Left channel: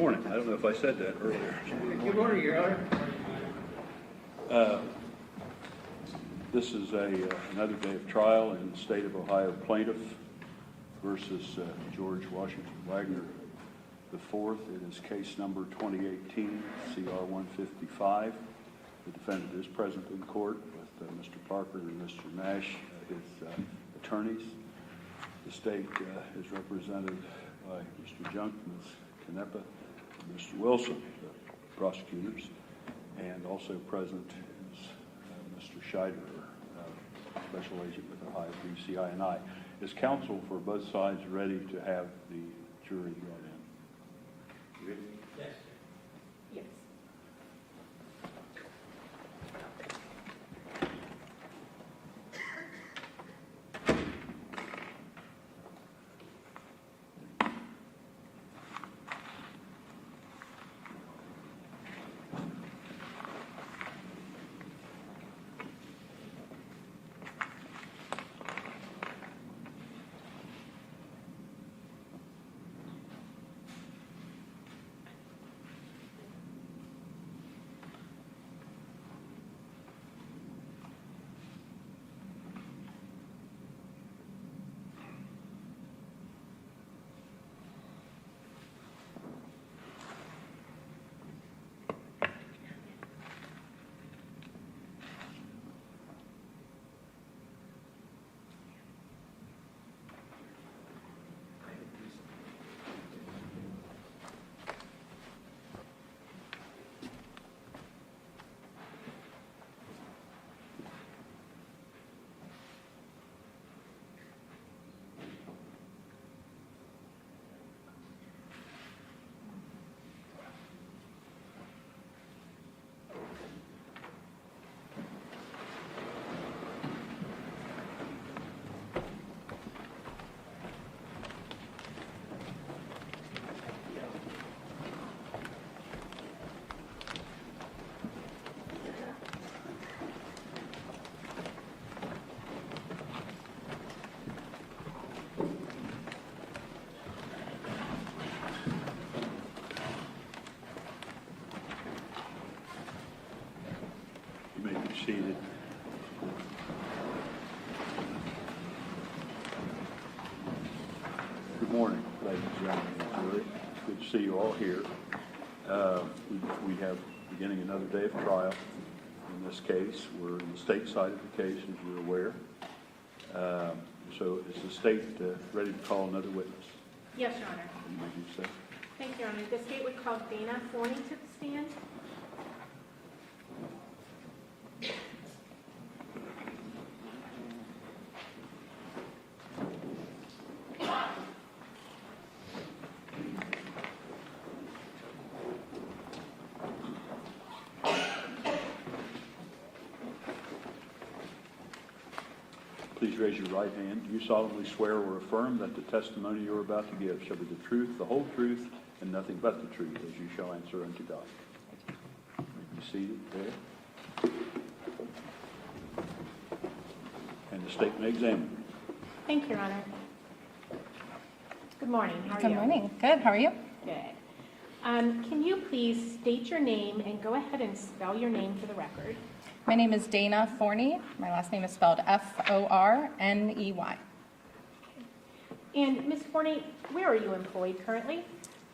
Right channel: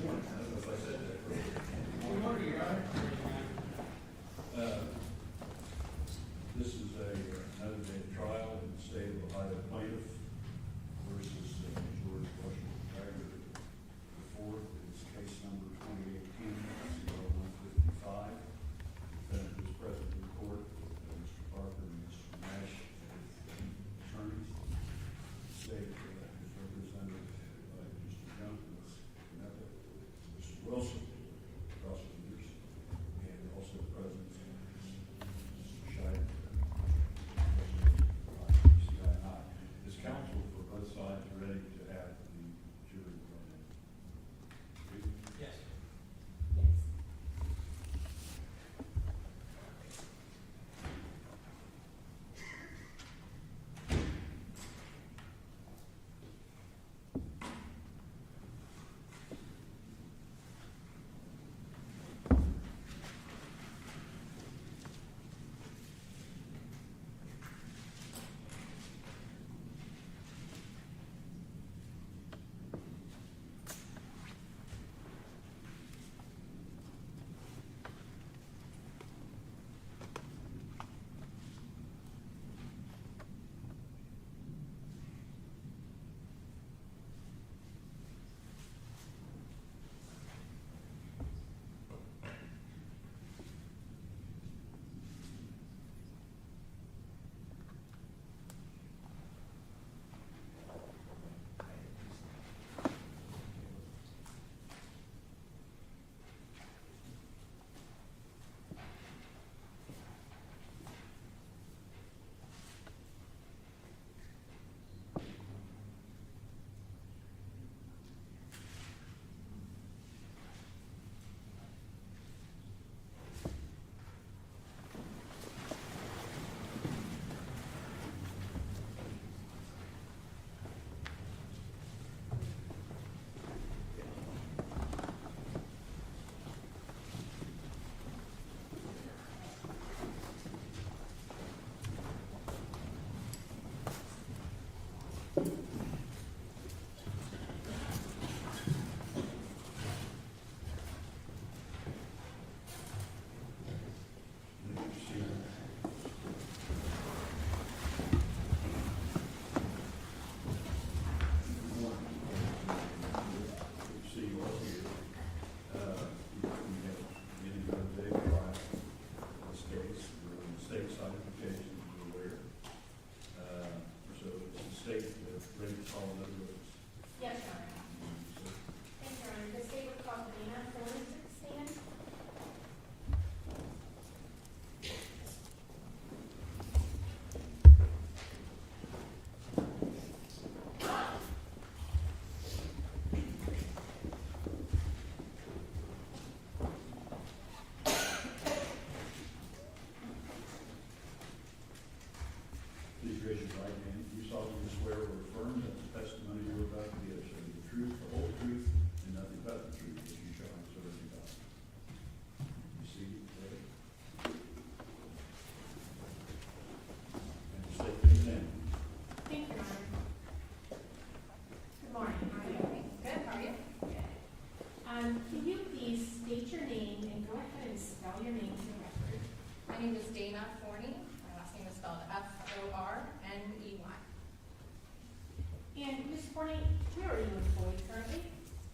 morning. I don't know if I said that earlier. Good morning, Your Honor. This is another day of trial in the state of Ohio plaintiff versus George Washington Wagner IV. It is case number 2018 CR 155. The defendant is present in court with Mr. Parker and Mr. Nash, his attorneys. The state is represented by Mr. Junk, Ms. Canepa, and Mr. Wilson, the prosecutors, and also present is Mr. Scheider, special agent with the Ohio CI&I. Is counsel for both sides ready to have the jury brought in? Ready? Yes. Yes. You may be seated. Good morning, ladies and gentlemen of the jury. Good to see you all here. We have beginning another day of trial. In this case, we're in the state side of the case, as you're aware. So is the state ready to call another witness? Yes, Your Honor. You may do so. Thank you, Your Honor. The state would call Dana Forney to the stand. Please raise your right hand. Do you solemnly swear or affirm that the testimony you are about to give shall be the truth, the whole truth, and nothing but the truth, as you shall answer unto God? You seated there. And the state may examine. Thank you, Your Honor. Good morning. How are you? Good morning. Good. How are you? Good. Can you please state your name and go ahead and spell your name for the record? My name is Dana Forney. My last name is spelled F-O-R-N-E-Y. And Ms. Forney, where are you employed currently?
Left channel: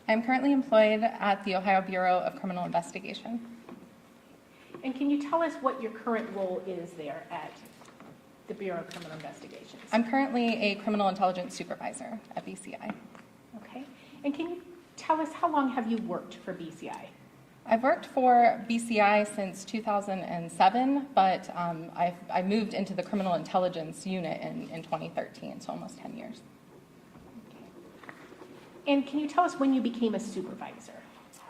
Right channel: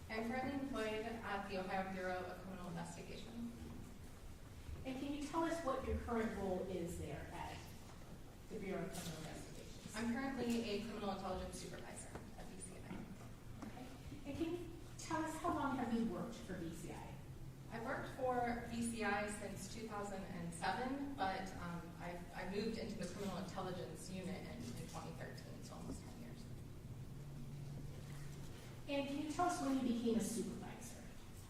I'm currently employed at the Ohio Bureau of Criminal Investigation. And can you tell us what your current role is there at the Bureau of Criminal Investigations? I'm currently a criminal intelligence supervisor at BCI. Okay. And can you tell us how long have you worked for BCI? I've worked for BCI since 2007, but I moved into the criminal intelligence unit in 2013, so almost 10 years. And can you tell us when you became a supervisor?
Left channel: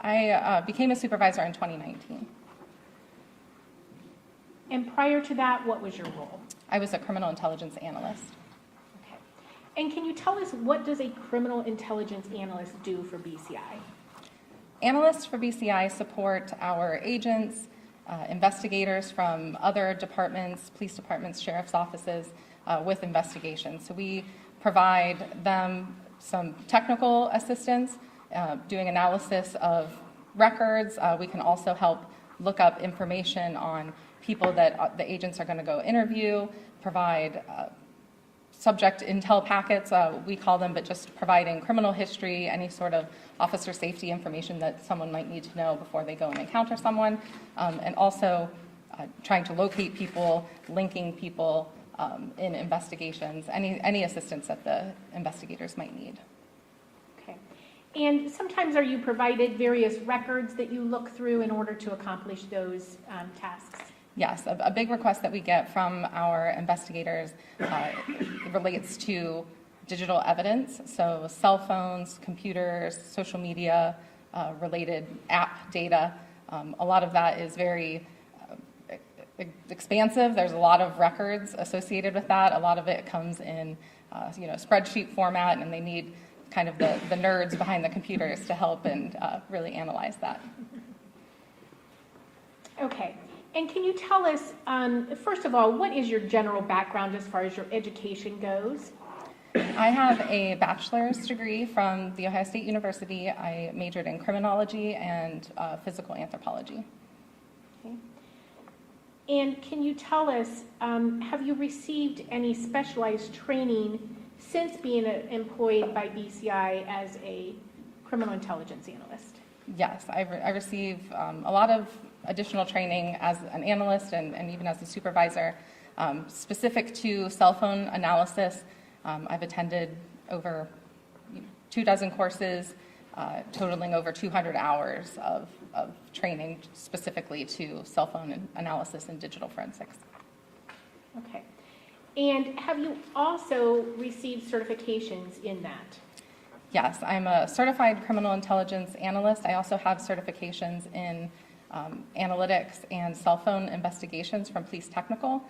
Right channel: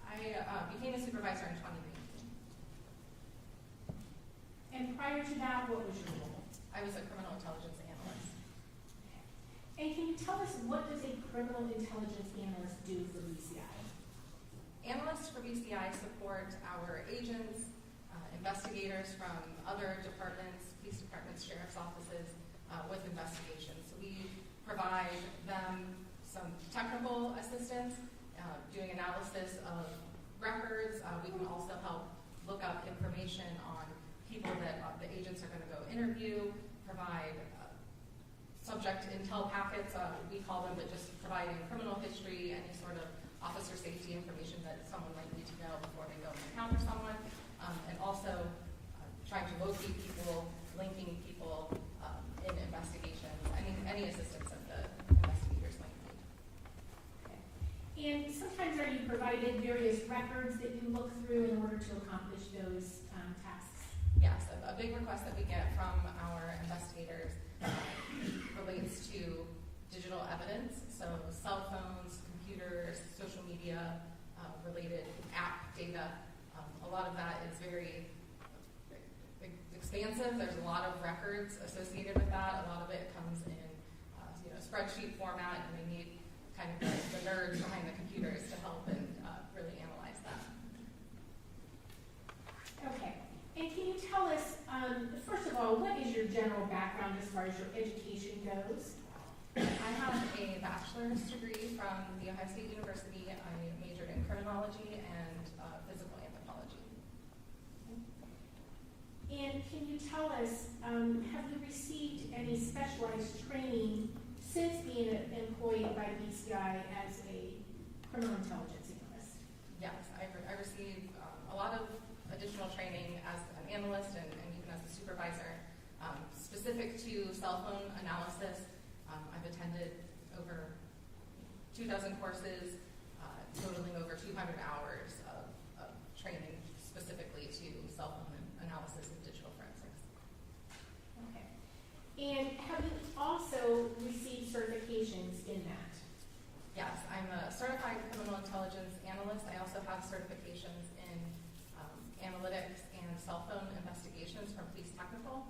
I became a supervisor in 2019. And prior to that, what was your role? I was a criminal intelligence analyst. Okay. And can you tell us, what does a criminal intelligence analyst do for BCI? Analysts for BCI support our agents, investigators from other departments, police departments, sheriff's offices with investigations. So we provide them some technical assistance doing analysis of records. We can also help look up information on people that the agents are going to go interview, provide subject intel packets, we call them, but just providing criminal history, any sort of officer safety information that someone might need to know before they go and encounter someone, and also trying to locate people, linking people in investigations, any assistance that the investigators might need. Okay. And sometimes are you provided various records that you look through in order to accomplish those tasks? Yes, a big request that we get from our investigators relates to digital evidence, so cell phones, computers, social media, related app data. A lot of that is very expansive. There's a lot of records associated with that. A lot of it comes in spreadsheet format, and they need kind of the nerds behind the computers to help and really analyze that. Okay. And can you tell us, first of all, what is your general background as far as your education goes? I have a bachelor's degree from The Ohio State University. I majored in criminology and physical anthropology. Okay. And can you tell us, have you received any specialized training since being employed by BCI as a criminal intelligence analyst? Yes, I receive a lot of additional training as an analyst and even as a supervisor, specific to cell phone analysis. I've attended over 24 courses, totaling over 200 hours of training specifically to cell phone analysis and digital forensics. Okay. And have you also received certifications in that? Yes, I'm a certified criminal intelligence analyst. I also have certifications in analytics and cell phone investigations from Police Technical.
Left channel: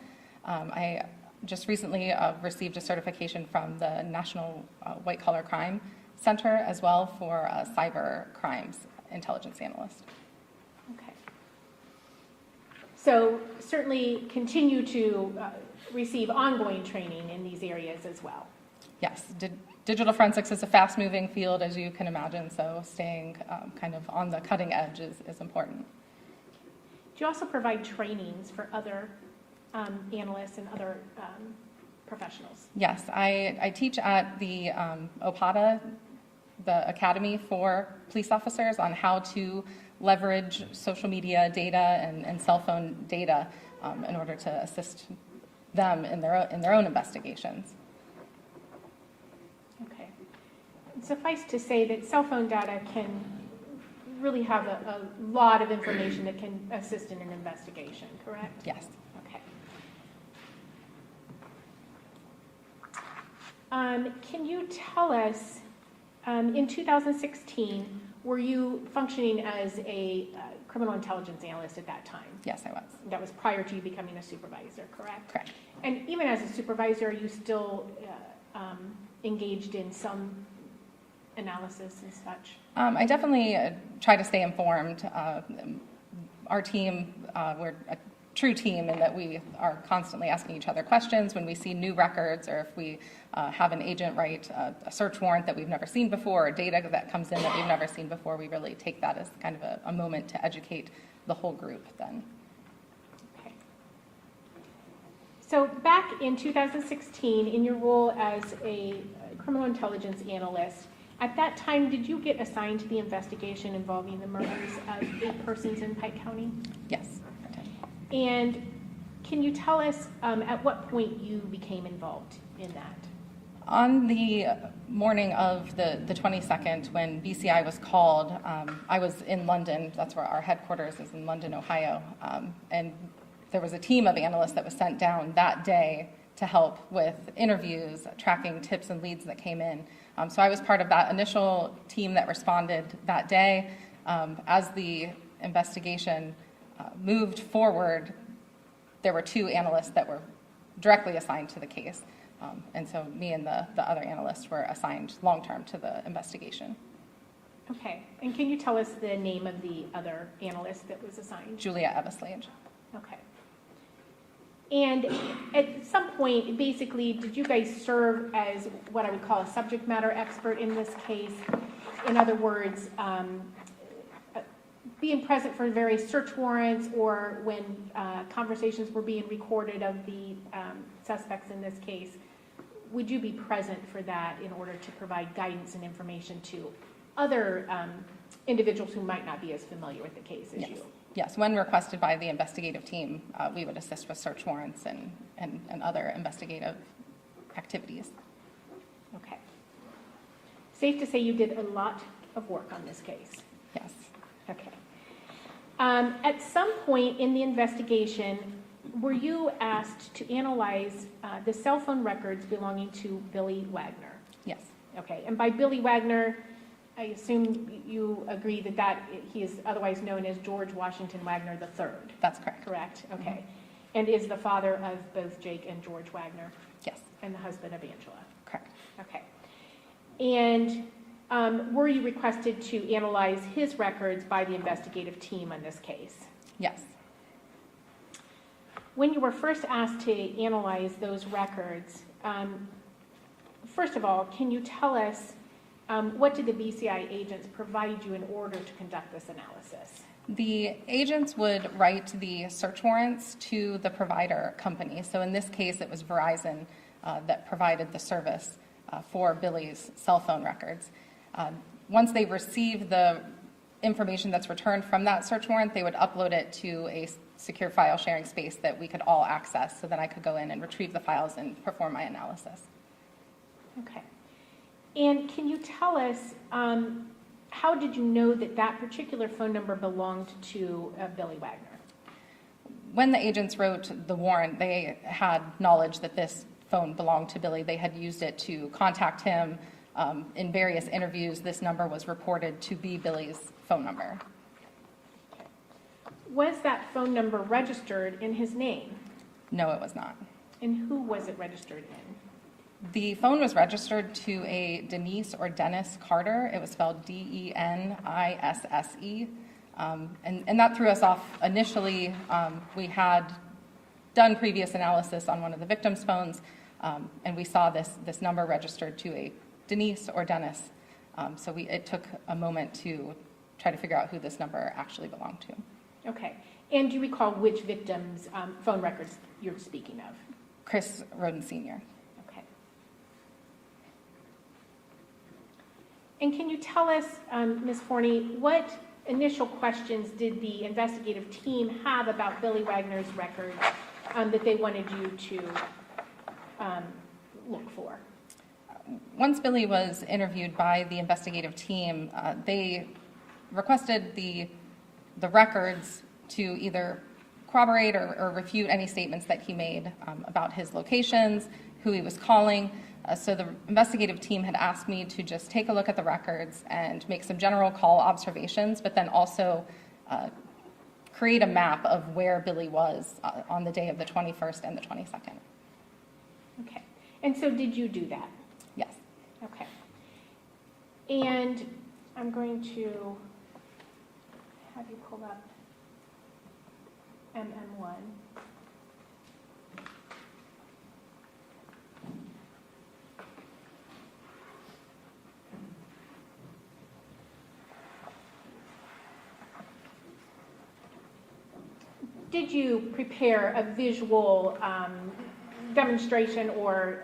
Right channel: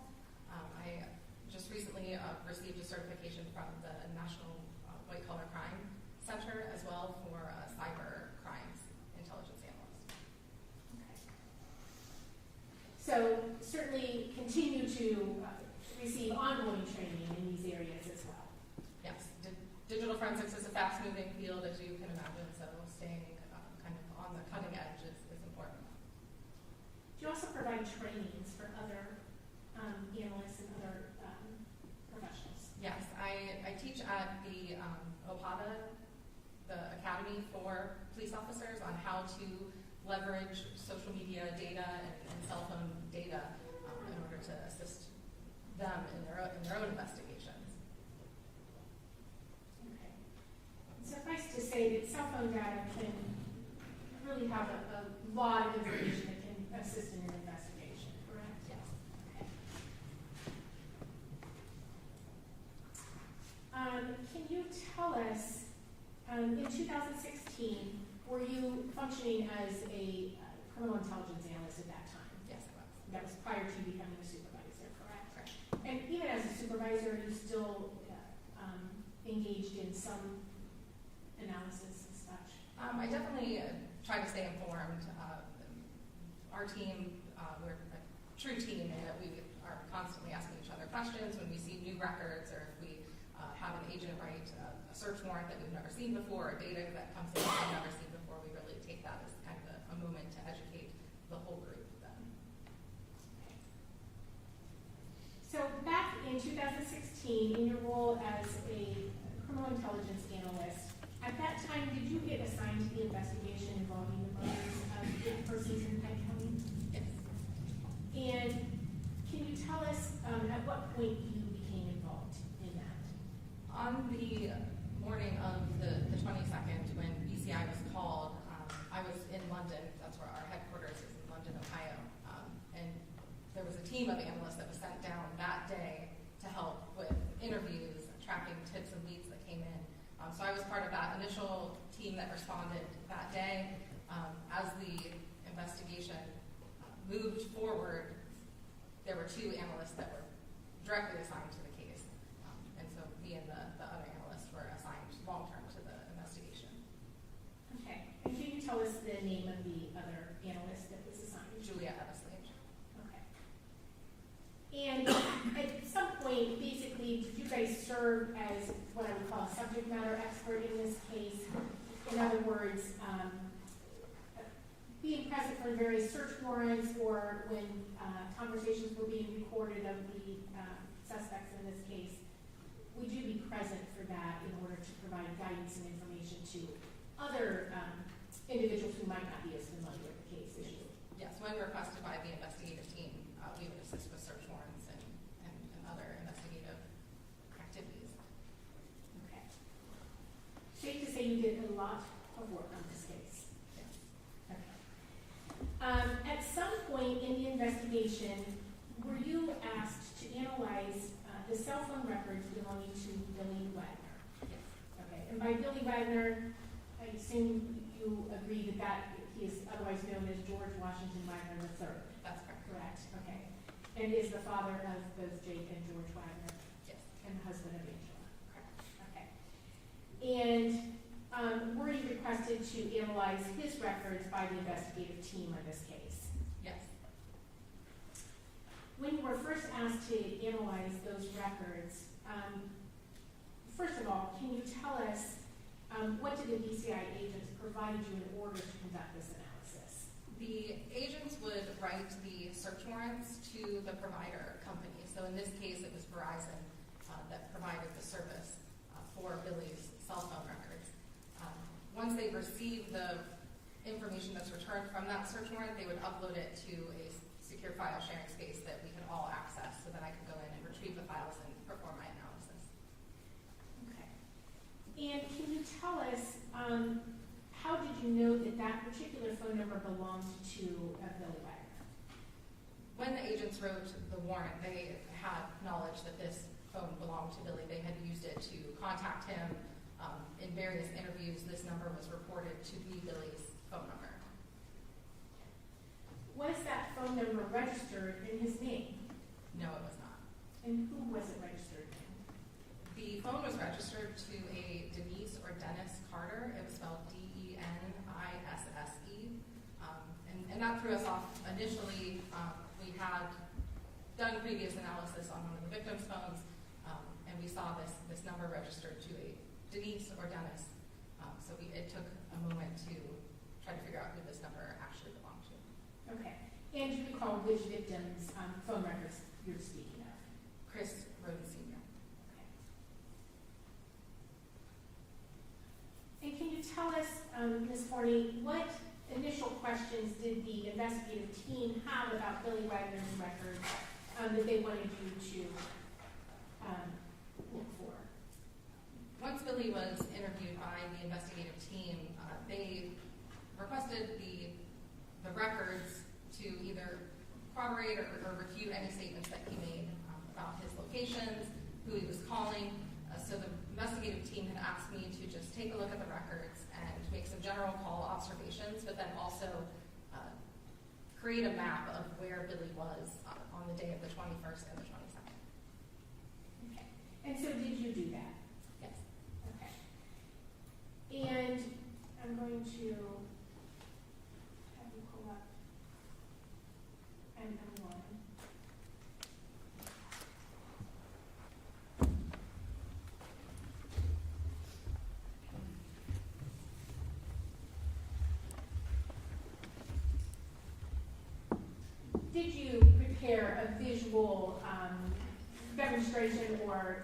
I just recently received a certification from the National White Collar Crime Center as well for cyber crimes intelligence analyst. Okay. So certainly continue to receive ongoing training in these areas as well. Yes, digital forensics is a fast-moving field, as you can imagine, so staying kind of on the cutting edge is important. Do you also provide trainings for other analysts and other professionals? Yes, I teach at the OPATA, the Academy for Police Officers, on how to leverage social media data and cell phone data in order to assist them in their own investigations. Okay. Suffice to say that cell phone data can really have a lot of information that can assist in an investigation, correct? Yes. Okay. Can you tell us, in 2016, were you functioning as a criminal intelligence analyst at that time? Yes, I was. That was prior to you becoming a supervisor, correct? Correct. And even as a supervisor, are you still engaged in some analysis and such? I definitely try to stay informed. Our team, we're a true team in that we are constantly asking each other questions when we see new records, or if we have an agent write a search warrant that we've never seen before, or data that comes in that we've never seen before. We really take that as kind of a moment to educate the whole group then. Okay. So back in 2016, in your role as a criminal intelligence analyst, at that time, did you get assigned to the investigation involving the murders of 8 persons in Pike County? Yes, I did. And can you tell us at what point you became involved in that? On the morning of the 22nd, when BCI was called, I was in London. That's where our headquarters is, in London, Ohio. And there was a team of analysts that was sent down that day to help with interviews, tracking tips and leads that came in. So I was part of that initial team that responded that day. As the investigation moved forward, there were 2 analysts that were directly assigned to the case. And so me and the other analysts were assigned long-term to the investigation. Okay. And can you tell us the name of the other analyst that was assigned? Julia Eveslage. Okay. And at some point, basically, did you guys serve as what I would call a subject matter expert in this case? in other words, being present for various search warrants or when conversations were being recorded of the suspects in this case, would you be present for that in order to provide guidance and information to other individuals who might not be as familiar with the case as Yes. you? Yes, when requested by the investigative team, we would assist with search warrants and other investigative activities. Okay. Safe to say you did a lot of work on this case. Yes. Okay. At some point in the investigation, were you asked to analyze the cell phone records belonging to Billy Wagner? Yes. Okay, and by Billy Wagner, I assume you agree that he is otherwise known as George Washington Wagner III. That's correct. Correct? Okay. And is the father of both Jake and George Wagner Yes. and the husband of Angela? Correct. Okay. And were you requested to analyze his records by the investigative team on this case? Yes. When you were first asked to analyze those records, first of all, can you tell us what did the BCI agents provide you in order to conduct this analysis? The agents would write the search warrants to the provider company. So in this case, it was Verizon that provided the service for Billy's cell phone records. Once they receive the information that's returned from that search warrant, they would upload it to a secure file sharing space that we could all access, so then I could go in and retrieve the files and perform my analysis. Okay. And can you tell us, how did you know that that particular phone number belonged to Billy Wagner? When the agents wrote the warrant, they had knowledge that this phone belonged to Billy. They had used it to contact him. In various interviews, this number was reported to be Billy's phone number. Was that phone number registered in his name? No, it was not. And who was it registered in? The phone was registered to a Denise or Dennis Carter. It was spelled Denisse. And that threw us off initially. We had done previous analysis on one of the victim's phones, and we saw this number registered to a Denise or Dennis. So it took a moment to try to figure out who this number actually belonged to. Okay. And do you recall which victim's phone records you're speaking of? Chris Rhoden Sr. Okay. And can you tell us, Ms. Forney, what initial questions did the investigative team have about Billy Wagner's records that they wanted you to look for? Once Billy was interviewed by the investigative team, they requested the records to either corroborate or refute any statements that he made about his locations, who he was calling. So the investigative team had asked me to just take a look at the records and make some general call observations, but then also create a map of where Billy was on the day of the 21st and the 22nd. Okay. And so did you do that? Yes. Okay. And I'm going to have you pull up MM1. Did you prepare a visual demonstration or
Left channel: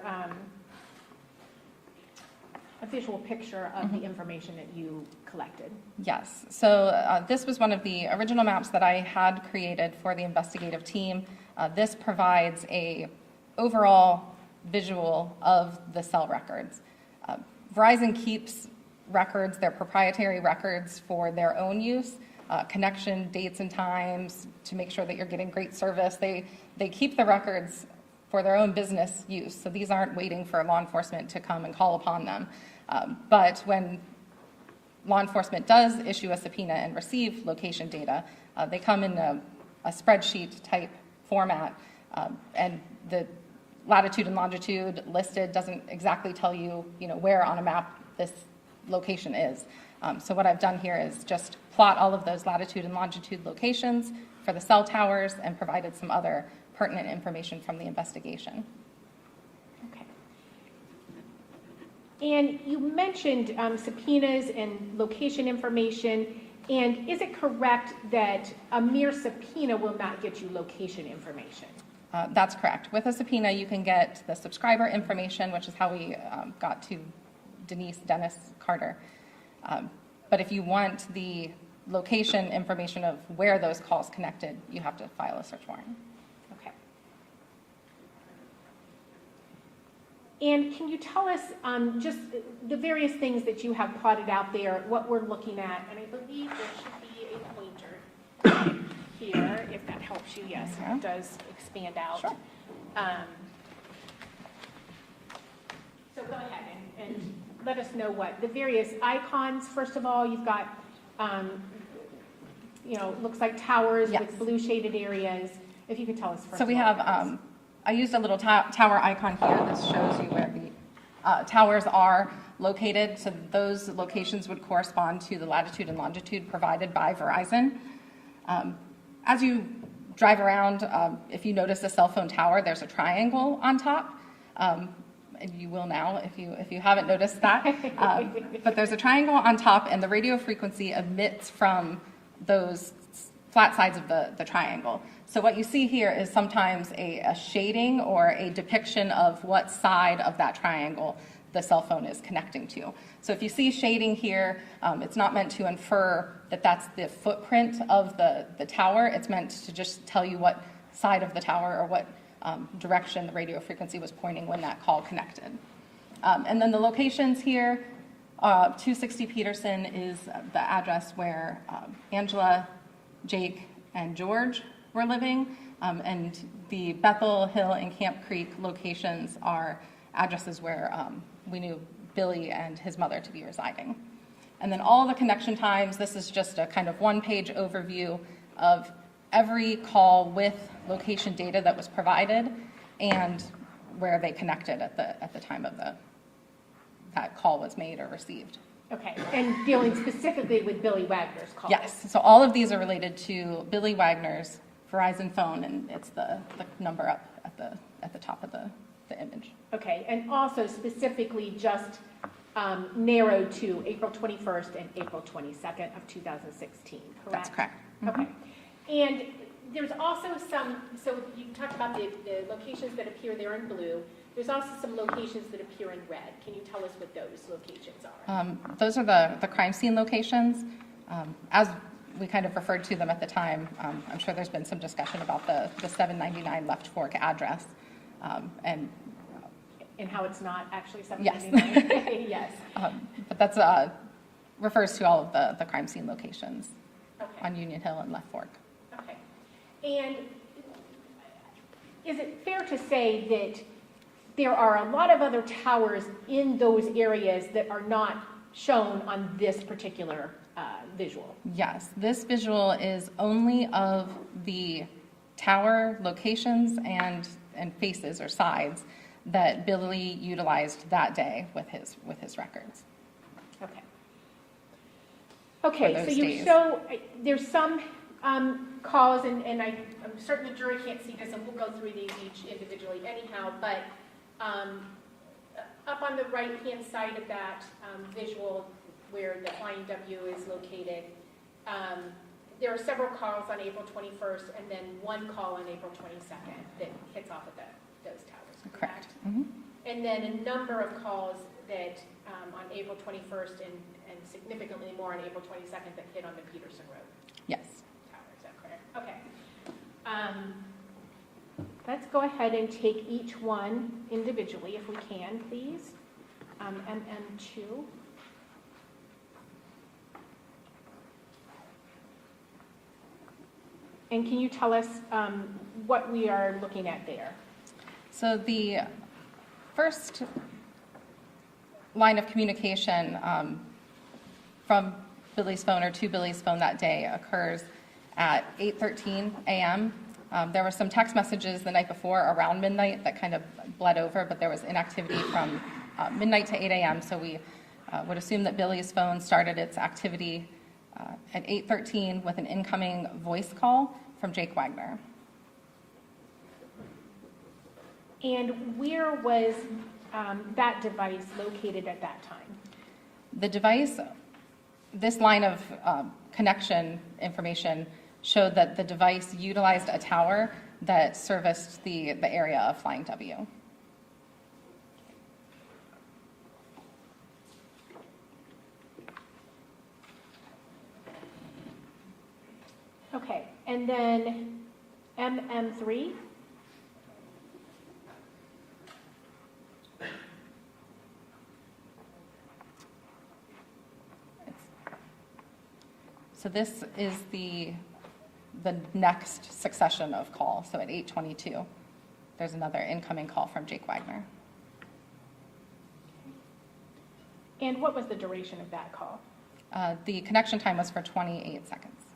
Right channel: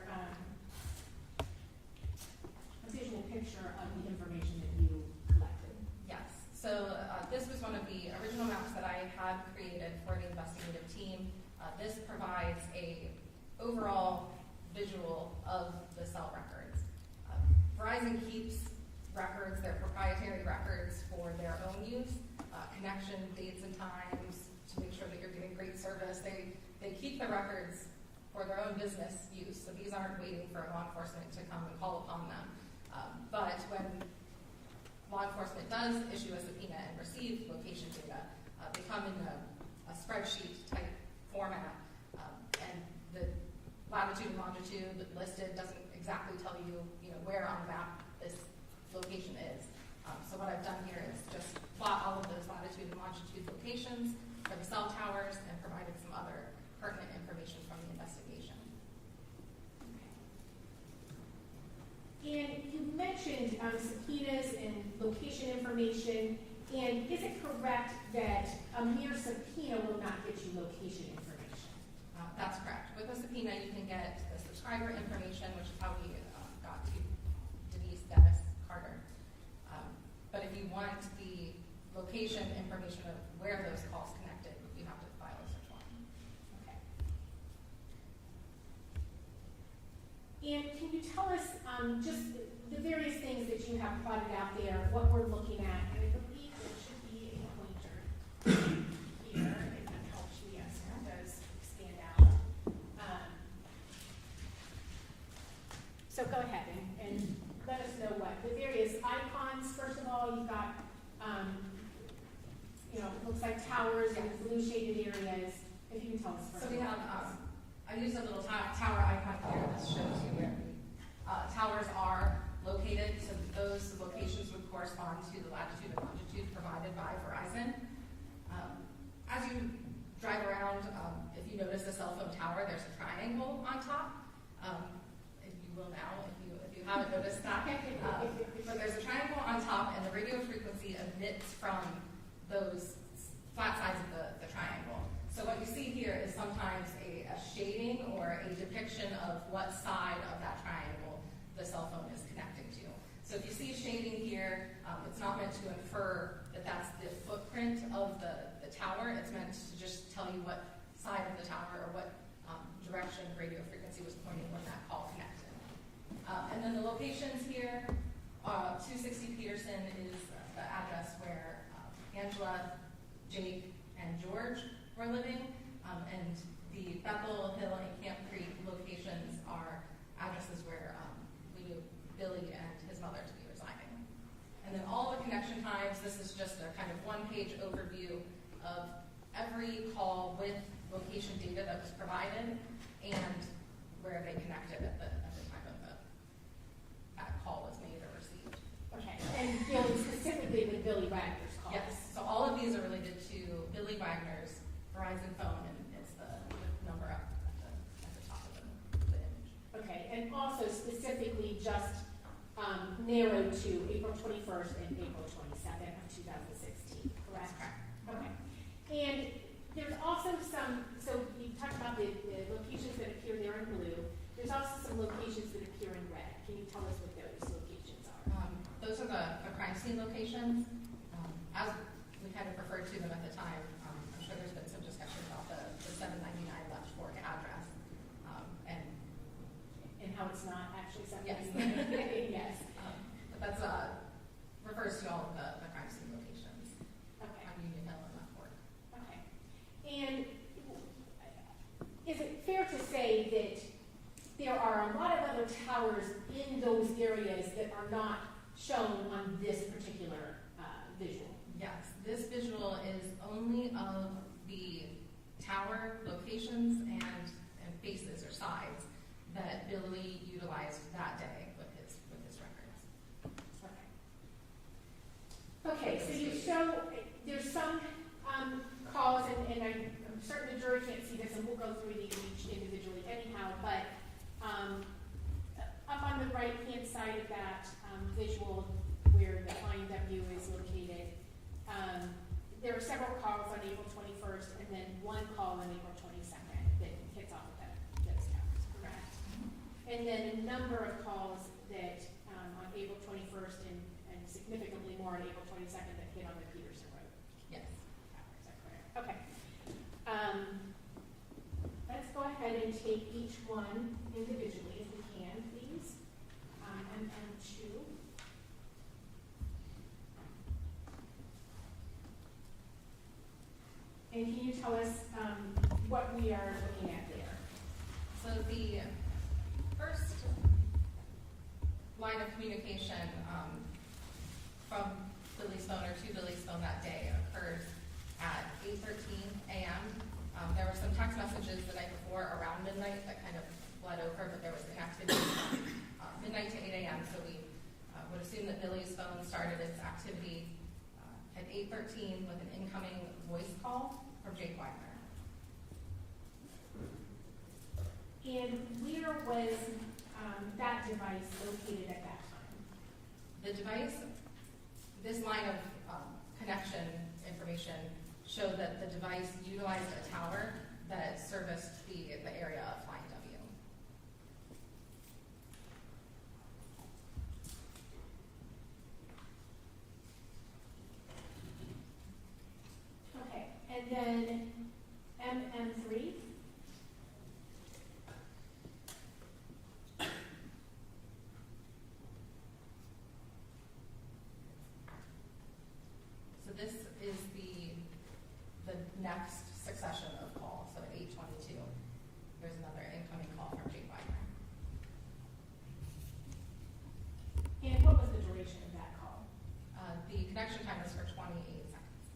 a visual picture of the information that you collected? Yes. So this was one of the original maps that I had created for the investigative team. This provides a overall visual of the cell records. Verizon keeps records, their proprietary records, for their own use, connection dates and times, to make sure that you're getting great service. They keep the records for their own business use, so these aren't waiting for law enforcement to come and call upon them. But when law enforcement does issue a subpoena and receive location data, they come in a spreadsheet type format, and the latitude and longitude listed doesn't exactly tell you, where on a map this location is. So what I've done here is just plot all of those latitude and longitude locations for the cell towers and provided some other pertinent information from the investigation. Okay. And you mentioned subpoenas and location information, and is it correct that a mere subpoena will not get you location information? That's correct. With a subpoena, you can get the subscriber information, which is how we got to Dennis Carter. But if you want the location information of where those calls connected, you have to file a search warrant. Okay. And can you tell us just the various things that you have plotted out there, what we're looking at? And I believe there should be a pointer here, if that helps you. Yes, Yeah. it does expand out. Sure. So go ahead and let us know what the various icons. First of all, you've got, looks like towers Yes. with blue shaded areas. If you could tell us first. So we of all, have, I used a little tower icon here. This shows you where the towers are located. So those locations would correspond to the latitude and longitude provided by Verizon. As you drive around, if you notice a cell phone tower, there's a triangle on top. And you will now if you haven't noticed that. But there's a triangle on top, and the radio frequency emits from those flat sides of the triangle. So what you see here is sometimes a shading or a depiction of what side of that triangle the cell phone is connecting to. So if you see shading here, it's not meant to infer that that's the footprint of the tower. It's meant to just tell you what side of the tower or what direction the radio frequency was pointing when that call connected. And then the locations here, 260 Peterson is the address where Angela, Jake, and George were living, and the Bethel Hill and Camp Creek locations are addresses where we knew Billy and his mother to be residing. And then all the connection times, this is just a kind of one-page overview of every call with location data that was provided and where they connected at the time of that call was made or received. Okay, and dealing specifically with Billy Wagner's call. Yes, so all of these are related to Billy Wagner's Verizon phone, and it's the number up at the top of the image. Okay, and also specifically just narrowed to April 21st and April 22nd of 2016, correct? That's correct. Okay, and there's also some, so you talked about the locations that appear there in blue. There's also some locations that appear in red. Can you tell us what those locations are? Those are the crime scene locations. As we kind of referred to them at the time, I'm sure there's been some discussion about the 799 Left Fork address. And how it's not actually Yes. 799? Yes. But that's refers to all of the crime scene locations Okay. on Union Hill and Left Fork. Okay. And is it fair to say that there are a lot of other towers in those areas that are not shown on this particular visual? Yes, this visual is only of the tower locations and faces or sides that Billy utilized that day with his records. Okay. Okay, so those you days. show, there's some calls, and I'm certain the jury can't see this, and we'll go through these each individually anyhow, but up on the right-hand side of that visual where the flying W is located, there are several calls on April 21st and then one call on April 22nd that hits off of those towers. Correct. Mm-hmm. And then a number of calls that on April 21st and significantly more on April 22nd that hit on the Peterson Road Yes. tower. Is that correct? Okay. Let's go ahead and take each one individually if we can, please. MM2. And can you tell us what we are looking at there? So the first line of communication from Billy's phone or to Billy's phone that day occurs at 8:13 a.m. There were some text messages the night before around midnight that kind of bled over, but there was inactivity from midnight to 8 a.m. So we would assume that Billy's phone started its activity at 8:13 with an incoming voice call from Jake Wagner. And where was that device located at that time? The device, this line of connection information showed that the device utilized a tower that serviced the area of Flying W. Okay, and then MM3? So this is the next succession of calls. So at 8:22, there's another incoming call from Jake Wagner. And what was the duration of that call? The connection time was for 28 seconds.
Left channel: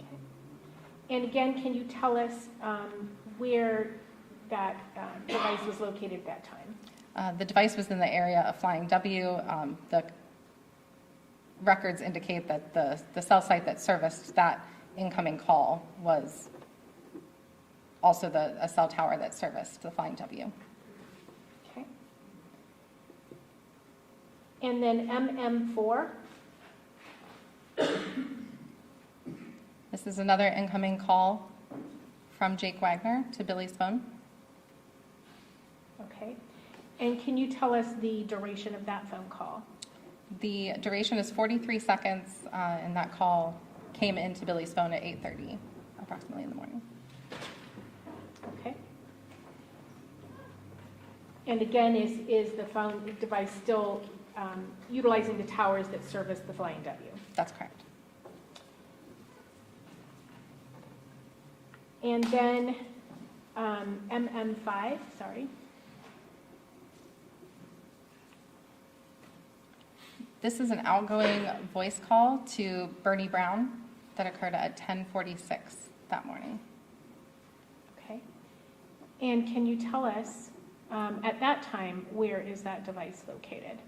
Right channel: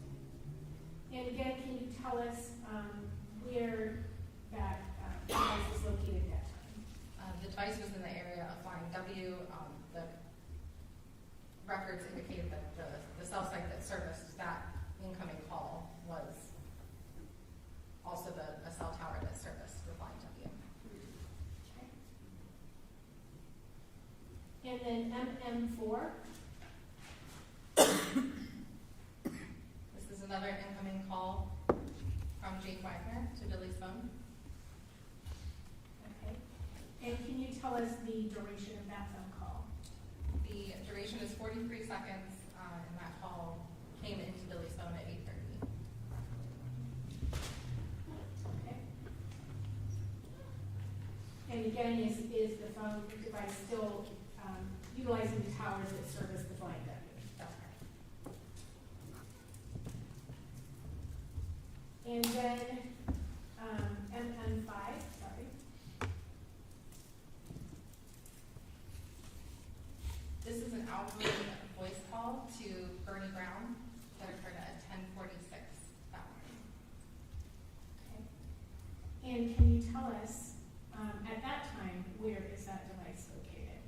Okay. And again, can you tell us where that device was located at that time? The device was in the area of Flying W. The records indicate that the cell site that serviced that incoming call was also a cell tower that serviced the Flying W. Okay. And then MM4? This is another incoming call from Jake Wagner to Billy's phone. Okay. And can you tell us the duration of that phone call? The duration is 43 seconds, and that call came into Billy's phone at 8:30, approximately in the morning. Okay. And again, is the phone device still utilizing the towers that service the Flying W? That's correct. And then MM5, sorry. This is an outgoing voice call to Bernie Brown that occurred at 10:46 that morning. Okay. And can you tell us, at that time, where is that device located?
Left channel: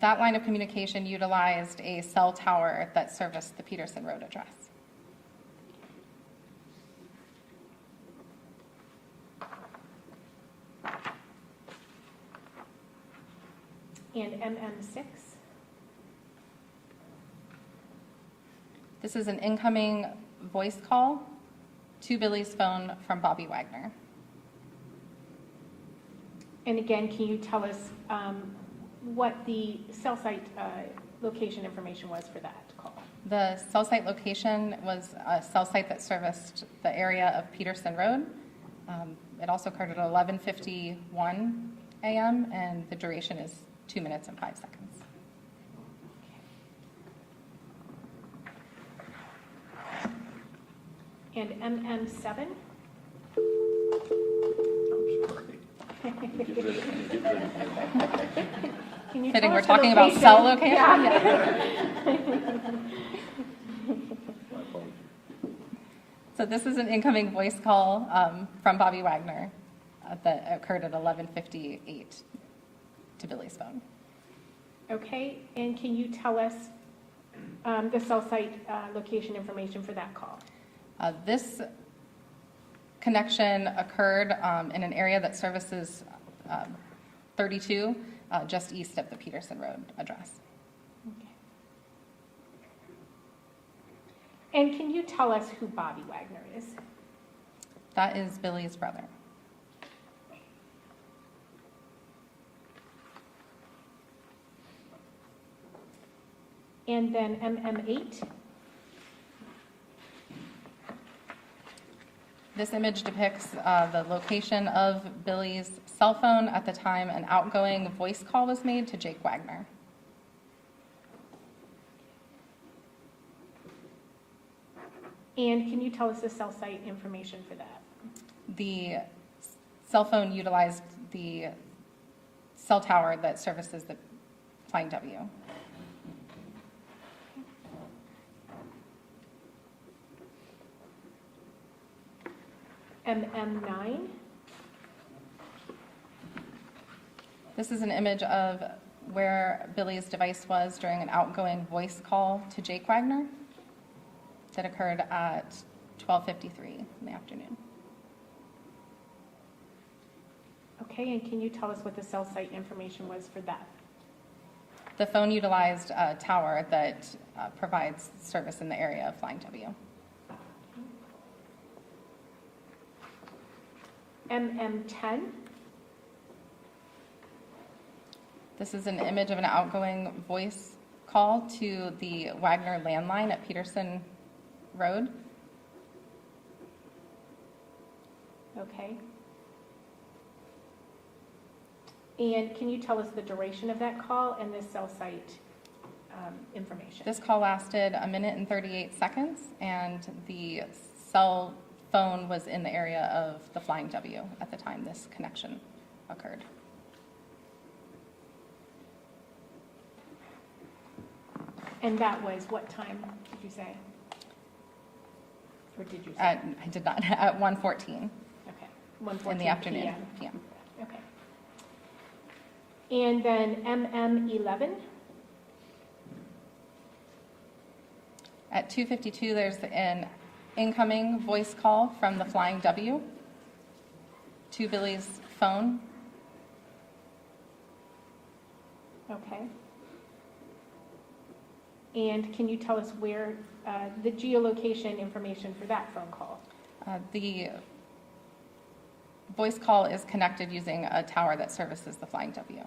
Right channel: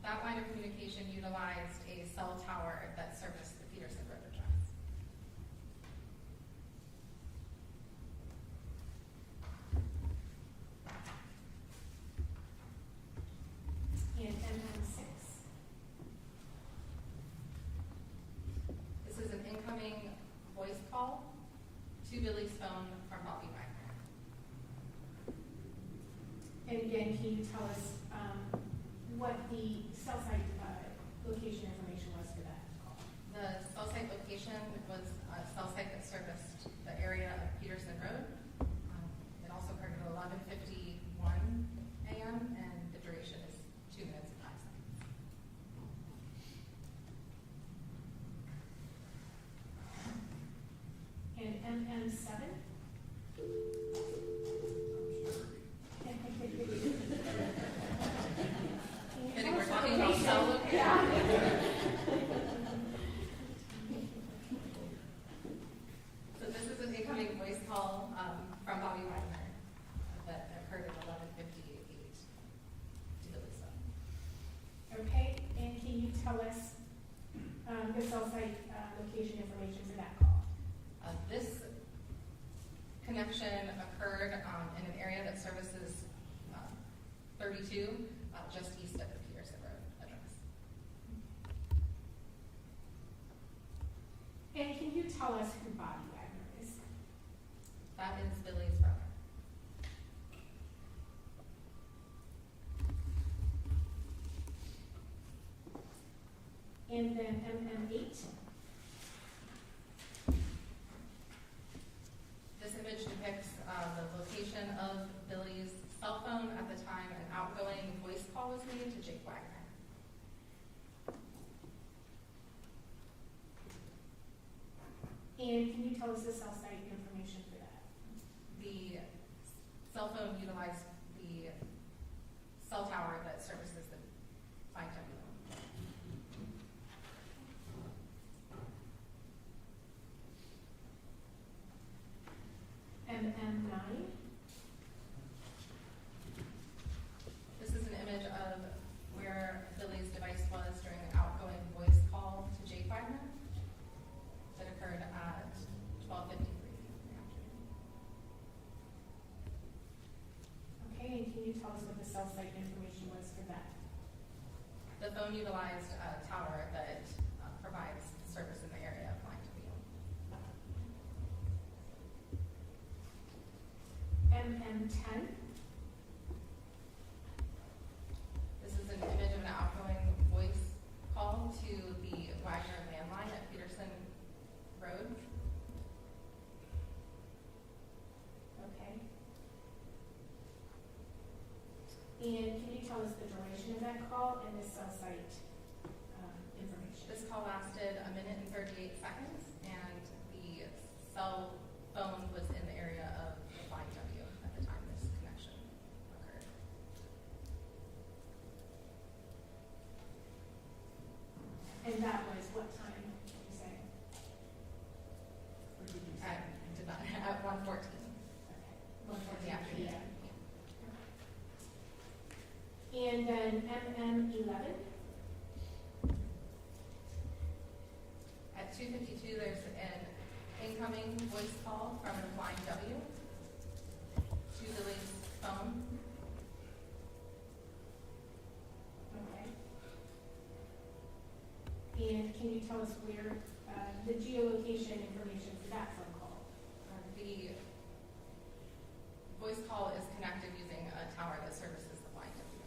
That line of communication utilized a cell tower that serviced the Peterson Road address. And MM6? This is an incoming voice call to Billy's phone from Bobby Wagner. And again, can you tell us what the cell site location information was for that call? The cell site location was a cell site that serviced the area of Peterson Road. It also occurred at 11:51 a.m. and the duration is 2 minutes and 5 seconds. And MM7? Get ready. Can you Fitting, tell we're us the talking about cell location? Yeah. So this is an incoming voice call from Bobby Wagner that occurred at 11:58 to Billy's phone. Okay, and can you tell us the cell site location information for that call? This connection occurred in an area that services 32, just east of the Peterson Road address. Okay. And can you tell us who Bobby Wagner is? That is Billy's brother. And then MM8? This image depicts the location of Billy's cell phone at the time an outgoing voice call was made to Jake Wagner. And can you tell us the cell site information for that? The cell phone utilized the cell tower that services the Flying W. MM9? This is an image of where Billy's device was during an outgoing voice call to Jake Wagner that occurred at 12:53 in the afternoon. Okay, and can you tell us what the cell site information was for that? The phone utilized a tower that provides service in the area of Flying W. MM10, This is an image of an outgoing voice call to the Wagner landline at Peterson Road. okay. And can you tell us the duration of that call and the cell site information? This call lasted 1 minute and 38 seconds, and the cell phone was in the area of the Flying W at the time this connection occurred. And that was what time, did you say? Or did you say? I did not, at 1:14 Okay, 1:14 in the afternoon, PM. PM. Okay. And then MM11, At 2:52, there's an incoming voice call from the Flying W to Billy's phone. okay. And can you tell us where, the geolocation information for that phone call? The voice call is connected using a tower that services the Flying W.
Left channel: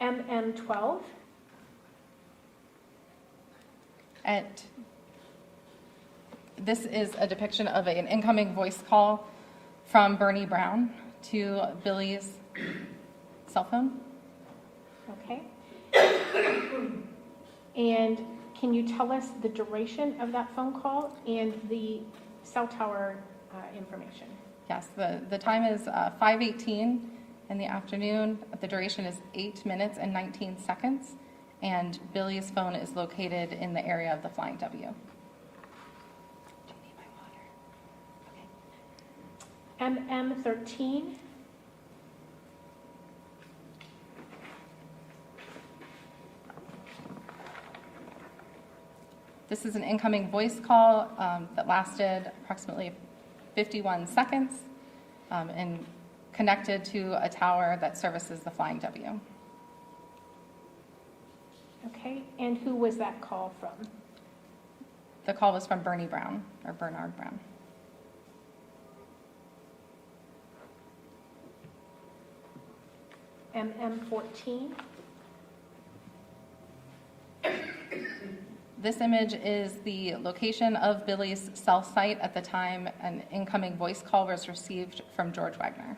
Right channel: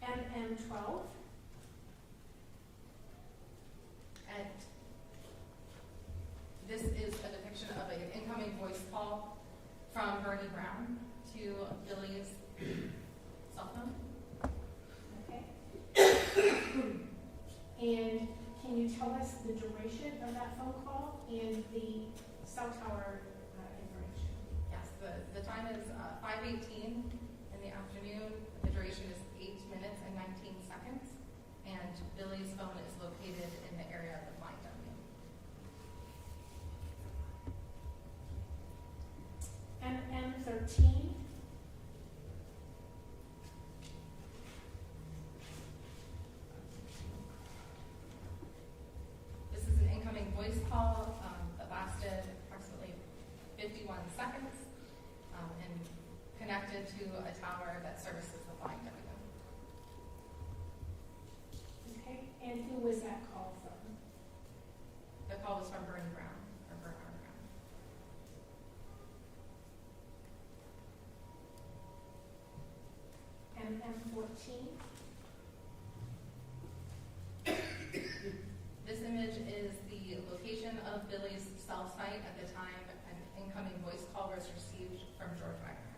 MM12, This is a depiction of an incoming voice call from Bernie Brown to Billy's cell phone. okay. And can you tell us the duration of that phone call and the cell tower information? Yes, the time is 5:18 in the afternoon. The duration is 8 minutes and 19 seconds, and Billy's phone is located in the area of the Flying W. MM13, This is an incoming voice call that lasted approximately 51 seconds and connected to a tower that services the Flying W. okay. And who was that call from? The call was from Bernie Brown, or Bernard Brown. MM14, This image is the location of Billy's cell site at the time an incoming voice call was received from George Wagner.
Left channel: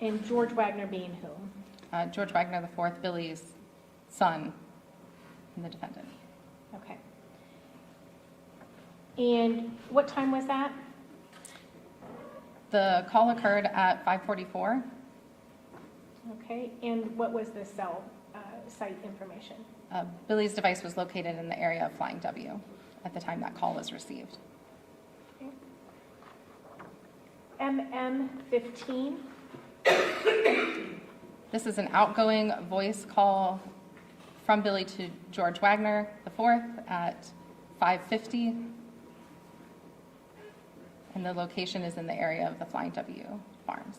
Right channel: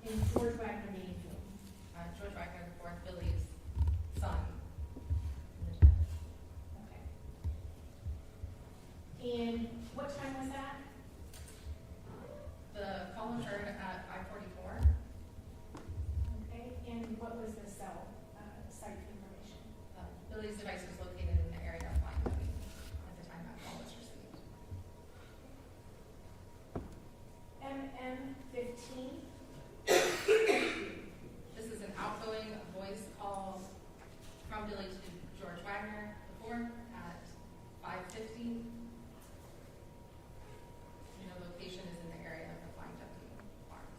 and George Wagner being whom? George Wagner IV, Billy's son and the defendant. Okay. And what time was that? The call occurred at 5:44. Okay, and what was the cell site information? Billy's device was located in the area of Flying W at the time that call was received. MM15, This is an outgoing voice call from Billy to George Wagner IV at 5:50. And the location is in the area of the Flying W farms.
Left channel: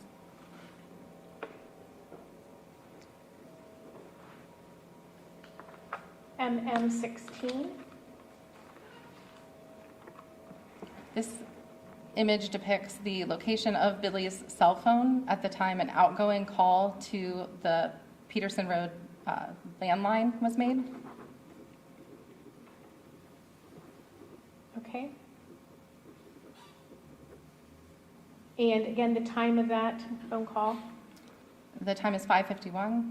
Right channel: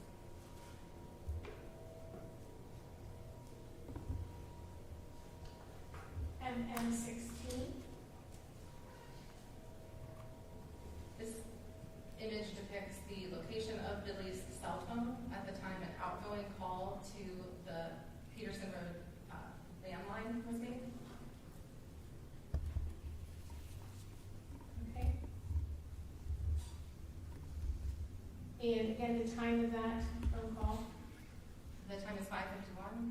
MM16, This image depicts the location of Billy's cell phone at the time an outgoing call to the Peterson Road landline was made. okay. And again, the time of that phone call, The time is 5:51.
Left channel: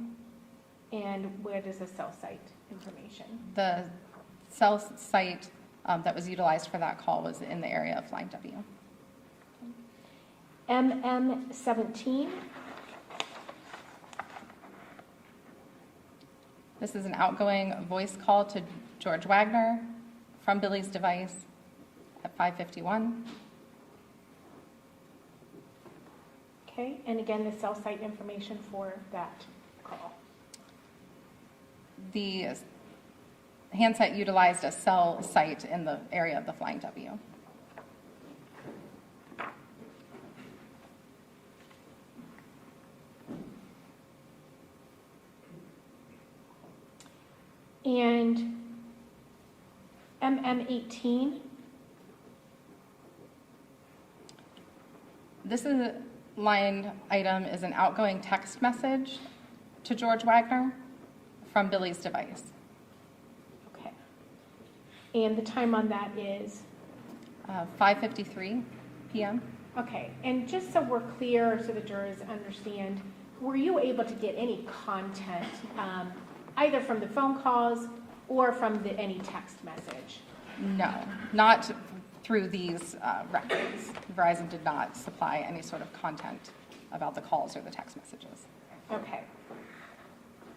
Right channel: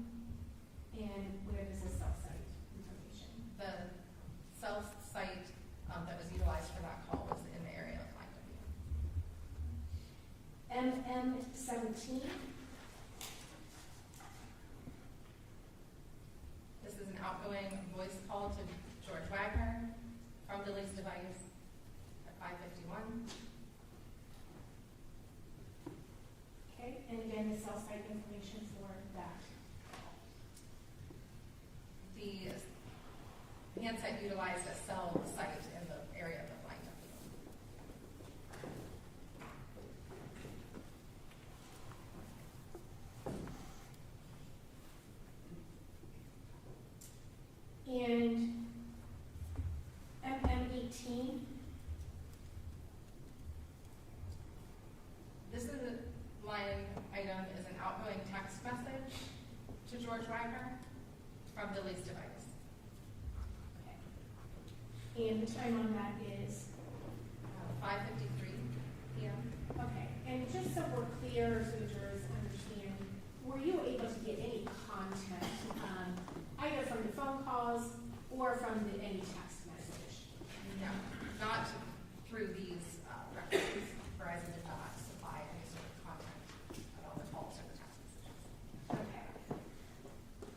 and where does the cell site information? The cell site that was utilized for that call was in the area of Flying W. MM17, This is an outgoing voice call to George Wagner from Billy's device at 5:51. Okay, and again, the cell site information for that call. The handset utilized a cell site in the area of the Flying W. And MM18, This is line item is an outgoing text message to George Wagner from Billy's device. okay. And the time on that is? 5:53 p.m. Okay, and just so we're clear, so the jurors understand, were you able to get any content, either from the phone calls or from any text message? No, not through these records. Verizon did not supply any sort of content about the calls or the text messages. Okay.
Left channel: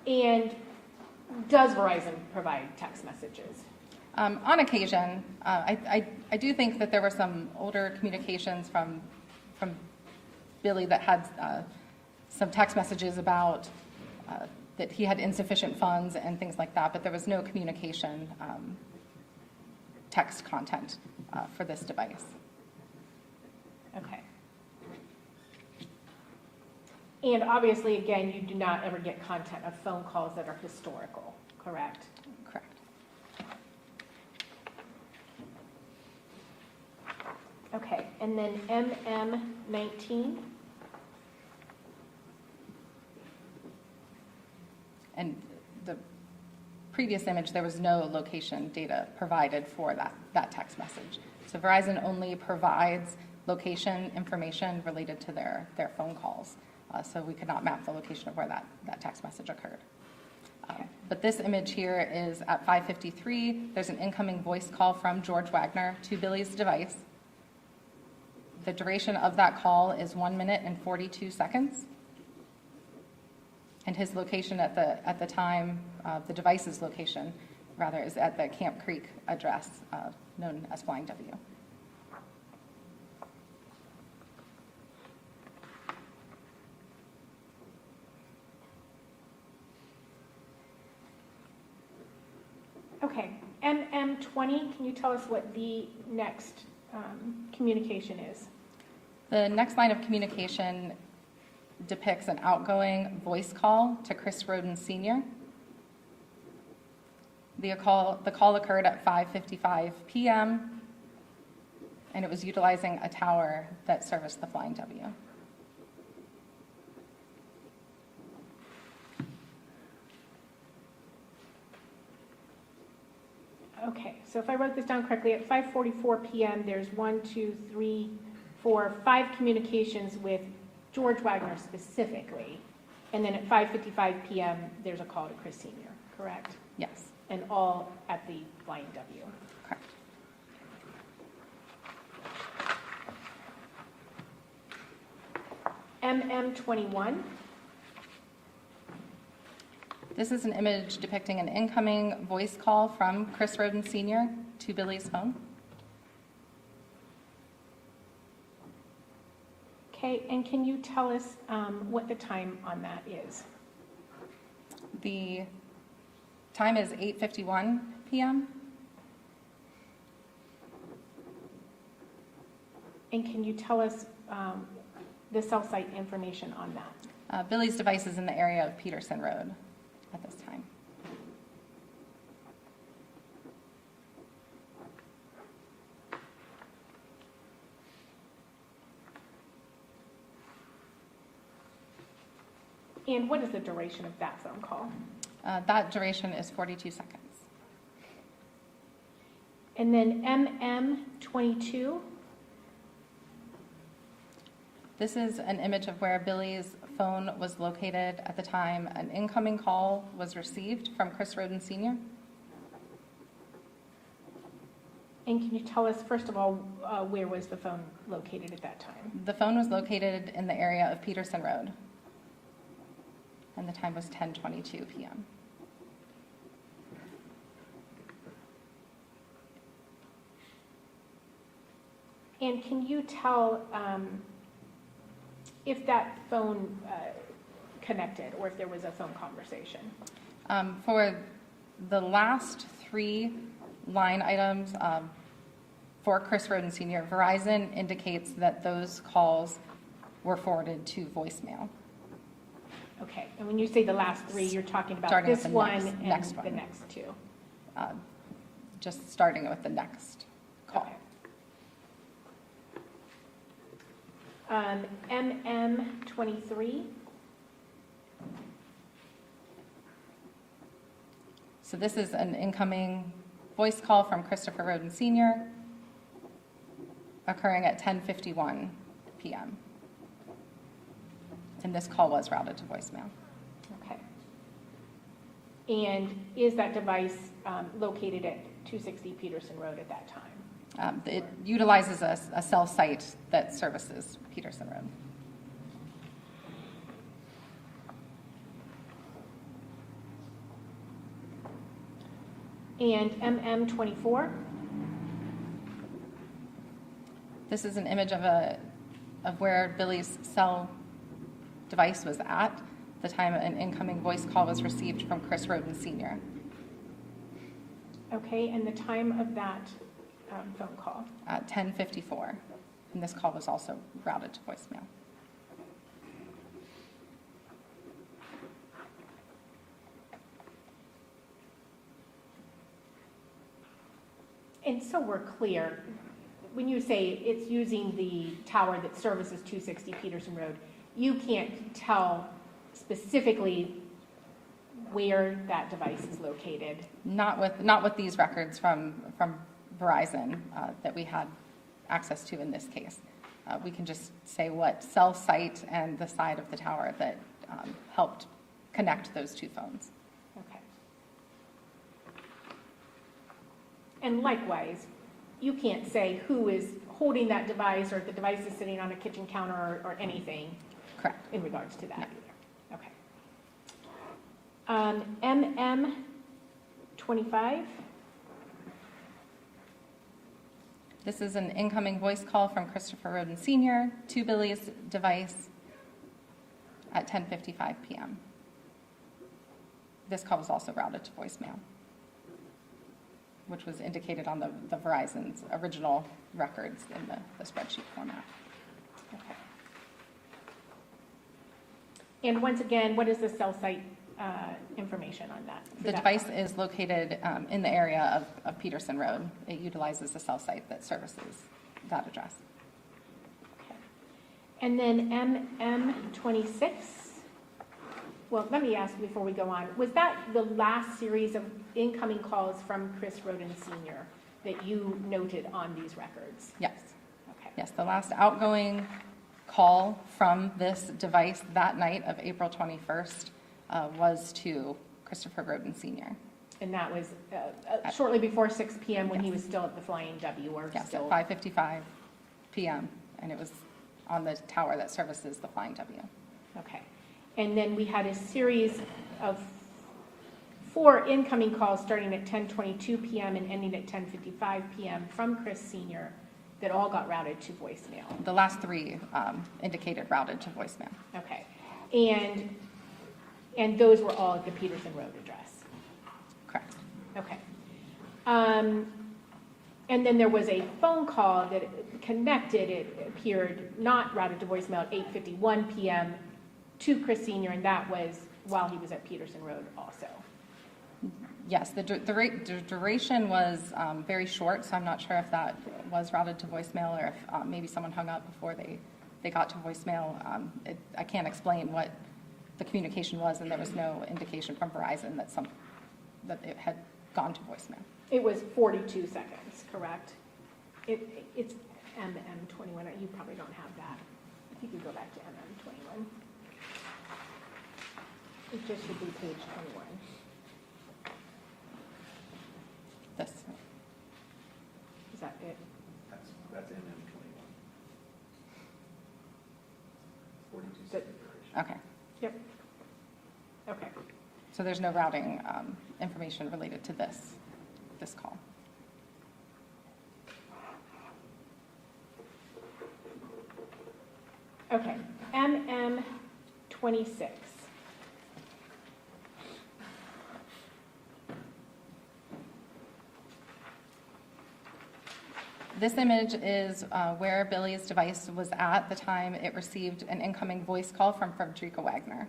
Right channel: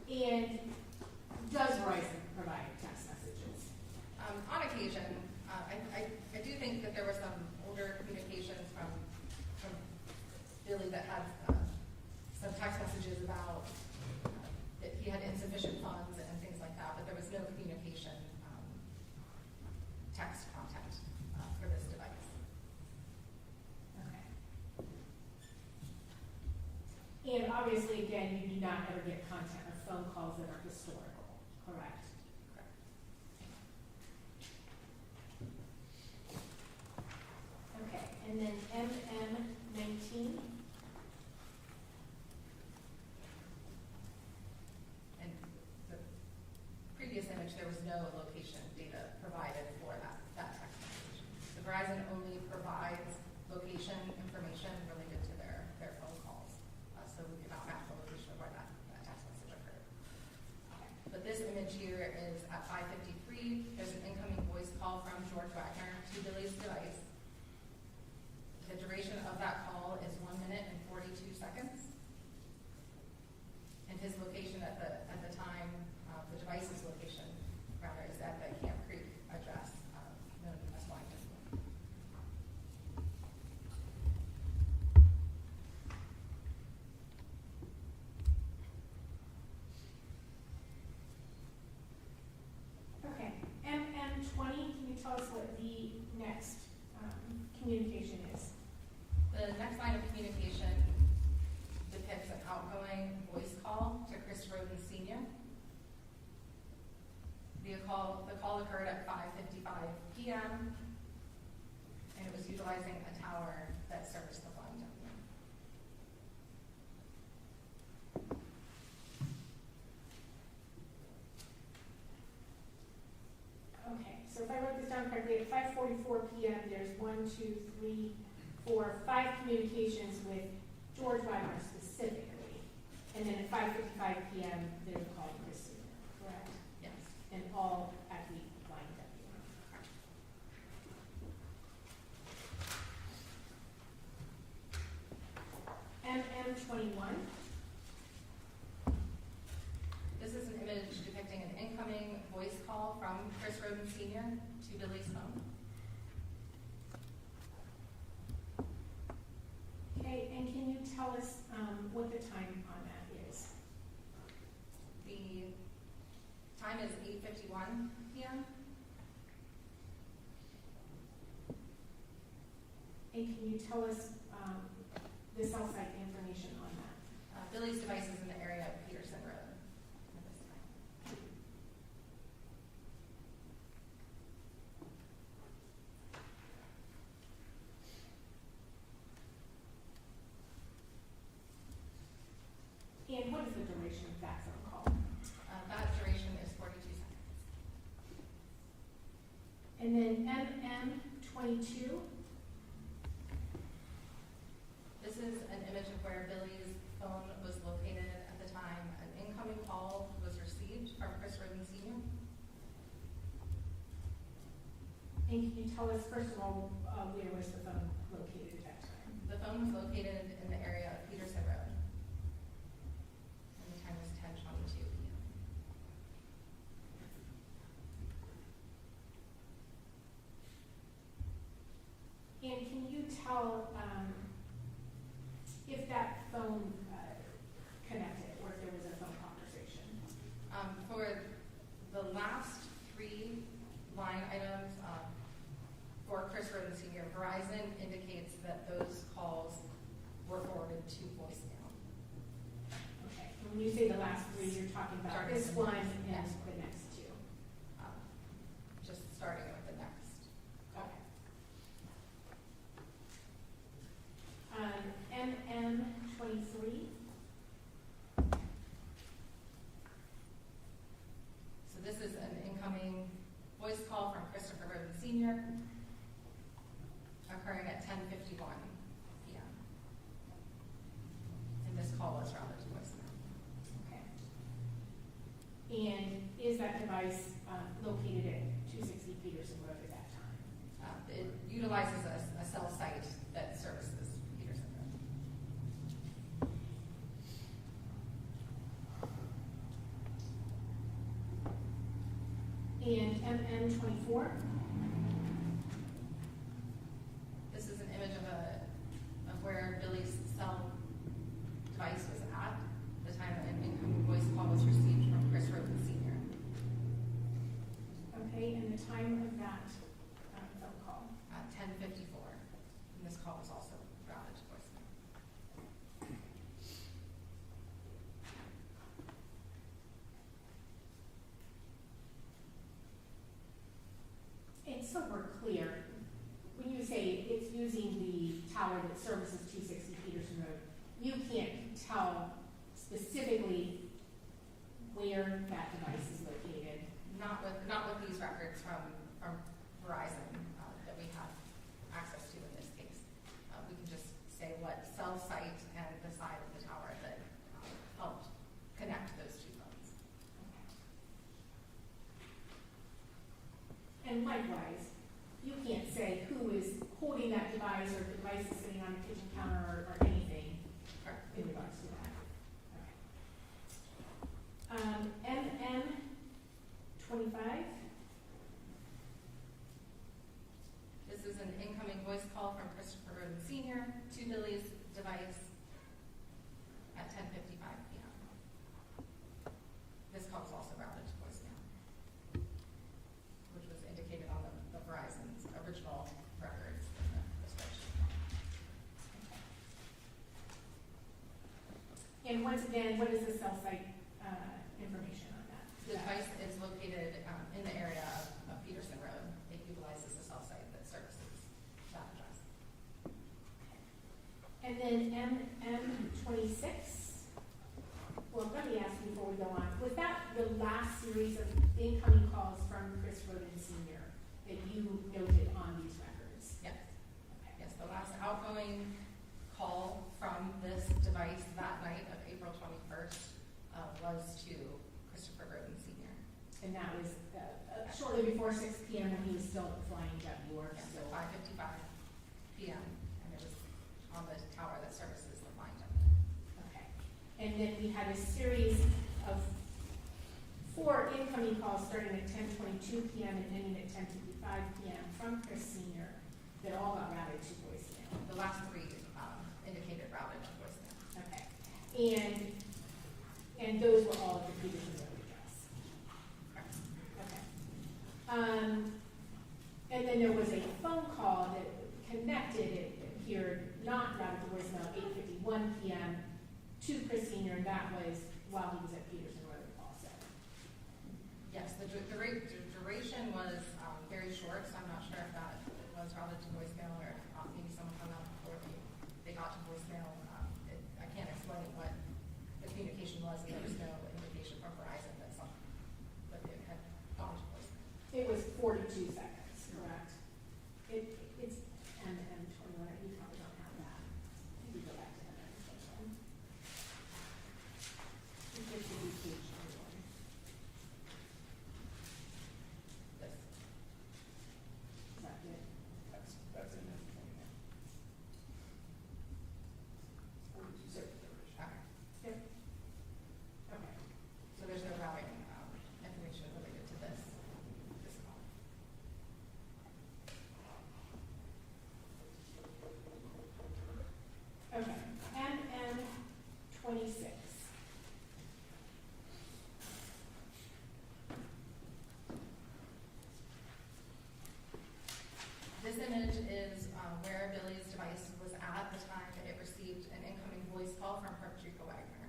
And does Verizon provide text messages? On occasion, I do think that there were some older communications from Billy that had some text messages about that he had insufficient funds and things like that, but there was no communication text content for this device. Okay. And obviously, again, you do not ever get content of phone calls that are historical, correct? Correct. Okay, and then MM19? And the previous image, there was no location data provided for that text message. So Verizon only provides location information related to their phone calls. So we could not map the location of where that text message occurred. But this image here is at 5:53. There's an incoming voice call from George Wagner to Billy's device. The duration of that call is 1 minute and 42 seconds. And his location at the time, the device's location, rather, is at the Camp Creek address known as Flying W. Okay, MM20, can you tell us what the next communication is? The next line of communication depicts an outgoing voice call to Chris Rhoden Sr. The call occurred at 5:55 p.m. and it was utilizing a tower that serviced the Flying W. Okay, so if I wrote this down correctly, at 5:44 p.m., there's 5 communications with George Wagner specifically. And then at 5:55 p.m., there's a call to Chris Sr., correct? Yes, And all at the Flying W. correct. MM21, This is an image depicting an incoming voice call from Chris Rhoden Sr. to Billy's phone. okay, and can you tell us what the time on that is? The time is 8:51 p.m. And can you tell us the cell site information on that? Billy's device is in the area of Peterson Road at this time. And what is the duration of that phone call? That duration is 42 seconds. And then MM22, This is an image of where Billy's phone was located at the time an incoming call was received from Chris Rhoden Sr. and can you tell us, first of all, where was the phone located at that time? The phone was located in the area of Peterson Road, and the time was 10:22 p.m. And can you tell if that phone connected, or if there was a phone conversation? For the last 3 line items, for Chris Rhoden Sr., Verizon indicates that those calls were forwarded to voicemail. Okay, and when you say the last 3, you're talking about Starting this with the one and next the one. next 2? Just starting with the next call. Okay. MM23, So this is an incoming voice call from Christopher Rhoden Sr. occurring at 10:51 p.m. And this call was routed to voicemail. okay. And is that device located at 260 Peterson Road at that time? It utilizes a cell site that services Peterson Road. And MM24, This is an image of where Billy's cell device was at the time an incoming voice call was received from Chris Rhoden Sr. okay, and the time of that phone call? at 10:54. And this call was also routed to voicemail. And so we're clear, when you say it's using the tower that services 260 Peterson Road, you can't tell specifically where that device is located? Not with these records from Verizon that we had access to in this case. We can just say what cell site and the side of the tower that helped connect those 2 phones. Okay. And likewise, you can't say who is holding that device, or if the device is sitting on a kitchen counter, or anything Correct. in regards to that No. either. Okay. MM25, This is an incoming voice call from Christopher Rhoden Sr. to Billy's device at 10:55 p.m. This call was also routed to voicemail, which was indicated on the Verizon's original records in the spreadsheet format. okay. And once again, what is the cell site information on that? The device is located in the area of Peterson Road. It utilizes the cell site that services that address. Okay. And then MM26, well, let me ask before we go on, was that the last series of incoming calls from Chris Rhoden Sr. that you noted on these records? Yes. Okay. Yes, the last outgoing call from this device that night of April 21st was to Christopher Rhoden Sr. And that was shortly before 6 p.m. when he was still at the Flying W, or Yes, still? at 5:55 p.m., and it was on the tower that services the Flying W. Okay. And then we had a series of 4 incoming calls starting at 10:22 p.m. and ending at 10:55 p.m. from Chris Sr. that all got routed to voicemail. The last 3 indicated routed to voicemail. Okay. And those were all at the Peterson Road address? Correct. Okay. And then there was a phone call that connected, it appeared, not routed to voicemail at 8:51 p.m. to Chris Sr., and that was while he was at Peterson Road also. Yes, the duration was very short, so I'm not sure if that was routed to voicemail or if maybe someone hung up before they got to voicemail. I can't explain what the communication was, and there was no indication from Verizon that it had gone to voicemail. It was 42 seconds, correct? It's MM21. You probably don't have that. You can go back to MM21. It just should be page 21. This. Is that it? That's in 21. 42 But- seconds. Okay. Okay. So there's no routing information related to this call. Okay. 26. This image is where Billy's device was at the time it received an incoming voice call from Frederica Wagner.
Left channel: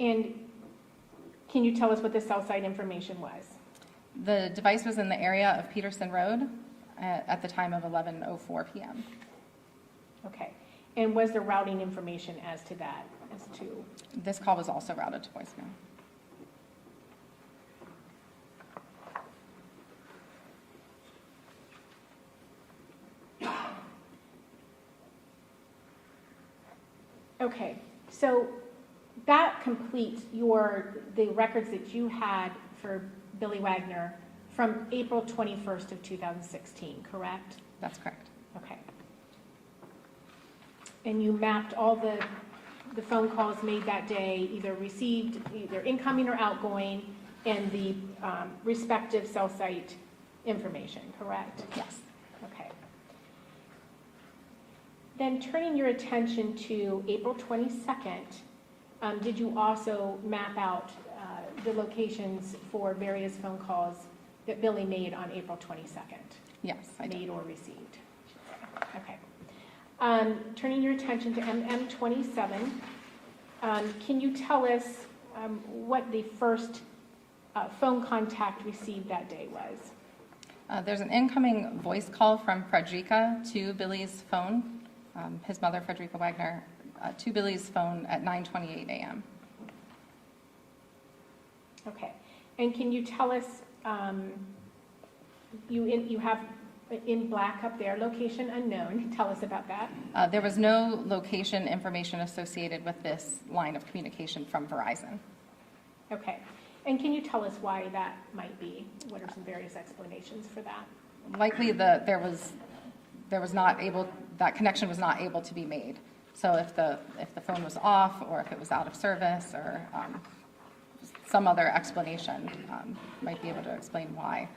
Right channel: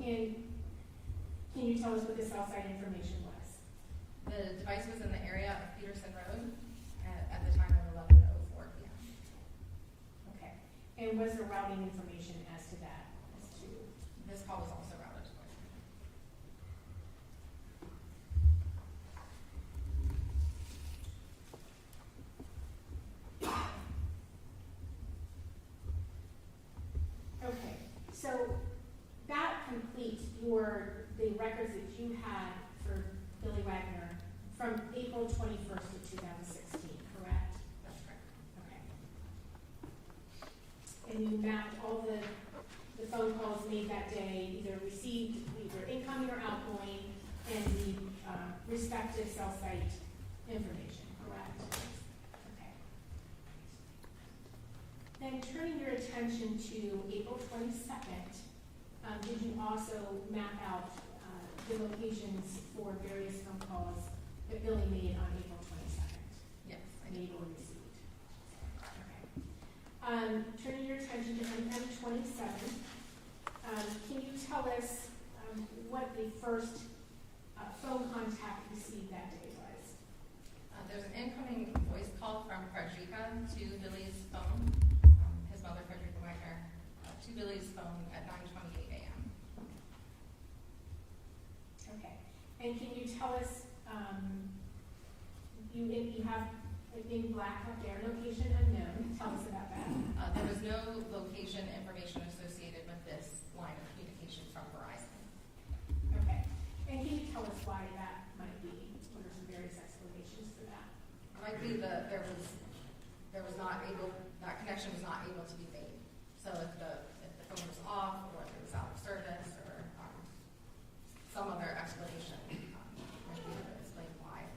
And can you tell us what the cell site information was? The device was in the area of Peterson Road at the time of 11:04 p.m. Okay. And was there routing information as to that, as to? This call was also routed to voicemail. Okay, so that completes the records that you had for Billy Wagner from April 21st of 2016, correct? That's correct. Okay. And you mapped all the phone calls made that day, either received, either incoming or outgoing, and the respective cell site information, correct? Yes. Okay. Then turning your attention to April 22nd, did you also map out the locations for various phone calls that Billy made on April 22nd? Yes, I did. Made or received? Okay. Turning your attention to MM27, can you tell us what the first phone contact received that day was? There's an incoming voice call from Frederica to Billy's phone, his mother, Frederica Wagner, to Billy's phone at 9:28 a.m. Okay. And can you tell us, you have in black up there, location unknown. Tell us about that. There was no location information associated with this line of communication from Verizon. Okay. And can you tell us why that might be? What are some various explanations for that? Likely that that connection was not able to be made. So if the phone was off, or if it was out of service, or some other explanation might be able to explain why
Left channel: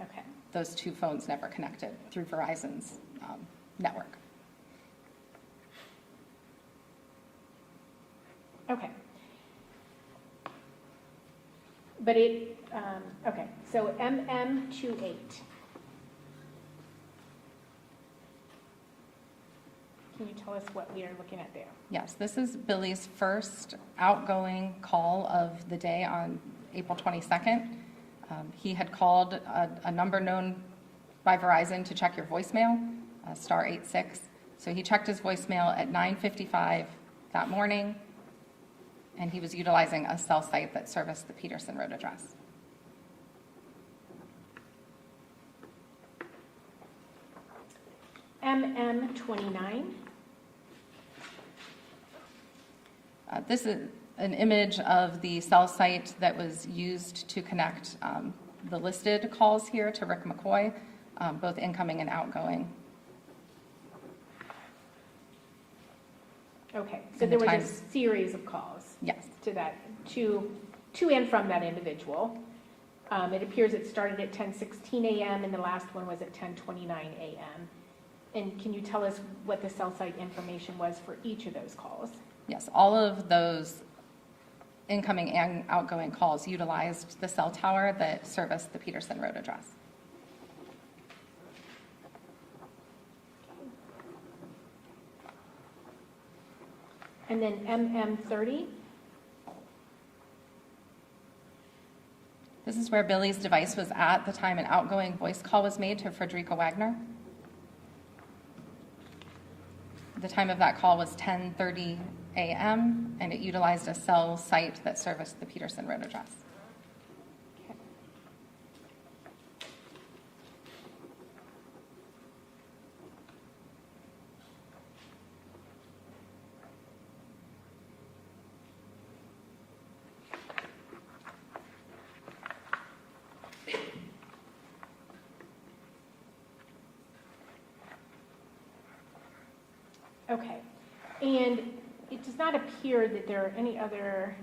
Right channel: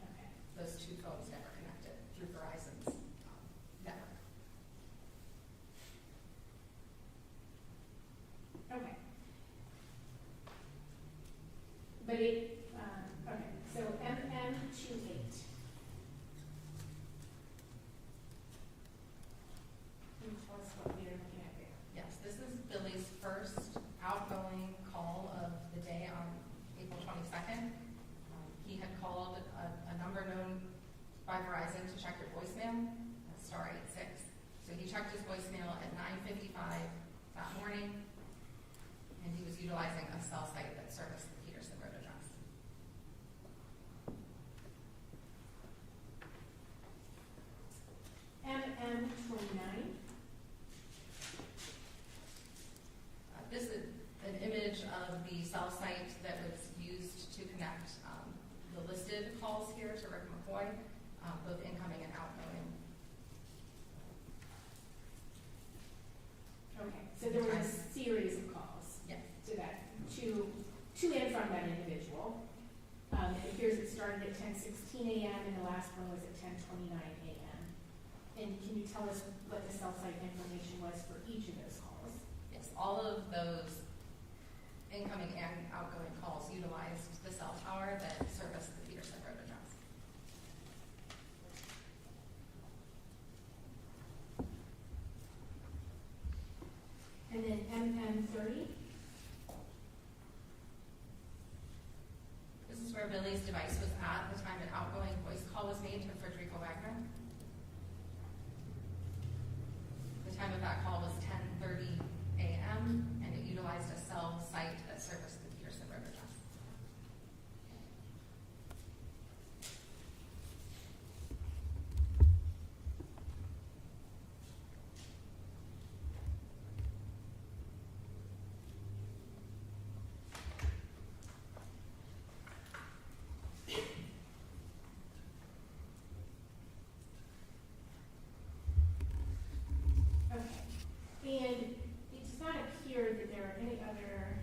Okay. those two phones never connected through Verizon's network. Okay. But okay, so MM28. Can you tell us what we are looking at there? Yes, this is Billy's first outgoing call of the day on April 22nd. He had called a number known by Verizon to check your voicemail, *86. So he checked his voicemail at 9:55 that morning, and he was utilizing a cell site that serviced the Peterson Road address. MM29. This is an image of the cell site that was used to connect the listed calls here to Rick McCoy, both incoming and outgoing. Okay, so there was a series of calls. Yes. To that, to and from that individual. It appears it started at 10:16 a.m. and the last one was at 10:29 a.m. And can you tell us what the cell site information was for each of those calls? Yes, all of those incoming and outgoing calls utilized the cell tower that serviced the Peterson Road address. And then MM30. This is where Billy's device was at the time an outgoing voice call was made to Frederica Wagner. The time of that call was 10:30 a.m. and it utilized a cell site that serviced the Peterson Road address. Okay, and it does not appear that there are any other.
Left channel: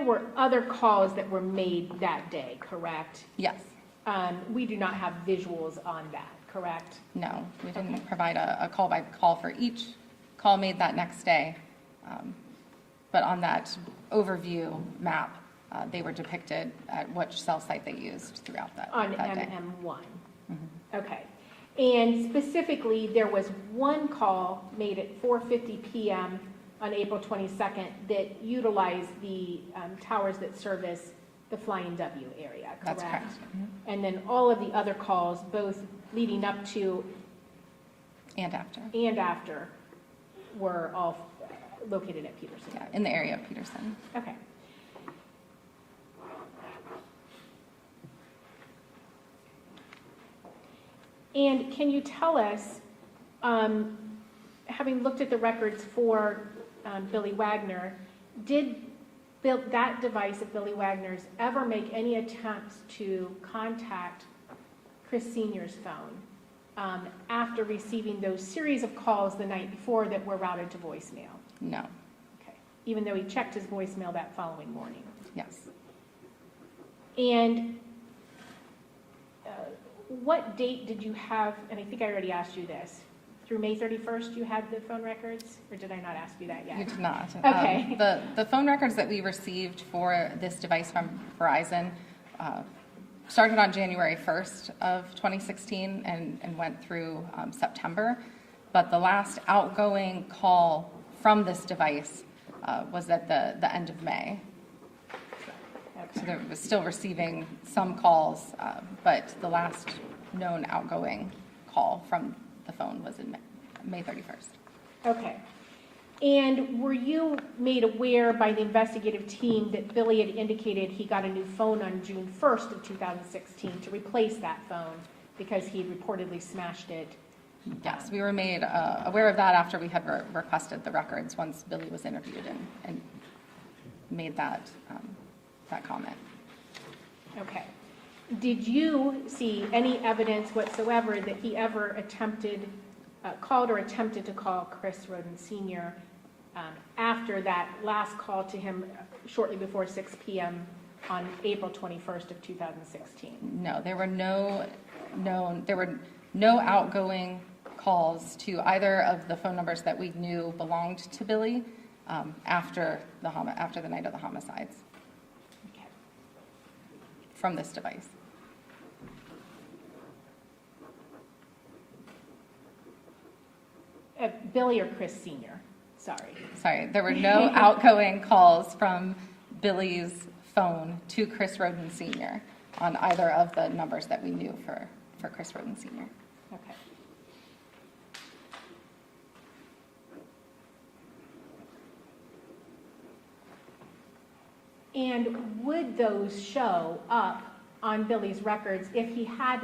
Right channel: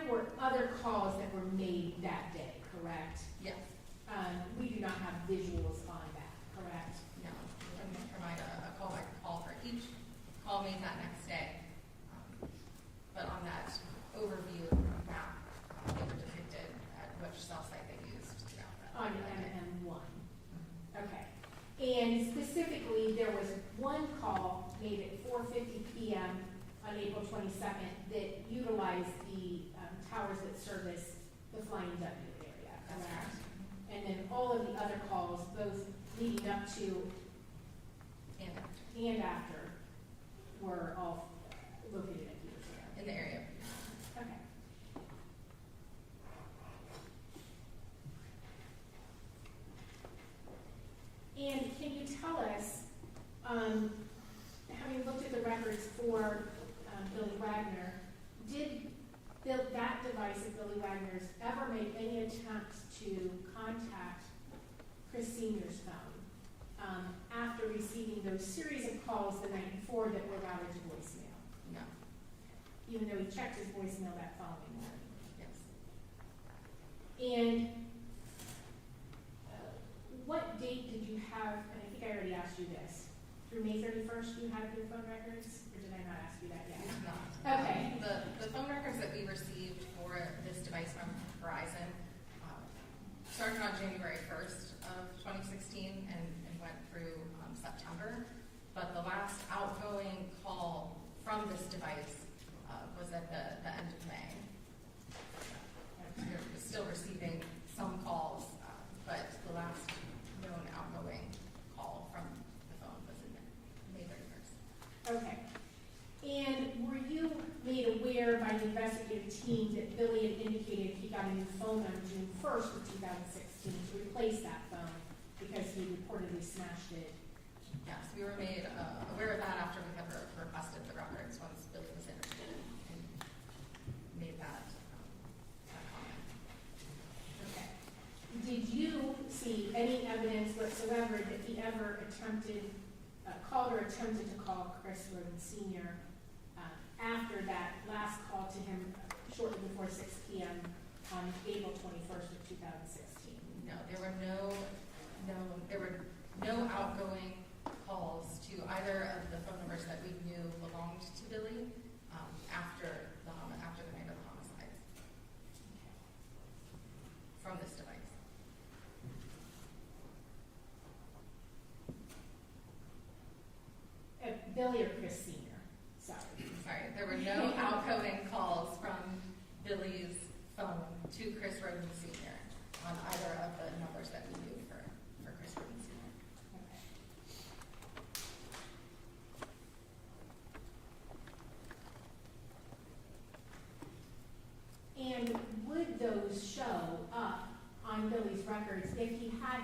there were other calls that were made that day, correct? Yes. We do not have visuals on that, correct? No, we didn't provide a call by call for each call made that next day. But on that overview map, they were depicted at which cell site they used throughout that day. MM1. Mhm. Okay. And specifically, there was one call made at 4:50 p.m. on April 22nd that utilized the towers that service the Flying W area, correct? That's correct. Mhm. And then all of the other calls, both leading up to And after. and after, were all located at Peterson. Yeah, in the area of Peterson. Okay. And can you tell us, having looked at the records for Billy Wagner, did that device of Billy Wagner's ever make any attempts to contact Chris Sr.'s phone after receiving those series of calls the night before that were routed to voicemail? No. Okay. Even though he checked his voicemail that following morning? Yes. And what date did you have, and I think I already asked you this, through May 31st you had the phone records, or did I not ask you that yet? You did not. Okay. The phone records that we received for this device from Verizon started on January 1st of 2016 and went through September. But the last outgoing call from this device was at the end of May. So Okay. it was still receiving some calls, but the last known outgoing call from the phone was in May 31st. Okay. And were you made aware by the investigative team that Billy had indicated he got a new phone on June 1st of 2016 to replace that phone because he reportedly smashed it? Yes, we were made aware of that after we had requested the records once Billy was interviewed and made that comment. Okay. Did you see any evidence whatsoever that he ever called or attempted to call Chris Rhoden Sr. After that last call to him shortly before 6 p.m. on April 21st of 2016? No, there were no outgoing calls to either of the phone numbers that we knew belonged to Billy after the night of the homicides Okay. from this device. Billy or Chris Sr.? Sorry. There were no outgoing calls from Billy's phone to Chris Rhoden Sr. on either of the numbers that we knew for Chris Rhoden Sr. Okay. And would those show up on Billy's records if he had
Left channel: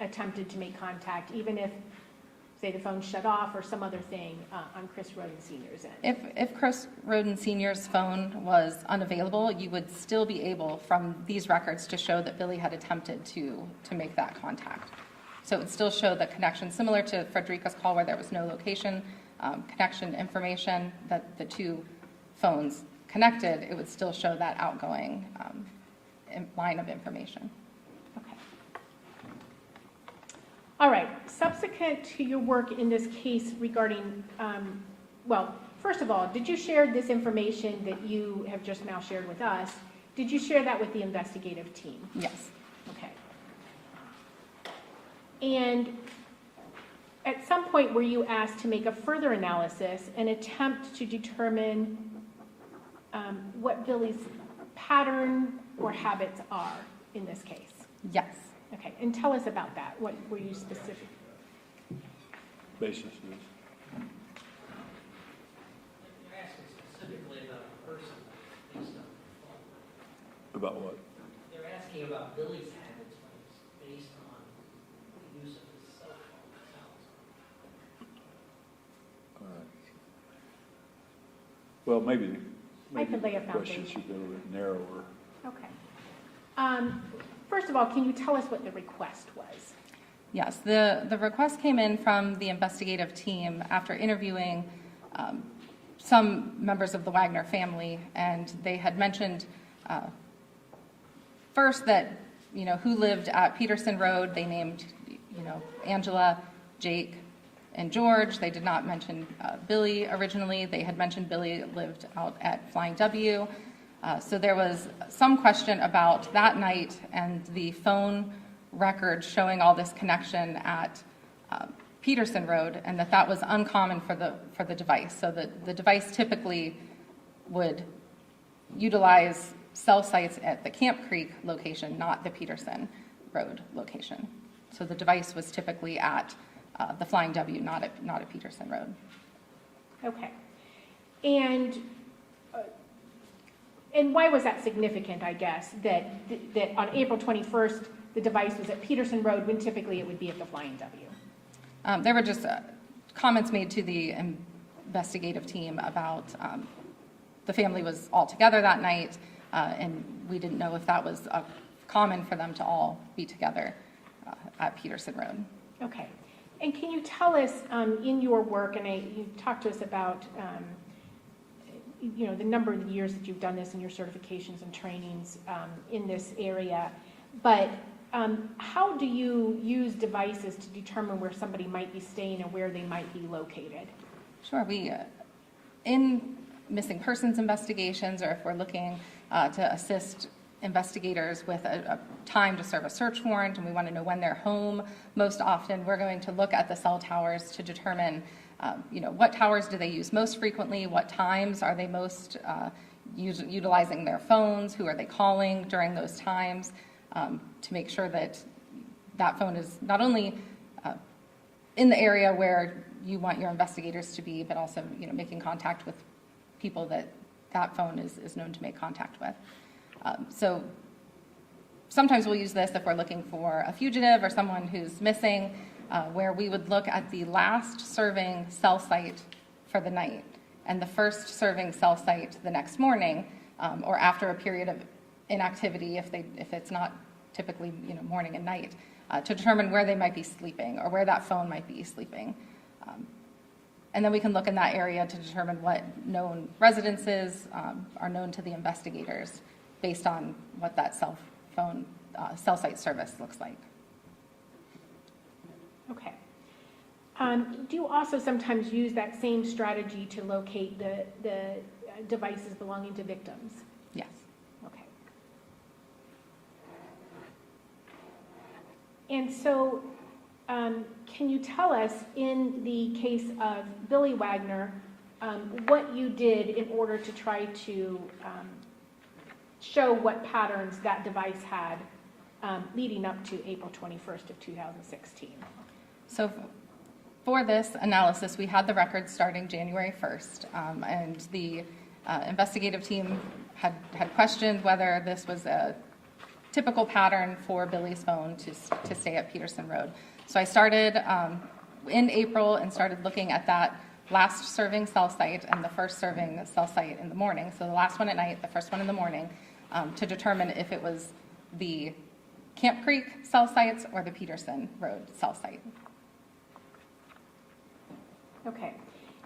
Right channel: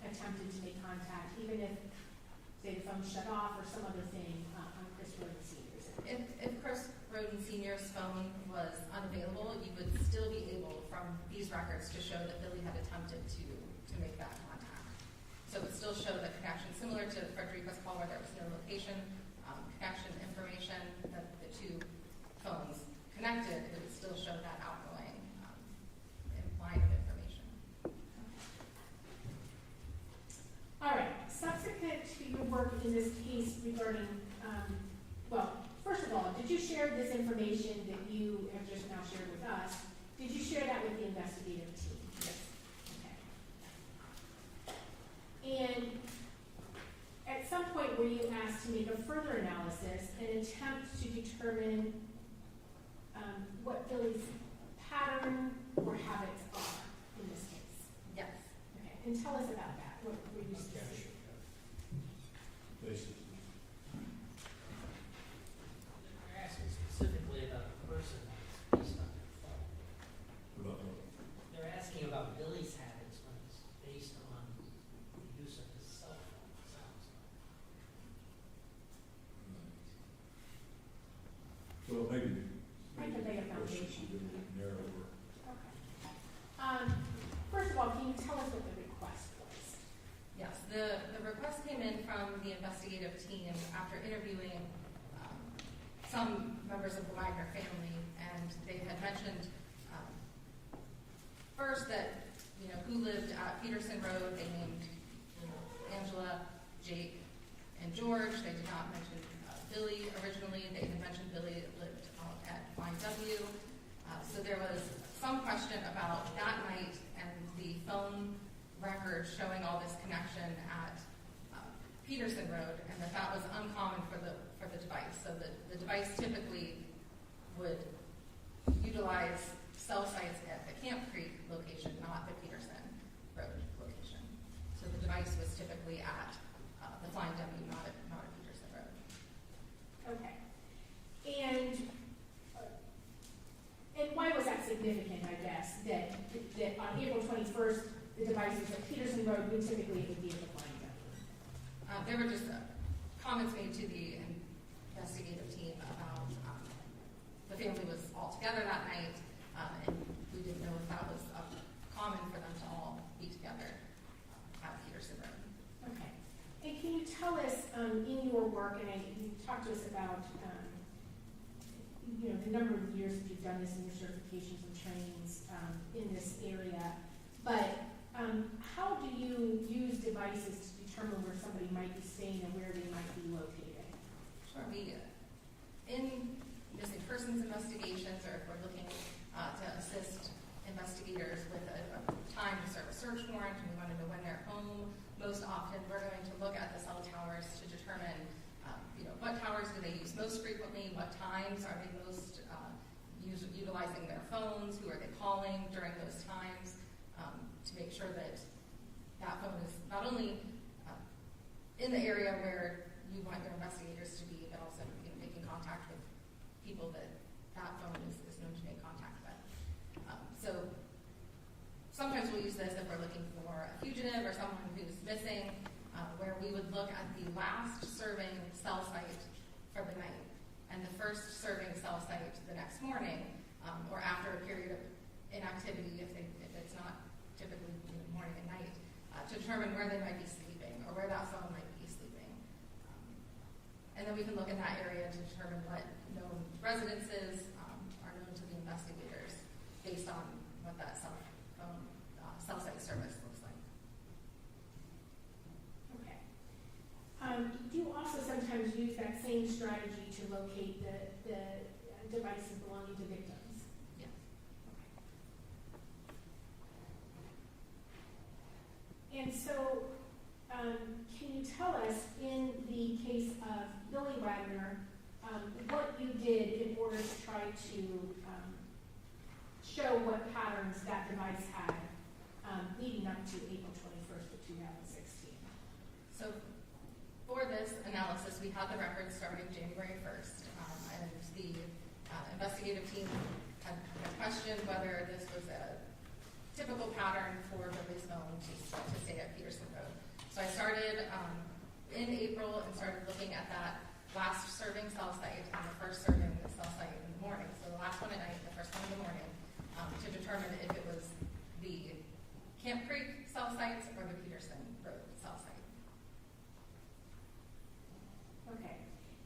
attempted to make contact, even if, say, the phone shut off or some other thing on Chris Rhoden Sr.'s end? If Chris Rhoden Sr.'s phone was unavailable, you would still be able, from these records, to show that Billy had attempted to make that contact. So it would still show the connection, similar to Frederica's call where there was no location, connection information, that the two phones connected, it would still show that outgoing line of information. Okay. All right. Subsequent to your work in this case regarding, well, first of all, did you share this information that you have just now shared with us? Did you share that with the investigative team? Yes. Okay. And at some point were you asked to make a further analysis and attempt to determine what Billy's pattern or habits are in this case? Yes. Okay, and tell us about that. What were you specific? Basis is. You're asking specifically about a person based on their phone. About what? They're asking about Billy's habits when it's based on the use of his cell phone. It sounds Well, maybe I can lay a the question foundation. should be a little bit narrower. Okay. First of all, can you tell us what the request was? Yes, the request came in from the investigative team after interviewing some members of the Wagner family, and they had mentioned First, that, who lived at Peterson Road. They named, Angela, Jake, and George. They did not mention Billy originally. They had mentioned Billy lived out at Flying W. So there was some question about that night and the phone record showing all this connection at Peterson Road, and that was uncommon for the device. So the device typically would utilize cell sites at the Camp Creek location, not the Peterson Road location. So the device was typically at the Flying W, not at Peterson Road. Okay. And why was that significant, I guess, that on April 21st, the device is at Peterson Road when typically it would be at the Flying W? There were just comments made to the investigative team about the family was all together that night, and we didn't know if that was common for them to all be together at Peterson Road. Okay. And can you tell us in your work, and you talked to us about the number of years that you've done this and your certifications and trainings in this area, but how do you use devices to determine where somebody might be staying and where they might be located? Sure. We, in missing persons investigations, or if we're looking to assist investigators with a time to serve a search warrant and we want to know when they're home, most often we're going to look at the cell towers to determine what towers do they use most frequently, what times are they most utilizing their phones, who are they calling during those times, to make sure that that phone is not only in the area where you want your investigators to be, but also making contact with people that phone is known to make contact with. So sometimes we'll use this if we're looking for a fugitive or someone who's missing, where we would look at the last serving cell site for the night and the first serving cell site the next morning, or after a period of inactivity, if it's not typically morning and night, to determine where they might be sleeping or where that phone might be sleeping. And then we can look in that area to determine what known residences are known to the investigators based on what that cell site service looks like. Okay. Do you also sometimes use that same strategy to locate the devices belonging to victims? Yes. Okay. And so, can you tell us, in the case of Billy Wagner, what you did in order to try to show what patterns that device had leading up to April 21st of 2016? So for this analysis, we had the records starting January 1st, and the investigative team had questioned whether this was a typical pattern for Billy's phone to stay at Peterson Road. So I started in April and started looking at that last serving cell site and the first serving cell site in the morning. So the last one at night, the first one in the morning, to determine if it was the Camp Creek cell sites or the Peterson Road cell site. Okay.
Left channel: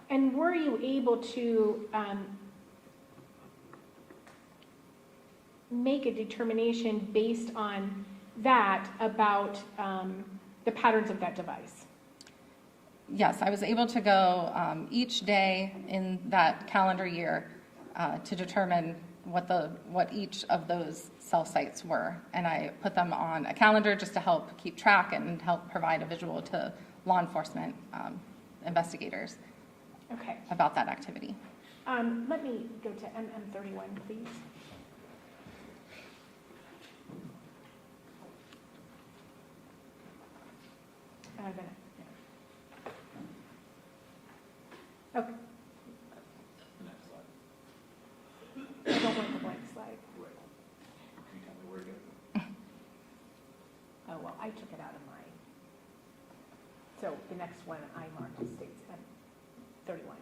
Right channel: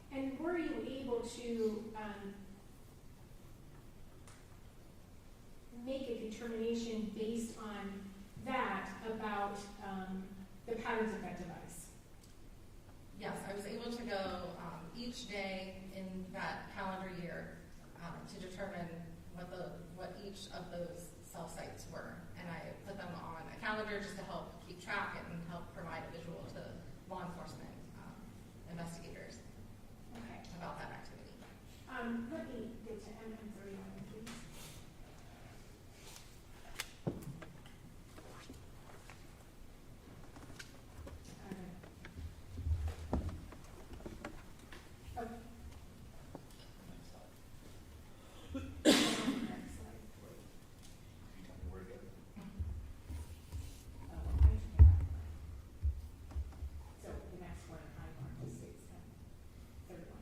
And were you able to make a determination based on that about the patterns of that device? Yes, I was able to go each day in that calendar year to determine what each of those cell sites were, and I put them on a calendar just to help keep track and help provide a visual to law enforcement investigators about that activity. Let me go to MM31, please. Okay. I don't want the blank slide. Can you tell me where to go? Oh, well, I took it out of mine. So the next one I marked is states 31.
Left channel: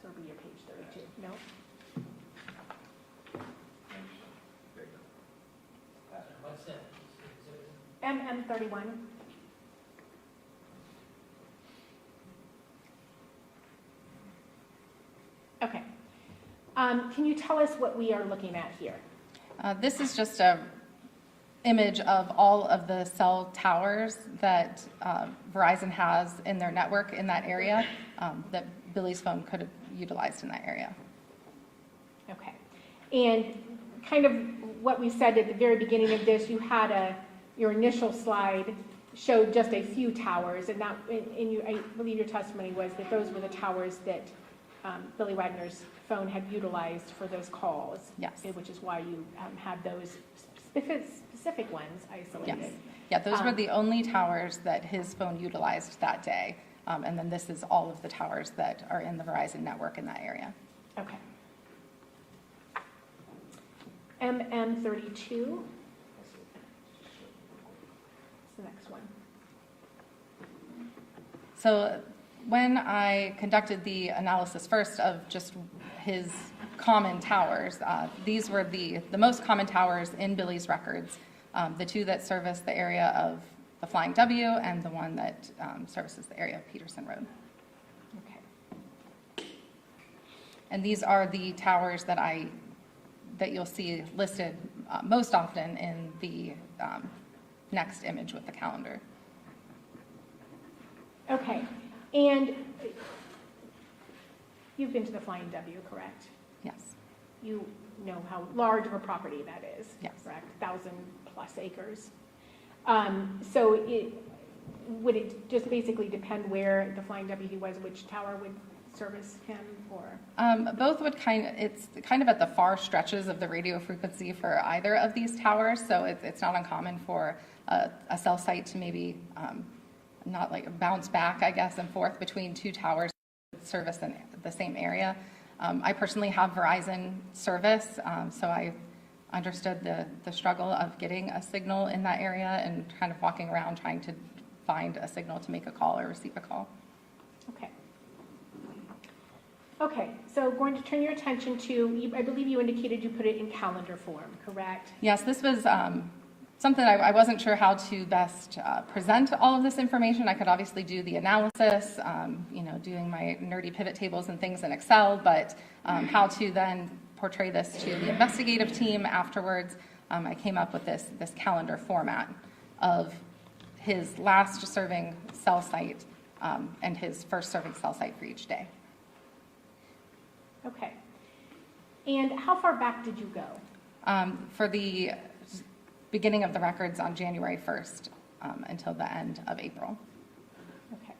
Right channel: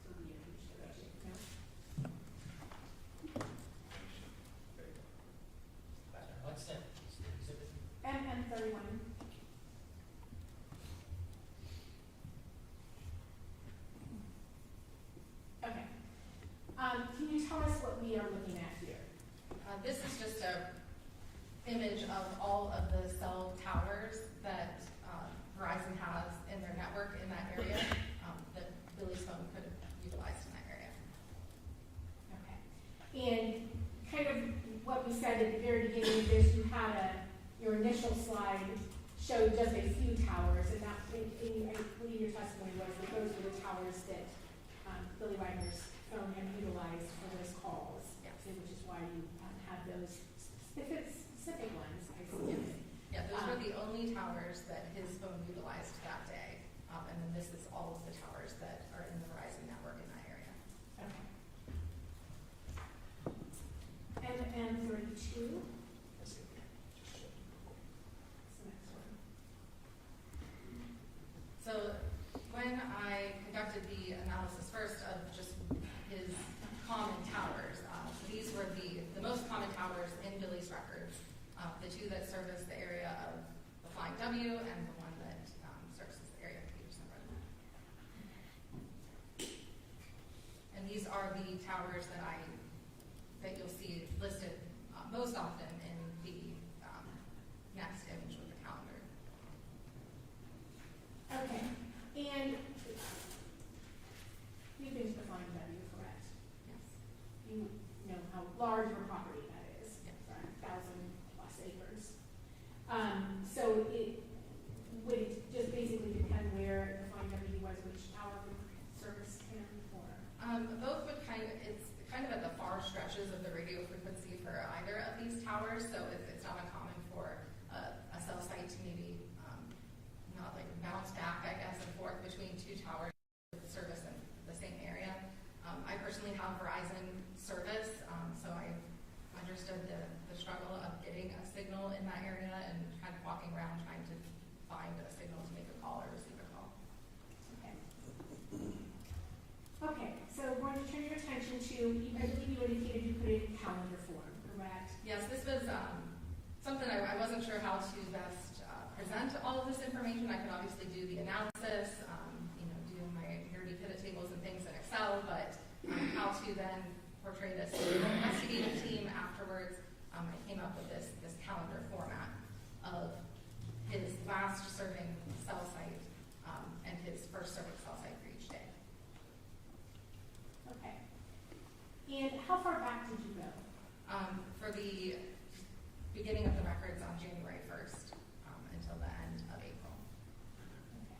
So it'll be your page 32. No? What's that? MM31. Okay. Can you tell us what we are looking at here? This is just a image of all of the cell towers that Verizon has in their network in that area that Billy's phone could have utilized in that area. Okay. And kind of what we said at the very beginning of this, you had your initial slide showed just a few towers, and that, I believe your testimony was that those were the towers that Billy Wagner's phone had utilized for those calls. Yes. Which is why you had those specific ones isolated. Yes. Yeah, those were the only towers that his phone utilized that day. And then this is all of the towers that are in the Verizon network in that area. Okay. MM32. The next one. So when I conducted the analysis first of just his common towers, these were the most common towers in Billy's records, the two that service the area of the Flying W and the one that services the area of Peterson Road. Okay. And these are the towers that you'll see listed most often in the next image with the calendar. Okay. And you've been to the Flying W, correct? Yes. You know how large of a property that is, Yes. correct? 1,000+ acres. So would it just basically depend where the Flying W was, which tower would service him, or? Both would it's kind of at the far stretches of the radio frequency for either of these towers, so it's not uncommon for a cell site to maybe not like bounce back, I guess, and forth between two towers that service in the same area. I personally have Verizon service, so I understood the struggle of getting a signal in that area and kind of walking around trying to find a signal to make a call or receive a call. Okay. Okay, so going to turn your attention to, I believe you indicated you put it in calendar form, correct? Yes, this was something I wasn't sure how to best present all of this information. I could obviously do the analysis, doing my nerdy pivot tables and things in Excel, but how to then portray this to the investigative team afterwards, I came up with this calendar format of his last serving cell site and his first serving cell site for each day. Okay. And how far back did you go? For the beginning of the records on January 1st until the end of April. Okay.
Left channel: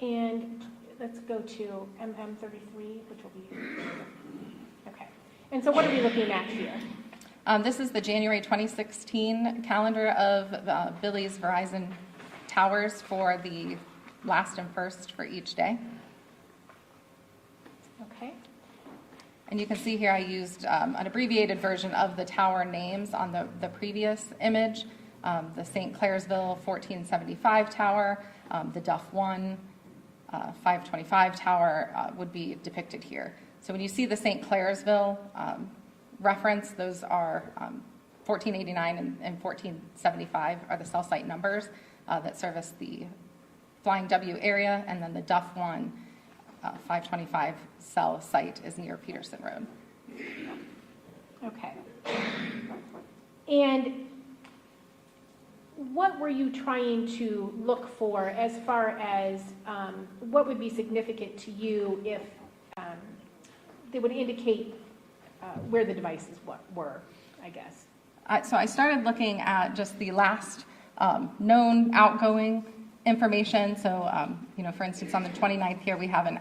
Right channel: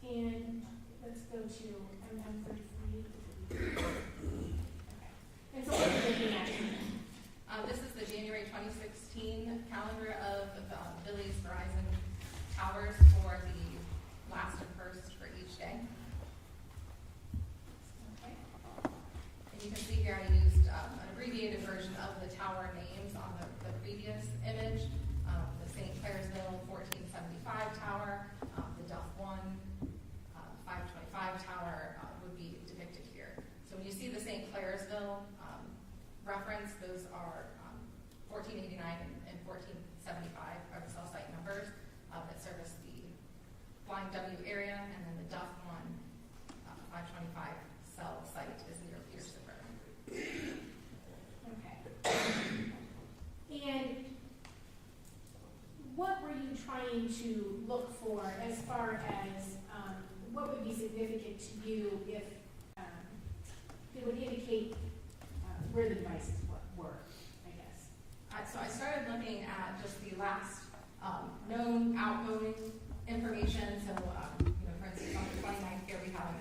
And let's go to MM33, which will be, okay. And so what are we looking at here? This is the January 2016 calendar of Billy's Verizon towers for the last and first for each day. Okay. And you can see here I used an abbreviated version of the tower names on the previous image. The St. Clairsville 1475 tower, the Duff 1 525 tower would be depicted here. So when you see the St. Clairsville reference, those are 1489 and 1475 are the cell site numbers that service the Flying W area, and then the Duff 1 525 cell site is near Peterson Road. Okay. And what were you trying to look for as far as what would be significant to you if they would indicate where the devices were, I guess? So I started looking at just the last known outgoing information. So, for instance, on the 29th here, we have an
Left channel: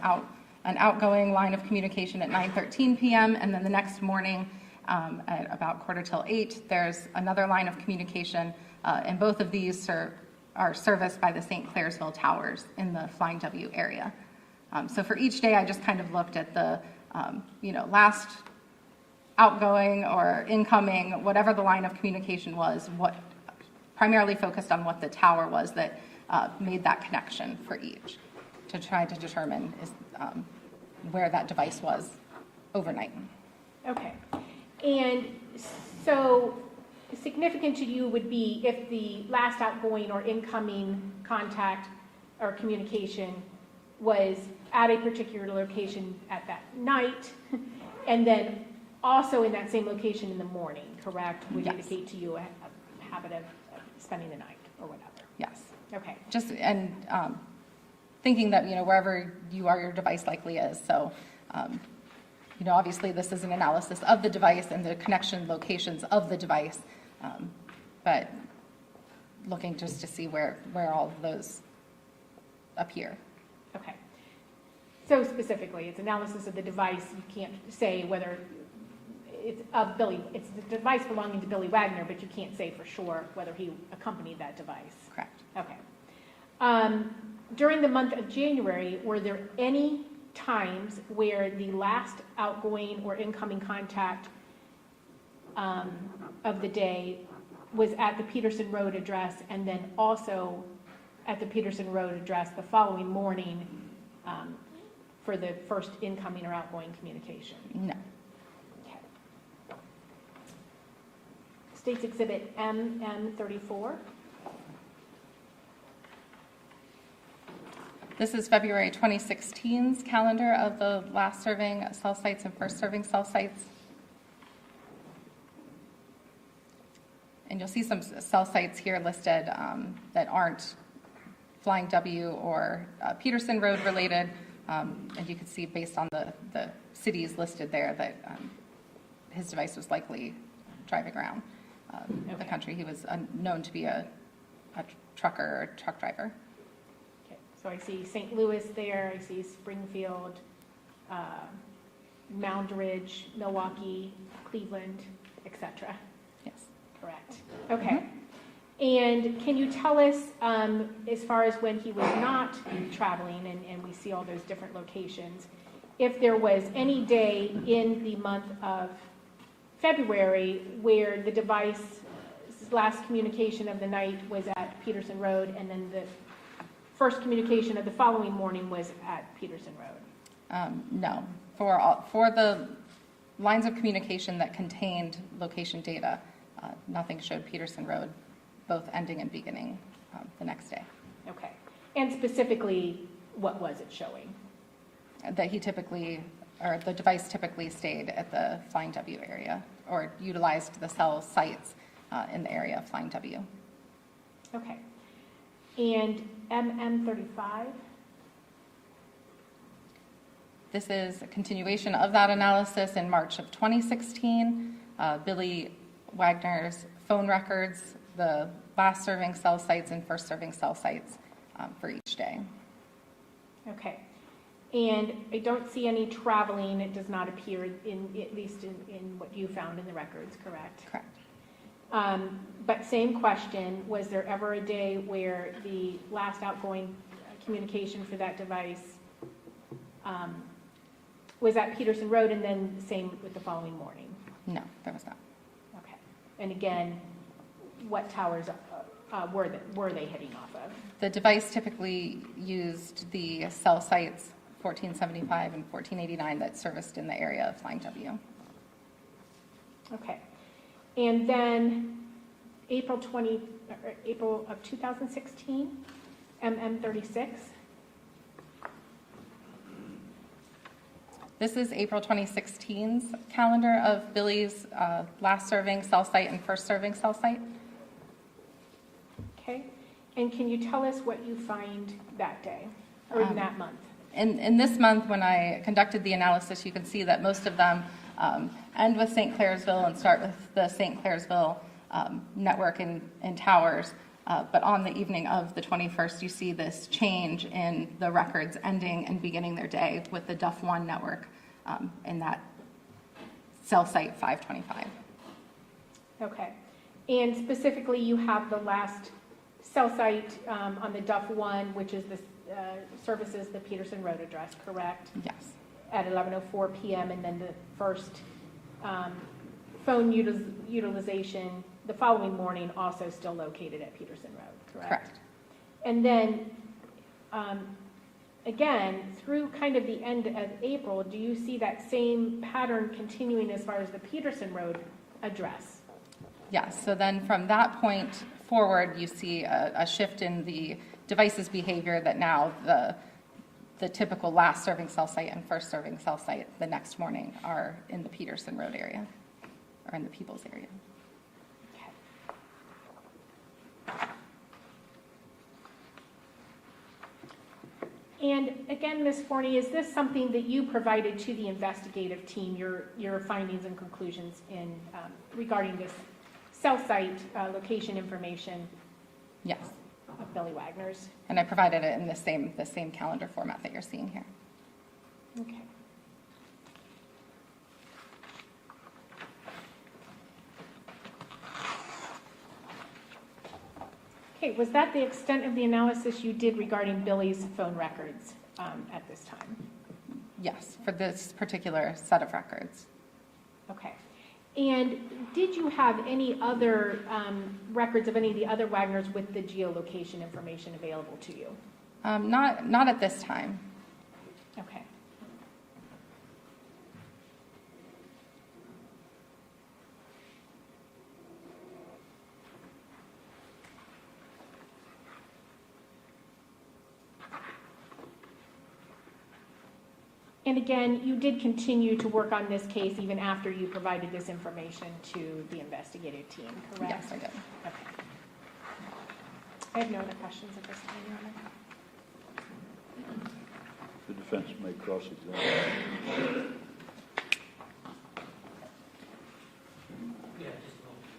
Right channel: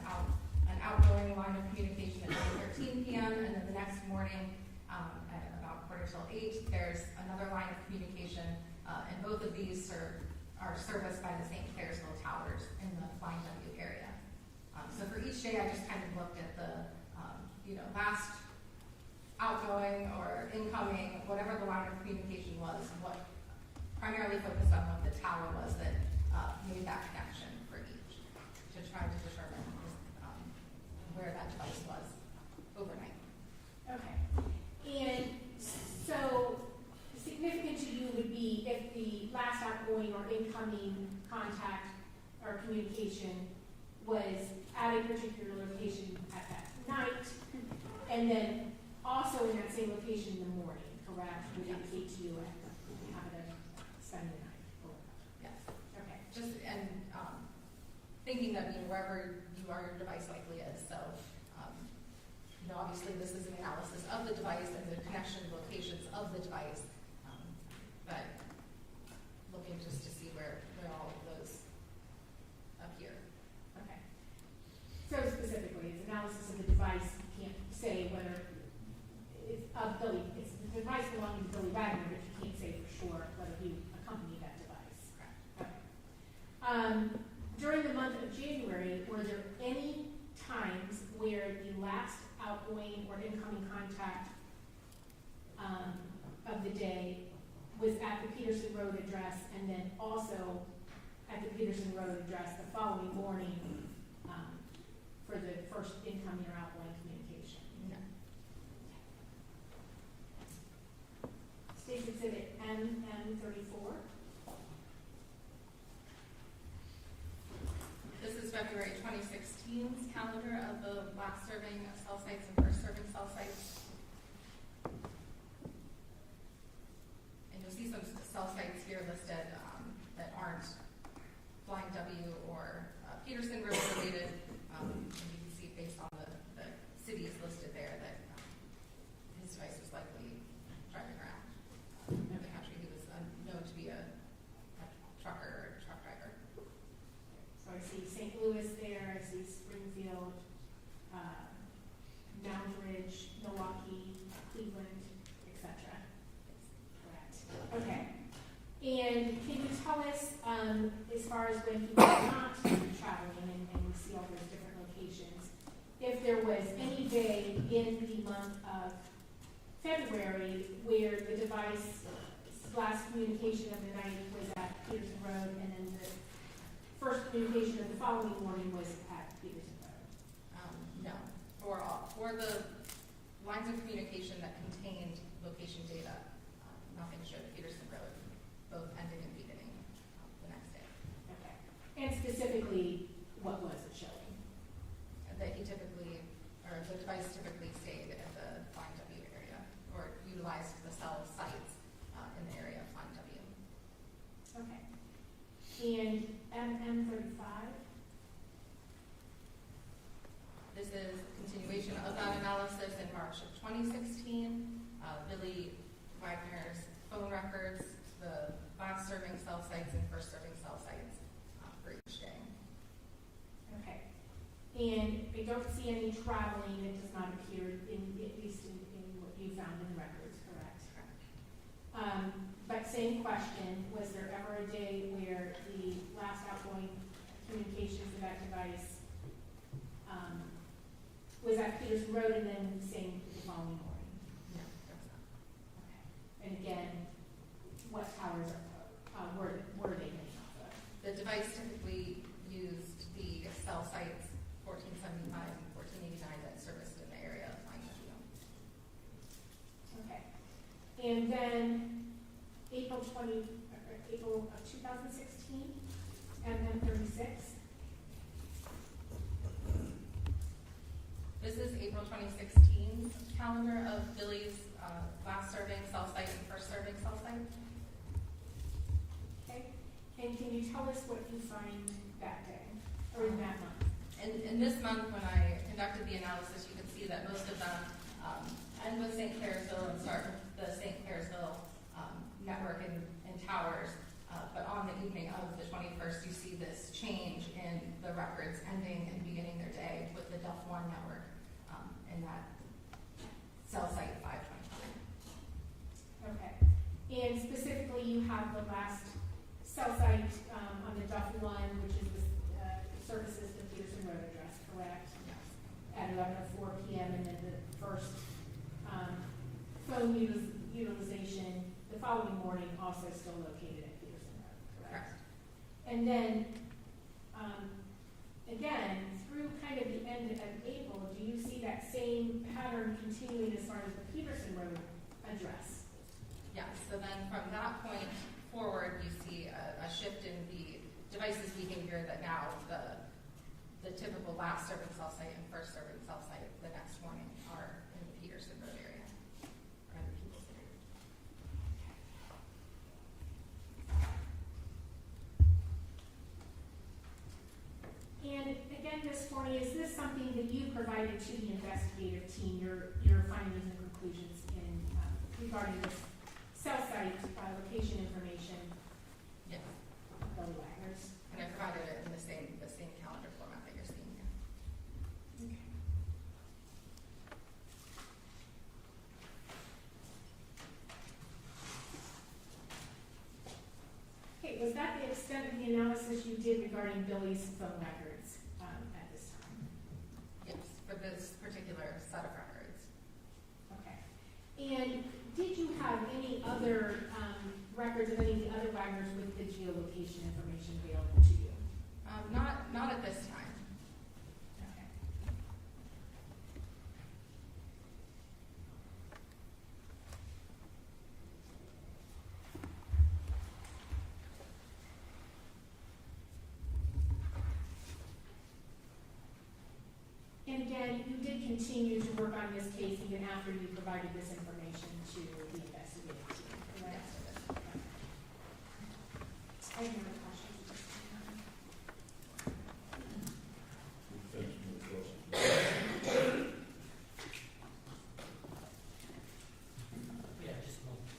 outgoing line of communication at 9:13 p.m. And then the next morning at about 7:45, there's another line of communication. And both of these are serviced by the St. Clairsville towers in the Flying W area. So for each day, I just kind of looked at the, last outgoing or incoming, whatever the line of communication was, what primarily focused on what the tower was that made that connection for each to try to determine where that device was overnight. Okay. And so significant to you would be if the last outgoing or incoming contact or communication was at a particular location at that night, and then also in that same location in the morning, correct? Would Yes. indicate to you a habit of spending the night or whatever. Yes. Okay. Just, and thinking that, wherever you are, your device likely is. So, obviously this is an analysis of the device and the connection locations of the device, but looking just to see where all of those appear. Okay. So specifically, it's analysis of the device. You can't say whether it's it's the device belonging to Billy Wagner, but you can't say for sure whether he accompanied that device. Correct. Okay. During the month of January, were there any times where the last outgoing or incoming contact of the day was at the Peterson Road address, and then also at the Peterson Road address the following morning for the first incoming or outgoing communication? No. Okay. State's Exhibit MM34. This is February 2016's calendar of the last serving cell sites and first serving cell sites. And you'll see some cell sites here listed that aren't Flying W or Peterson Road related. And you can see based on the cities listed there that his device was likely driving around the country. He was known to be a trucker or truck driver. Okay. So I see St. Louis there, I see Springfield, Moundridge, Milwaukee, Cleveland, etc. Yes. Correct. Okay. And can you tell us, as far as when he was not traveling, and we see all those different locations, if there was any day in the month of February where the device's last communication of the night was at Peterson Road, and then the first communication of the following morning was at Peterson Road? No. For the lines of communication that contained location data, nothing showed Peterson Road, both ending and beginning the next day. Okay. And specifically, what was it showing? That he typically, or the device typically stayed at the Flying W area, or utilized the cell sites in the area of Flying W. Okay. And MM35? This is a continuation of that analysis in March of 2016. Billy Wagner's phone records, the last serving cell sites and first serving cell sites for each day. Okay. And I don't see any traveling. It does not appear at least in what you found in the records, correct? Correct. But same question, was there ever a day where the last outgoing communication for that device was at Peterson Road, and then same with the following morning? No, there was not. Okay. And again, what towers were they hitting off of? The device typically used the cell sites 1475 and 1489 that serviced in the area of Flying W. Okay. And then April of 2016, MM36. This is April 2016's calendar of Billy's last serving cell site and first serving cell site. Okay. And can you tell us what you find that day or in that month? In this month, when I conducted the analysis, you can see that most of them end with St. Clairsville and start with the St. Clairsville network and towers. But on the evening of the 21st, you see this change in the records ending and beginning their day with the Duff 1 network in that cell site 525. Okay. And specifically, you have the last cell site on the Duff 1, which is the services the Peterson Road address, correct? Yes. At 11:04 p.m. and then the first phone utilization the following morning also still located at Peterson Road, correct? Correct. And then, again, through kind of the end of April, do you see that same pattern continuing as far as the Peterson Road address? Yes, so then from that point forward, you see a shift in the device's behavior that now the typical last serving cell site and first serving cell site the next morning are in the Peterson Road area, or in the Peebles area. And again, Ms. Forney, is this something that you provided to the investigative team, your findings and conclusions in regarding this cell site location information Yes, of Billy Wagner's? and I provided it in the same calendar format that you're seeing here. Okay. Okay, was that the extent of the analysis you did regarding Billy's phone records at this time? Yes, for this particular set of records. Okay. And did you have any other records of any of the other Wagners with the geolocation information available to you? Not at this time. Okay. And again, you did continue to work on this case even after you provided this information to the investigative team, correct? Yes, I did. Okay. I have no other questions at this time, Your Honor. The defense may cross-examine. Yeah, just a moment.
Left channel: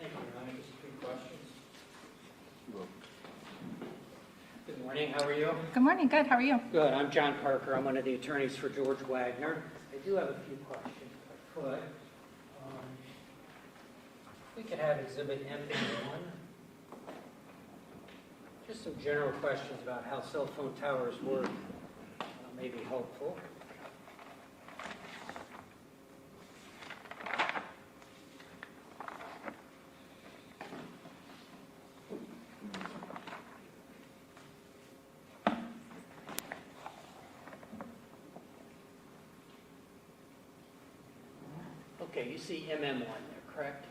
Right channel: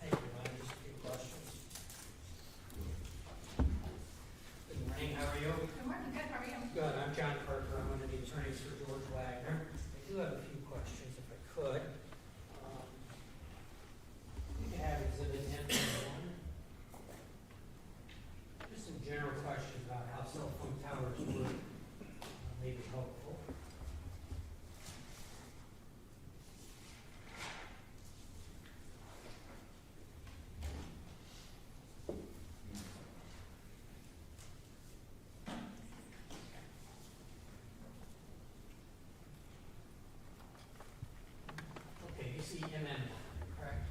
Thank you, Your Honor. Just a few questions. Good morning, how are you? Good morning, good, how are you? Good, I'm John Parker, I'm one of the attorneys for George Wagner. I do have a few questions, if I could. We could have Exhibit M1. Just some general questions about how cell phone towers work, may be helpful. Okay, you see MM1 there, correct?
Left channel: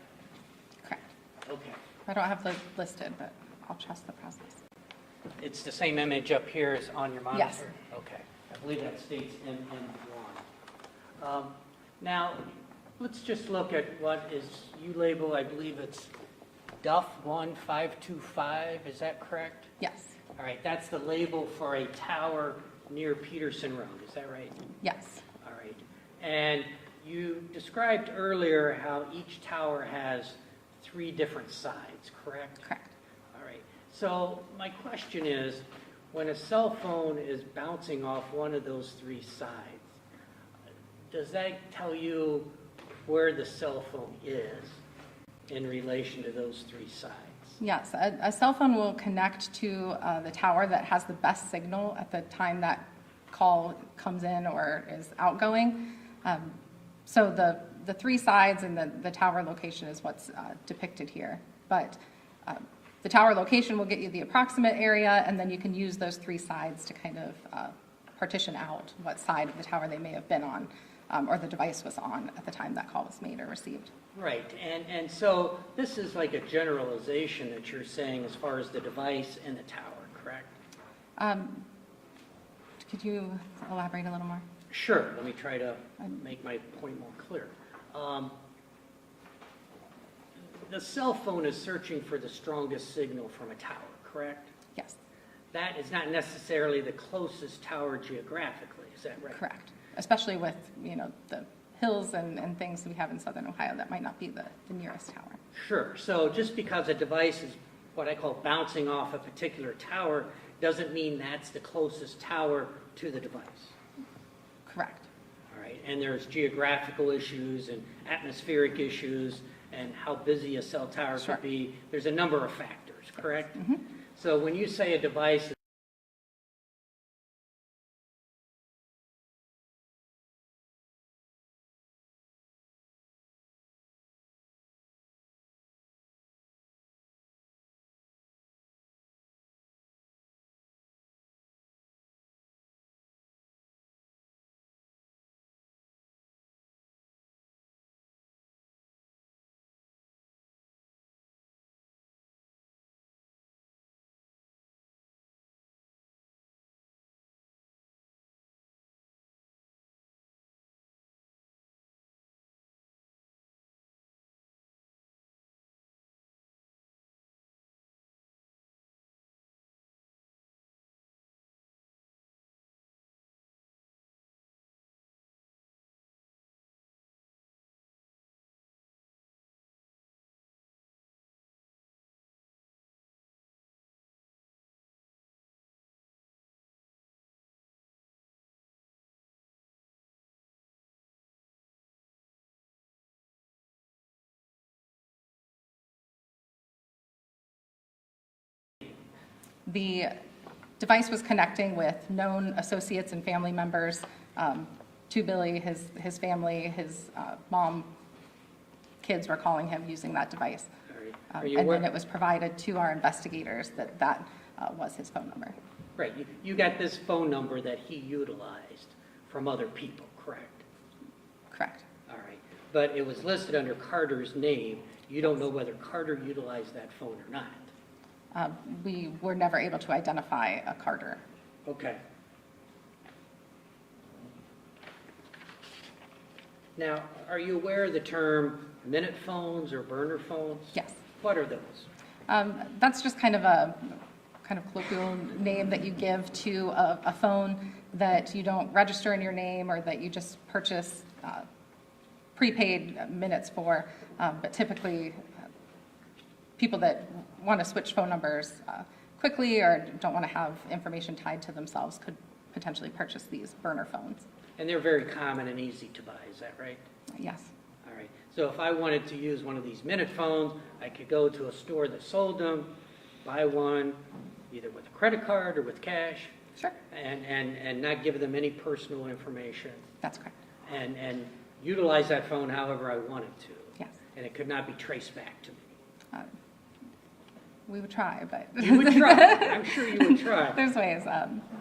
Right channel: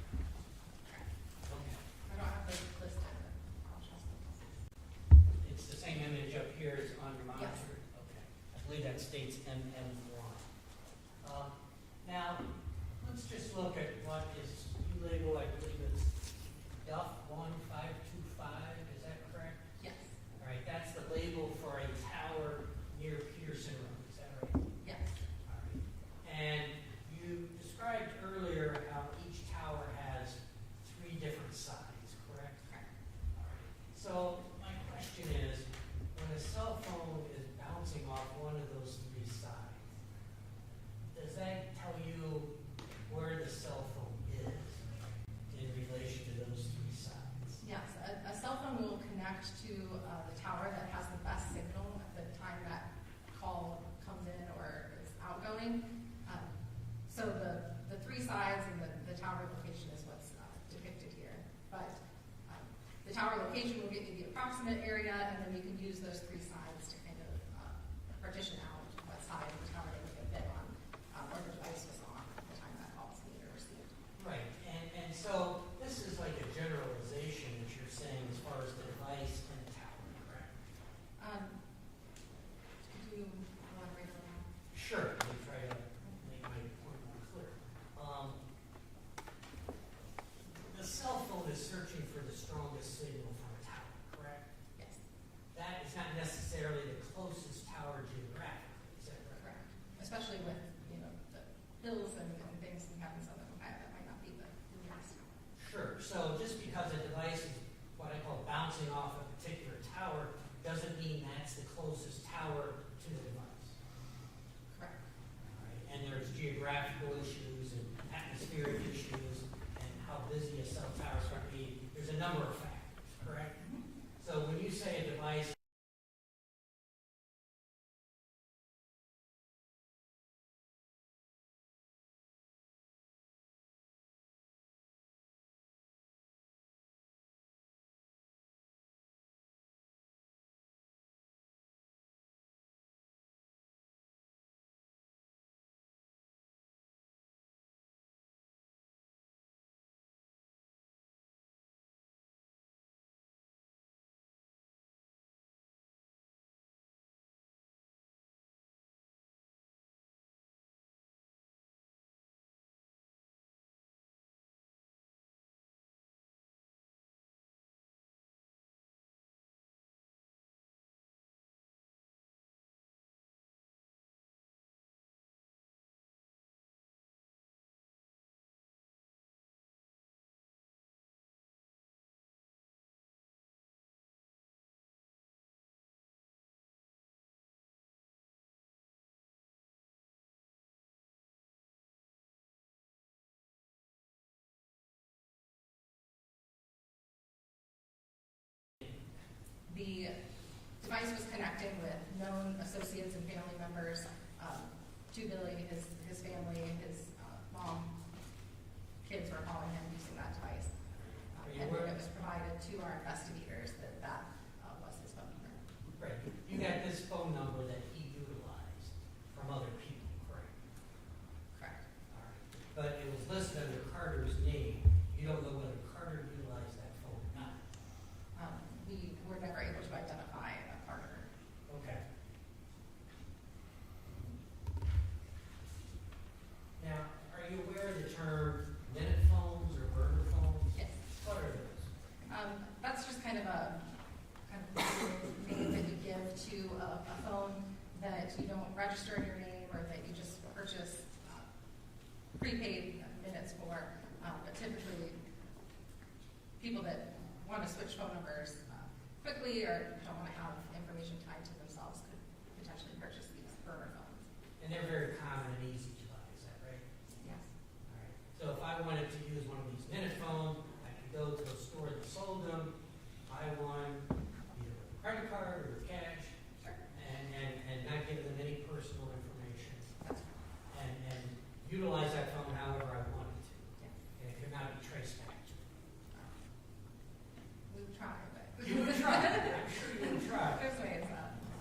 Correct. Okay. I don't have those listed, but I'll trust the process. It's the same image up here as on your monitor? Yes. Okay. I believe that states MM1. Now, let's just look at what is, you label, I believe it's Duff 1525, is that correct? Yes, All right, that's the label for a tower near Peterson Road, is that right? yes, All right. And you described earlier how each tower has 3 different sides, correct? correct. All right. So my question is, when a cell phone is bouncing off one of those 3 sides, does that tell you where the cell phone is in relation to those 3 sides? Yes, a cell phone will connect to the tower that has the best signal at the time that call comes in or is outgoing. So the 3 sides and the tower location is what's depicted here. But the tower location will get you the approximate area, and then you can use those 3 sides to kind of partition out what side of the tower they may have been on, or the device was on at the time that call was made or received. Right, and so this is like a generalization that you're saying as far as the device and the tower, correct? Could you elaborate a little more? Sure, let me try to make my point more clear. The cell phone is searching for the strongest signal from a tower, correct? Yes, That is not necessarily the closest tower geographically, is that right? correct. Especially with, the hills and things we have in southern Ohio, that might not be the nearest tower. Sure, so just because a device is what I call bouncing off a particular tower doesn't mean that's the closest tower to the device. Correct. All right, and there's geographical issues and atmospheric issues and how busy a cell tower Sure. could be. There's a number of factors, correct? Mhm. So when you say a device The device was connecting with known associates and family members to Billy, his family, his mom, kids were calling him using that device. All right. Are you And aware- then it was provided to our investigators that was his phone number. Right, you got this phone number that he utilized from other people, correct? Correct. All right, but it was listed under Carter's name. You don't know whether Carter utilized that phone or not. We were never able to identify a Carter. Okay. Now, are you aware of the term minute phones or burner phones? Yes. What are those? That's just kind of a colloquial name that you give to a phone that you don't register in your name or that you just purchase prepaid minutes for. But typically, people that want to switch phone numbers quickly or don't want to have information tied to themselves could potentially purchase these burner phones. And they're very common and easy to buy, is that right? Yes. All right, so if I wanted to use one of these minute phones, I could go to a store that sold them, buy one, either with a credit card or with cash, Sure. and not give them any personal information, That's correct. and utilize that phone however I wanted to. Yes. And it could not be traced back to me. We would try, but. You would try, I'm sure you would try. There's ways,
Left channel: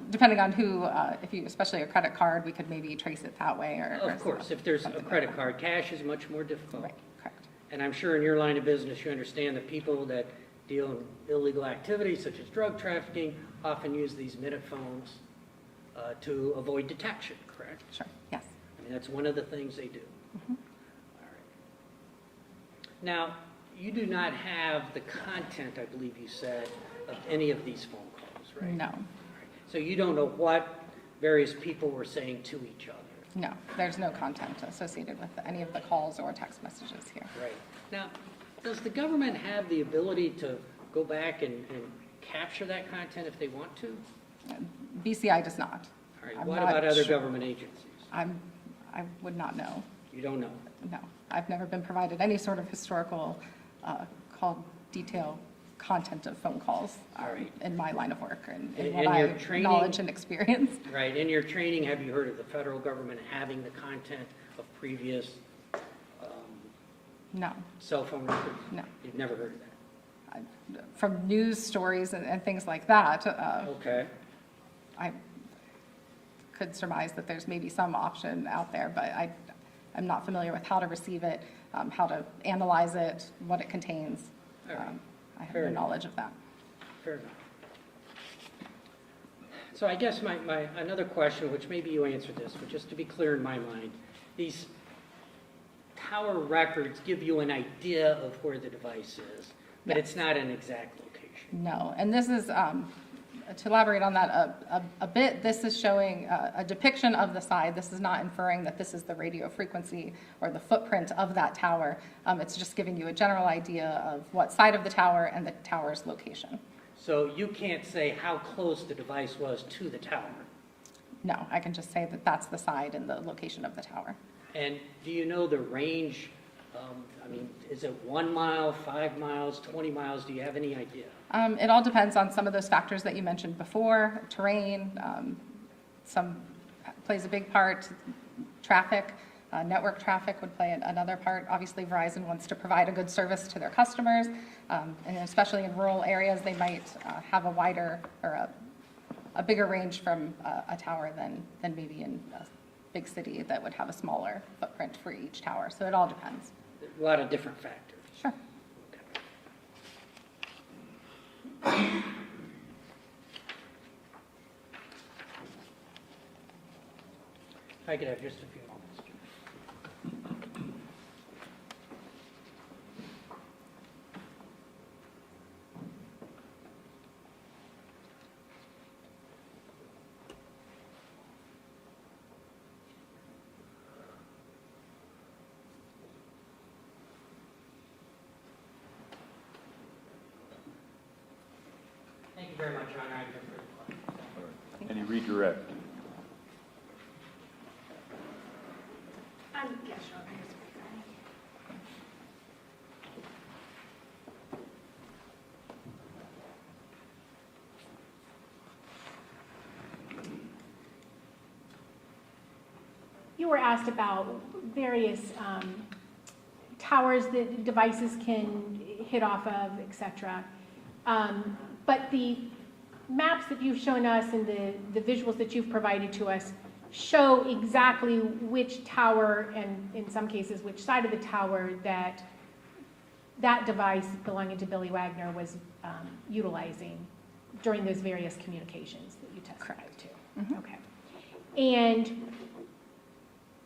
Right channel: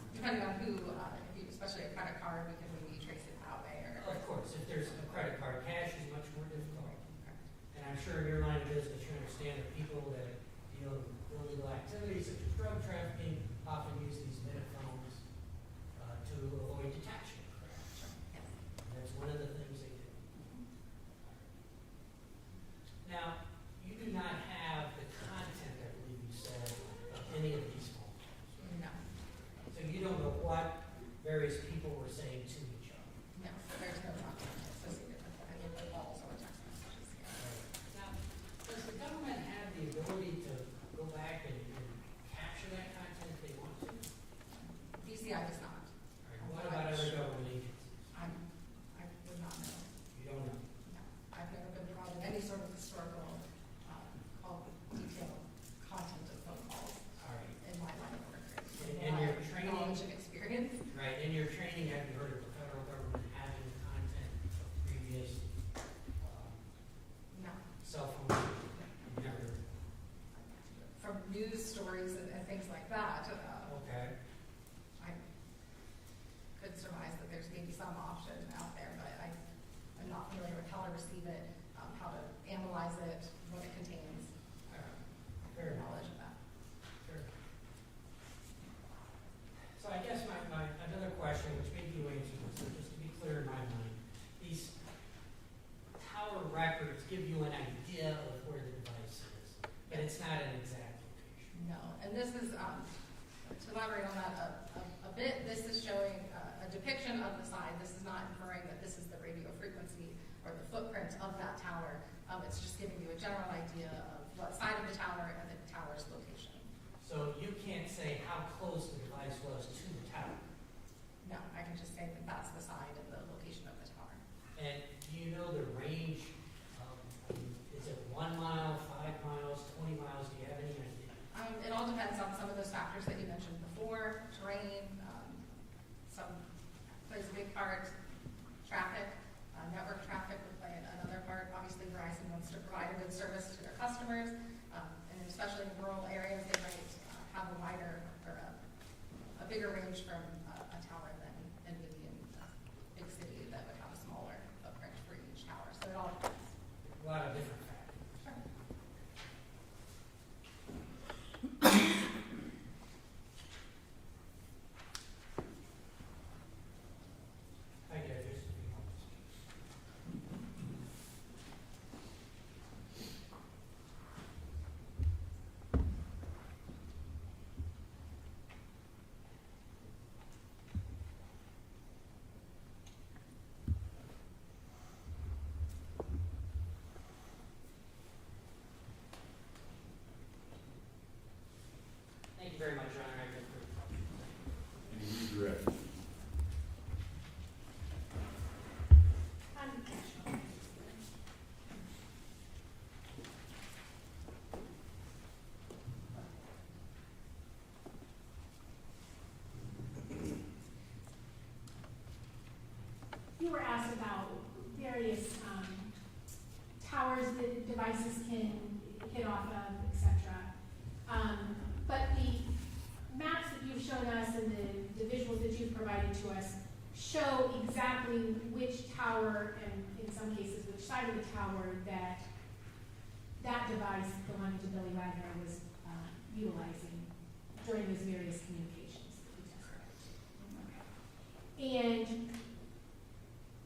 depending on who, if you, especially a credit card, we could maybe trace it that way or. Of course, if there's a something like credit that. card, cash is much more difficult. Right, correct. And I'm sure in your line of business, you understand that people that deal in illegal activities such as drug trafficking often use these minute phones to avoid detection, correct? Sure, yes. I mean, that's one of the things they do. Mhm. All right. Now, you do not have the content, I believe you said, of any of these phone calls, right? No, So you don't know what various people were saying to each other. no, there's no content associated with any of the calls or text messages here. Right. Now, does the government have the ability to go back and capture that content if they want to? BCI does not. All right, I'm what not about other sure. government agencies? I would not know, You don't know. no. I've never been provided any sort of historical call detail content of phone calls All right. in my line of work and in And what your I training- knowledge and experience. Right, in your training, have you heard of the federal government having the content of previous No, cell phone records? no. You've never heard of From news stories and things like that, that? Okay. I could surmise that there's maybe some option out there, but I'm not familiar with how to receive it, how to analyze it, what it contains. All right. I have Fair no enough. knowledge of that. Fair enough. So I guess my another question, which maybe you answered this, but just to be clear in my mind, these tower records give you an idea of where the device is, but Yes. it's not an exact location. No, and this is, to elaborate on that a bit, this is showing a depiction of the side. This is not inferring that this is the radio frequency or the footprint of that tower. It's just giving you a general idea of what side of the tower and the tower's location. So you can't say how close the device was to the tower. No, I can just say that that's the side and the location of the tower. And do you know the range? I mean, is it 1 mile, 5 miles, 20 miles? Do you have any idea? It all depends on some of those factors that you mentioned before, terrain, some plays a big part, traffic, network traffic would play another part. Obviously, Verizon wants to provide a good service to their customers, and especially in rural areas, they might have a wider or a bigger range from a tower than maybe in a big city that would have a smaller footprint for each tower. So it all depends. A lot of different factors. Sure. I could have just a few moments. Thank you very much, Your Honor. I have no further questions. Any redirect? you were asked about various towers that devices can hit off of, etc. But the maps that you've shown us and the visuals that you've provided to us show exactly which tower, and in some cases which side of the tower, that device belonging to Billy Wagner was utilizing during those various communications that you testified to. Mhm. Okay. And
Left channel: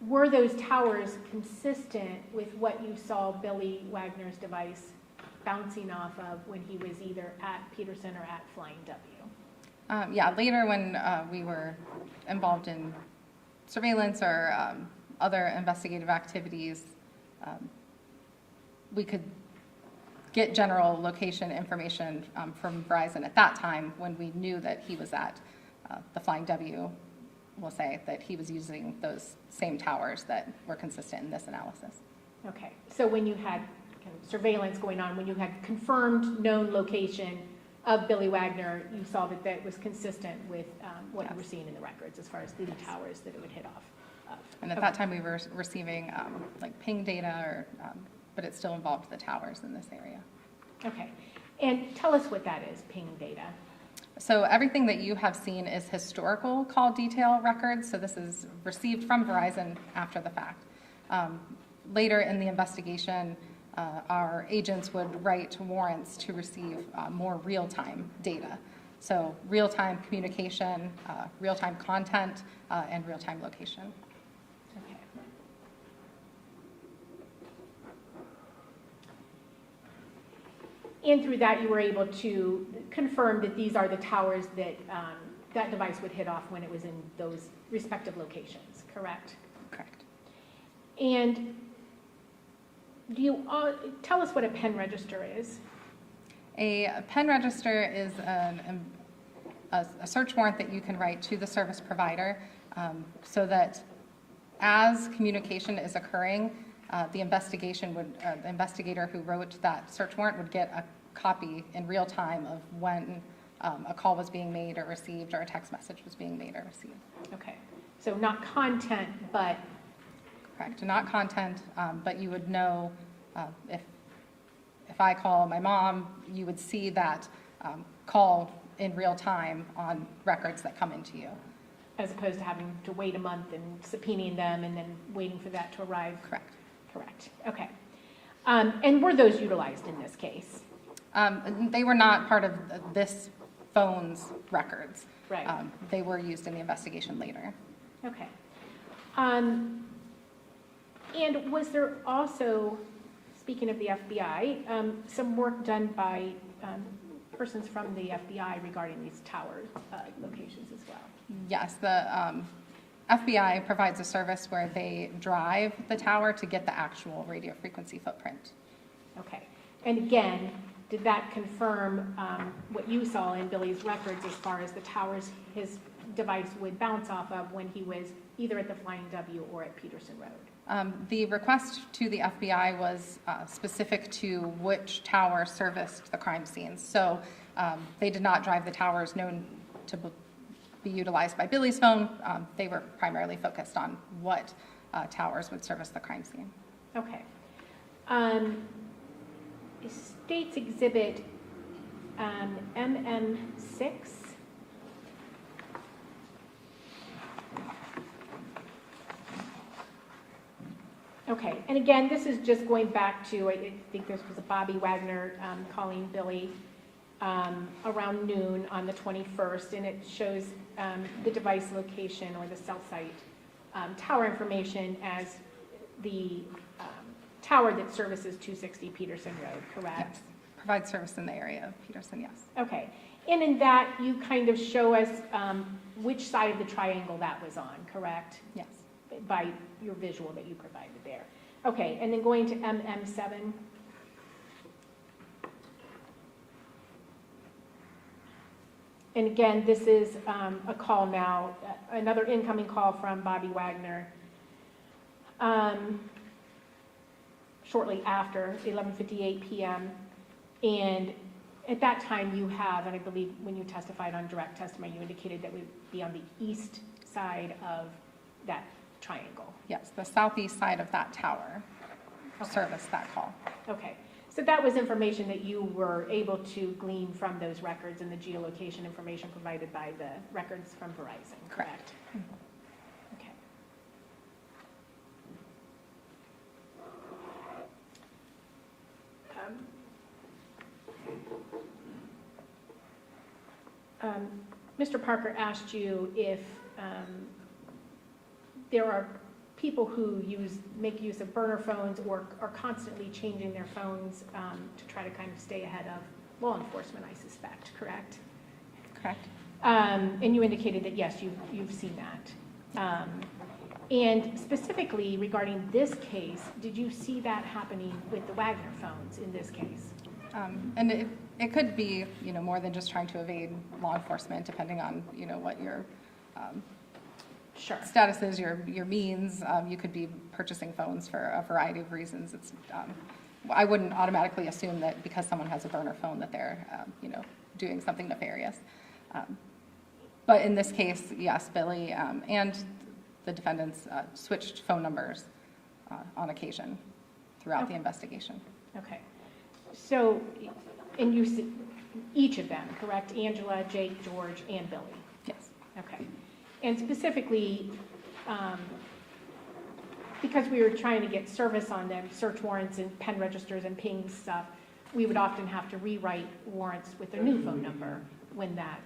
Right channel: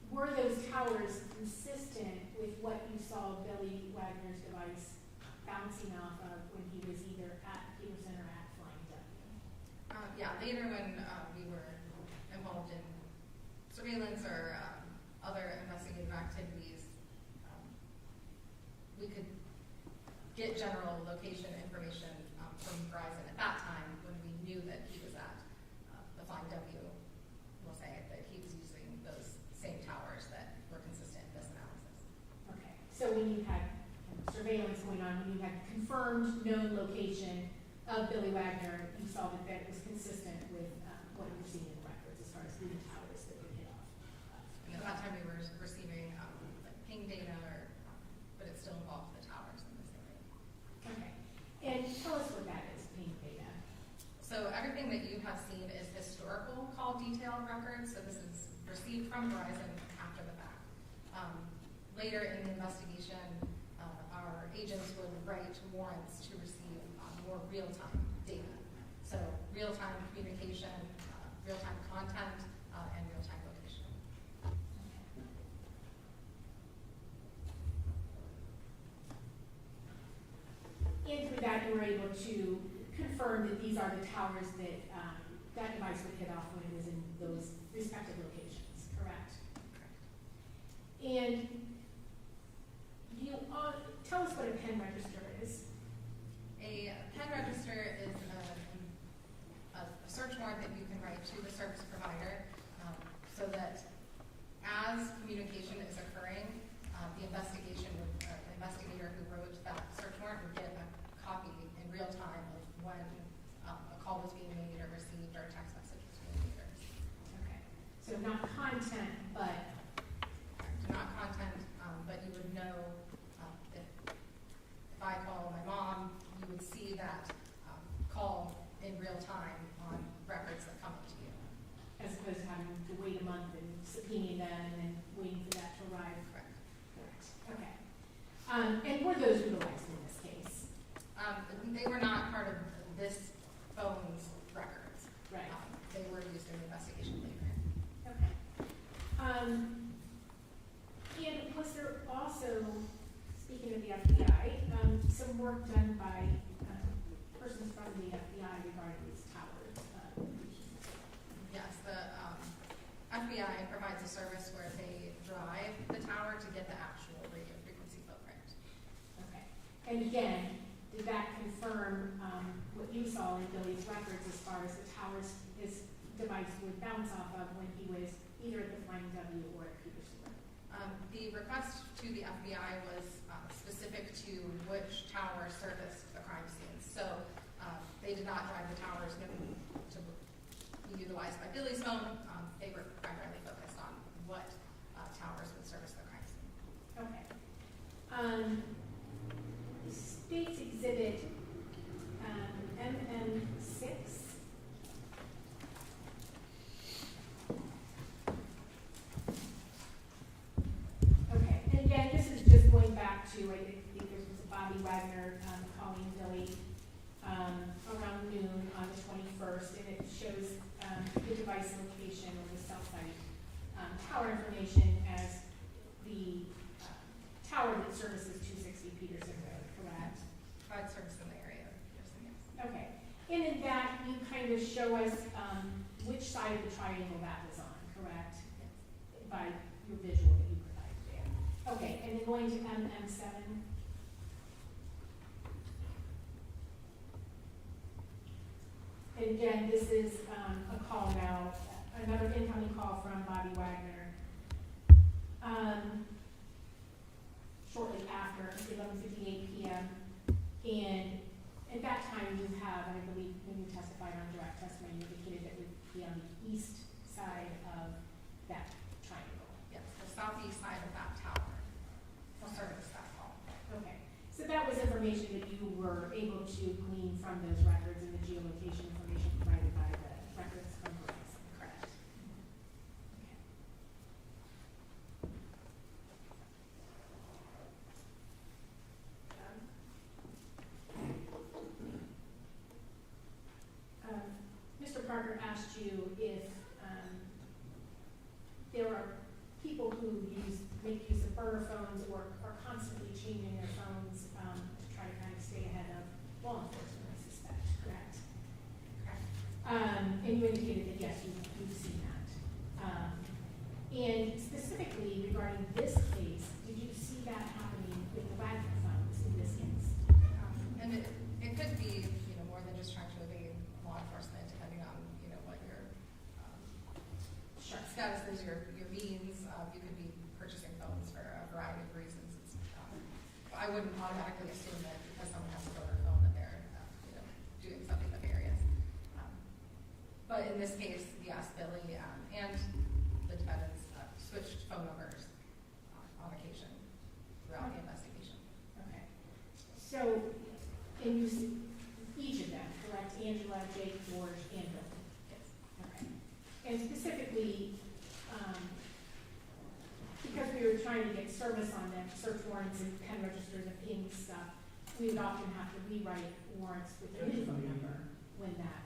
were those towers consistent with what you saw Billy Wagner's device bouncing off of when he was either at Peterson or at Flying W? Yeah, later when we were involved in surveillance or other investigative activities, we could get general location information from Verizon at that time when we knew that he was at the Flying W. We'll say that he was using those same towers that were consistent in this analysis. Okay, so when you had kind of surveillance going on, when you had confirmed known location of Billy Wagner, you saw that that was consistent with what you were seeing in the records as far as the towers that it would hit off of. And at that time we were receiving like ping data, or, but it still involved the towers in this area. Okay, and tell us what that is, ping data. So everything that you have seen is historical call detail records. So this is received from Verizon after the fact. Later in the investigation, our agents would write warrants to receive more real-time data. So real-time communication, real-time content, and real-time location. Okay. And through that, you were able to confirm that these are the towers that that device would hit off when it was in those respective locations, correct? Correct. And do you tell us what a pen register is? A pen register is a search warrant that you can write to the service provider so that as communication is occurring, the investigator who wrote that search warrant would get a copy in real time of when a call was being made or received, or a text message was being made or received. Okay, so not content, but... Correct, not content, but you would know if I call my mom, you would see that call in real time on records that come into you. As opposed to having to wait a month and subpoenaing them and then waiting for that to arrive? Correct. Correct, okay. And were those utilized in this case? They were not part of this phone's records. Right. They were used in the investigation later. Okay. And was there also, speaking of the FBI, some work done by persons from the FBI regarding these tower locations as well? Yes, the FBI provides a service where they drive the tower to get the actual radio frequency footprint. Okay. And again, did that confirm what you saw in Billy's records as far as the towers his device would bounce off of when he was either at the Flying W or at Peterson Road? The request to the FBI was specific to which tower serviced the crime scenes. So they did not drive the towers known to be utilized by Billy's phone. They were primarily focused on what towers would service the crime scene. Okay. State's Exhibit MM6. Okay, and again, this is just going back to, I think this was a Bobby Wagner calling Billy around noon on the 21st, and it shows the device location or the cell site tower information as the tower that services 260 Peterson Road, correct? Yes. Provides service in the area of Peterson, yes. Okay, and in that you kind of show us which side of the triangle that was on, correct? Yes. By your visual that you provided there. Okay, and then going to MM7. And again, this is a call now, another incoming call from Bobby Wagner. Shortly after 11:58 p.m. And at that time you have, and I believe when you testified on direct testimony, you indicated that we'd be on the east side of that triangle? Yes, the southeast side of that tower Okay. serviced that call. Okay, so that was information that you were able to glean from those records and the geolocation information provided by the records from Verizon, correct? Okay. Mr. Parker asked you if there are people who make use of burner phones or are constantly changing their phones to try to kind of stay ahead of law enforcement, I suspect, correct? Correct. And you indicated that, yes, you've seen that. And specifically regarding this case, did you see that happening with the Wagner phones in this case? And it could be, more than just trying to evade law enforcement, depending on, what your Sure. status is, your means. You could be purchasing phones for a variety of reasons. It's, I wouldn't automatically assume that because someone has a burner phone that they're, doing something nefarious. But in this case, yes, Billy and the defendants switched phone numbers on occasion throughout the investigation. Okay. So, and you said each of them, correct? Angela, Jake, George, and Billy? Yes. Okay. And specifically, because we were trying to get service on them, search warrants and pen registers and ping stuff, we would often have to rewrite warrants with their new phone number when that,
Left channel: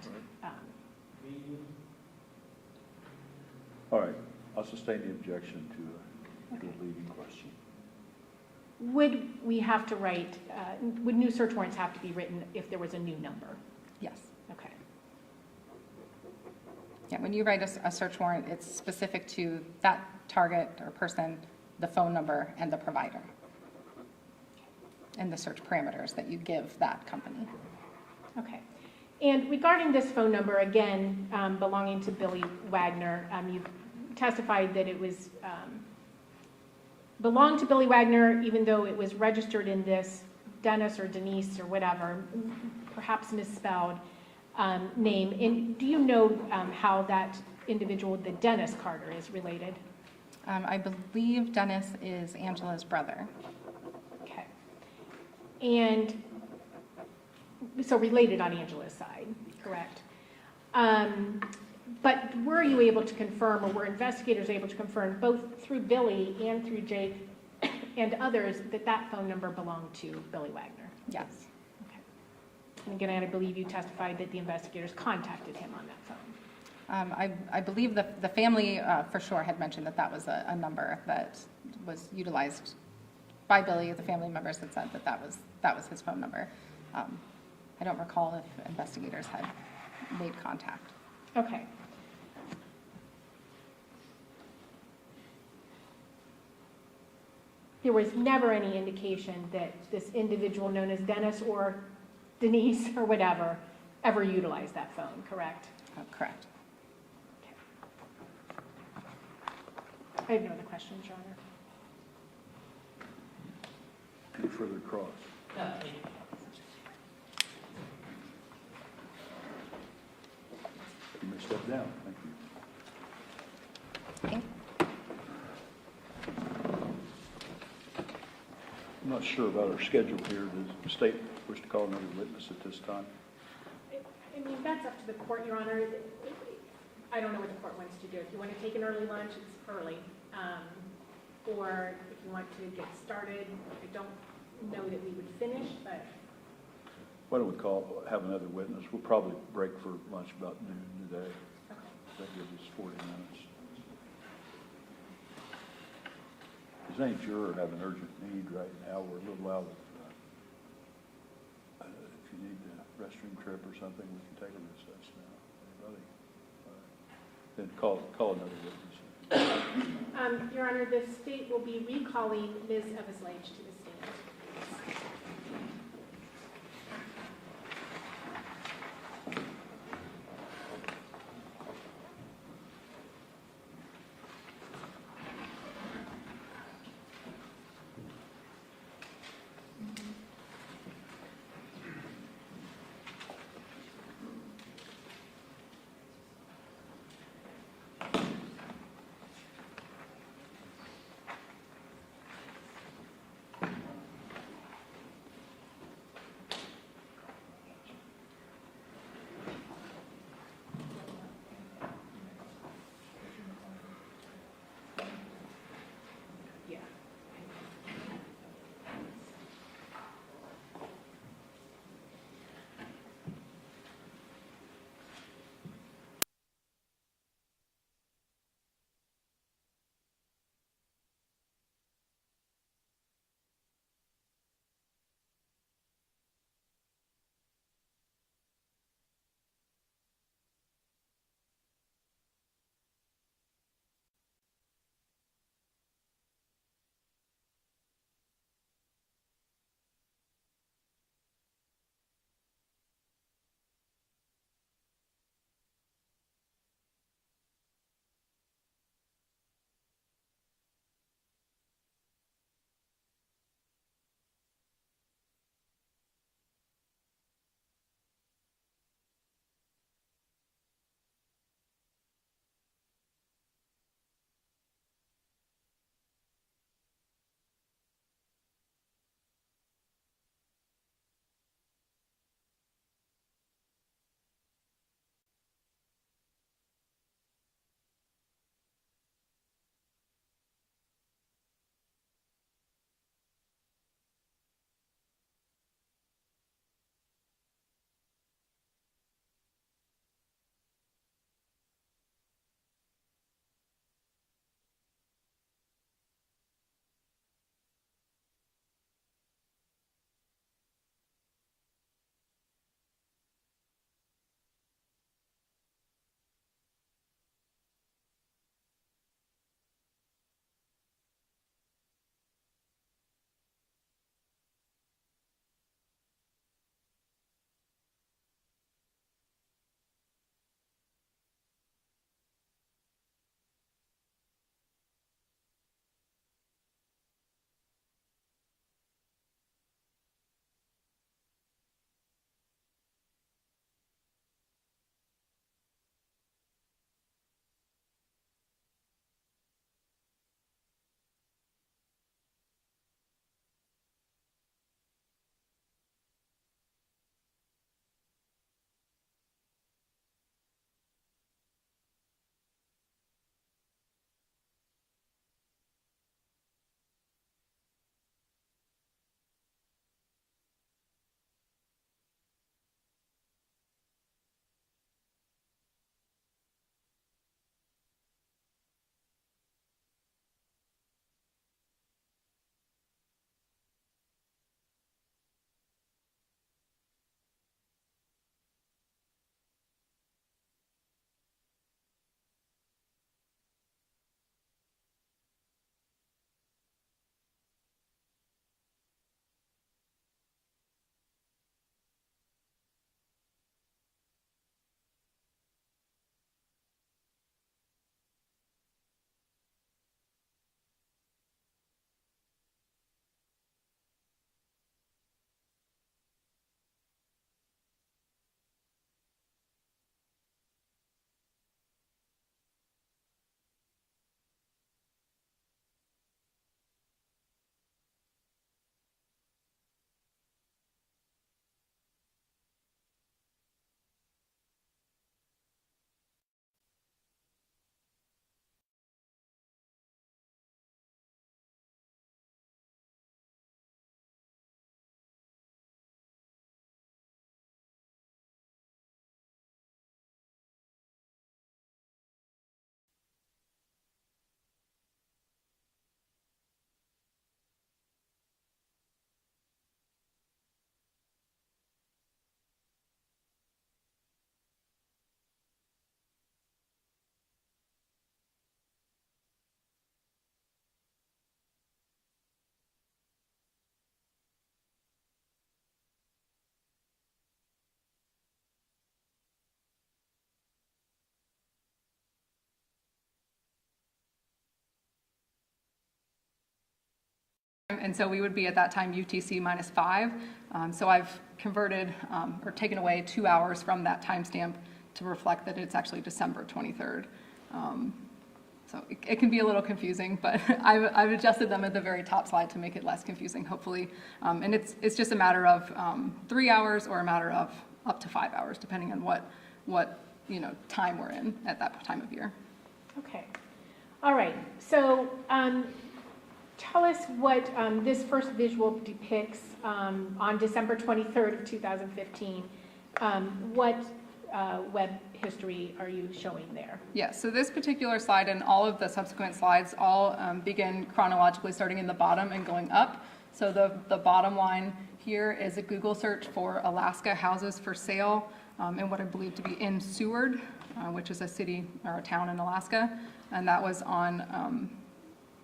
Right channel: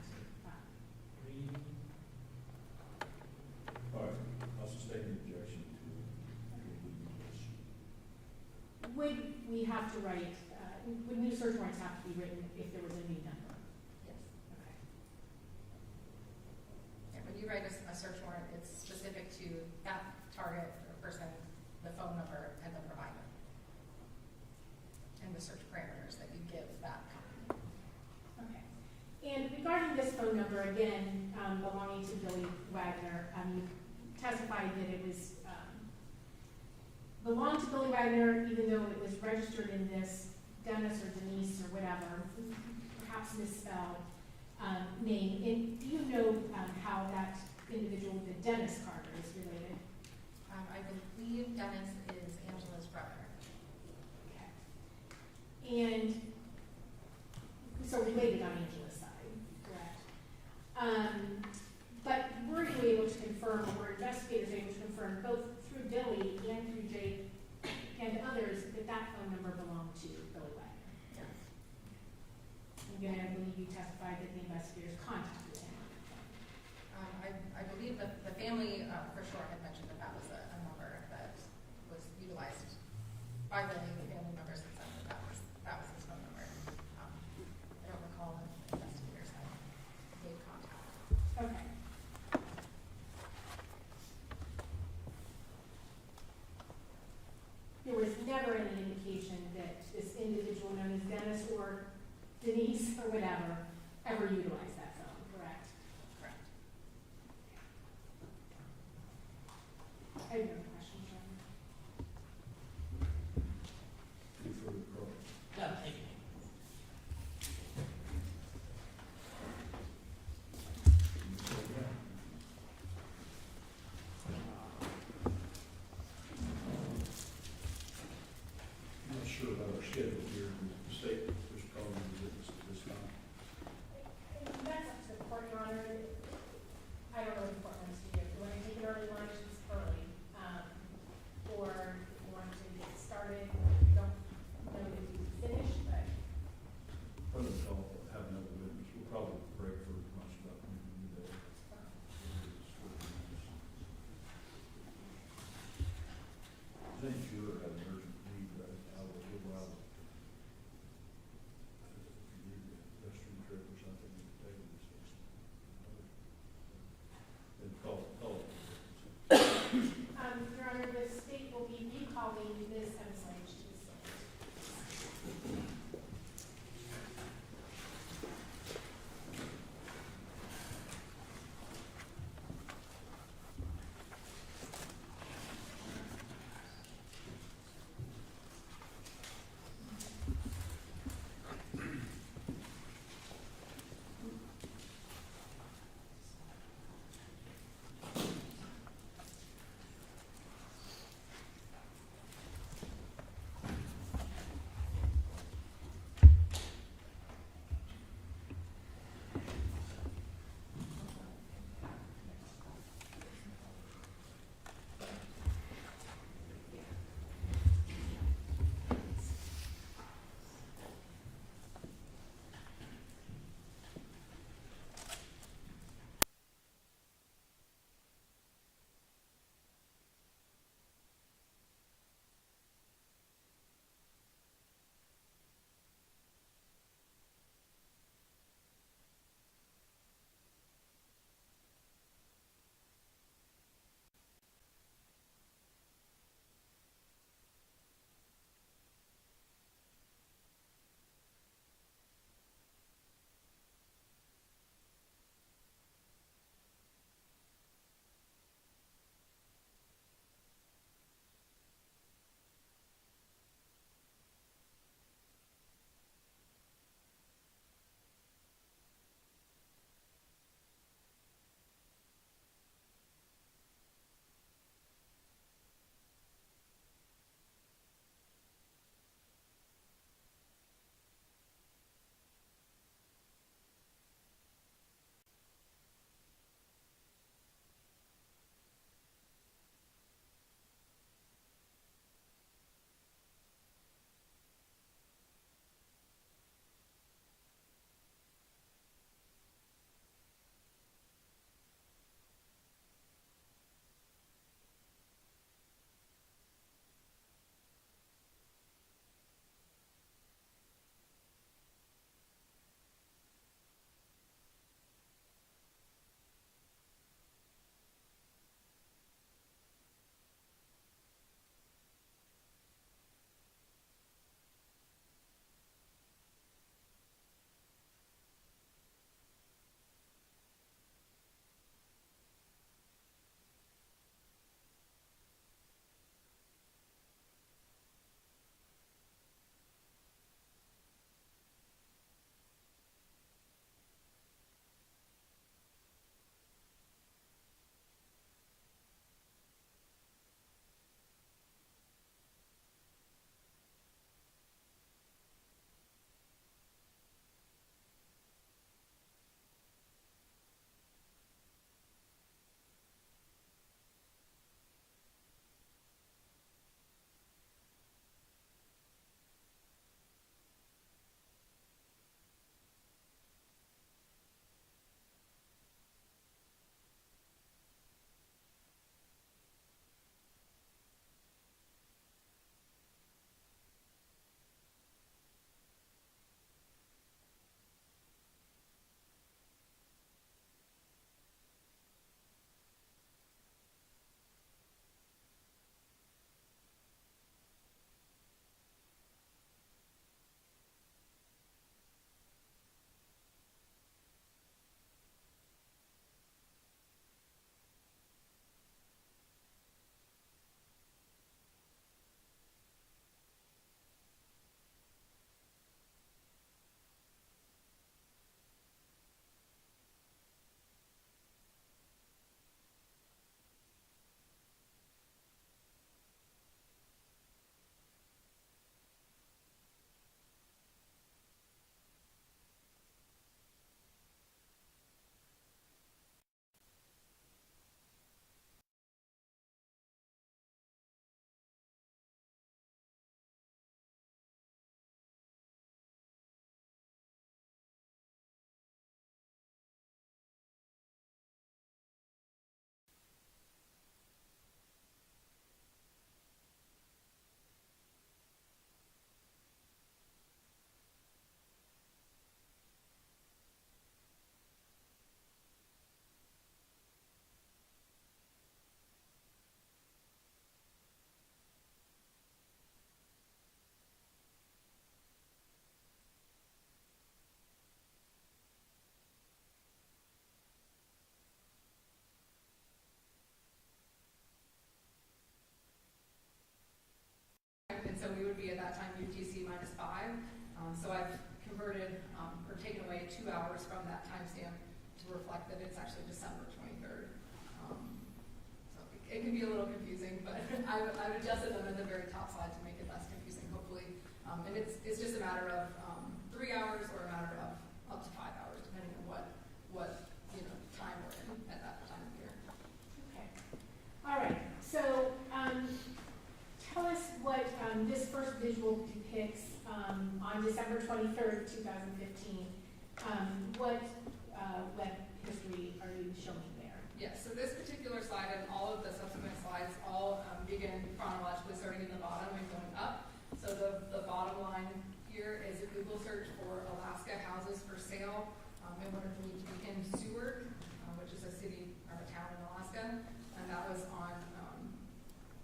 All right, I'll sustain the objection to a leading question. would we have to write, would new search warrants have to be written if there was a new number? Yes. Okay. Yeah, when you write a search warrant, it's specific to that target or person, the phone number, and the provider, and the search parameters that you give that company. Okay. And regarding this phone number, again, belonging to Billy Wagner, you testified that it was belonged to Billy Wagner, even though it was registered in this Dennis or Denise or whatever, perhaps misspelled name. And do you know how that individual, the Dennis Carter, is related? I believe Dennis is Angela's brother. Okay. And so related on Angela's side, correct? But were you able to confirm, or were investigators able to confirm, both through Billy and through Jake and others, that that phone number belonged to Billy Wagner? Yes. Okay. And again, I believe you testified that the investigators contacted him on that phone. I believe the family for sure had mentioned that that was a number that was utilized by Billy. The family members had said that that was his phone number. I don't recall if investigators had made contact. Okay. There was never any indication that this individual known as Dennis or Denise or whatever ever utilized that phone, correct? Correct. I have no other questions, Your Honor. Any further cross? You may step down. Thank you. I'm not sure about our schedule here. Does the state wish to call another witness at this time? I mean, that's up to the court, Your Honor. I don't know what the court wants to do. If you want to take an early lunch, it's early. Or if you want to get started, I don't know that we would finish, but Why don't we have another witness? We'll probably break for lunch about noon today. okay. That gives us 40 minutes. Does any juror have an urgent need right now? We're a little out of, if you need a restroom trip or something, we can take a recess now. Anybody? All right. Then call another witness. Your Honor, the state will be recalling Ms. Eveslage to the stand. And so we would be at that time UTC -5. So I've converted or taken away 2 hours from that timestamp to reflect that it's actually December 23rd. So it can be a little confusing, but I've adjusted them at the very top slide to make it less confusing, hopefully. And it's just a matter of 3 hours or a matter of up to 5 hours, depending on what time we're in at that time of year. Okay. All right. So tell us what this first visual depicts on December 23rd of 2015. What web history are you showing there? Yes, so this particular slide and all of the subsequent slides all begin chronologically starting in the bottom and going up. So the bottom line here is a Google search for Alaska houses for sale in what I believe to be in Seward, which is a city or a town in Alaska. And that was on,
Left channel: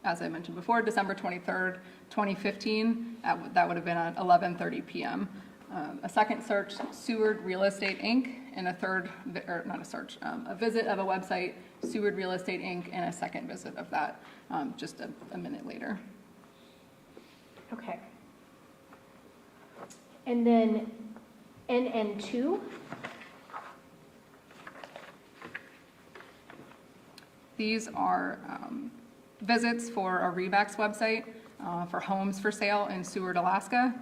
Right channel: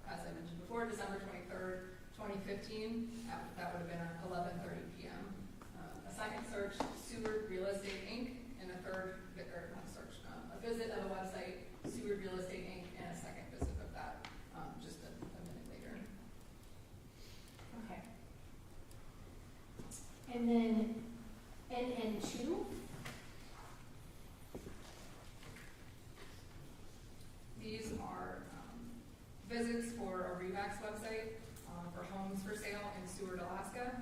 as I mentioned before, December 23rd, 2015. That would have been at 11:30 p.m. A second search, Seward Real Estate Inc., and a third, or not a search, a visit of a website, Seward Real Estate Inc., and a second visit of that just a minute later. Okay. And then NN2. These are visits for a Remax website for homes for sale in Seward, Alaska.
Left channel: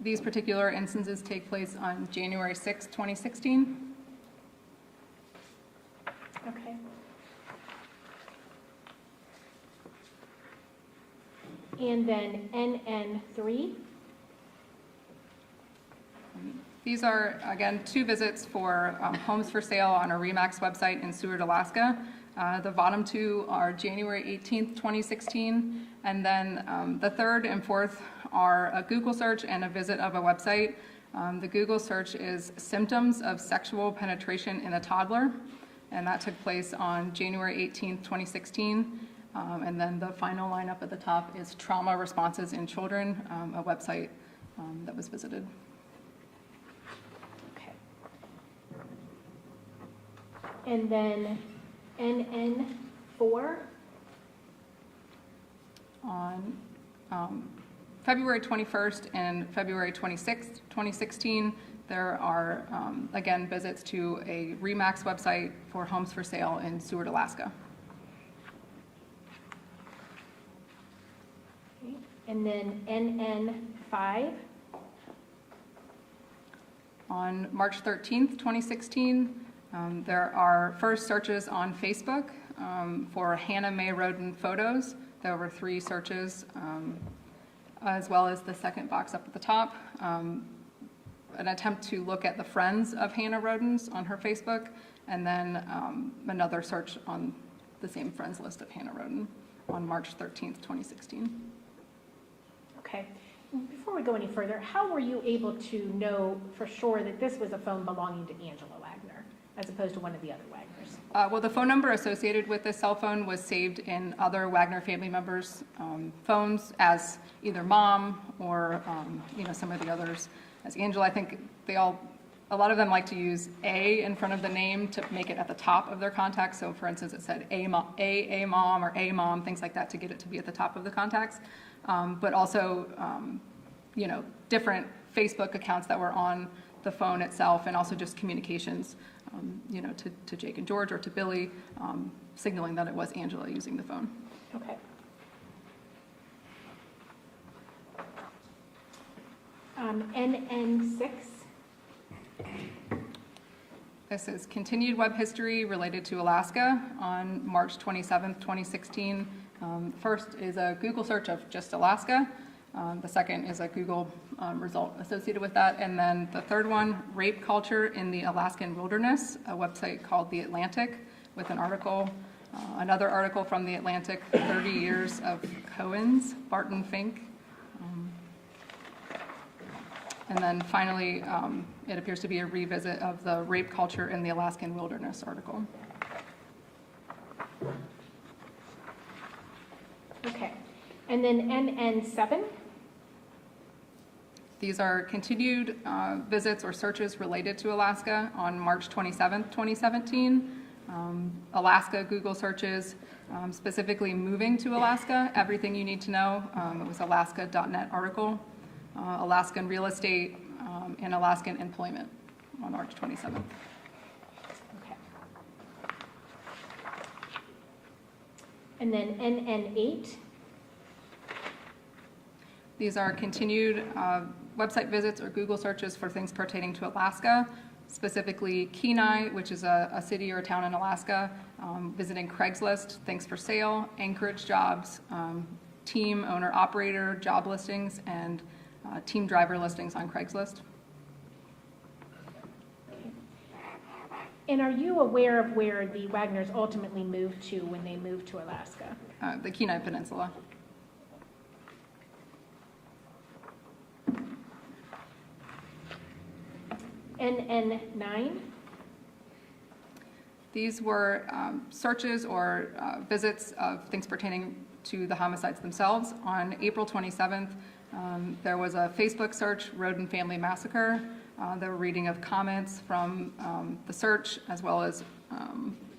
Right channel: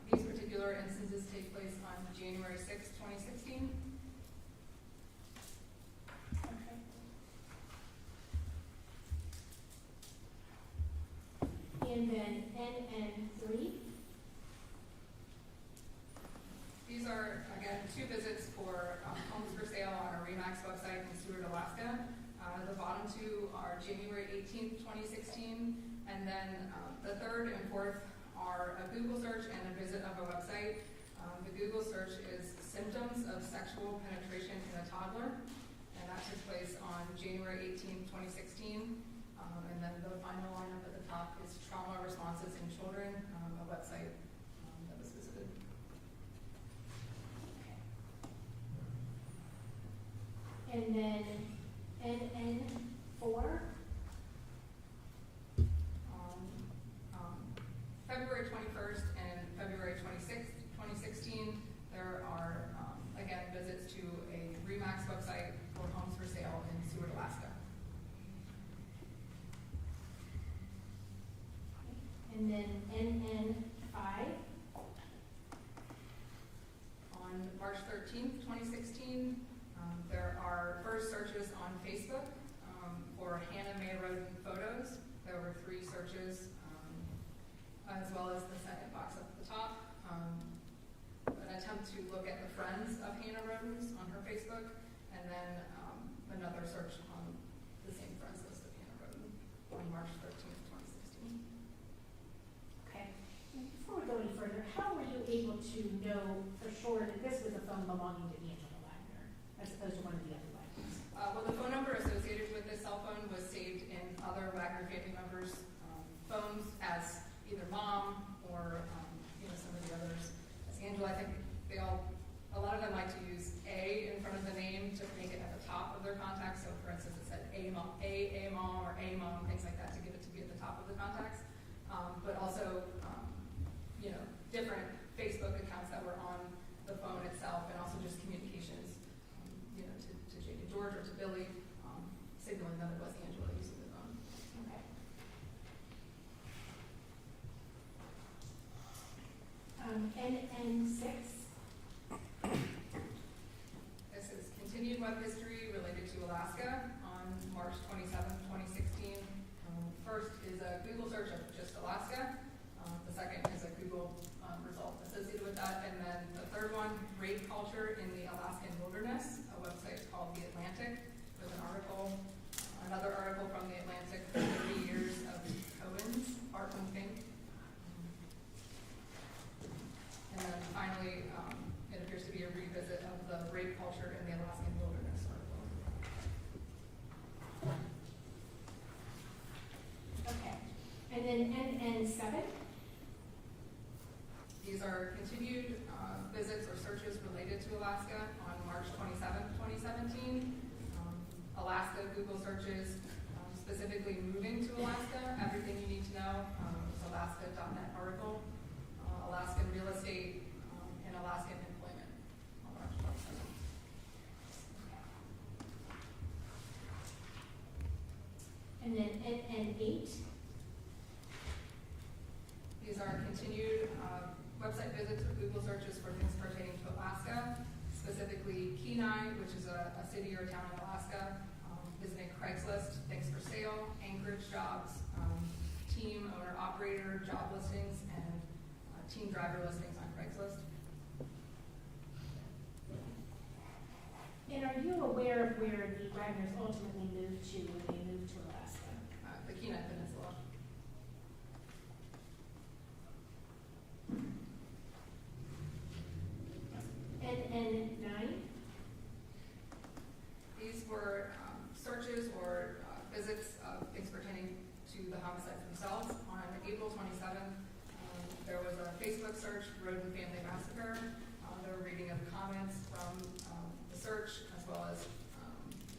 These particular instances take place on January 6, 2016. Okay. And then NN3. These are, again, 2 visits for homes for sale on a Remax website in Seward, Alaska. The bottom 2 are January 18th, 2016, and then the third and fourth are a Google search and a visit of a website. The Google search is symptoms of sexual penetration in a toddler, and that took place on January 18th, 2016. And then the final line up at the top is trauma responses in children, a website that was visited. Okay. And then NN4. On February 21st and February 26th, 2016, there are, again, visits to a Remax website for homes for sale in Seward, Alaska. Okay. And then NN5. On March 13th, 2016, there are first searches on Facebook for Hannah Mae Rhoden photos. There were 3 searches, as well as the second box up at the top, an attempt to look at the friends of Hannah Rhoden's on her Facebook, and then another search on the same friends list of Hannah Rhoden on March 13th, 2016. Okay. Before we go any further, how were you able to know for sure that this was a phone belonging to Angela Wagner as opposed to one of the other Wagners? Well, the phone number associated with this cell phone was saved in other Wagner family members' phones as either mom or some of the others as Angela. I think a lot of them like to use A in front of the name to make it at the top of their contacts. So for instance, it said A mom or A mom, things like that to get it to be at the top of the contacts. But also, different Facebook accounts that were on the phone itself, and also just communications, to Jake and George or to Billy, signaling that it was Angela using the phone. Okay. NN6. This is continued web history related to Alaska on March 27th, 2016. First is a Google search of just Alaska. The second is a Google result associated with that. And then the third one, rape culture in the Alaskan wilderness, a website called The Atlantic with an article, another article from The Atlantic, 30 years of Cohen's, Barton Fink. And then finally, it appears to be a revisit of the rape culture in the Alaskan wilderness article. Okay. And then NN7. These are continued visits or searches related to Alaska on March 27th, 2017. Alaska Google searches, specifically moving to Alaska, everything you need to know. It was alaska.net article, Alaskan real estate, and Alaskan employment on March 27th. Okay. And then NN8, These are continued website visits or Google searches for things pertaining to Alaska, specifically Kenai, which is a city or a town in Alaska, visiting Craigslist, things for sale, Anchorage jobs, team owner operator job listings, and team driver listings on Craigslist. and are you aware of where the Wagners ultimately moved to when they moved to Alaska? The Kenai Peninsula. NN9, These were searches or visits of things pertaining to the homicides themselves. On April 27th, there was a Facebook search, Rhoden Family Massacre. There were reading of comments from the search, as well as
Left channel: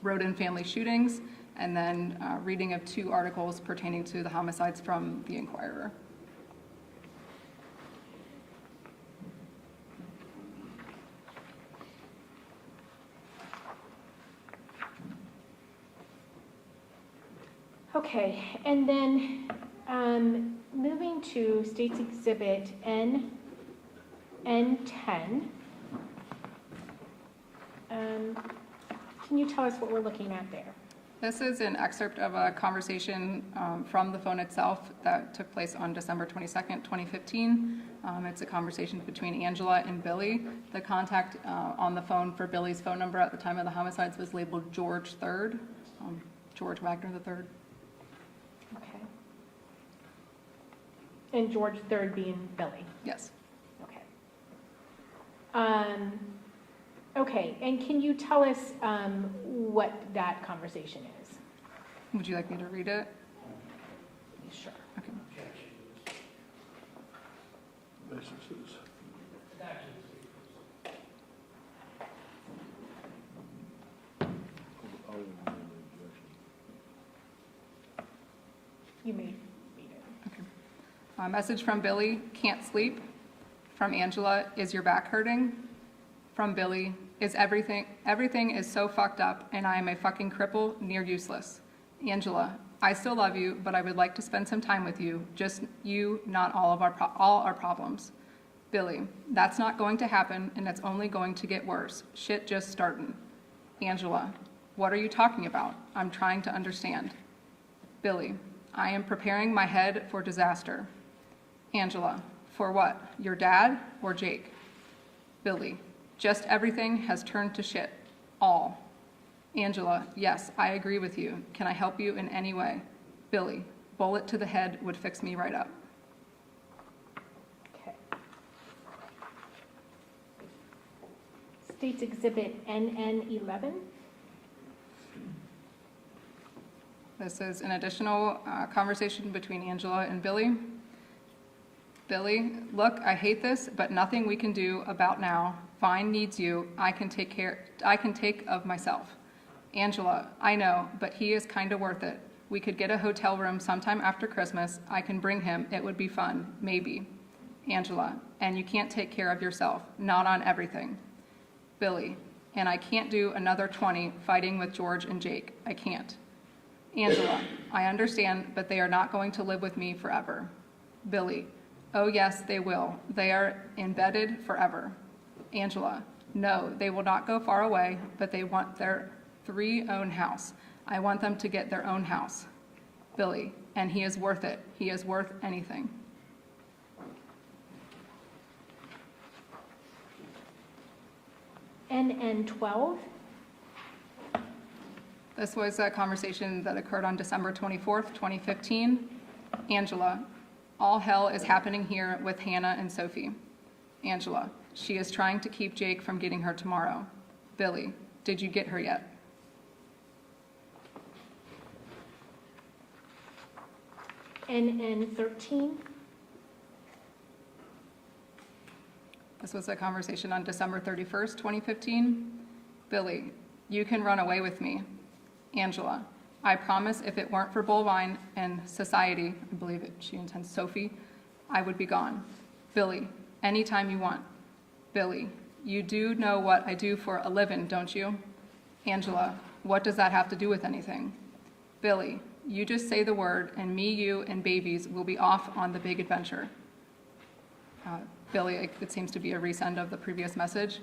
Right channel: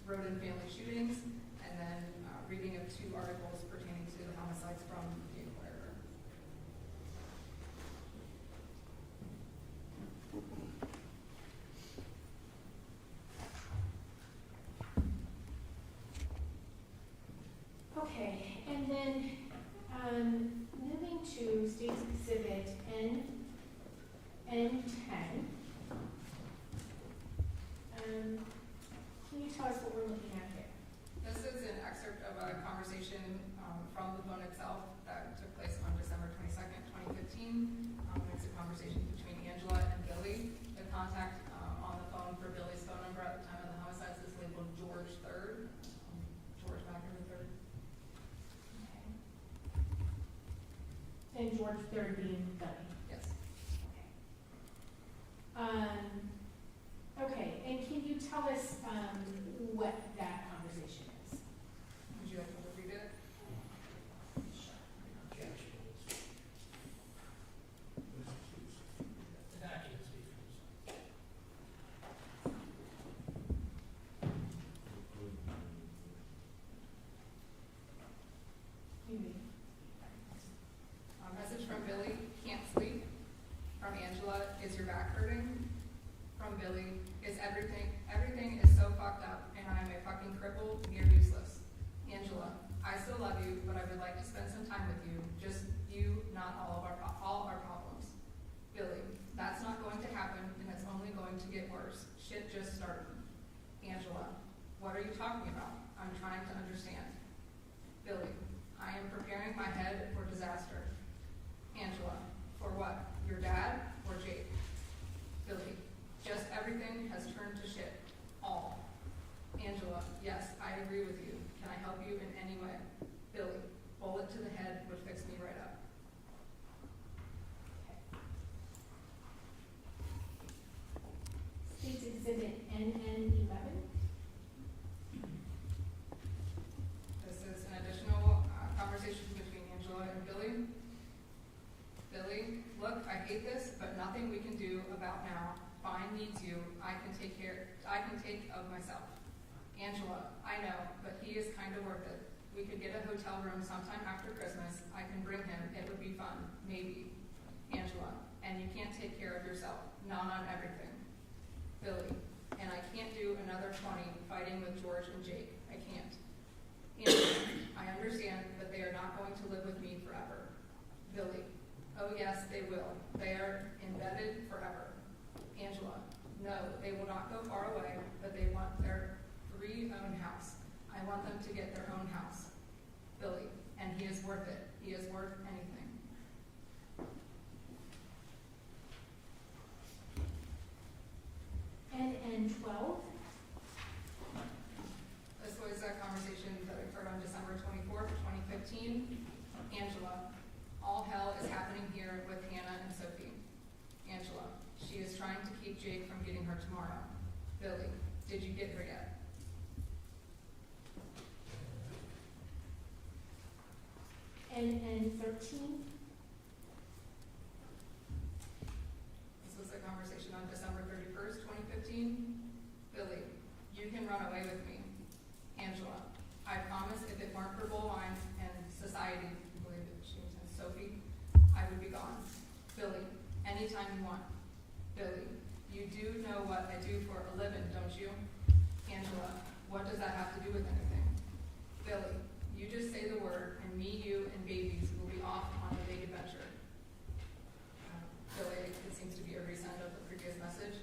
Rhoden family shootings, and then reading of 2 articles pertaining to the homicides from the Inquirer. okay, and then moving to State's Exhibit N10. Can you tell us what we're looking at there? This is an excerpt of a conversation from the phone itself that took place on December 22nd, 2015. It's a conversation between Angela and Billy. The contact on the phone for Billy's phone number at the time of the homicides was labeled George III, George Wagner III. Okay. And George III being Billy? Yes. Okay. Okay, and can you tell us what that conversation is? Would you like me to read it? Sure. Okay. This is- You may read it. A message from Billy, can't sleep. From Angela, is your back hurting? From Billy, is everything is so fucked up and I am a fucking cripple, near useless. Angela, I still love you, but I would like to spend some time with you. Just you, not all our problems. Billy, that's not going to happen and it's only going to get worse. Shit just starting. Angela, what are you talking about? I'm trying to understand. Billy, I am preparing my head for disaster. Angela, for what? Your dad or Jake? Billy, just everything has turned to shit. All. Angela, yes, I agree with you. Can I help you in any way? Billy, bullet to the head would fix me right up. Okay. State's Exhibit NN11. This is an additional conversation between Angela and Billy. Billy, look, I hate this, but nothing we can do about now. Vine needs you. I can take of myself. Angela, I know, but he is kind of worth it. We could get a hotel room sometime after Christmas. I can bring him. It would be fun. Maybe. Angela, and you can't take care of yourself. Not on everything. Billy, and I can't do another 20 fighting with George and Jake. I can't. Angela, I understand, but they are not going to live with me forever. Billy, oh yes, they will. They are embedded forever. Angela, no, they will not go far away, but they want their 3-own house. I want them to get their own house. Billy, and he is worth it. He is worth anything. NN12. This was a conversation that occurred on December 24th, 2015. Angela, all hell is happening here with Hannah and Sophie. Angela, she is trying to keep Jake from getting her tomorrow. Billy, did you get her yet? NN13. This was a conversation on December 31st, 2015. Billy, you can run away with me. Angela, I promise if it weren't for Bullwine and society, I believe she intends Sophie, I would be gone. Billy, anytime you want. Billy, you do know what I do for a living, don't you? Angela, what does that have to do with anything? Billy, you just say the word and me, you, and babies will be off on the big adventure. Billy, it seems to be a resend of the previous message.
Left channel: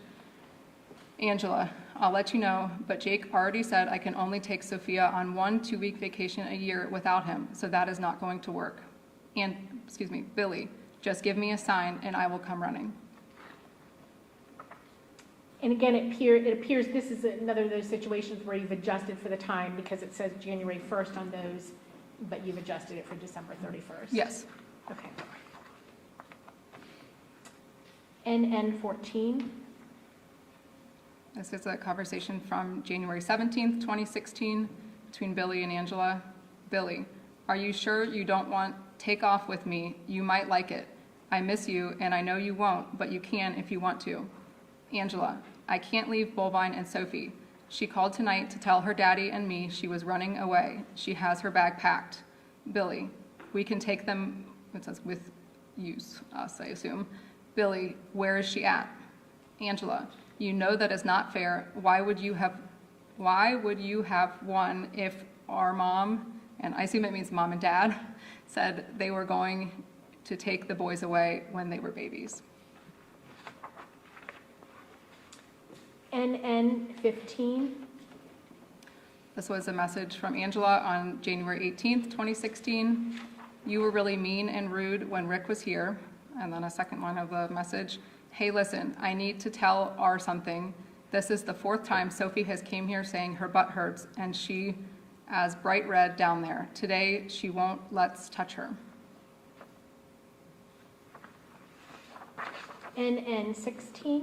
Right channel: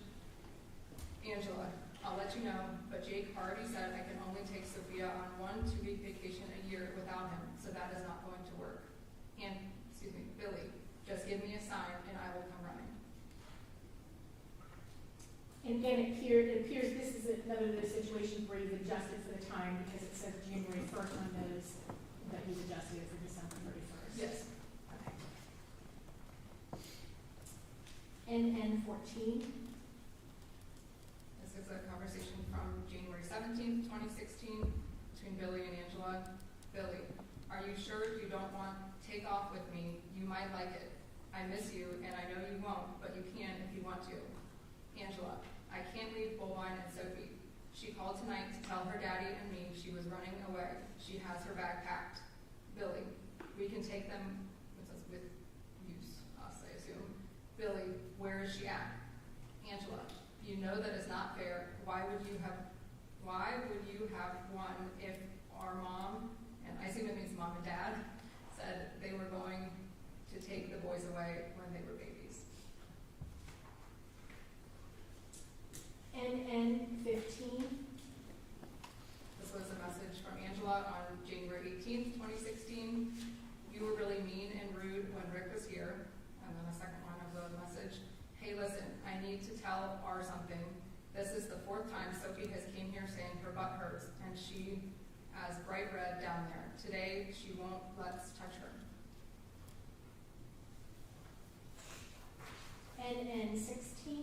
Angela, I'll let you know, but Jake already said I can only take Sophia on 1 2-week vacation a year without him, so that is not going to work. And, Billy, just give me a sign and I will come running. And again, it appears this is another of those situations where you've adjusted for the time because it says January 1st on those, but you've adjusted it for December 31st. Yes. Okay. NN 14. This is a conversation from January 17th, 2016, between Billy and Angela. Billy, are you sure you don't want take off with me? You might like it. I miss you, and I know you won't, but you can if you want to. Angela, I can't leave Bullvine and Sophie. She called tonight to tell her daddy and me she was running away. She has her bag packed. Billy, we can take them, it says with use, us, I assume. Billy, where is she at? Angela, you know that is not fair. Why would you have one if our mom, and I assume it means mom and dad, said they were going to take the boys away when they were babies? NN 15. This was a message from Angela on January 18th, 2016. You were really mean and rude when Rick was here. And then a second one of the message. Hey, listen, I need to tell R something. This is the 4th time Sophie has came here saying her butt hurts and she as bright red down there. Today, she won't let's touch her. NN 16.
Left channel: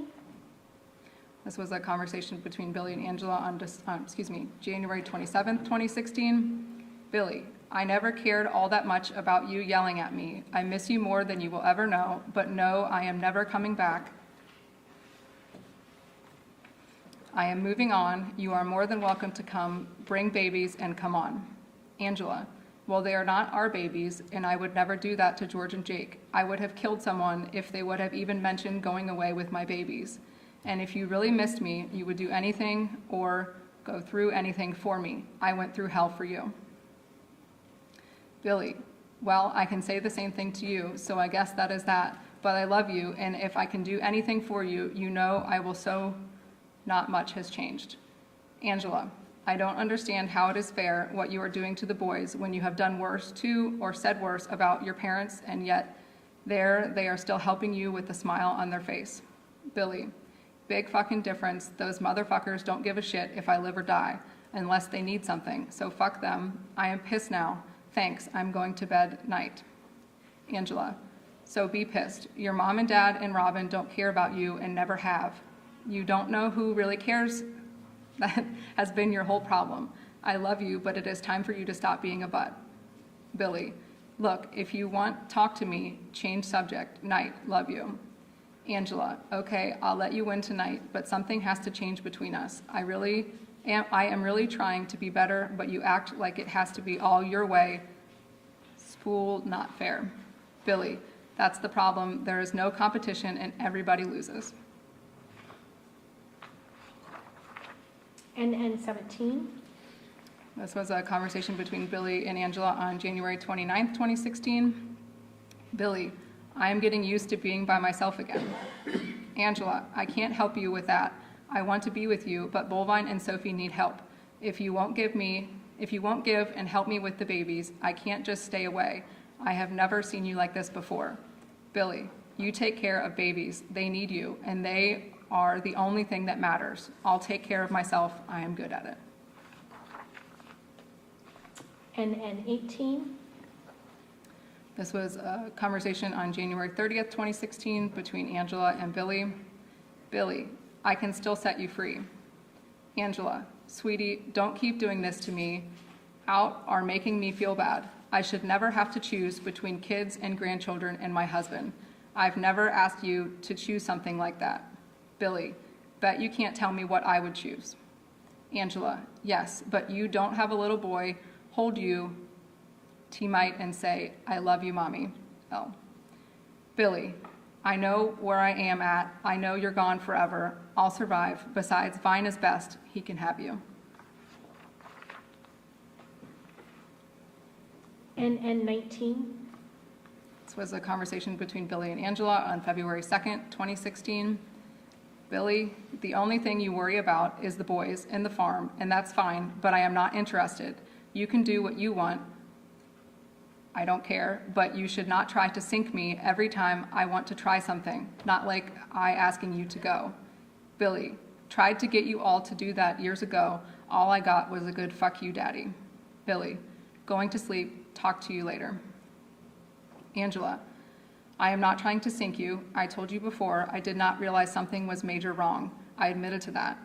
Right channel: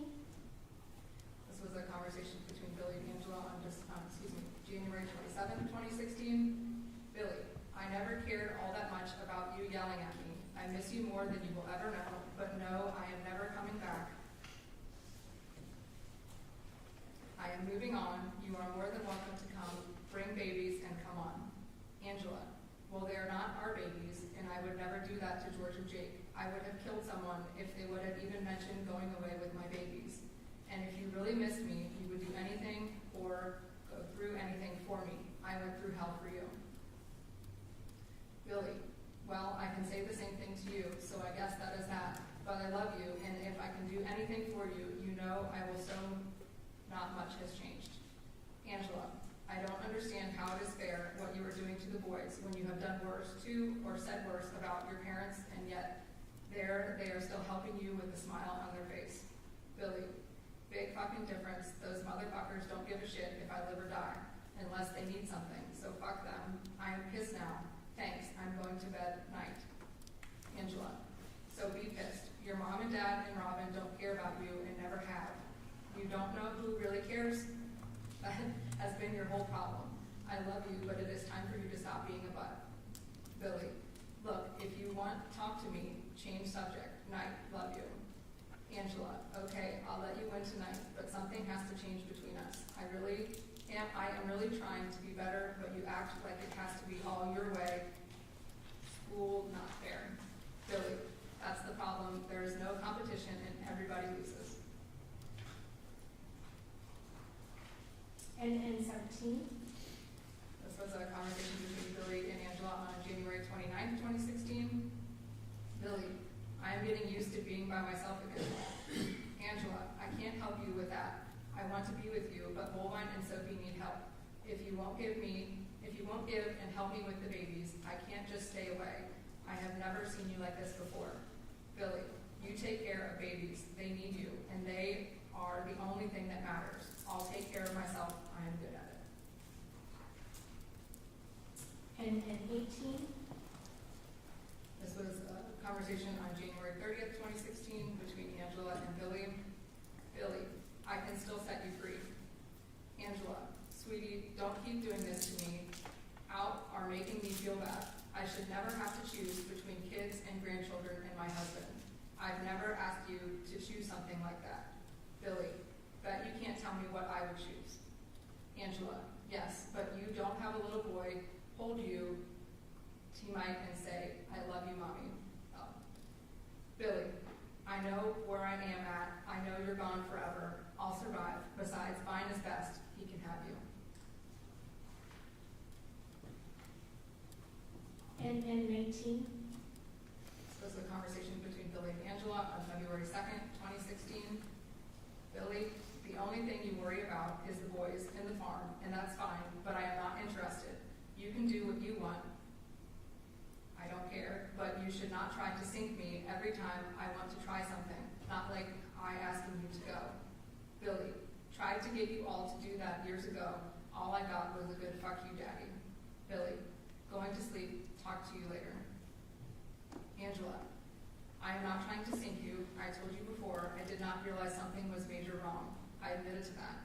This was a conversation between Billy and Angela on January 27th, 2016. Billy, I never cared all that much about you yelling at me. I miss you more than you will ever know, but no, I am never coming back. I am moving on. You are more than welcome to come, bring babies, and come on. Angela, well, they are not our babies, and I would never do that to George and Jake. I would have killed someone if they would have even mentioned going away with my babies. And if you really missed me, you would do anything or go through anything for me. I went through hell for you. Billy, well, I can say the same thing to you, so I guess that is that. But I love you, and if I can do anything for you, you know I will. So not much has changed. Angela, I don't understand how it is fair what you are doing to the boys when you have done worse to or said worse about your parents, and yet there they are still helping you with a smile on their face. Billy, big fucking difference. Those motherfuckers don't give a shit if I live or die, unless they need something, so fuck them. I am pissed now. Thanks, I'm going to bed night. Angela, so be pissed. Your mom and dad and Robin don't care about you and never have. You don't know who really cares. That has been your whole problem. I love you, but it is time for you to stop being a butt. Billy, look, if you want, talk to me. Change subject. Night. Love you. Angela, okay, I'll let you win tonight, but something has to change between us. I am really trying to be better, but you act like it has to be all your way. Spool, not fair. Billy, that's the problem. There is no competition and everybody loses. NN 17. This was a conversation between Billy and Angela on January 29th, 2016. Billy, I am getting used to being by myself again. Angela, I can't help you with that. I want to be with you, but Bullvine and Sophie need help. If you won't give and help me with the babies, I can't just stay away. I have never seen you like this before. Billy, you take care of babies. They need you, and they are the only thing that matters. I'll take care of myself. I am good at it. NN 18. This was a conversation on January 30th, 2016 between Angela and Billy. Billy, I can still set you free. Angela, sweetie, don't keep doing this to me. Out are making me feel bad. I should never have to choose between kids and grandchildren and my husband. I've never asked you to choose something like that. Billy, bet you can't tell me what I would choose. Angela, yes, but you don't have a little boy hold you, T-mite, and say, I love you, mommy. L. Billy, I know where I am at. I know you're gone forever. I'll survive. Besides, Vine is best. He can have you. And 19? This was a conversation between Billy and Angela on February 2nd, 2016. Billy, the only thing you worry about is the boys and the farm, and that's fine, but I am not interested. You can do what you want. I don't care, but you should not try to sink me every time I want to try something, not like I asking you to go. Billy, tried to get you all to do that years ago. All I got was a good fuck you, daddy. Billy, going to sleep, talk to you later. Angela, I am not trying to sink you. I told you before, I did not realize something was major wrong. I admitted to that.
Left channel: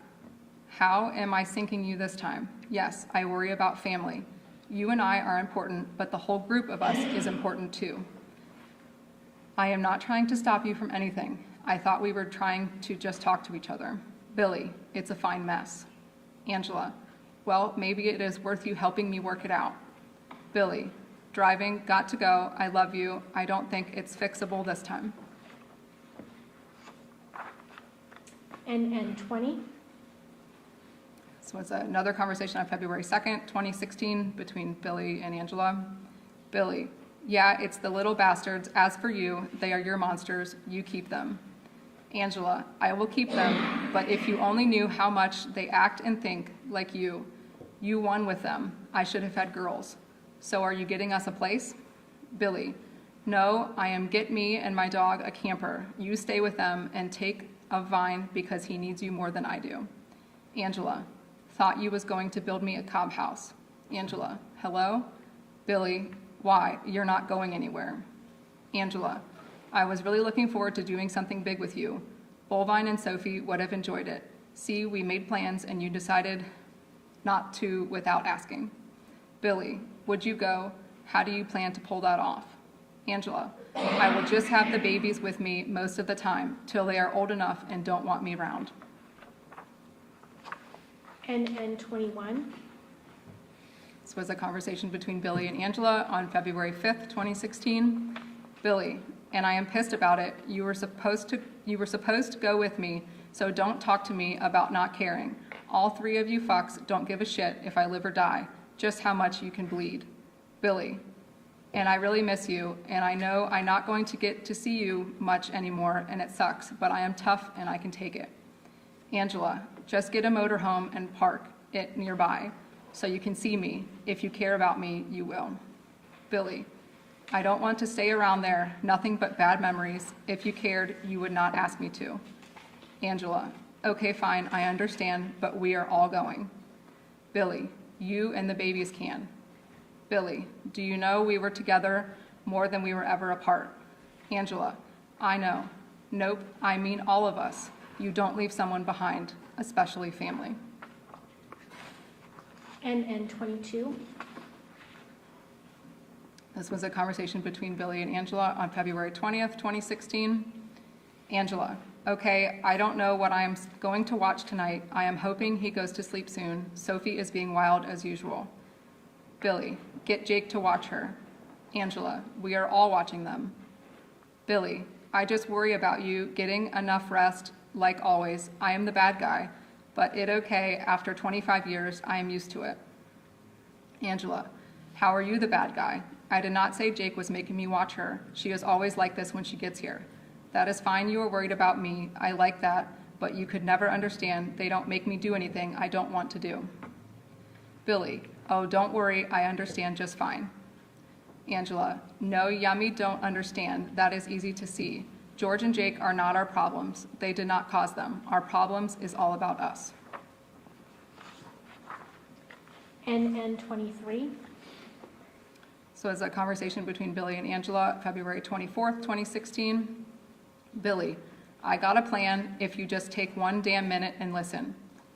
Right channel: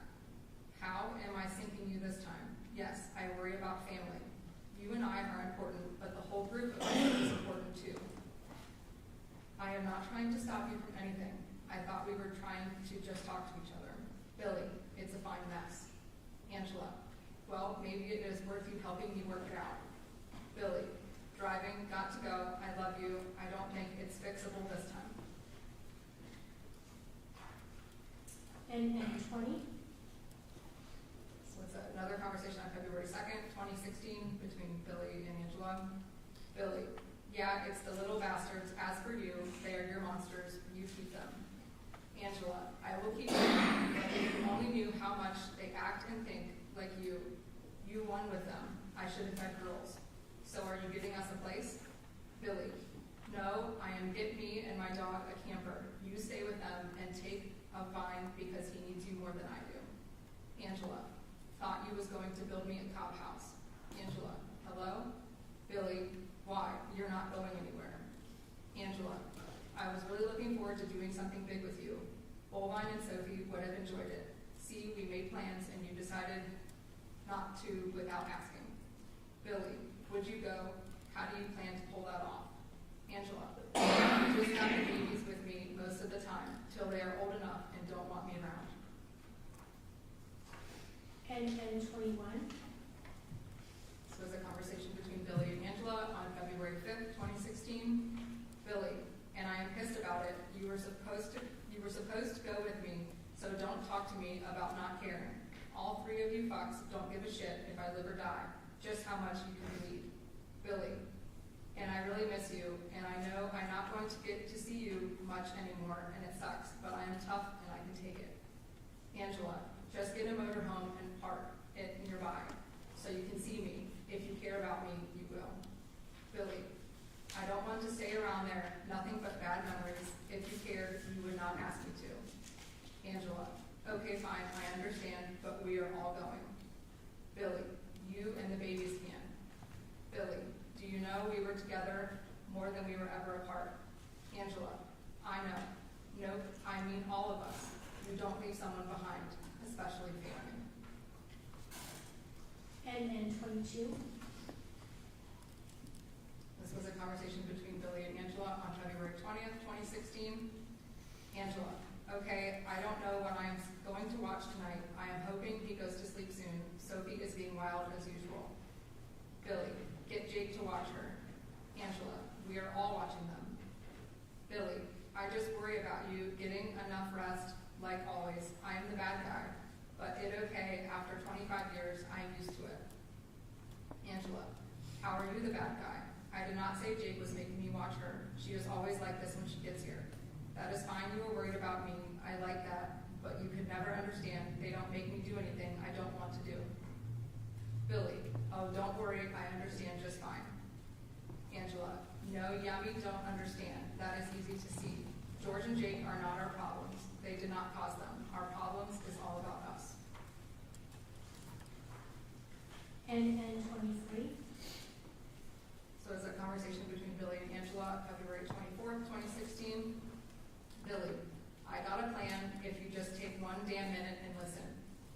How am I sinking you this time? Yes, I worry about family. You and I are important, but the whole group of us is important too. I am not trying to stop you from anything. I thought we were trying to just talk to each other. Billy, it's a fine mess. Angela, well, maybe it is worth you helping me work it out. Billy, driving, got to go, I love you. I don't think it's fixable this time. And 20? This was another conversation on February 2nd, 2016 between Billy and Angela. Billy, yeah, it's the little bastards. As for you, they are your monsters. You keep them. Angela, I will keep them, but if you only knew how much they act and think like you won with them. I should have had girls. So are you getting us a place? Billy, no, I am get me and my dog a camper. You stay with them and take a Vine because he needs you more than I do. Angela, thought you was going to build me a cob house. Angela, hello? Billy, why? You're not going anywhere. Angela, I was really looking forward to doing something big with you. Bullvine and Sophie would have enjoyed it. See, we made plans and you decided not to without asking. Billy, would you go? How do you plan to pull that off? Angela, I will just have the babies with me most of the time till they are old enough and don't want me around. And 21? This was a conversation between Billy and Angela on February 5th, 2016. Billy, and I am pissed about it. You were supposed to go with me, so don't talk to me about not caring. All three of you fucks don't give a shit if I live or die, just how much you can bleed. Billy, and I really miss you, and I know I'm not going to get to see you much anymore, and it sucks, but I am tough and I can take it. Angela, just get a motorhome and park it nearby so you can see me. If you care about me, you will. Billy, I don't want to stay around there, nothing but bad memories. If you cared, you would not ask me to. Angela, okay, fine, I understand, but we are all going. Billy, you and the babies can. Billy, do you know we were together more than we were ever apart? Angela, I know. Nope, I mean all of us. You don't leave someone behind, especially family. And 22? This was a conversation between Billy and Angela on February 20th, 2016. Angela, okay, I don't know what I am going to watch tonight. I am hoping he goes to sleep soon. Sophie is being wild as usual. Billy, get Jake to watch her. Angela, we are all watching them. Billy, I just worry about you getting enough rest. Like always, I am the bad guy, but it okay. After 25 years, I am used to it. Angela, how are you the bad guy? I did not say Jake was making me watch her. She is always like this when she gets here. That is fine, you are worried about me. I like that, but you could never understand. They don't make me do anything I don't want to do. Billy, oh, don't worry, I understand just fine. Angela, no, Yummy don't understand. That is easy to see. George and Jake are not our problems. They did not cause them. Our problems is all about us. And 23? So it's a conversation between Billy and Angela, February 24th, 2016. Billy, I got a plan if you just take one damn minute and listen.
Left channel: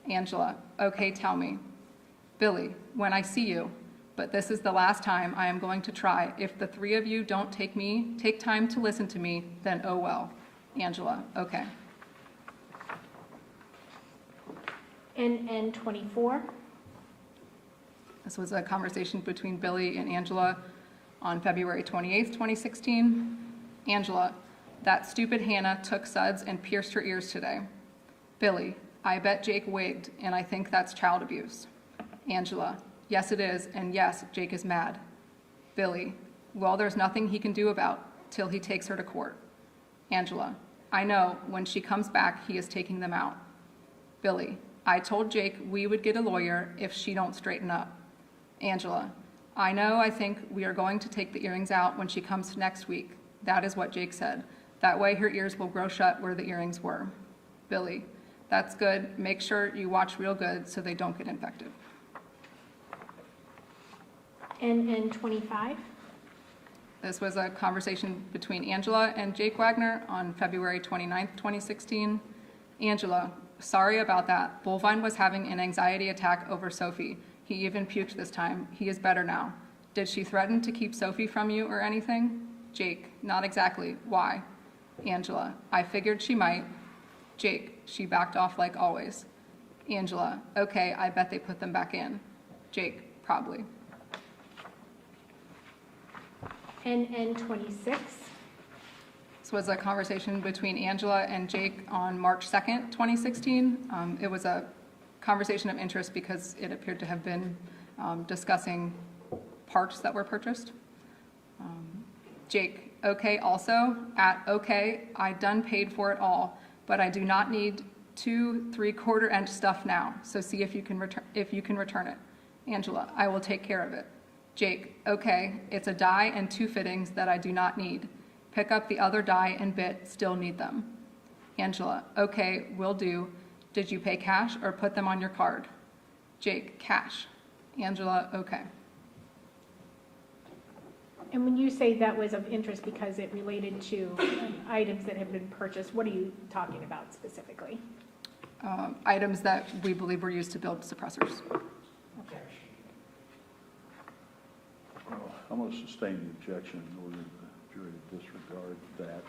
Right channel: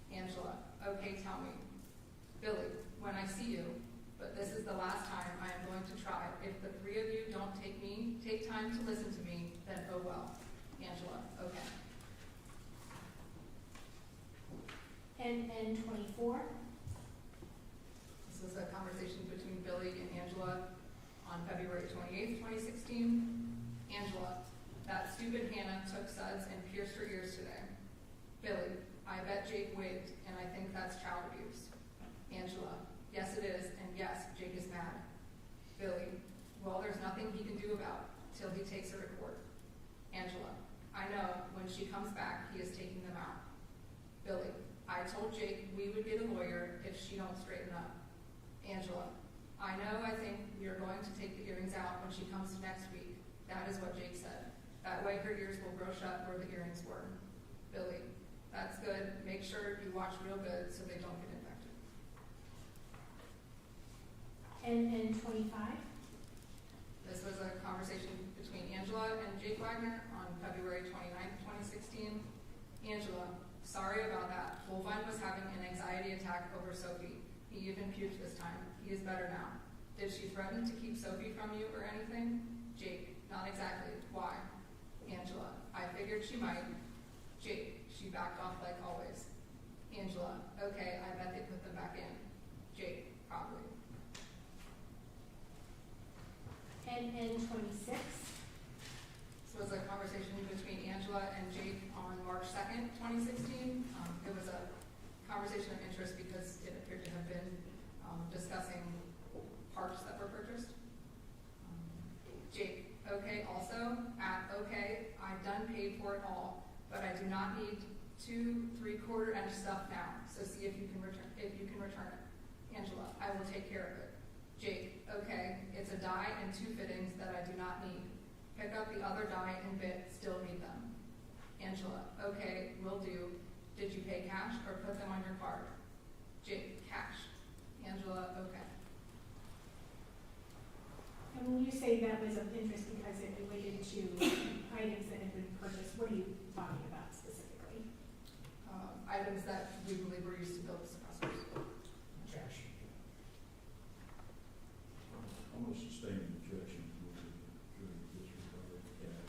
Angela, okay, tell me. Billy, when I see you, but this is the last time I am going to try. If the three of you don't take time to listen to me, then oh well. Angela, okay. NN 24. This was a conversation between Billy and Angela on February 28th, 2016. Angela, that stupid Hannah took suds and pierced her ears today. Billy, I bet Jake wigged, and I think that's child abuse. Angela, yes it is, and yes, Jake is mad. Billy, well, there's nothing he can do about till he takes her to court. Angela, I know, when she comes back, he is taking them out. Billy, I told Jake we would get a lawyer if she don't straighten up. Angela, I know, I think we are going to take the earrings out when she comes next week. That is what Jake said. That way her ears will grow shut where the earrings were. Billy, that's good. Make sure you watch real good so they don't get infected. NN 25. This was a conversation between Angela and Jake Wagner on February 29th, 2016. Angela, sorry about that. Bullvine was having an anxiety attack over Sophie. He even puked this time. He is better now. Did she threaten to keep Sophie from you or anything? Jake, not exactly. Why? Angela, I figured she might. Jake, she backed off like always. Angela, okay, I bet they put them back in. Jake, probably. NN 26. This was a conversation between Angela and Jake on March 2nd, 2016. It was a conversation of interest because it appeared to have been discussing parts that were purchased. Jake, okay, also, at okay, I done paid for it all, but I do not need 2 3/4 inch stuff now, so see if you can return it. Angela, I will take care of it. Jake, okay, it's a die and 2 fittings that I do not need. Pick up the other die and bit, still need them. Angela, okay, will do. Did you pay cash or put them on your card? Jake, cash. Angela, okay. And when you say that was of interest because it related to items that have been purchased, what are you talking about specifically? Items that we believe were used to build suppressors. I'm going to sustain the objection in order for the jury to disregard that.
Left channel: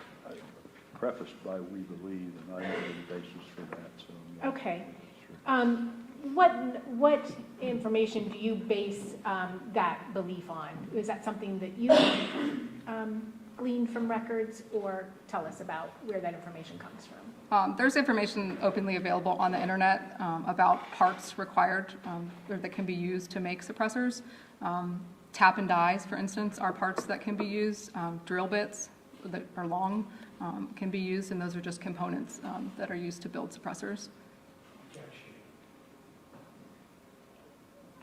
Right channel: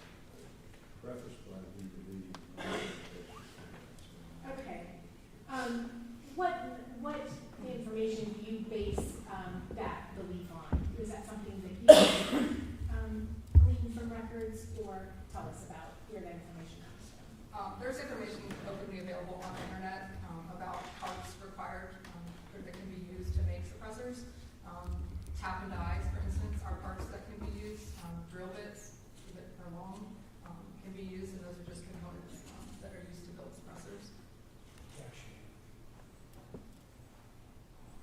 Prefaced by we believe, and I know the basis for that, so. I'm not Okay. sure. What information do you base that belief on? Is that something that you gleaned from records, or tell us about where that information comes from? There's information openly available on the internet about parts required or that can be used to make suppressors. Tap and dies, for instance, are parts that can be used. Drill bits that are long can be used, and those are just components that are used to build suppressors.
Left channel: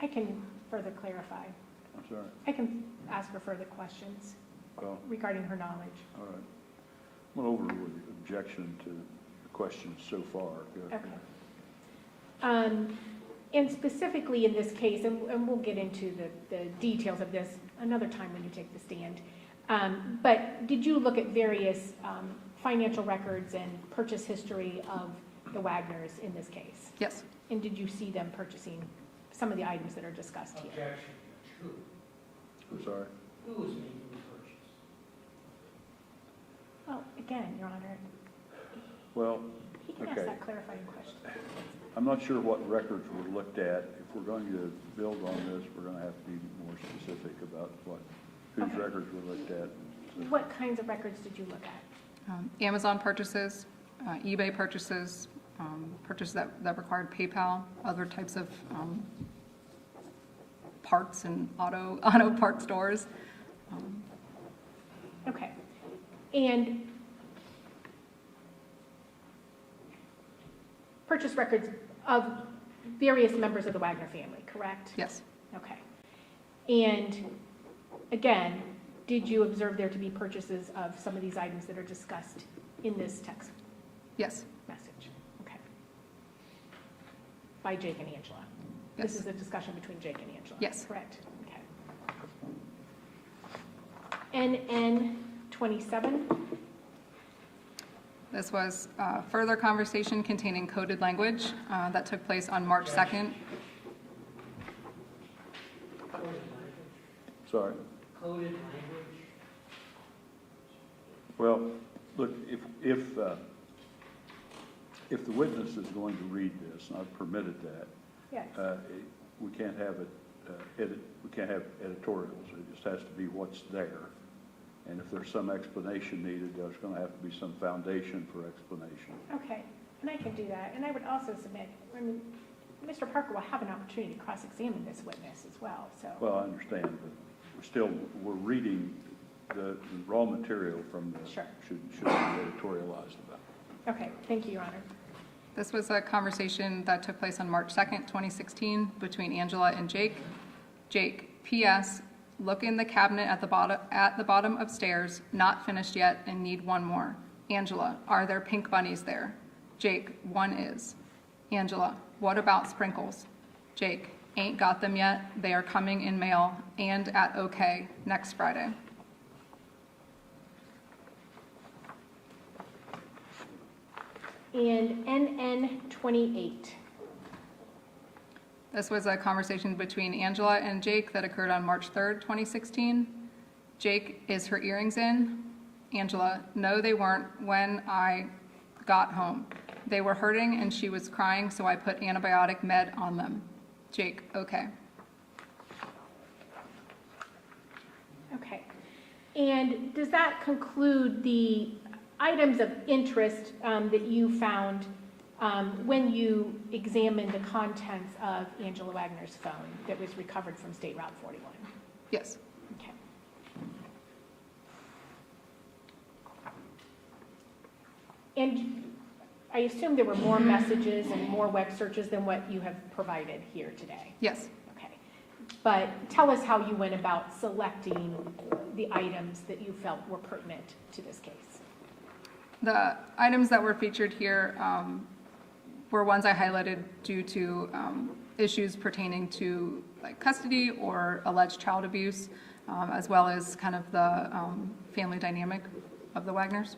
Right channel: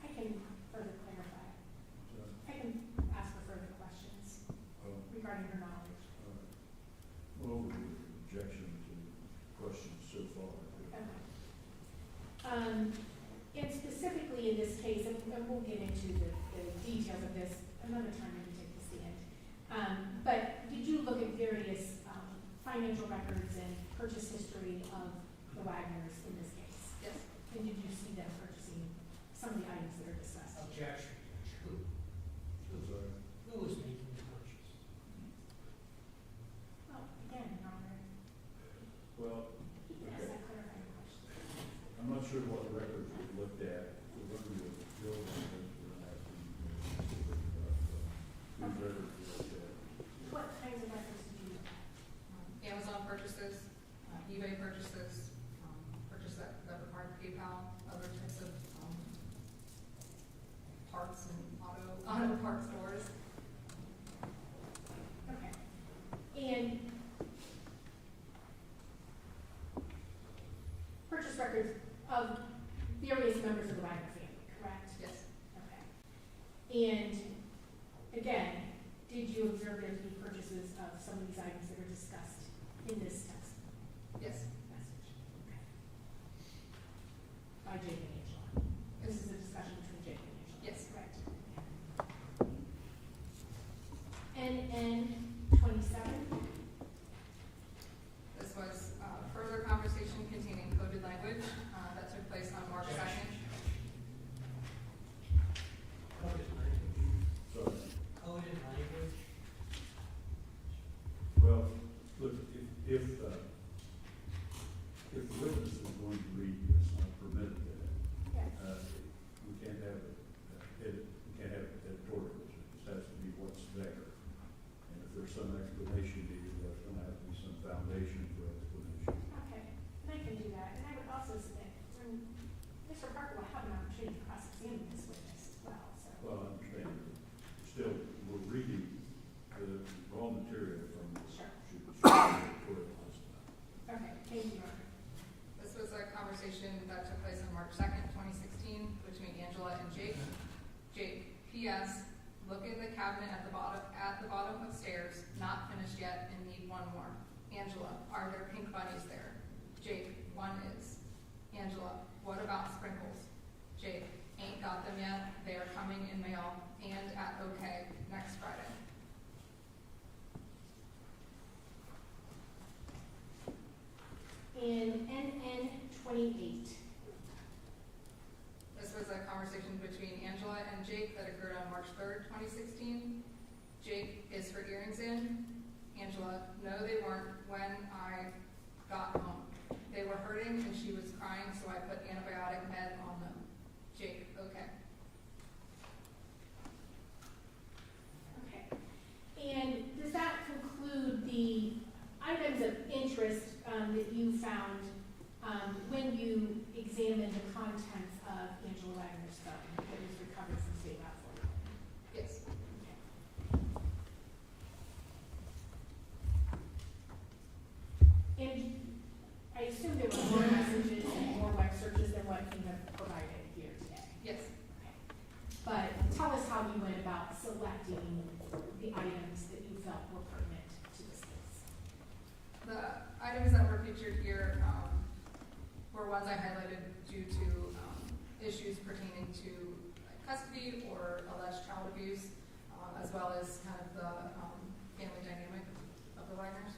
I can further clarify. I'm sorry. I can ask for further questions Well, regarding her knowledge. all right. I'm going to overrule the objection to the questions so far. Go ahead. Okay. And specifically in this case, and we'll get into the details of this another time when you take the stand, but did you look at various financial records and purchase history of the Wagners in this case? Yes. And did you see them purchasing some of the items that are discussed here? Objection. Who? I'm sorry. Who is making the purchase? Well, again, Your Honor, Well, he can ask Okay. that clarifying question. I'm not sure what records were looked at. If we're going to build on this, we're going to have to be more specific about whose Okay. records were looked at. What kinds of records did you look at? Amazon purchases, eBay purchases, purchases that required PayPal, other types of parts and auto part stores. Okay. And purchase records of various members of the Wagner family, correct? Yes. Okay. And again, did you observe there to be purchases of some of these items that are discussed in this text Yes. message? Okay. By Jake and Angela? Yes. This is a discussion between Jake and Angela? Yes. Correct. Okay. NN 27? This was further conversation containing coded language that took place on March 2nd. Coded language. Sorry. Coded language. Well, look, if the witness is going to read this, and I've permitted that, Yeah. we can't have it, we can't have editorials. It just has to be what's there. And if there's some explanation needed, there's gonna have to be some foundation for explanation. Okay, and I can do that. And I would also submit, I mean, Mr. Parker will have an opportunity to cross-examine this witness as well, so. Well, I understand, but we're reading the raw material from this. Sure. Shouldn't be editorialized about. Okay, thank you, Your Honor. This was a conversation that took place on March 2nd, 2016, between Angela and Jake. Jake, P.S., look in the cabinet at the bottom of stairs, not finished yet and need one more. Angela, are there pink bunnies there? Jake, one is. Angela, what about sprinkles? Jake, ain't got them yet. They are coming in mail and at OK next Friday. In NN 28. This was a conversation between Angela and Jake that occurred on March 3rd, 2016. Jake, is her earrings in? Angela, no, they weren't when I got home. They were hurting and she was crying, so I put antibiotic med on them. Jake, okay. Okay. And does that conclude the items of interest that you found when you examined the contents of Angela Wagner's phone that was recovered from State Route 41? Yes. Okay. And I assume there were more messages and more web searches than what you have provided here today? Yes. Okay. But tell us how you went about selecting the items that you felt were pertinent to this case. The items that were featured here were ones I highlighted due to issues pertaining to like custody or alleged child abuse, as well as kind of the family dynamic of the Wagners.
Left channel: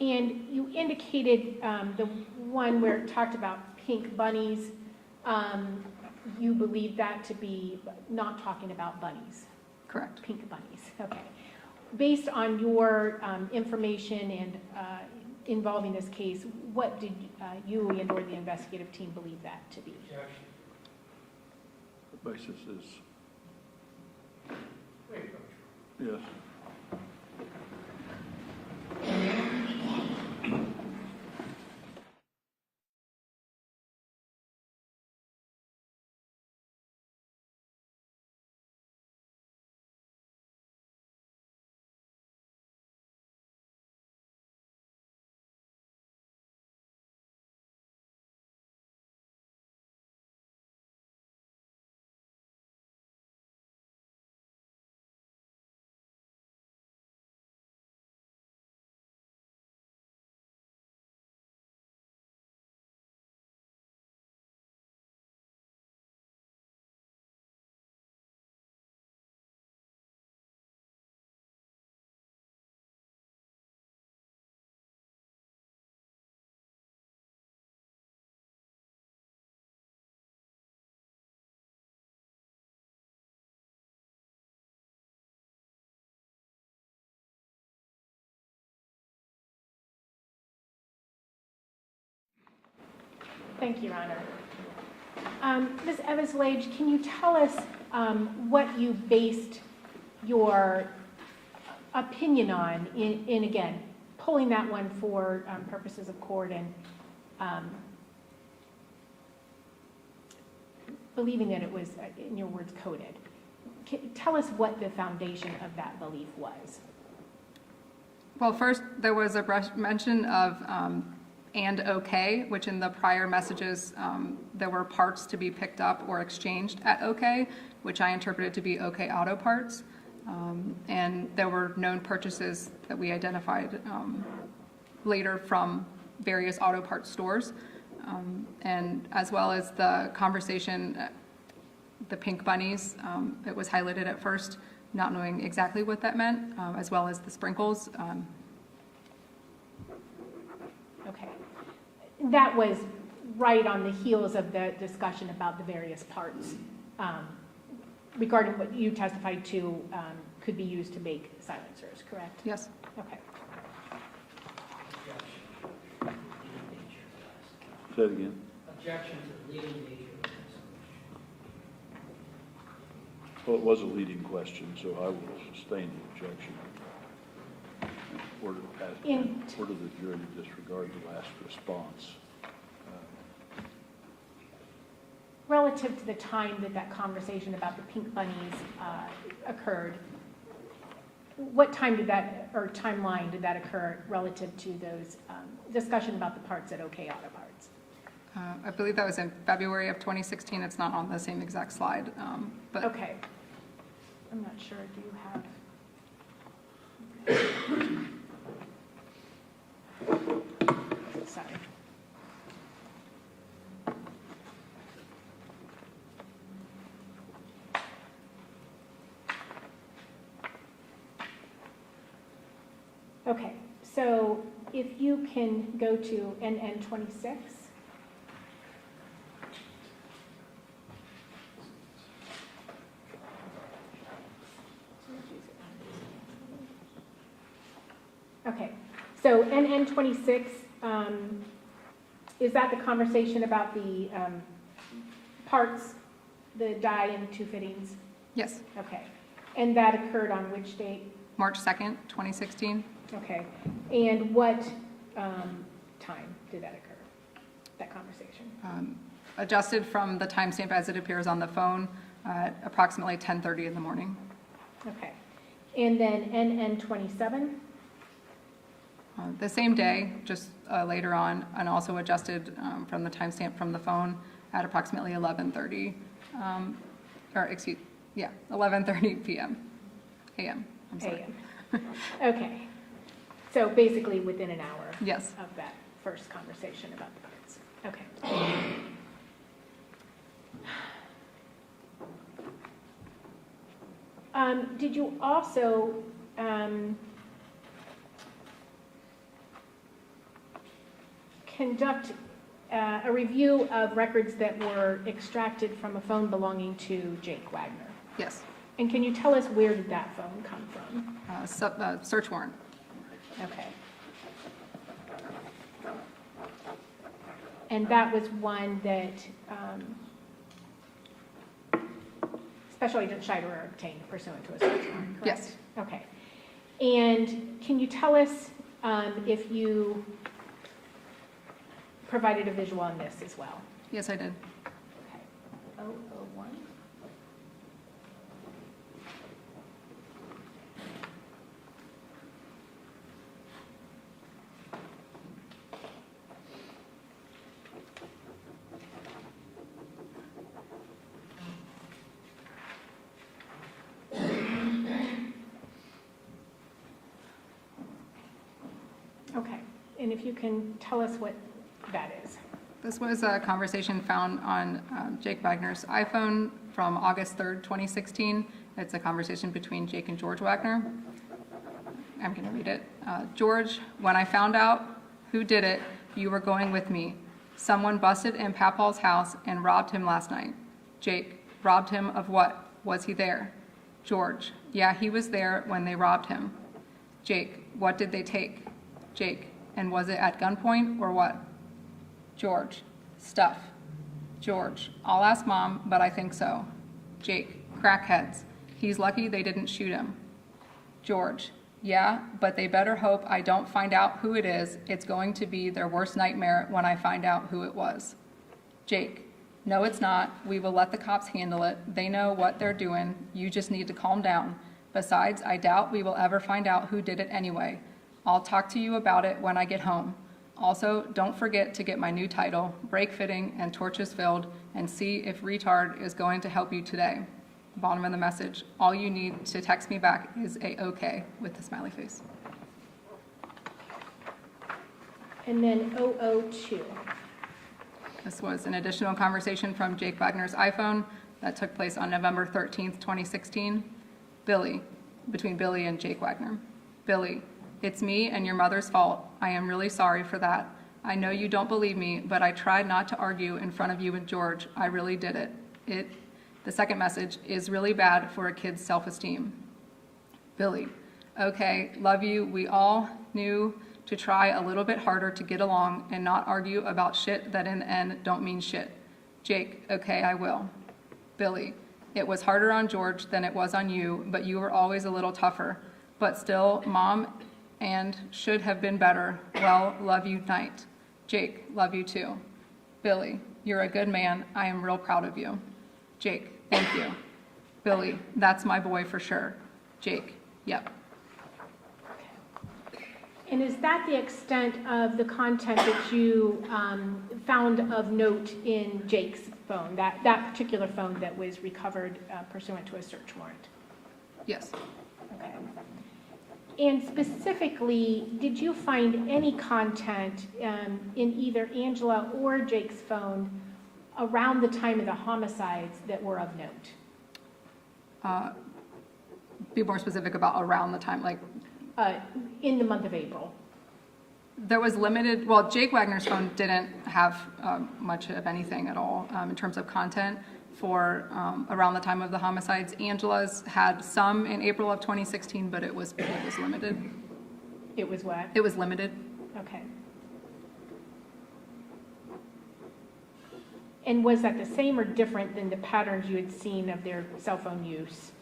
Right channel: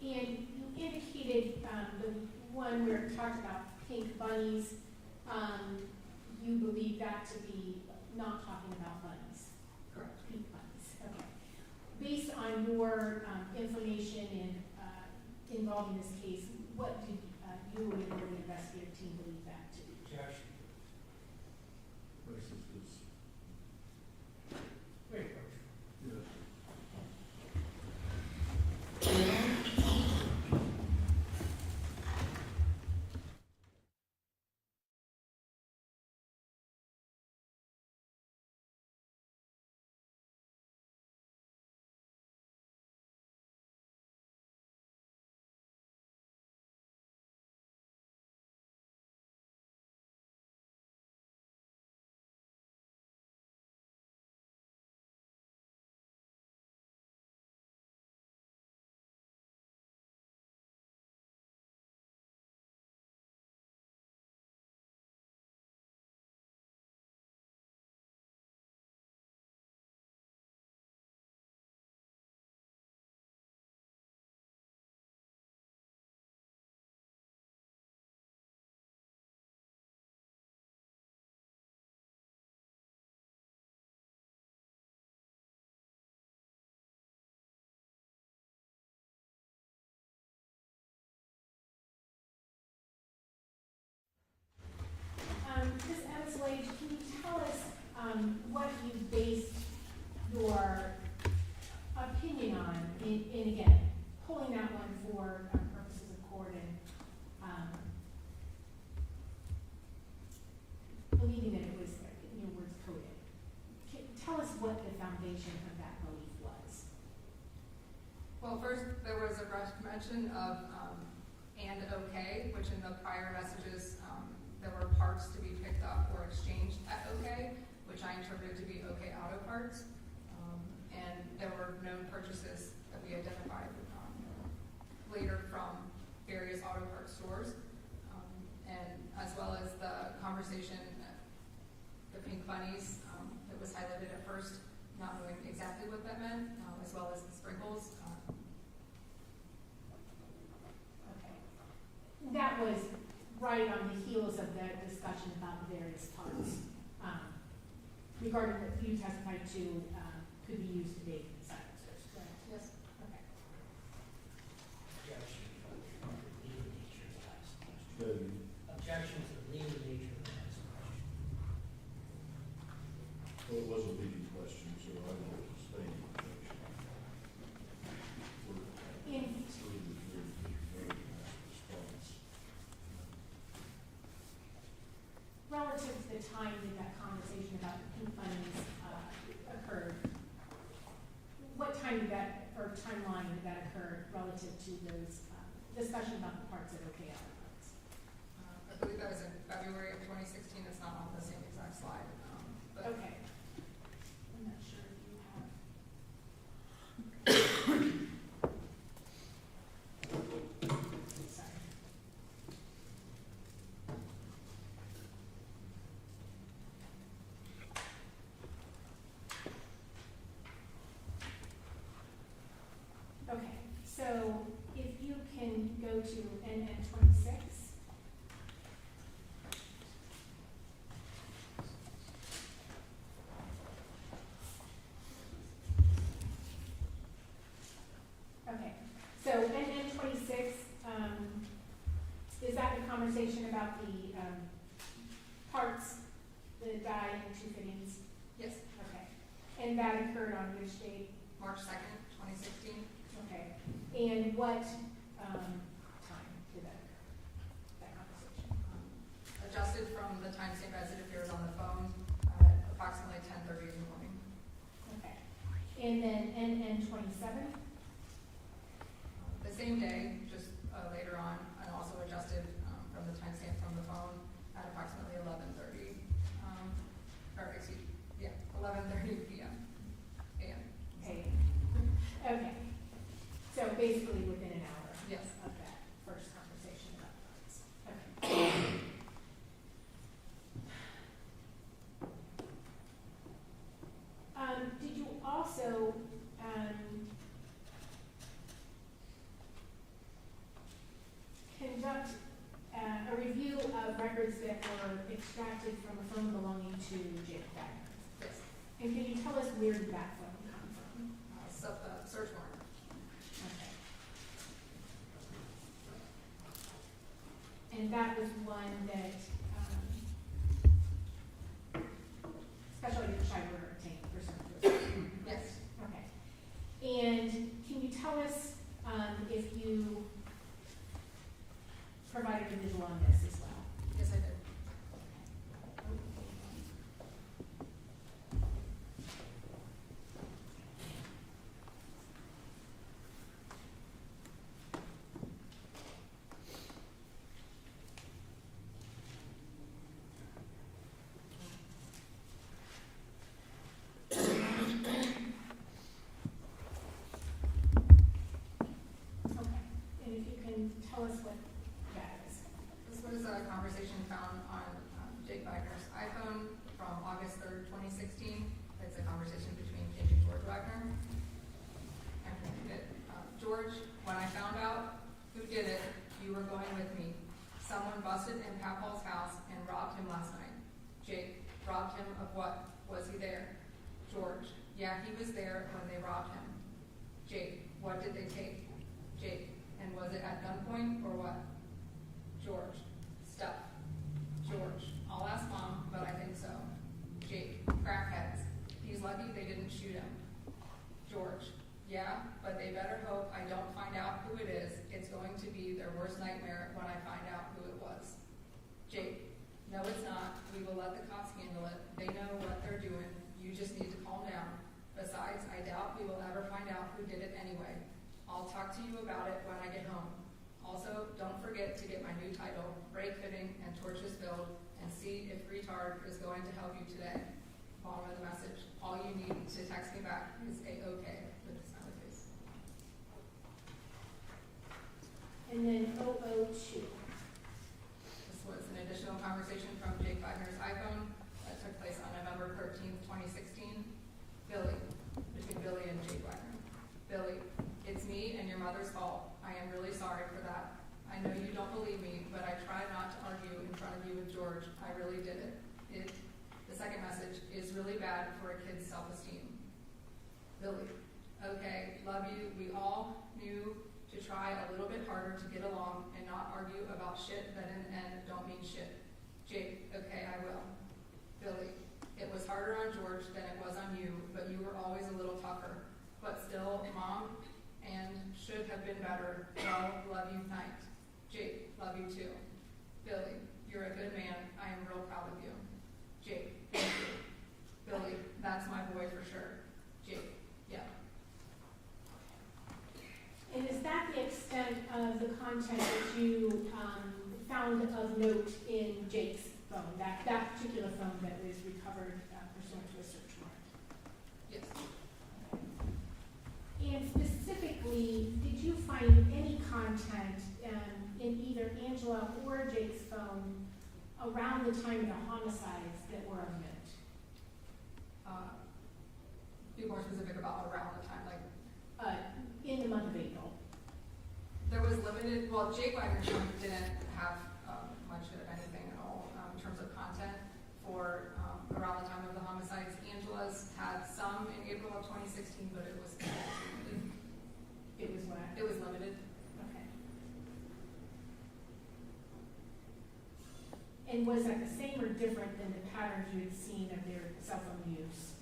And you indicated the one where it talked about pink bunnies, you believe that to be not talking about bunnies? Correct. Pink bunnies, okay. Based on your information and involving this case, what did you and or the investigative team believe that to be? The basis is, yes. Thank you, Your Honor. Ms. Eveslage, can you tell us what you based your opinion on in again, pulling that one for purposes of court and believing that it was, in your words, coded? Tell us what the foundation of that belief was. Well, first, there was a mention of and OK, which in the prior messages, there were parts to be picked up or exchanged at OK, which I interpreted to be OK Auto Parts. And there were known purchases that we identified later from various auto parts stores. And as well as the conversation, the pink bunnies, it was highlighted at first, not knowing exactly what that meant, as well as the sprinkles. Okay. That was right on the heels of the discussion about the various parts regarding what you testified to could be used to make silencers, correct? Yes. Okay. Objection to the legal nature of that explanation. Say it again. Objection to the legal nature of that explanation. Well, it was a leading question, so I will sustain the objection. Order the jury to disregard the last response. Relative to the time that that conversation about the pink bunnies occurred, what time did that, or timeline did that occur relative to those discussion about the parts at OK Auto Parts? I believe that was in February of 2016. It's not on the same exact slide, but Okay. I'm not sure. Do you have? Sorry. Okay, so if you can go to NN 26. Okay, so NN 26, is that the conversation about the parts, the die and the two fittings? yes, Okay, and that occurred on which date? March 2nd, 2016. Okay, and what time did that occur, that conversation? Adjusted from the timestamp as it appears on the phone at approximately 10:30 in the morning. Okay, and then NN 27? The same day, just later on, and also adjusted from the timestamp from the phone at approximately 11:30, 11:30 p.m. a.m. I'm sorry. AM. Okay, so basically within an hour Yes. of that first conversation about the parts. Okay. Did you also conduct a review of records that were extracted from a phone belonging to Jake Wagner? Yes. And can you tell us where did that phone come from? Search warrant. Okay. And that was one that Special Agent Schreiber obtained pursuant to a search warrant, correct? Yes. Okay. And can you tell us if you provided a visual on this as well? Yes, I did. Okay. 001. Okay, and if you can tell us what that is. This was a conversation found on Jake Wagner's iPhone from August 3rd, 2016. It's a conversation between Jake and George Wagner. I'm going to read it. George, when I found out who did it, you were going with me. Someone busted in Papaw's house and robbed him last night. Jake, robbed him of what? Was he there? George, yeah, he was there when they robbed him. Jake, what did they take? Jake, and was it at gunpoint or what? George, stuff. George, I'll ask Mom, but I think so. Jake, crackheads. He's lucky they didn't shoot him. George, yeah, but they better hope I don't find out who it is. It's going to be their worst nightmare when I find out who it was. Jake, no, it's not. We will let the cops handle it. They know what they're doing. You just need to calm down. Besides, I doubt we will ever find out who did it anyway. I'll talk to you about it when I get home. Also, don't forget to get my new title, Brake Fitting and Torches Filled, and see if retard is going to help you today. Bottom of the message, all you need to text me back is a okay with the smiley face. And then 002. This was an additional conversation from Jake Wagner's iPhone that took place on November 13th, 2016. Billy, between Billy and Jake Wagner. Billy, it's me and your mother's fault. I am really sorry for that. I know you don't believe me, but I tried not to argue in front of you and George. I really did it. The second message is really bad for a kid's self-esteem. Billy, Okay, love you. We all knew to try a little bit harder to get along and not argue about shit that in the end don't mean shit. Jake, okay, I will. Billy, it was harder on George than it was on you, but you were always a little tougher. But still, Mom and should have been better. Well, love you, night. Jake, love you too. Billy, you're a good man. I am real proud of you. Jake, thank you. Billy, that's my boy for sure. Jake, yep. And is that the extent of the content that you found of note in Jake's phone, that particular phone that was recovered pursuant to a search warrant? Yes. Okay. And specifically, did you find any content in either Angela or Jake's phone around the time of the homicides that were of note? Be more specific about around the time, like In the month of April? there was limited, well, Jake Wagner's phone didn't have much of anything at all in terms of content for around the time of the homicides. Angela's had some in April of 2016, but it was limited. It was what? It was limited. Okay. And was that the same or different than the patterns you had seen of their cell phone use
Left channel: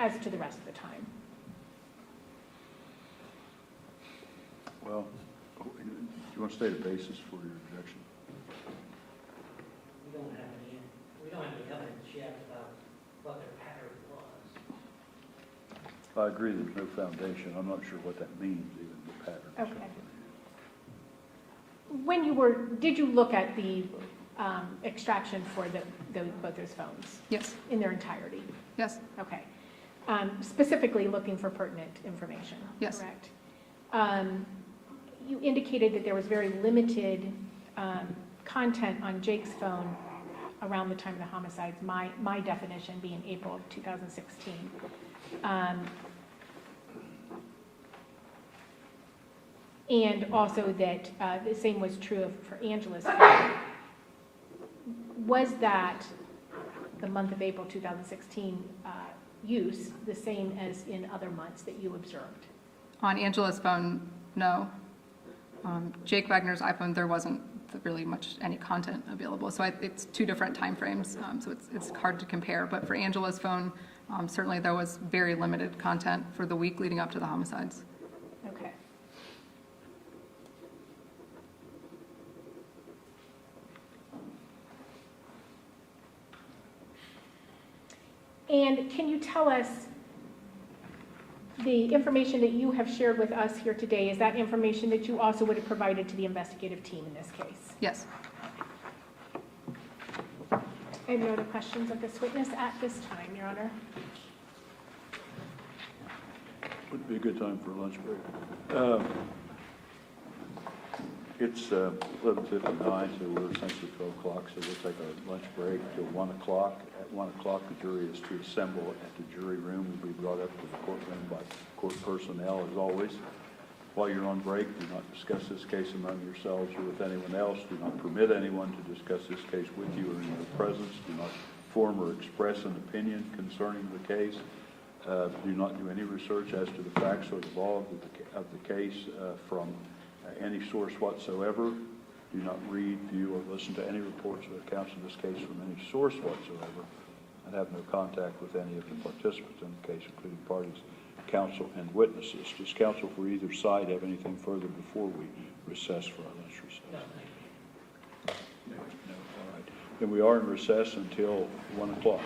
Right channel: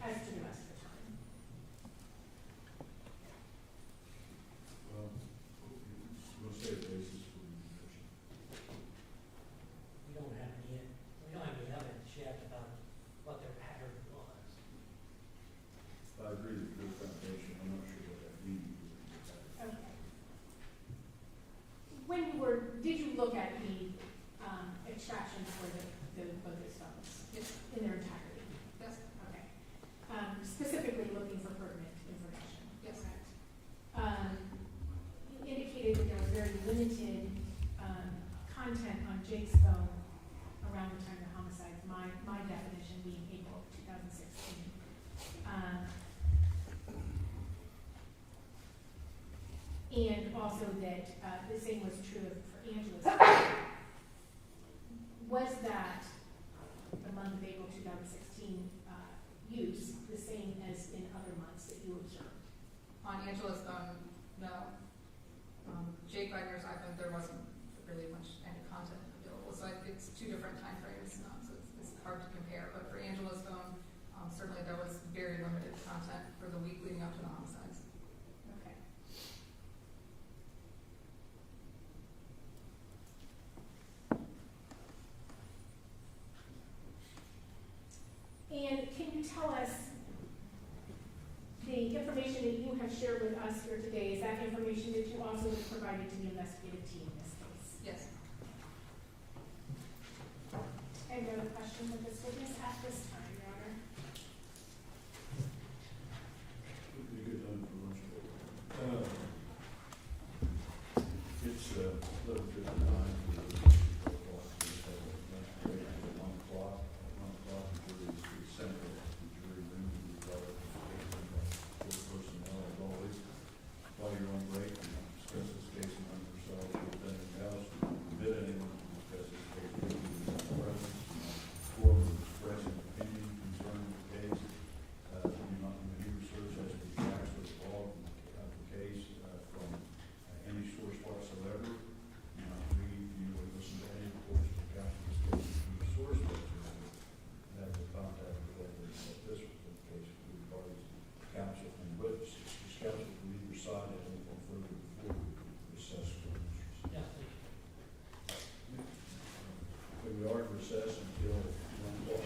as to the rest of the time? Well, do you want to state a basis for your objection? We don't have any evidence yet about what their pattern was. I agree there's no foundation. I'm not sure what that means, even the pattern. Okay. Did you look at the extraction for both those phones Yes. in their entirety? Yes. Okay. Specifically looking for pertinent information, Yes. correct? You indicated that there was very limited content on Jake's phone around the time of the homicides, my definition being April of 2016. And also that the same was true for Angela's phone. Was that the month of April 2016 use the same as in other months that you observed? On Angela's phone, no. Jake Wagner's iPhone, there wasn't really much any content available. So it's two different time frames, so it's hard to compare. But for Angela's phone, certainly there was very limited content for the week leading up to the homicides. Okay. And can you tell us the information that you have shared with us here today, is that information that you also would have provided to the investigative team in this case? Yes. Any other questions of this witness at this time, Your Honor? Would be a good time for a lunch break. It's 11:59, so we're essentially 12 o'clock, so we'll take a lunch break till 1 o'clock. At 1 o'clock, the jury is to assemble at the jury room and be brought up to the courtroom by court personnel, as always. While you're on break, do not discuss this case among yourselves or with anyone else. Do not permit anyone to discuss this case with you or in your presence. Do not form or express an opinion concerning the case. Do not do any research as to the facts or the law of the case from any source whatsoever. Do not read, view, or listen to any reports or accounts of this case from any source whatsoever, and have no contact with any of the participants in the case, including parties, counsel, and witnesses. Does counsel for either side have anything further before we recess for our lunch recess? No. All right. Then we are in recess until 1 o'clock.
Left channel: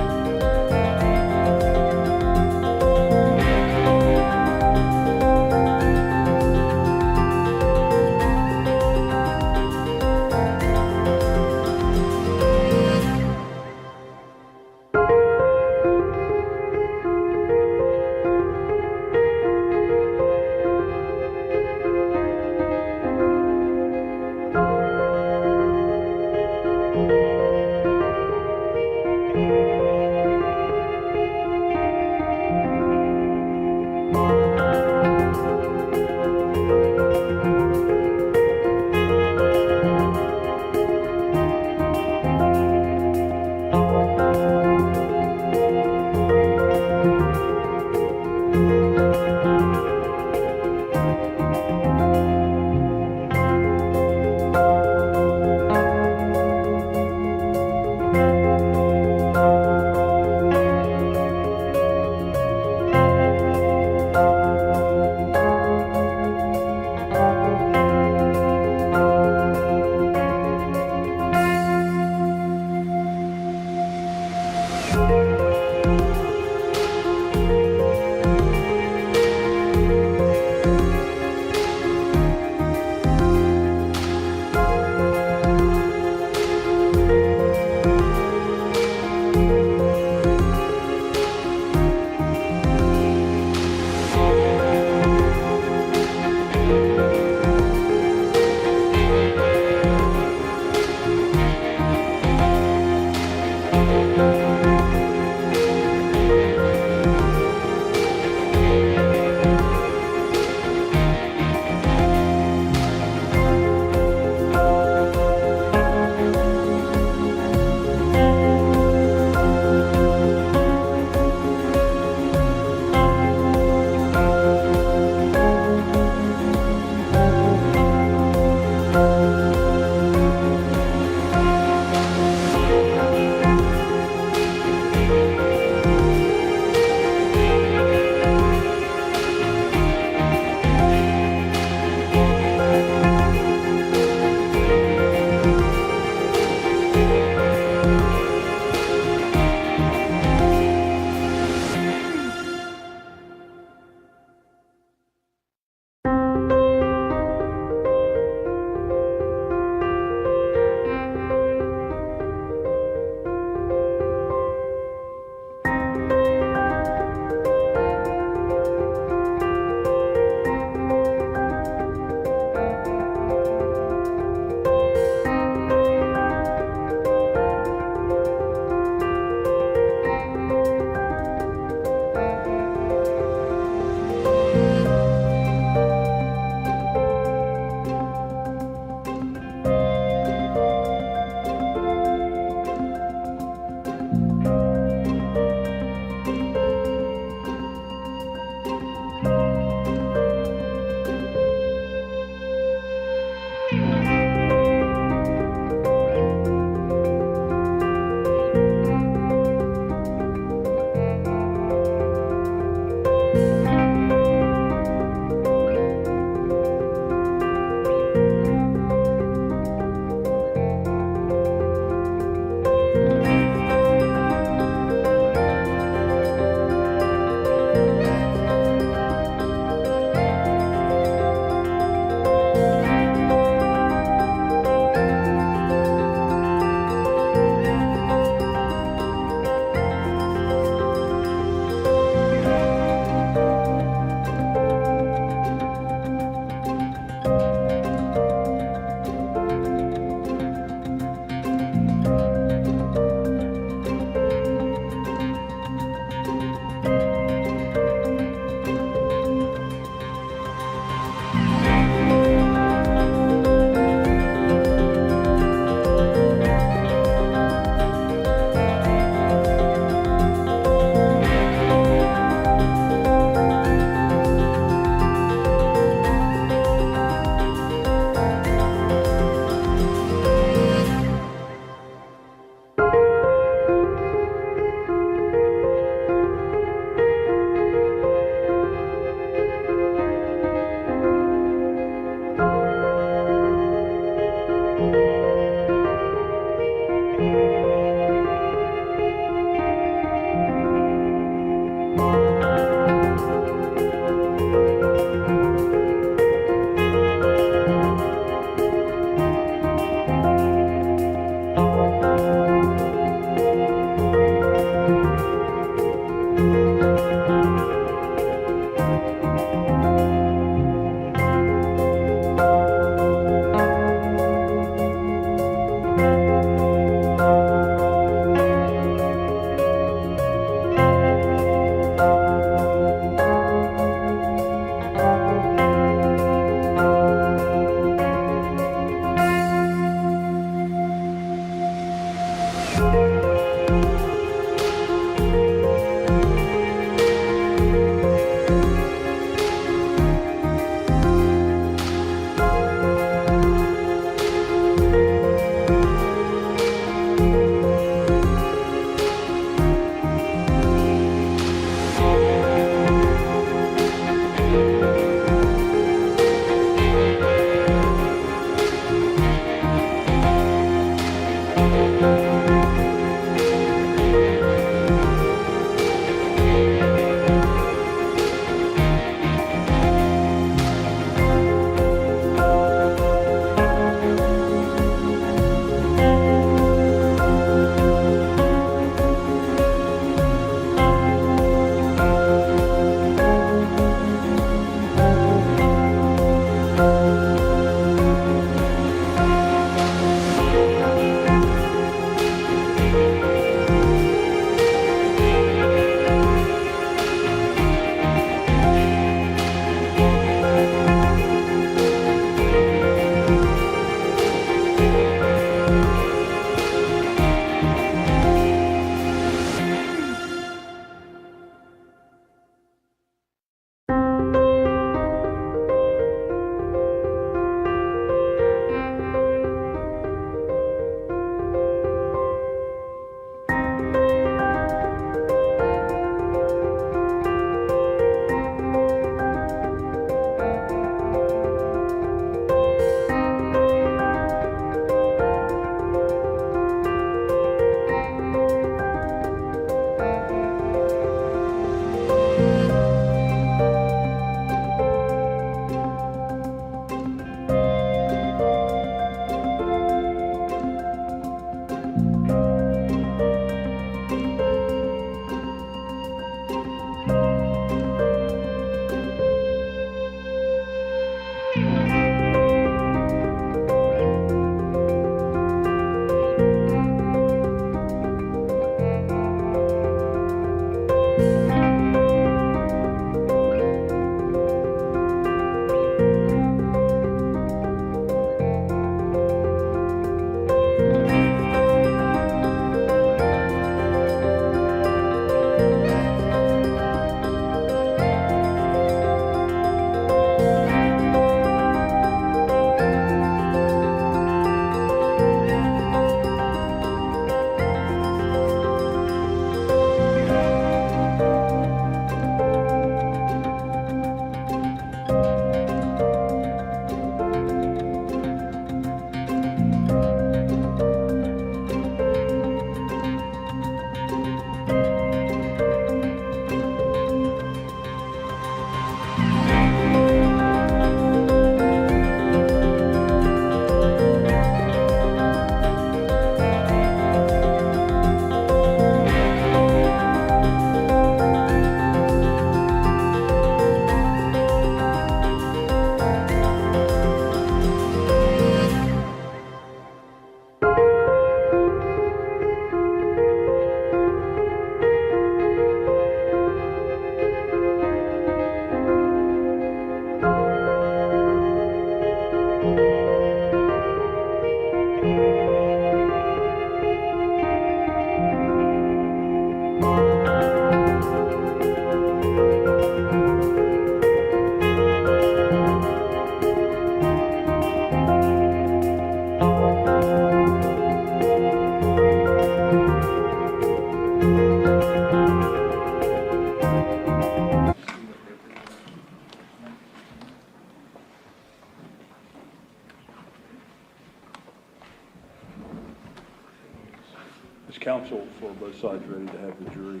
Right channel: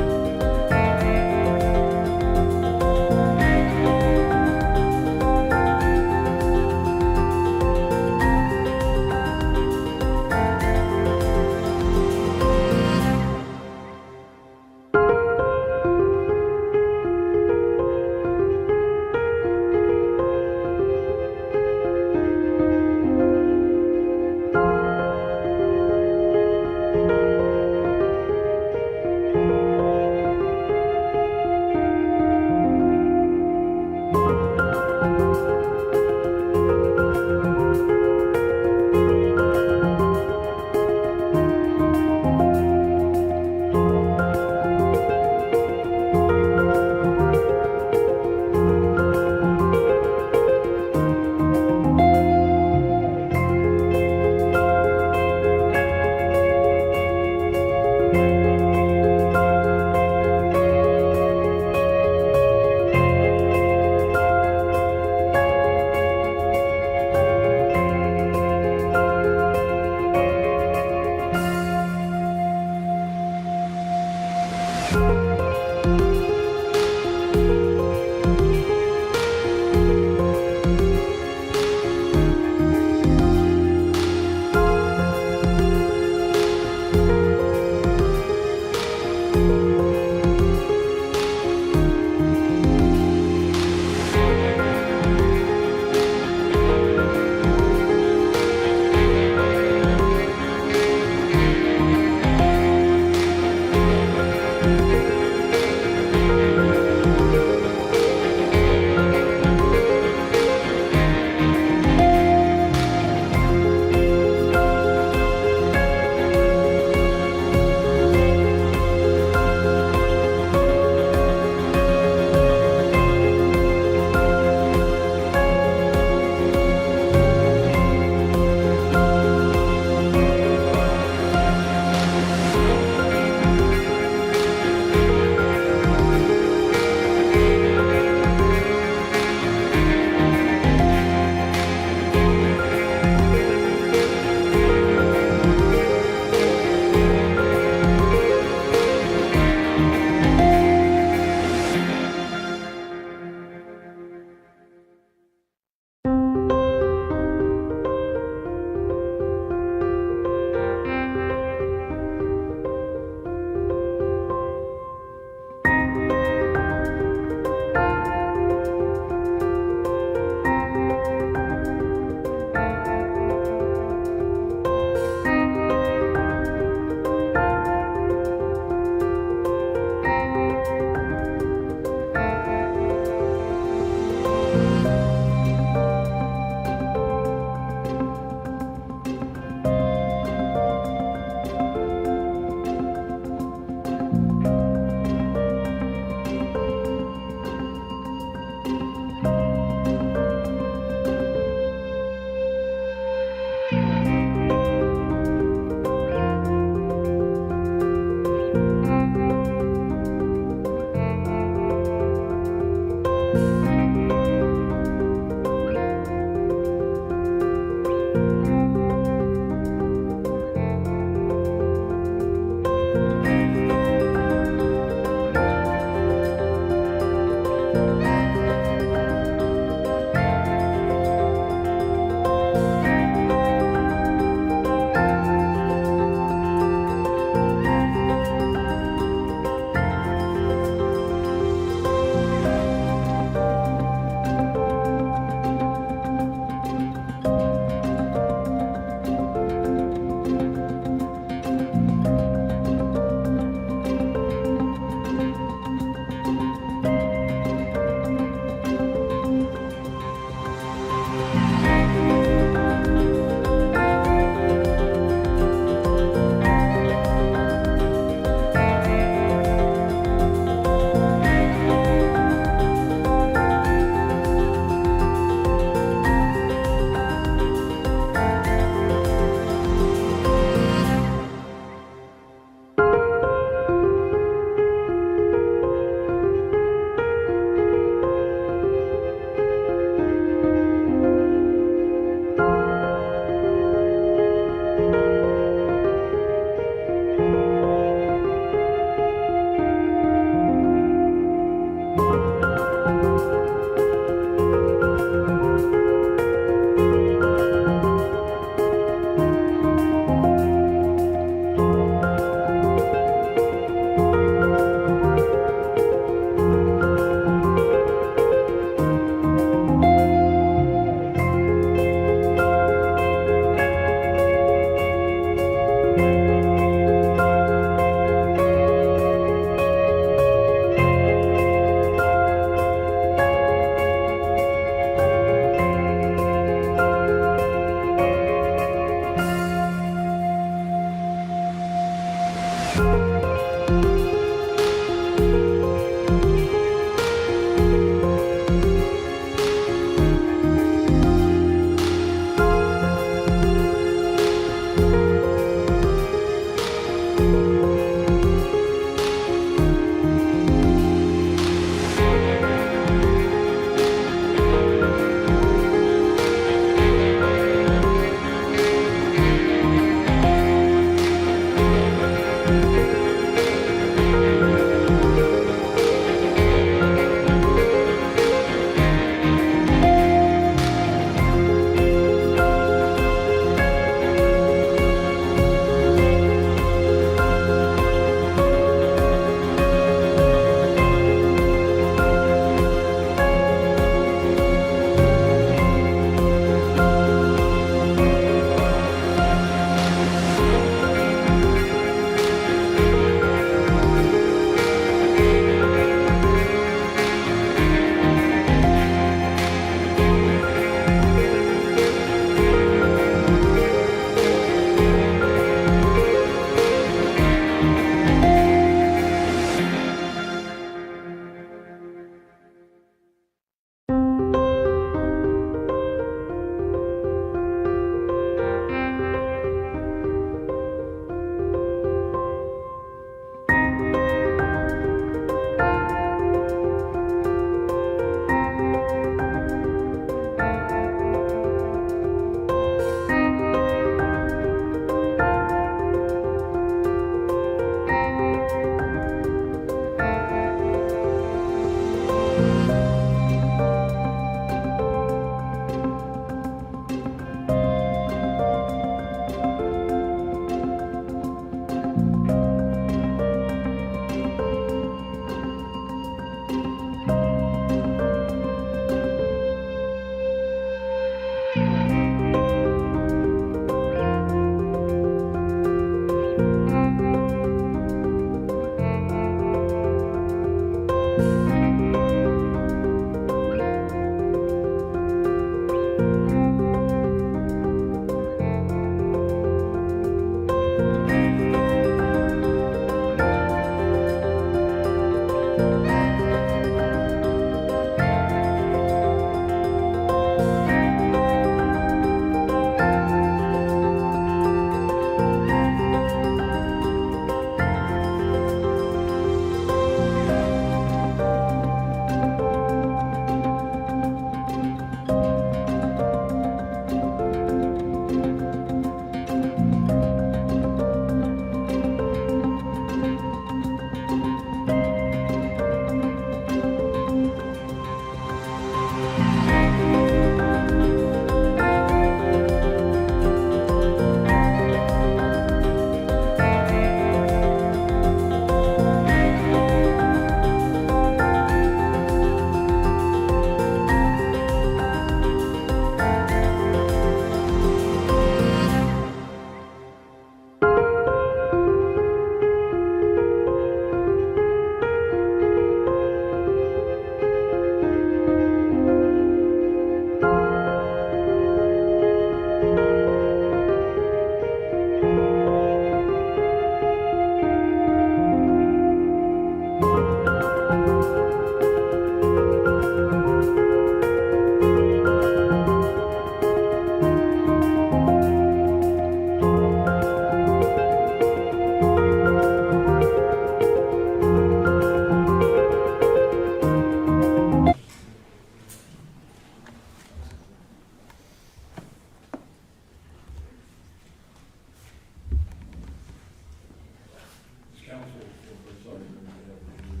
counsel for both sides ready to have the jury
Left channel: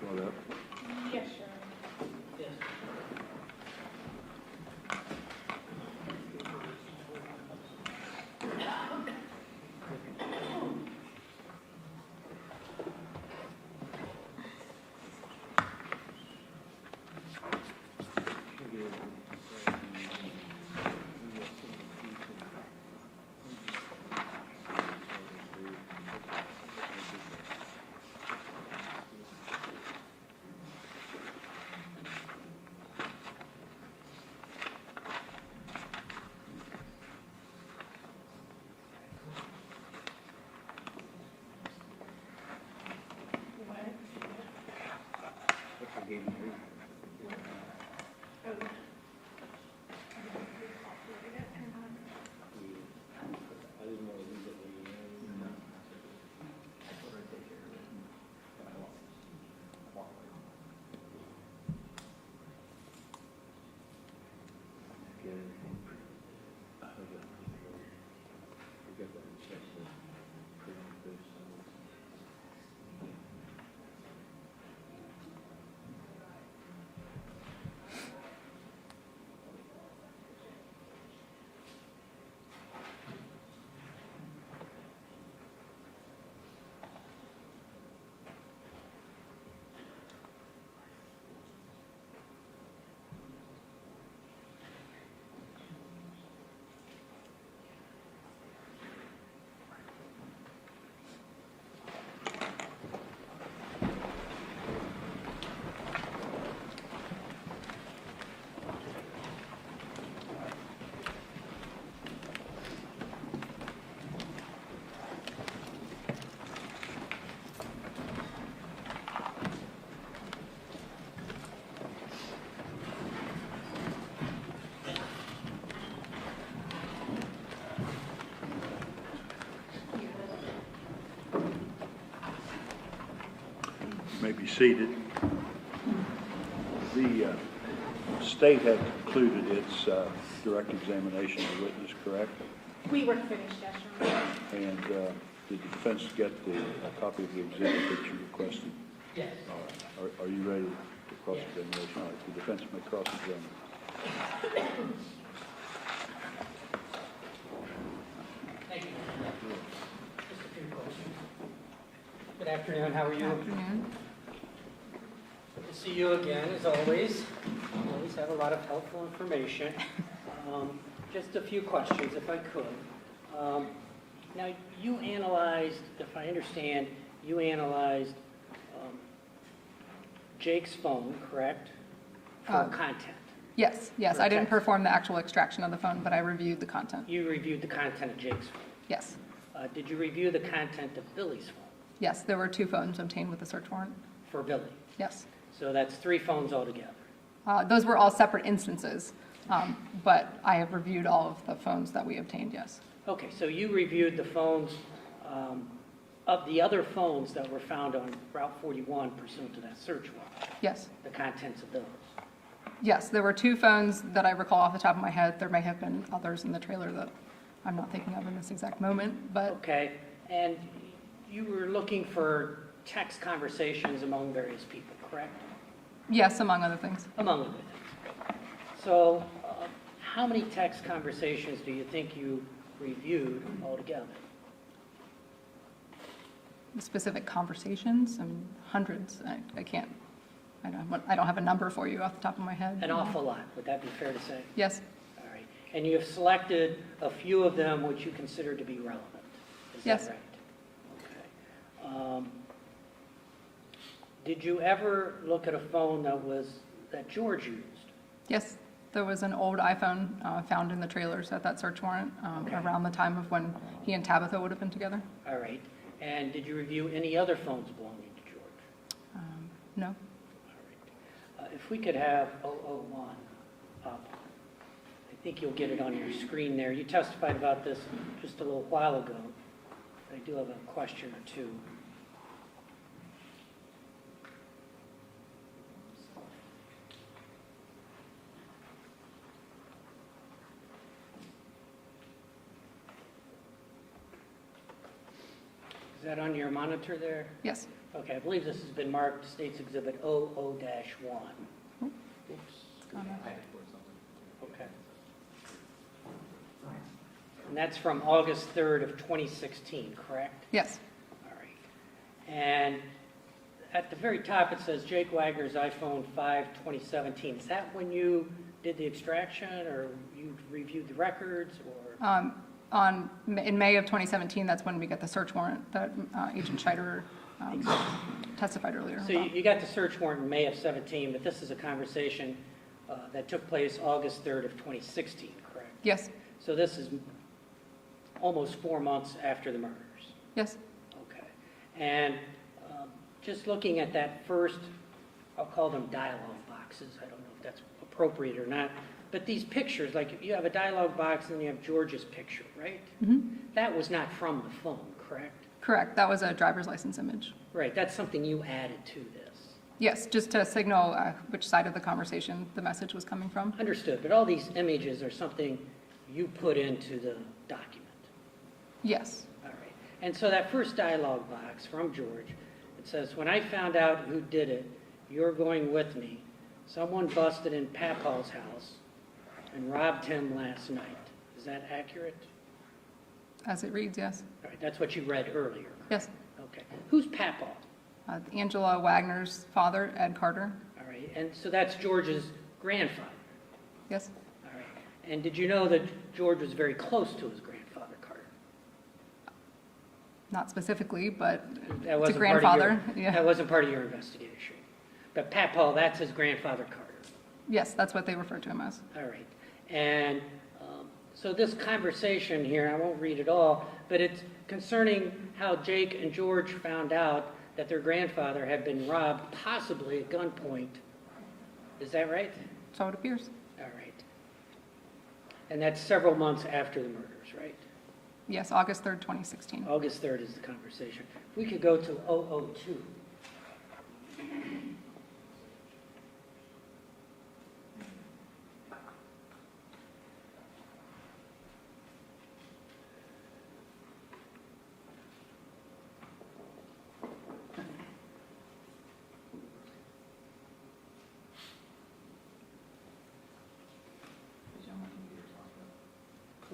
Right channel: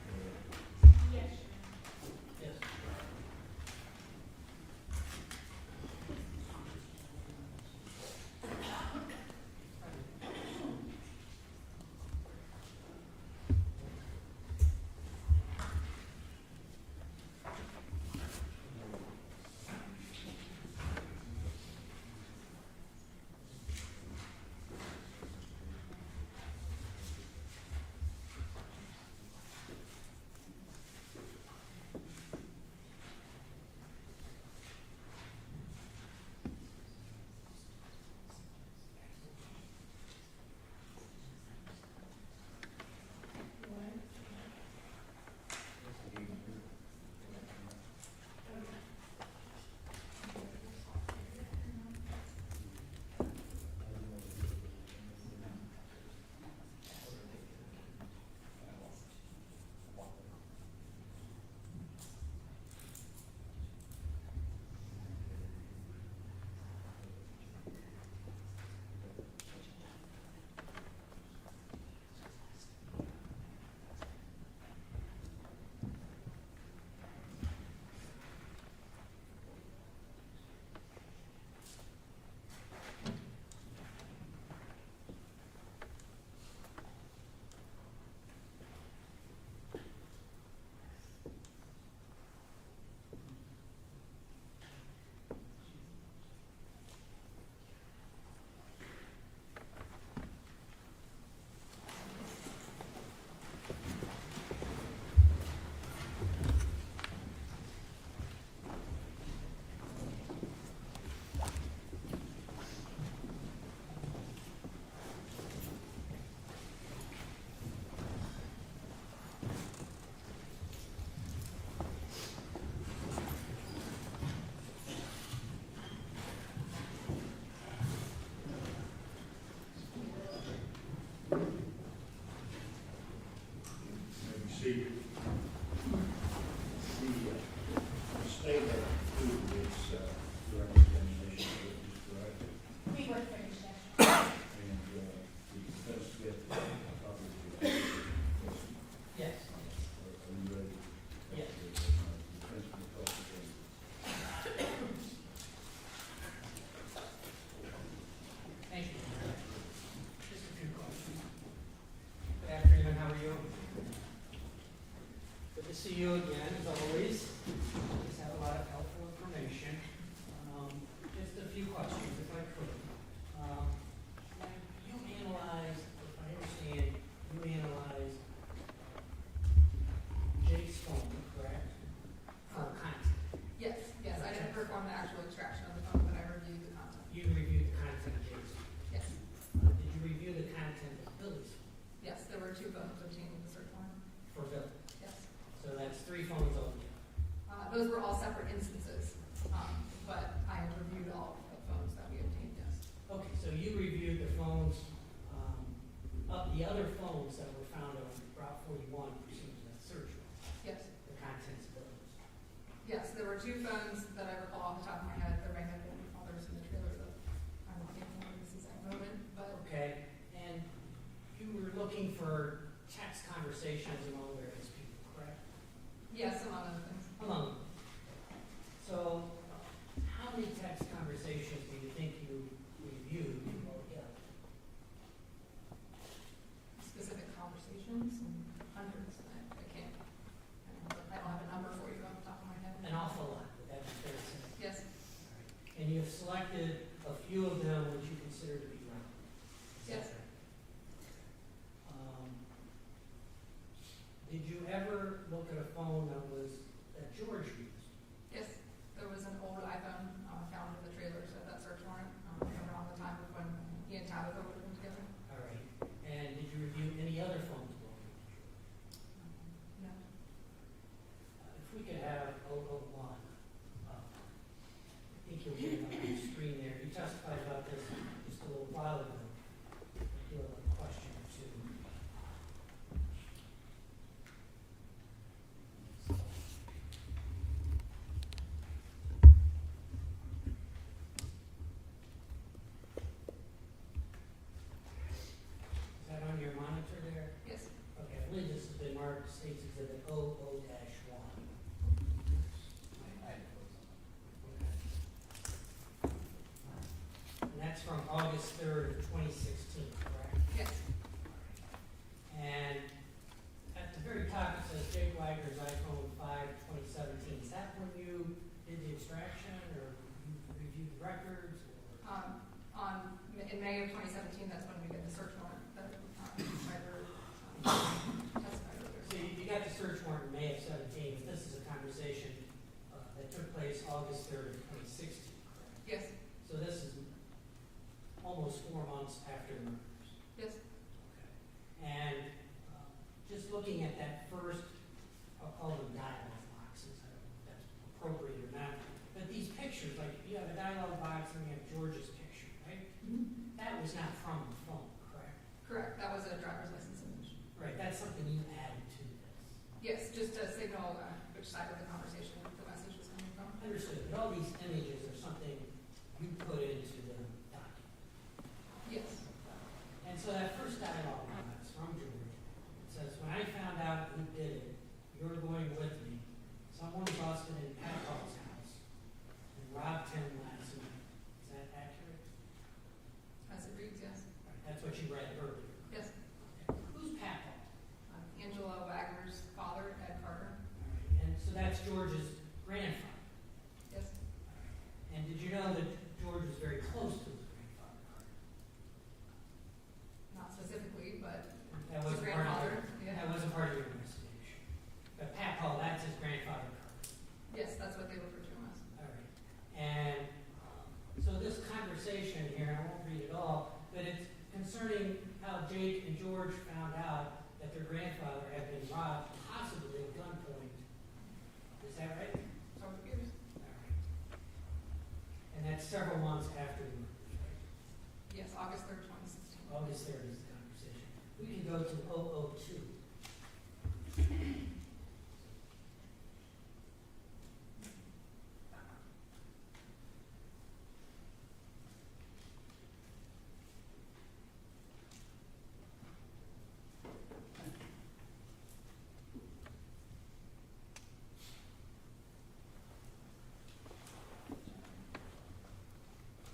brought up? Yes, sure. Yes. You may be seated. The state had concluded its direct examination of the witness, correct? We were finished, yes, Your Honor. And did the defense get a copy of the exhibit that you requested? Yes. Are you ready to cross-examination? All right, the defense may cross-examine. Thank you. Just a few questions. Good afternoon, how are you? Afternoon. Good to see you again, as always. Always have a lot of helpful information. Just a few questions, if I could. Now, you analyzed, if I understand, you analyzed Jake's phone, correct? For content. Yes, yes, I didn't perform the actual extraction of the phone, but I reviewed the content. You reviewed the content of Jake's phone. Yes, Did you review the content of Billy's phone yes, there were 2 phones obtained with the search warrant. for Billy? Yes. So that's 3 phones altogether. Those were all separate instances, but I have reviewed all of the phones that we obtained, yes. Okay, so you reviewed the phones, of the other phones that were found on Route 41 pursuant to that search warrant, Yes, the contents of those. yes, there were 2 phones that I recall off the top of my head. There may have been others in the trailer that I'm not thinking of in this exact moment, but Okay, and you were looking for text conversations among various people, correct? yes, among other things. Among other things. So, how many text conversations do you think you reviewed altogether? Specific conversations, I mean, hundreds. I can't, I don't have a number for you off the top of my head. An awful lot, would that be fair to say? Yes, All right, and you have selected a few of them which you consider to be relevant, is that Yes. right? Okay. Did you ever look at a phone that George used? yes. There was an old iPhone found in the trailers at that search warrant Okay. around the time of when he and Tabitha would have been together. All right, and did you review any other phones belonging to George? No? All right. If we could have 001 up. I think you'll get it on your screen there. You testified about this just a little while ago. I do have a question or two. Is that on your monitor there? Yes. Okay, I believe this has been marked State's Exhibit 00-1. Oops. Okay. And that's from August 3rd of 2016, correct? Yes. All right. And at the very top, it says Jake Wagner's iPhone 5, 2017. Is that when you did the extraction, or you reviewed the records, or? In May of 2017, that's when we got the search warrant that Agent Scheider testified earlier So about. you got the search warrant in May of 17, but this is a conversation that took place August 3rd of 2016, correct? Yes. So this is almost 4 months after the murders. Yes. Okay. And just looking at that first, I'll call them dialogue boxes. I don't know if that's appropriate or not. But these pictures, like you have a dialogue box and then you have George's picture, right? Mm-hmm. That was not from the phone, correct? Correct. That was a driver's license image. Right, that's something you added to this. Yes, just to signal which side of the conversation the message was coming from. Understood, but all these images are something you put into the document. Yes. All right. And so that first dialogue box from George, it says, when I found out who did it, you're going with me. Someone busted in Papaw's house and robbed him last night. Is that accurate? As it reads, yes. All right, that's what you read earlier. Yes. Okay. Who's Papaw? Angela Wagner's father, Ed Carter. All right, and so that's George's grandfather. Yes. All right. And did you know that George was very close to his grandfather, Carter? Not specifically, but That to wasn't grandfather. Part of your, Yeah. That wasn't part of your investigation. But Papaw, that's his grandfather, Carter. Yes, that's what they refer to him as. All right. And so this conversation here, I won't read it all, but it's concerning how Jake and George found out that their grandfather had been robbed, possibly at gunpoint. Is that right? So it appears. All right. And that's several months after the murders, right? Yes, August 3rd, 2016. August 3rd is the conversation. We could go to 002.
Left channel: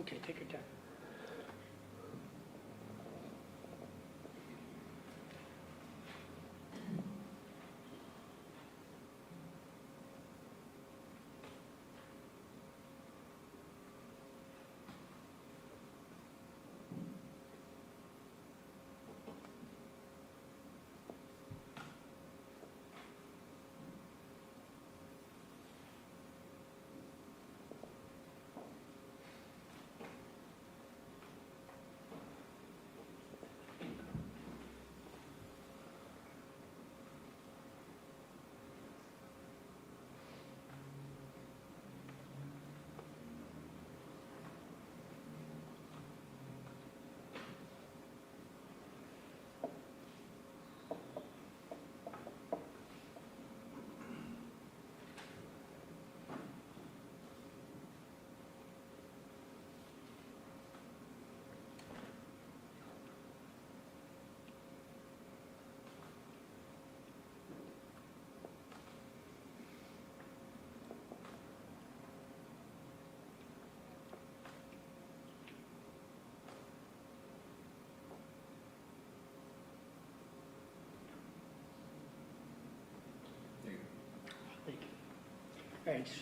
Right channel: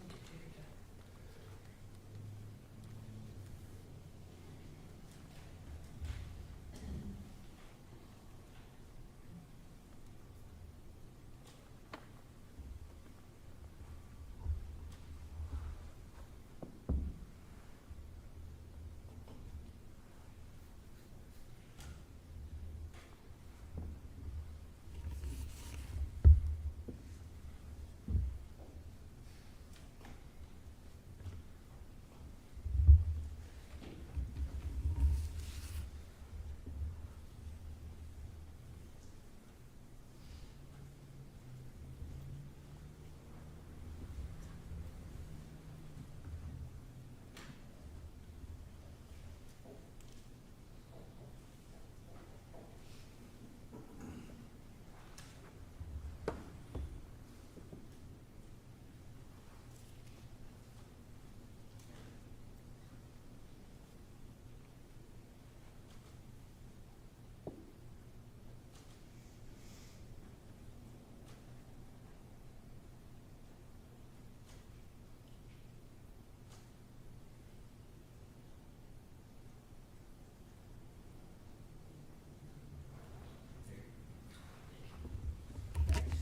Okay, take your time.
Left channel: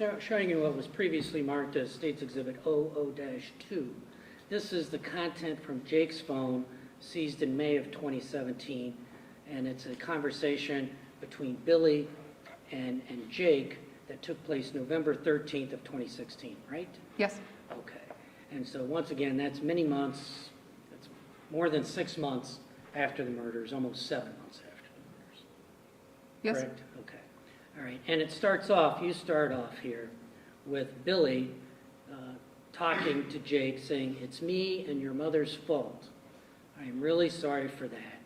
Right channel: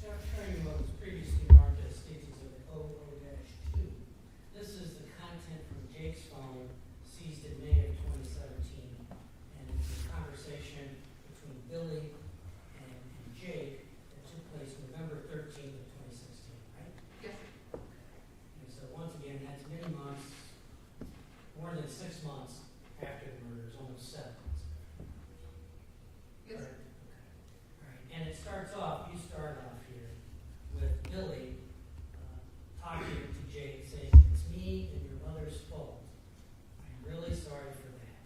All right, showing you what was previously marked as State's Exhibit 00-2. This is the content from Jake's phone seized in May of 2017, and it's a conversation between Billy and Jake that took place November 13th of 2016, right? Yes. Okay. And so once again, that's many months, that's more than 6 months after the murders, almost 7 months after the murders. Yes. Correct? Okay. All right. And it starts off, you start off here with Billy talking to Jake, saying, "It's me and your mother's fault. I'm really sorry for that.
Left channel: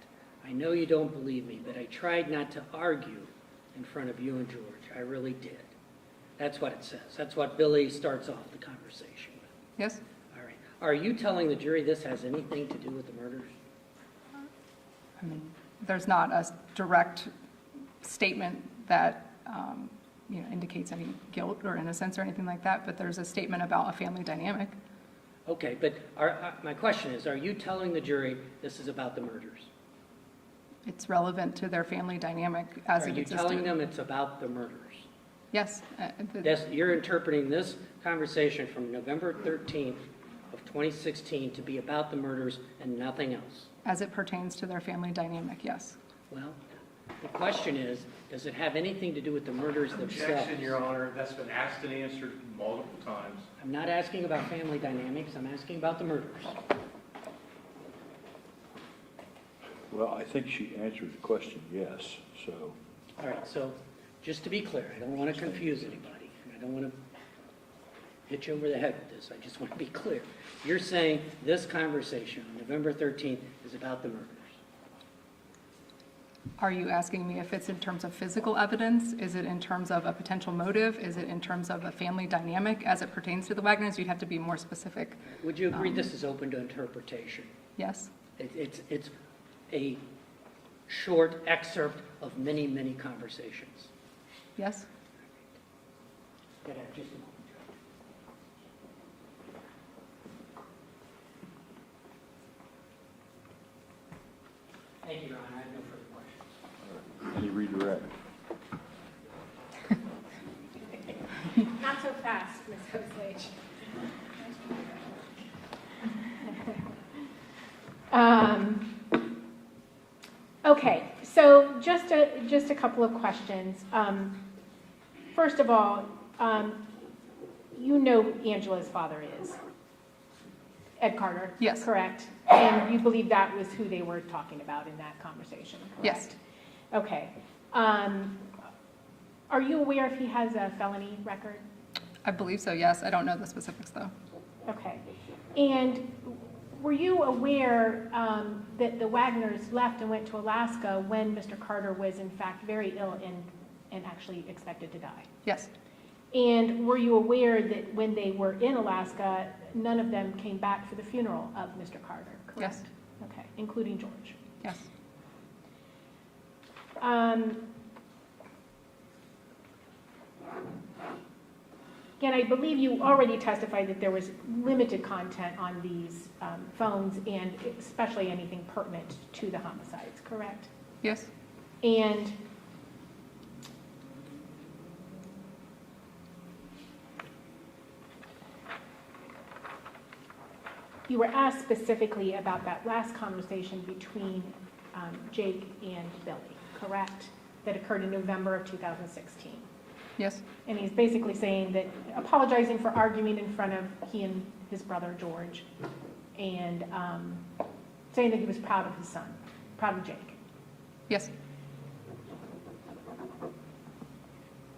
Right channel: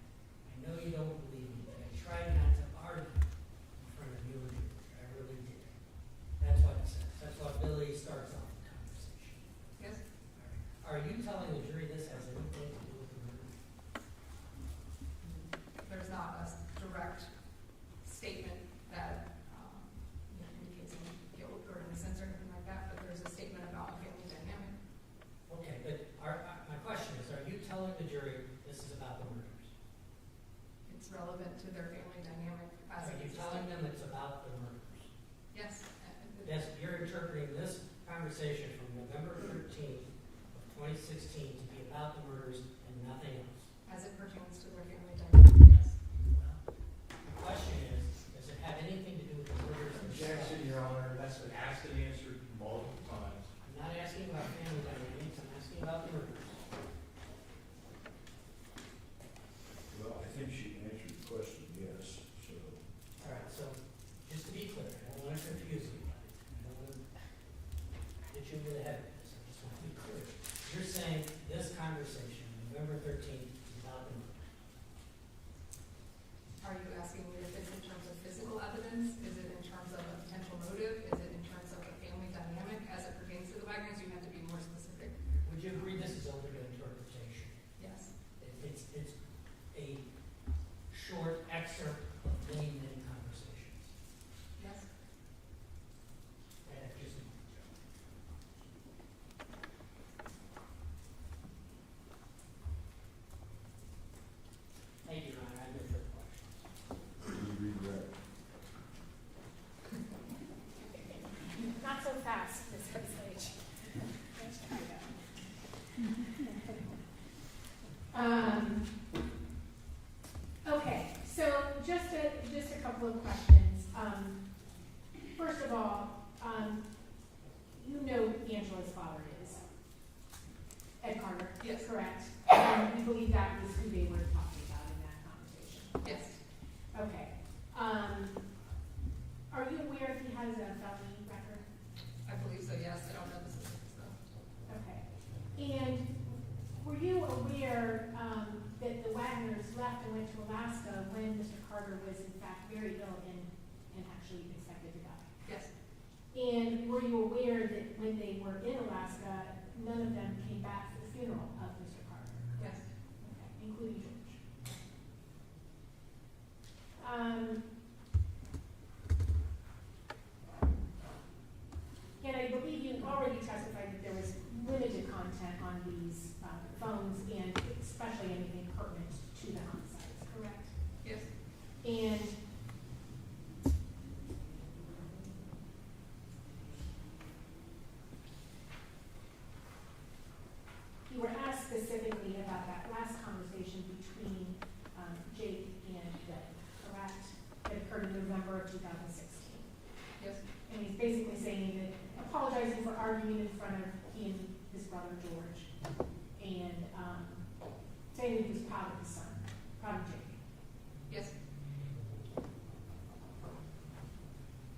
I know you don't believe me, but I tried not to argue in front of you and George. I really did." That's what it says. That's what Billy starts off the conversation with. Yes. All right. Are you telling the jury this has anything to do with the murders? I mean, there's not a direct statement that, indicates any guilt or innocence or anything like that, but there's a statement about a family dynamic. Okay, but my question is, are you telling the jury this is about the murders? It's relevant to their family dynamic as Are it you existed. telling them it's about the murders? Yes. You're interpreting this conversation from November 13th of 2016 to be about the murders and nothing else? As it pertains to their family dynamic, yes. Well, the question is, does it have anything to do with the murders themselves? Objection, Your Honor. That's been asked and answered multiple times. I'm not asking about family dynamics, I'm asking about the murders. Well, I think she answered the question, yes, so. All right, so just to be clear, I don't want to confuse anybody. I don't want to hit you over the head with this. I just want to be clear. You're saying this conversation on November 13th is about the murders. Are you asking me if it's in terms of physical evidence? Is it in terms of a potential motive? Is it in terms of a family dynamic as it pertains to the Wagners? You'd have to be more specific. Would you agree this is open to interpretation? Yes? It's a short excerpt of many, many conversations. Yes? Go ahead, just a moment. Thank you, Your Honor. I have no further questions. Any redirect? Not so fast, Ms. Eveslage. Okay, so just a couple of questions. First of all, you know Angela's father is Ed Carter? Yes. Correct? And you believe that was who they were talking about in that conversation? Correct? Yes. Okay. Are you aware if he has a felony record? I believe so, yes. I don't know the specifics, though. Okay. And were you aware that the Wagners left and went to Alaska when Mr. Carter was in fact very ill and actually expected to die? Yes. And were you aware that when they were in Alaska, none of them came back for the funeral of Mr. Carter, correct? Yes. Okay, including George. Yes. Again, I believe you already testified that there was limited content on these phones and especially anything pertinent to the homicides, correct? Yes. And you were asked specifically about that last conversation between Jake and Billy, correct? That occurred in November of 2016. Yes. And he's basically saying that, apologizing for arguing in front of he and his brother George, and saying that he was proud of his son, proud of Jake. Yes.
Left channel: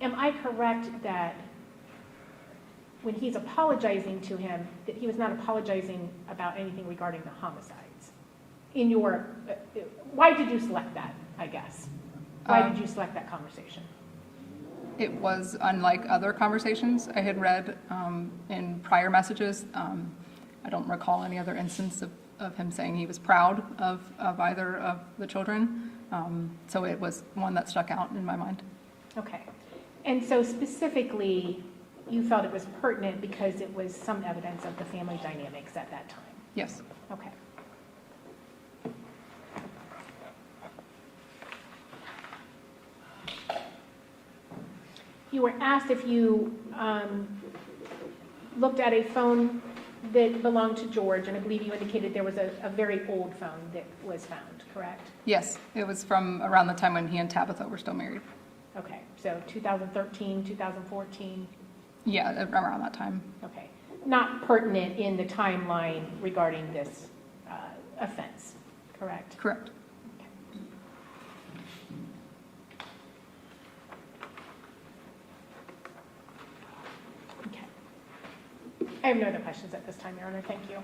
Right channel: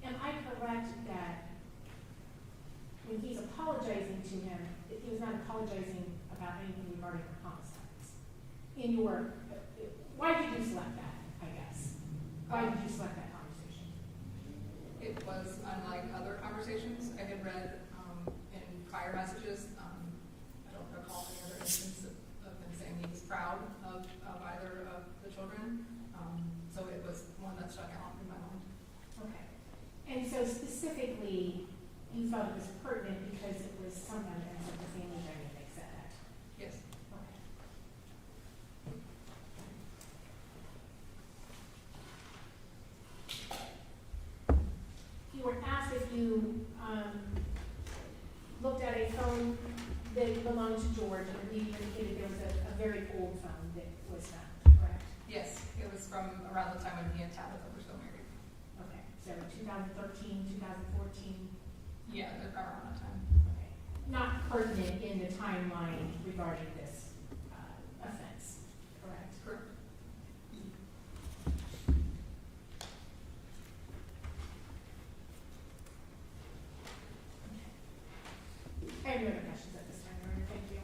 Am I correct that when he's apologizing to him, that he was not apologizing about anything regarding the homicides? In your, why did you select that, I guess? Why did you select that conversation? It was unlike other conversations I had read in prior messages. I don't recall any other instance of him saying he was proud of either of the children. So it was one that stuck out in my mind. Okay. And so specifically, you felt it was pertinent because it was some evidence of the family dynamics at that time? Yes. Okay. You were asked if you looked at a phone that belonged to George, and I believe you indicated there was a very old phone that was found, correct? Yes, it was from around the time when he and Tabitha were still married. Okay, so 2013, 2014? Yeah, around that time. Okay. Not pertinent in the timeline regarding this offense, correct? Correct. Okay. I have no other questions at this time, Your Honor. Thank you.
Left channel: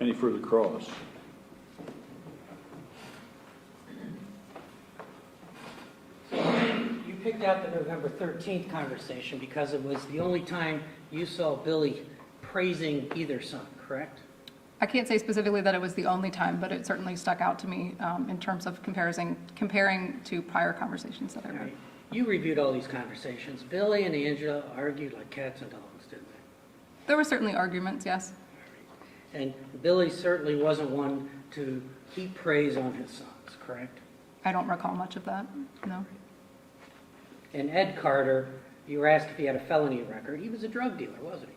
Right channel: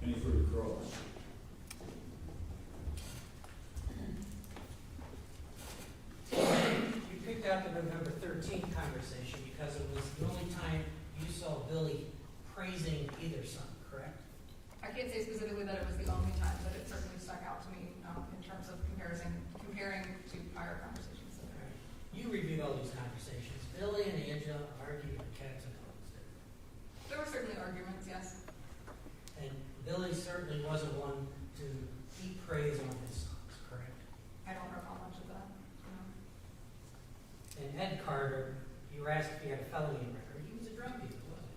Any further cross? You picked out the November 13th conversation because it was the only time you saw Billy praising either son, correct? I can't say specifically that it was the only time, but it certainly stuck out to me in terms of comparing to prior conversations that I All read. right. You reviewed all these conversations. Billy and Angela argued like cats and dogs, didn't they? There were certainly arguments, yes. And Billy certainly wasn't one to heap praise on his sons, correct? I don't recall much of that, no. And Ed Carter, you were asked if he had a felony record. He was a drug dealer, wasn't he?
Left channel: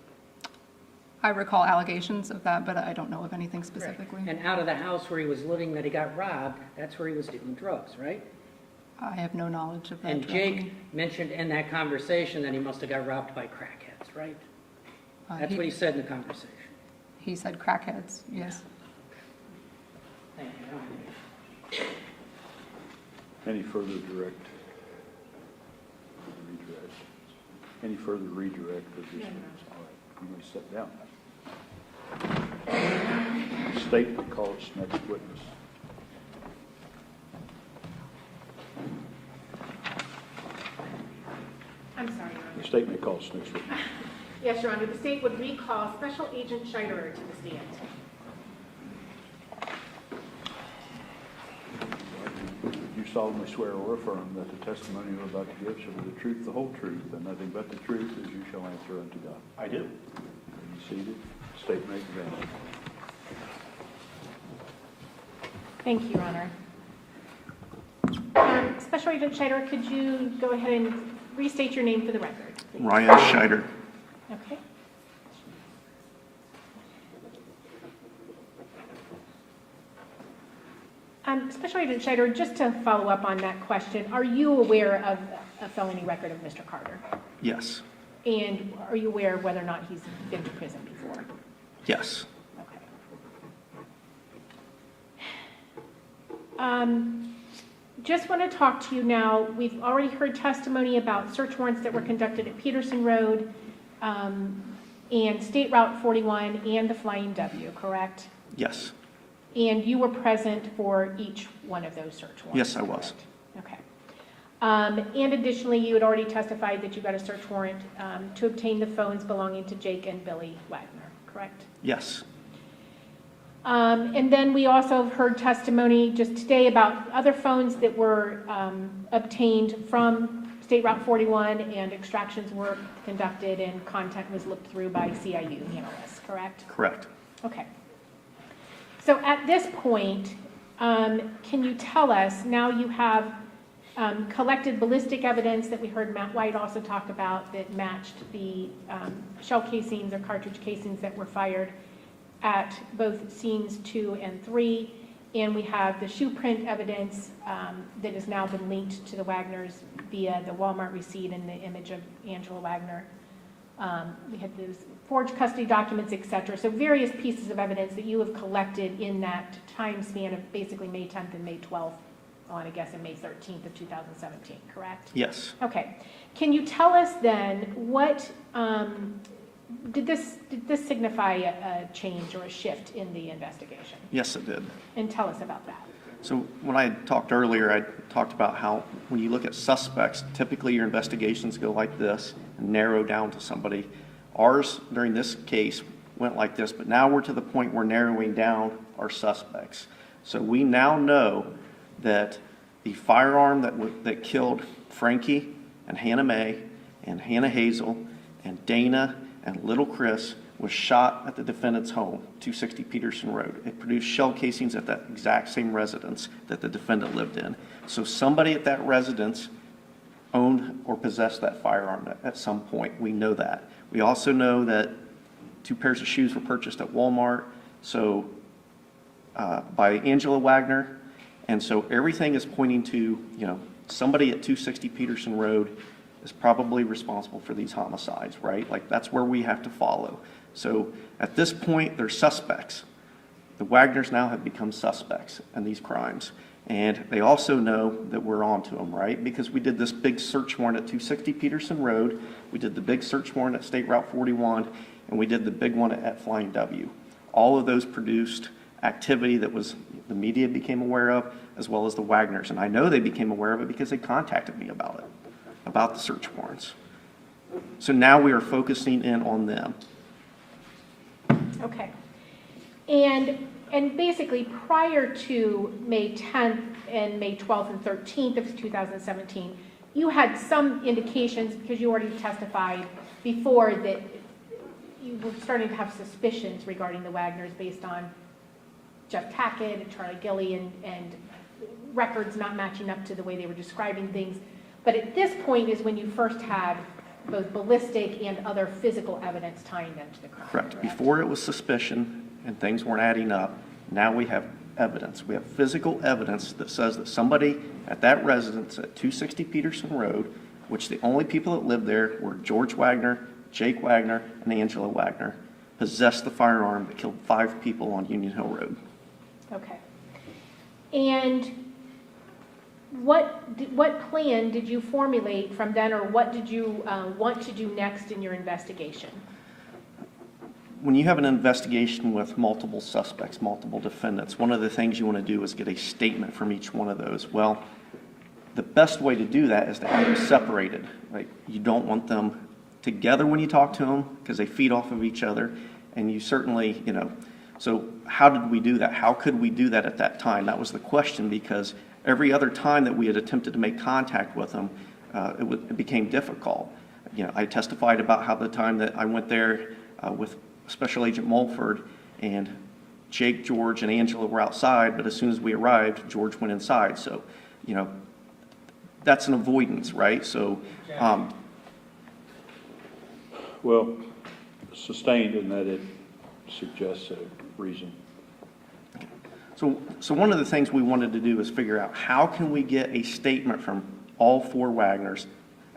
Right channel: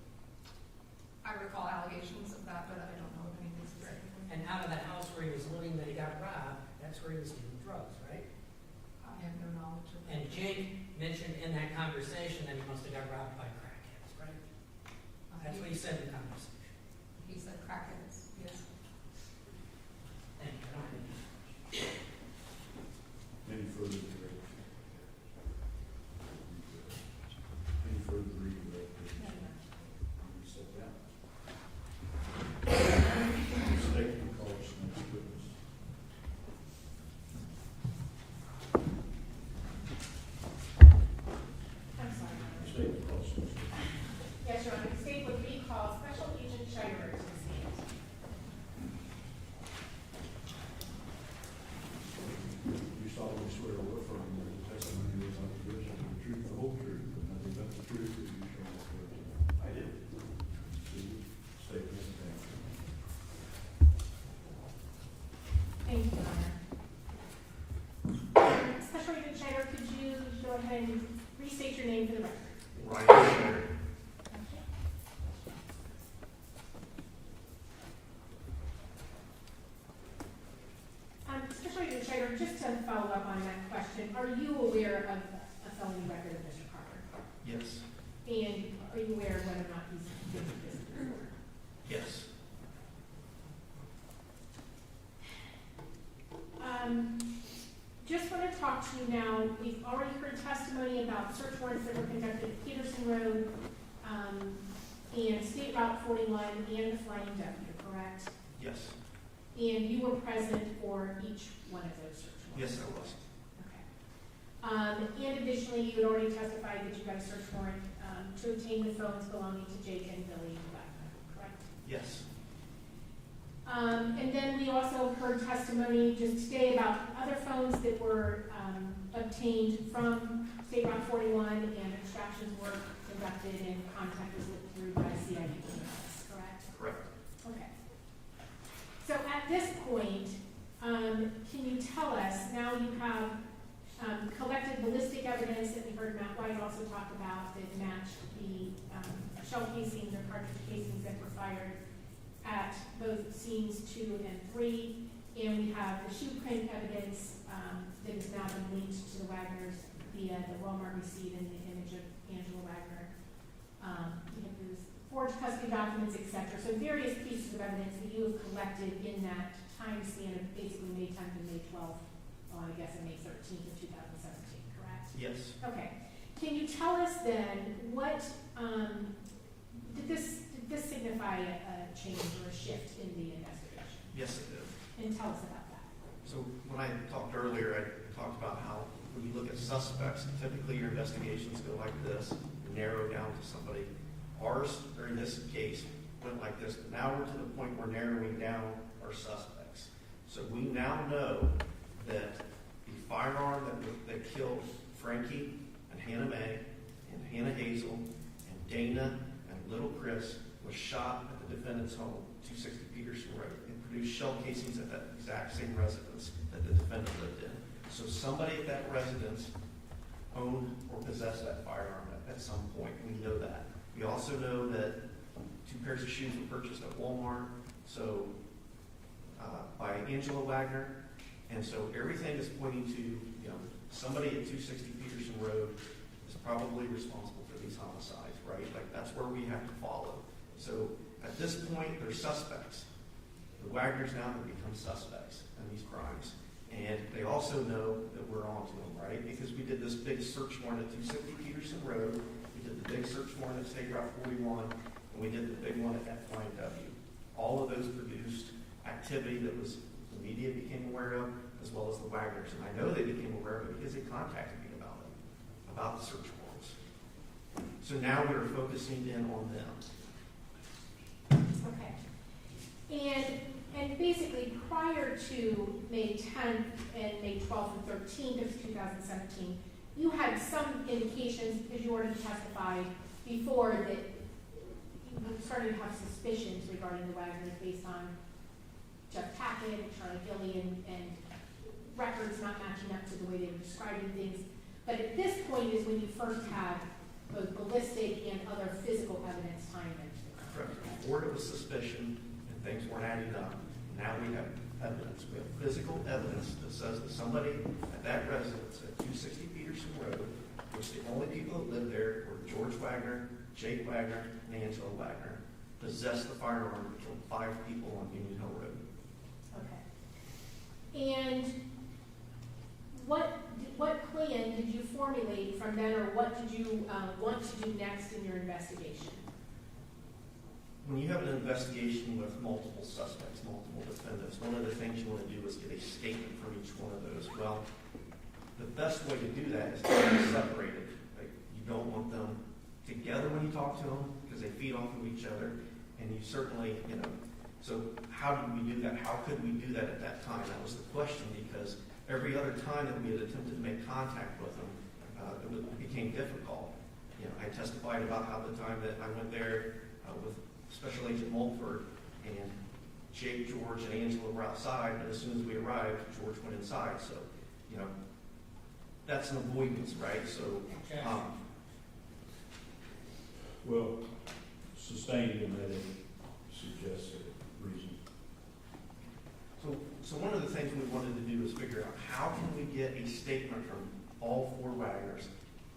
I recall allegations of that, but I don't know of anything specifically. And out of the house where he was living that he got robbed, that's where he was dealing drugs, right? I have no knowledge of that. And directly. Jake mentioned in that conversation that he must have got robbed by crackheads, right? That's what he said in the conversation. He said crackheads, yes. Thank you. I don't have any- Any further redirect? Any further redirect with these things? All right, I'm going to sit down. The state will call its next witness. I'm sorry, Your Honor. The state may call its next witness. Yes, Your Honor, the state would recall Special Agent Scheiderer to the stand. You solemnly swear or affirm that the testimony you are about to give shall be the truth, the whole truth, and nothing but the truth as you shall answer unto God. I do. Are you seated? State may begin. Thank you, Your Honor. Special Agent Scheiderer, could you go ahead and restate your name for the record? please? Ryan Scheider. Okay. Special Agent Scheiderer, just to follow up on that question, are you aware of a felony record of Mr. Carter? Yes. And are you aware of whether or not he's been to prison before? Yes. Okay. Just want to talk to you now. We've already heard testimony about search warrants that were conducted at Peterson Road and State Route 41 and the Flying W, correct? Yes. And you were present for each one of those search warrants? Yes, I was. Okay. And additionally, you had already testified that you got a search warrant to obtain the phones belonging to Jake and Billy Wagner, correct? Yes. And then we also heard testimony just today about other phones that were obtained from State Route 41 and extractions were conducted and content was looked through by CIU analysts, correct? Correct. Okay. So at this point, can you tell us, now you have collected ballistic evidence that we heard Matt White also talk about that matched the shell casings or cartridge casings that were fired at both scenes 2 and 3, and we have the shoe print evidence that has now been linked to the Wagners via the Walmart receipt and the image of Angela Wagner. We had those forged custody documents, etc. So various pieces of evidence that you have collected in that time span of basically May 10th and May 12th on, I guess, in May 13th of 2017, correct? Yes. Okay. Can you tell us then what, did this signify a change or a shift in the investigation? Yes, it did. And tell us about that. So when I talked earlier, I talked about how when you look at suspects, typically your investigations go like this and narrow down to somebody. Ours, during this case, went like this, but now we're to the point where narrowing down our suspects. So we now know that the firearm that killed Frankie and Hannah Mae and Hannah Hazel and Dana and little Chris was shot at the defendant's home, 260 Peterson Road. It produced shell casings at that exact same residence that the defendant lived in. So somebody at that residence owned or possessed that firearm at some point. We know that. We also know that 2 pairs of shoes were purchased at Walmart, so by Angela Wagner, and so everything is pointing to, somebody at 260 Peterson Road is probably responsible for these homicides, right? Like, that's where we have to follow. So at this point, they're suspects. The Wagners now have become suspects in these crimes. And they also know that we're onto them, right? Because we did this big search warrant at 260 Peterson Road. We did the big search warrant at State Route 41. And we did the big one at Flying W. All of those produced activity that the media became aware of, as well as the Wagners. And I know they became aware of it because they contacted me about it, about the search warrants. So now we are focusing in on them. Okay. And basically, prior to May 10th and May 12th and 13th of 2017, you had some indications, because you already testified before, that you were starting to have suspicions regarding the Wagners based on Jeff Tackett and Charlie Gilly and records not matching up to the way they were describing things. But at this point is when you first had both ballistic and other physical evidence tying them to the crime. Correct. Before it was suspicion and things weren't adding up, now we have evidence. We have physical evidence that says that somebody at that residence at 260 Peterson Road, which the only people that lived there were George Wagner, Jake Wagner, and Angela Wagner, possessed the firearm that killed 5 people on Union Hill Road. Okay. And what plan did you formulate from then, or what did you want to do next in your investigation? When you have an investigation with multiple suspects, multiple defendants, one of the things you want to do is get a statement from each one of those. Well, the best way to do that is to have them separated, right? You don't want them together when you talk to them because they feed off of each other. And you certainly, so how did we do that? How could we do that at that time? That was the question, because every other time that we had attempted to make contact with them, it became difficult. I testified about how the time that I went there with Special Agent Mulford, and Jake, George, and Angela were outside, but as soon as we arrived, George went inside. So, that's an avoidance, right? So, Well, sustained in that it suggests a reason. So one of the things we wanted to do is figure out how can we get a statement from all 4 Wagners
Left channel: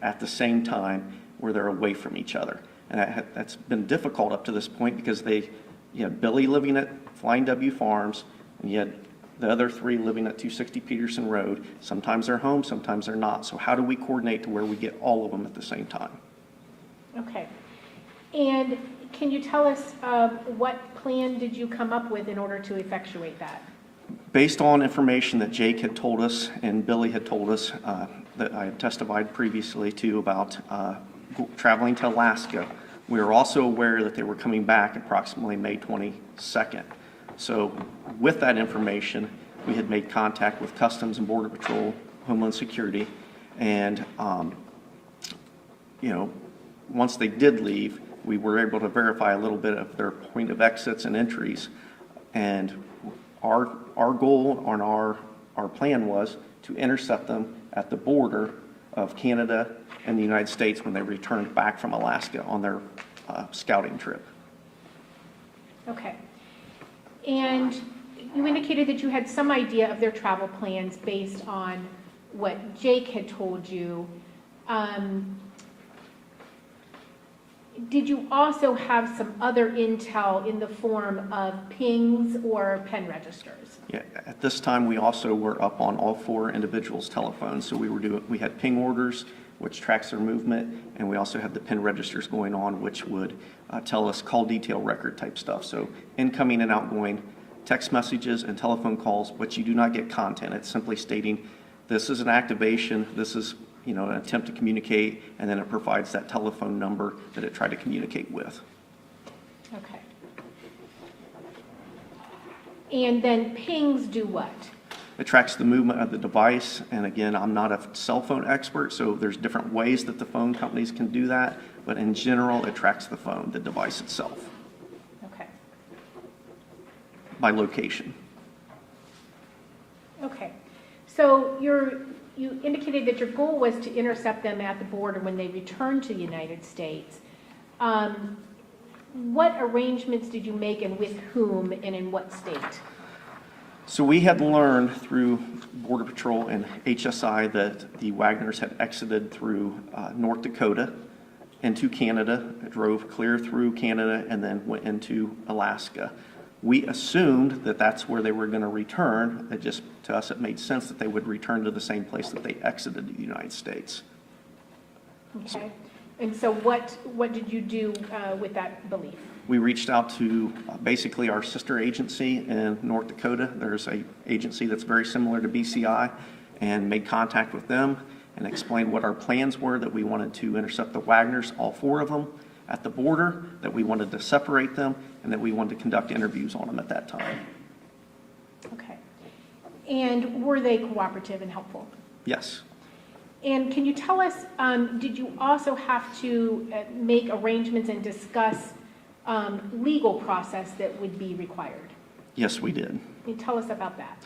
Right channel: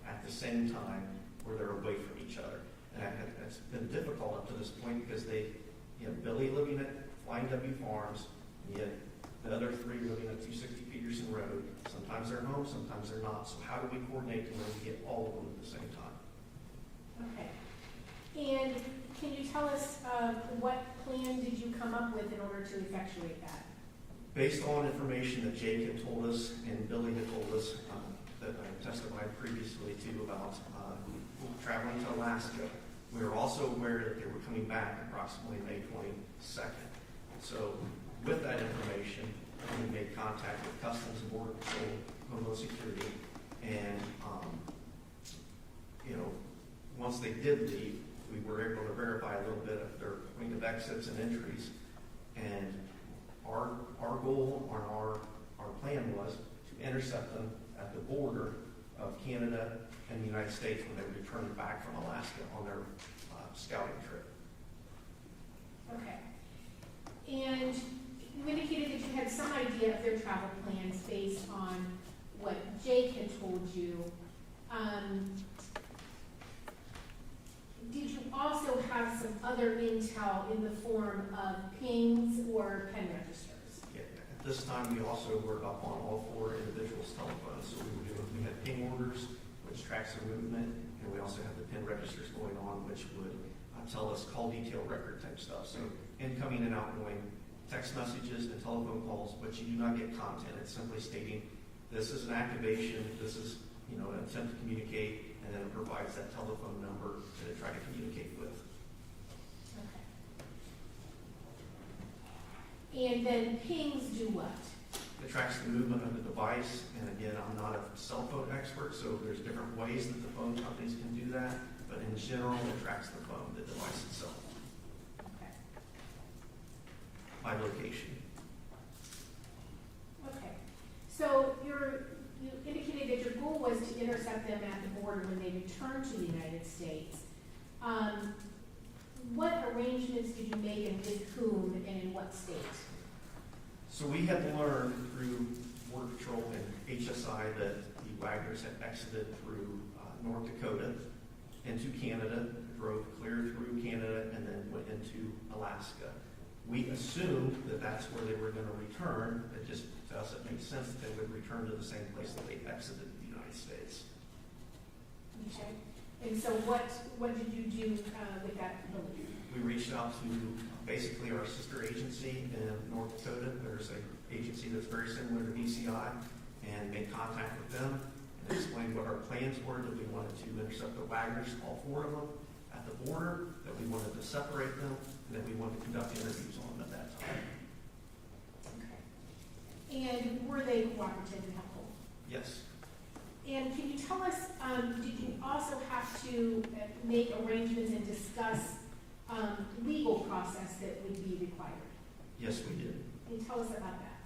at the same time where they're away from each other. And that's been difficult up to this point because you had Billy living at Flying W Farms, and you had the other 3 living at 260 Peterson Road. Sometimes they're home, sometimes they're not. So how do we coordinate to where we get all of them at the same time? Okay. And can you tell us what plan did you come up with in order to effectuate that? Based on information that Jake had told us and Billy had told us that I had testified previously to about traveling to Alaska, we were also aware that they were coming back approximately May 22nd. So with that information, we had made contact with Customs and Border Patrol, Homeland Security, and once they did leave, we were able to verify a little bit of their point of exits and entries. And our goal on our plan was to intercept them at the border of Canada and the United States when they returned back from Alaska on their scouting trip. Okay. And you indicated that you had some idea of their travel plans based on what Jake had told you. Did you also have some other intel in the form of pings or pen registers? Yeah, at this time, we also were up on all 4 individuals' telephones. So we had ping orders, which tracks their movement, and we also had the pen registers going on, which would tell us call detail record type stuff. So incoming and outgoing text messages and telephone calls, but you do not get content. It's simply stating this is an activation, this is an attempt to communicate, and then it provides that telephone number that it tried to communicate with. Okay. And then pings do what? It tracks the movement of the device, and again, I'm not a cell phone expert, so there's different ways that the phone companies can do that, but in general, it tracks the phone, the device itself, Okay. by location. Okay. So you indicated that your goal was to intercept them at the border when they returned to the United States. What arrangements did you make, and with whom, and in what state? So we had learned through Border Patrol and HSI that the Wagners had exited through North Dakota into Canada, drove clear through Canada, and then went into Alaska. We assumed that that's where they were going to return. It just, to us, it made sense that they would return to the same place that they exited the United States. Okay. And so what did you do with that belief? We reached out to basically our sister agency in North Dakota. There's an agency that's very similar to BCI, and made contact with them and explained what our plans were, that we wanted to intercept the Wagners, all 4 of them, at the border, that we wanted to separate them, and that we wanted to conduct interviews on them at that time. Okay. And were they cooperative and helpful? Yes. And can you tell us, did you also have to make arrangements and discuss legal process that would be required? Yes, we did. Can you tell us about that?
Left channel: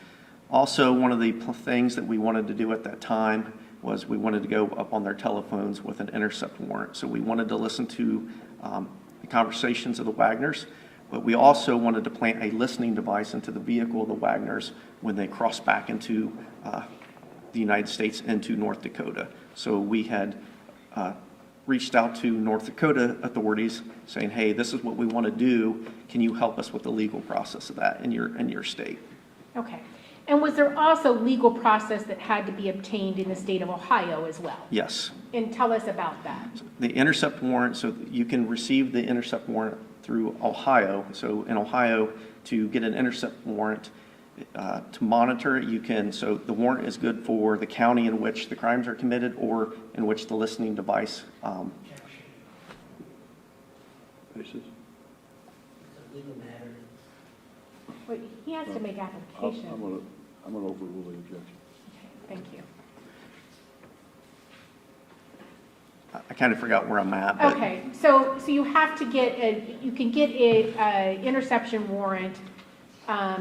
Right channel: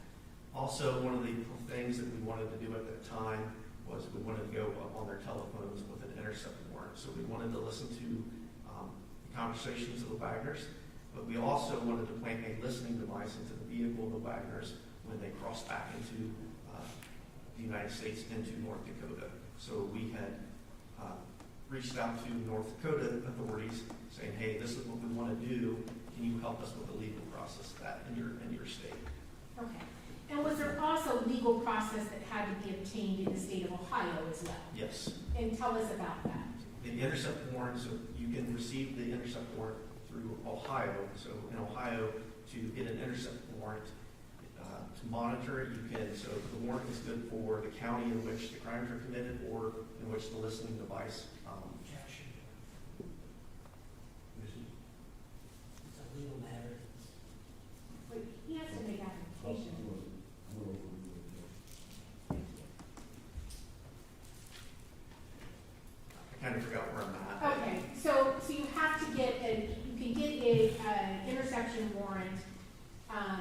Also, one of the things that we wanted to do at that time was we wanted to go up on their telephones with an intercept warrant. So we wanted to listen to the conversations of the Wagners, but we also wanted to plant a listening device into the vehicle of the Wagners when they crossed back into the United States into North Dakota. So we had reached out to North Dakota authorities saying, hey, this is what we want to do. Can you help us with the legal process of that in your state? Okay. And was there also legal process that had to be obtained in the state of Ohio as well? Yes. And tell us about that. The intercept warrant, so you can receive the intercept warrant through Ohio. So in Ohio, to get an intercept warrant, to monitor it, you can, so the warrant is good for the county in which the crimes are committed or in which the listening device. This is, It's a legal matter. Wait, he has to make application. I'm gonna overrule the objection. Thank you. I kind of forgot where I'm at, but Okay, so you have to get you can get a interception warrant, I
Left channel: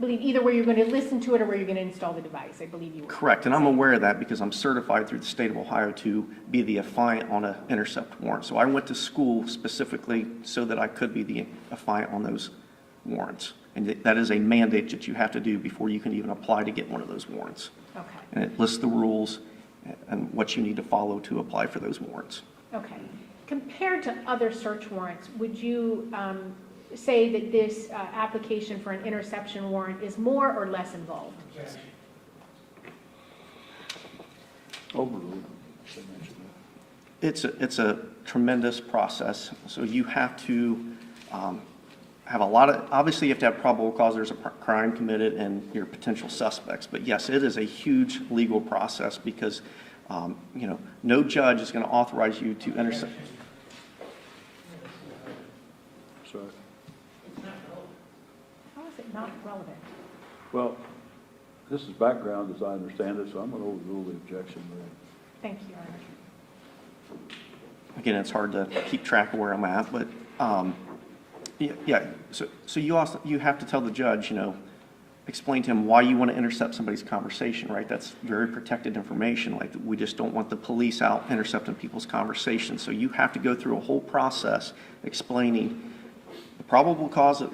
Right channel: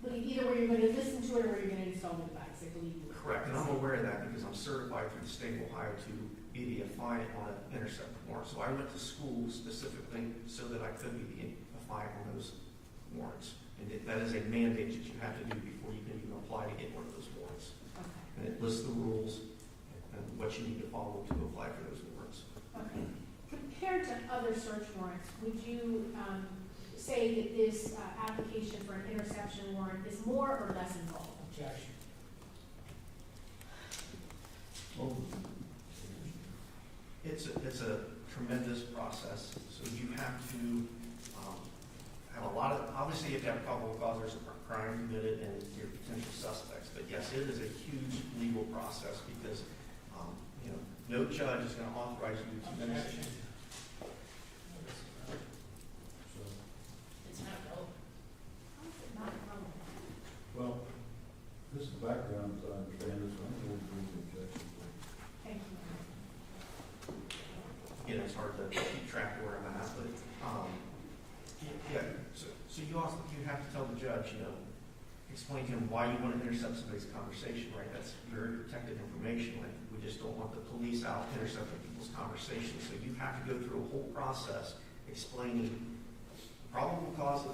believe either where you're going to listen to it or where you're going to install the device, I believe you were. correct. And I'm aware of that because I'm certified through the state of Ohio to be the affiant on an intercept warrant. So I went to school specifically so that I could be the affiant on those warrants. And that is a mandate that you have to do before you can even apply to get one of those warrants. Okay, And it lists the rules and what you need to follow to apply for those warrants. okay. Compared to other search warrants, would you say that this application for an interception warrant is more or less involved? Objection. Overruled. Should mention that. It's a tremendous process. So you have to have a lot of, obviously you have to have probable cause there's a crime committed and your potential suspects. But yes, it is a huge legal process because, no judge is going to authorize you to intercept. Sorry. It's not relevant. How is it not relevant? Well, this is background as I understand it, so I'm gonna overrule the objection. Thank you, Your Honor. Again, it's hard to keep track of where I'm at, but yeah. So you have to tell the judge, explain to him why you want to intercept somebody's conversation, right? That's very protected information. Like we just don't want the police out intercepting people's conversations. So you have to go through a whole process explaining the probable cause of,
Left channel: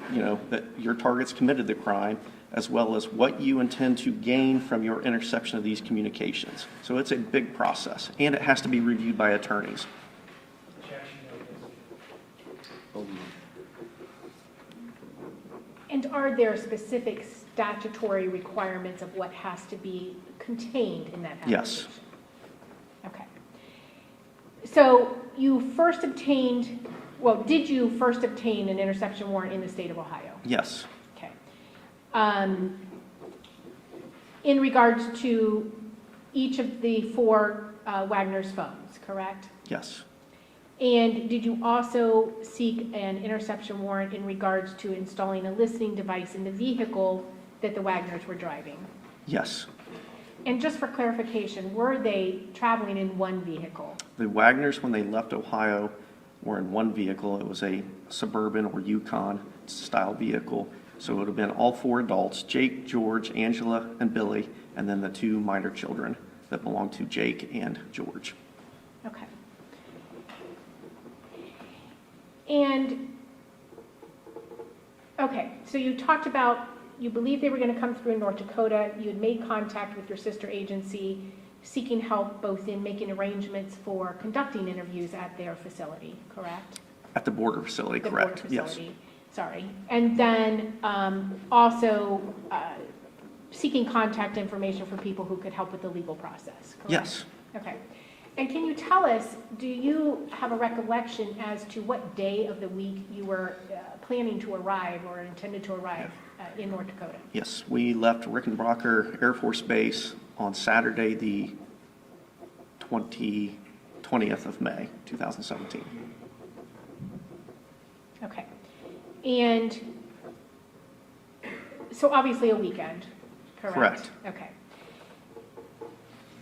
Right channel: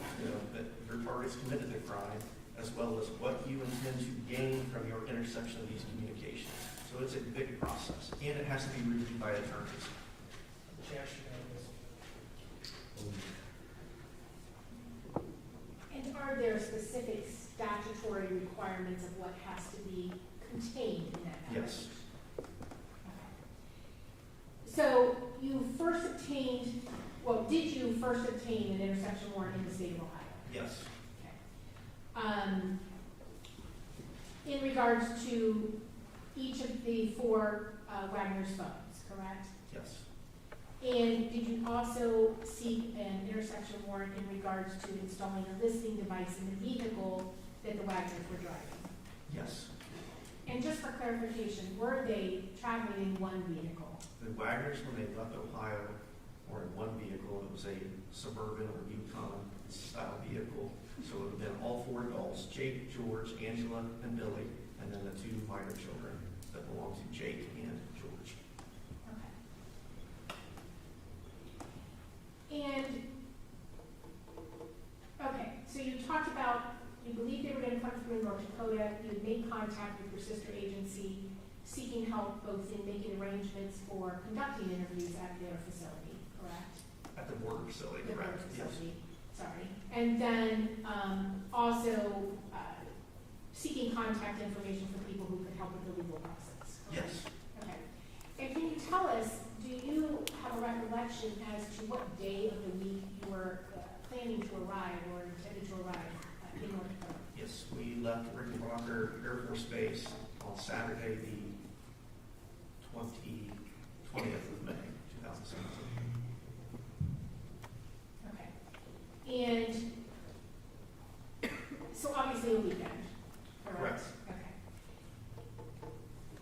that your target's committed the crime, as well as what you intend to gain from your interception of these communications. So it's a big process, and it has to be reviewed by attorneys. Objection. Overruled. And are there specific statutory requirements of what has to be contained in that application? Yes. Okay. So did you first obtain an interception warrant in the state of Ohio? Yes. Okay. In regards to each of the four Wagner's phones, correct? Yes. And did you also seek an interception warrant in regards to installing a listening device in the vehicle that the Wagners were driving? Yes. And just for clarification, were they traveling in one vehicle? The Wagners, when they left Ohio, were in one vehicle. It was a Suburban or Yukon style vehicle. So it would have been all four adults, Jake, George, Angela, and Billy, and then the two minor children that belonged to Jake and George. Okay. And, okay, so you talked about, you believed they were going to come through in North Dakota. You had made contact with your sister agency, seeking help both in making arrangements for conducting interviews at their facility, correct? At the border facility, The correct? border Yes. facility, sorry. And then also seeking contact information for people who could help with the legal process, correct? Yes. Okay. And can you tell us, do you have a recollection as to what day of the week you were planning to arrive or intended to arrive in North Dakota? Yes. We left Rickenbacker Air Force Base on Saturday, the 20th of May, 2017. And so obviously a weekend, correct? Correct. Okay.